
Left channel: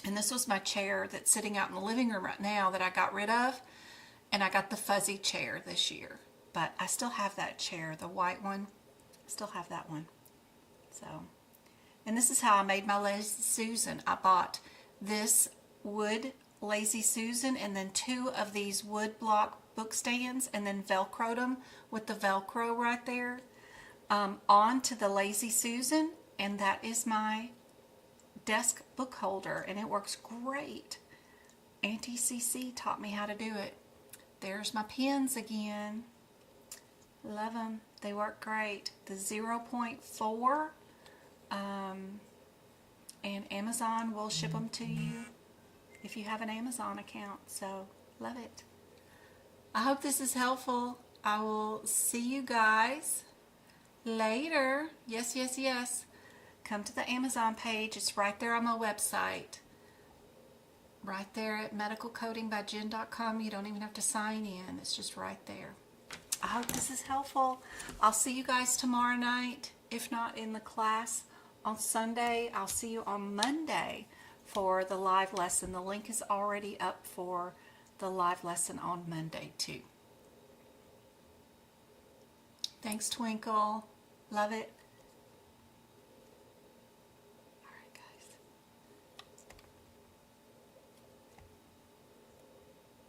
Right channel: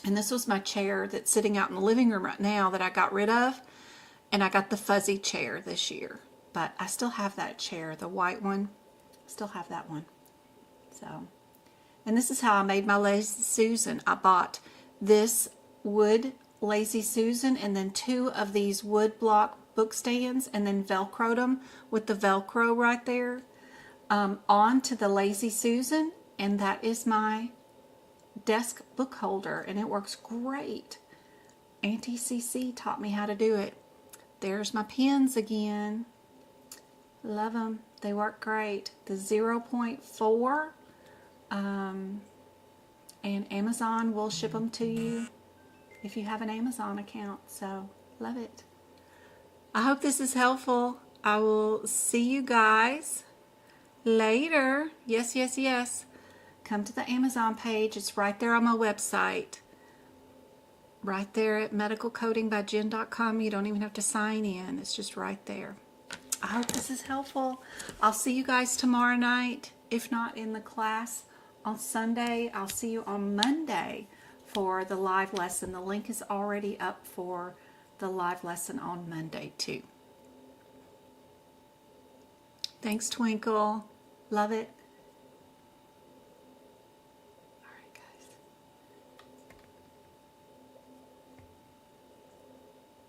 And this was my chair that's sitting out in the living room right now that I got rid of. And I got the fuzzy chair this year. But I still have that chair, the white one. I still have that one. So, and this is how I made my Lazy Susan. I bought this wood Lazy Susan and then 2 of these wood block book stands and then Velcroed them with the Velcro right there onto the Lazy Susan. And that is my desk book holder, and it works great. Auntie CC taught me how to do it. There's my pens again. Love them. They work great. The 0.4 and Amazon will ship them to you if you have an Amazon account. So love it. I hope this is helpful. I will see you guys later. Yes, yes, yes. Come to the Amazon page. It's right there on my website. Right there at medicalcodingbyjen.com. You don't even have to sign in. It's just right there. I hope this is helpful. I'll see you guys tomorrow night, if not in the class on Sunday. I'll see you on Monday for the live lesson. The link is already up for the live lesson on Monday too. Thanks, Twinkle. Love it.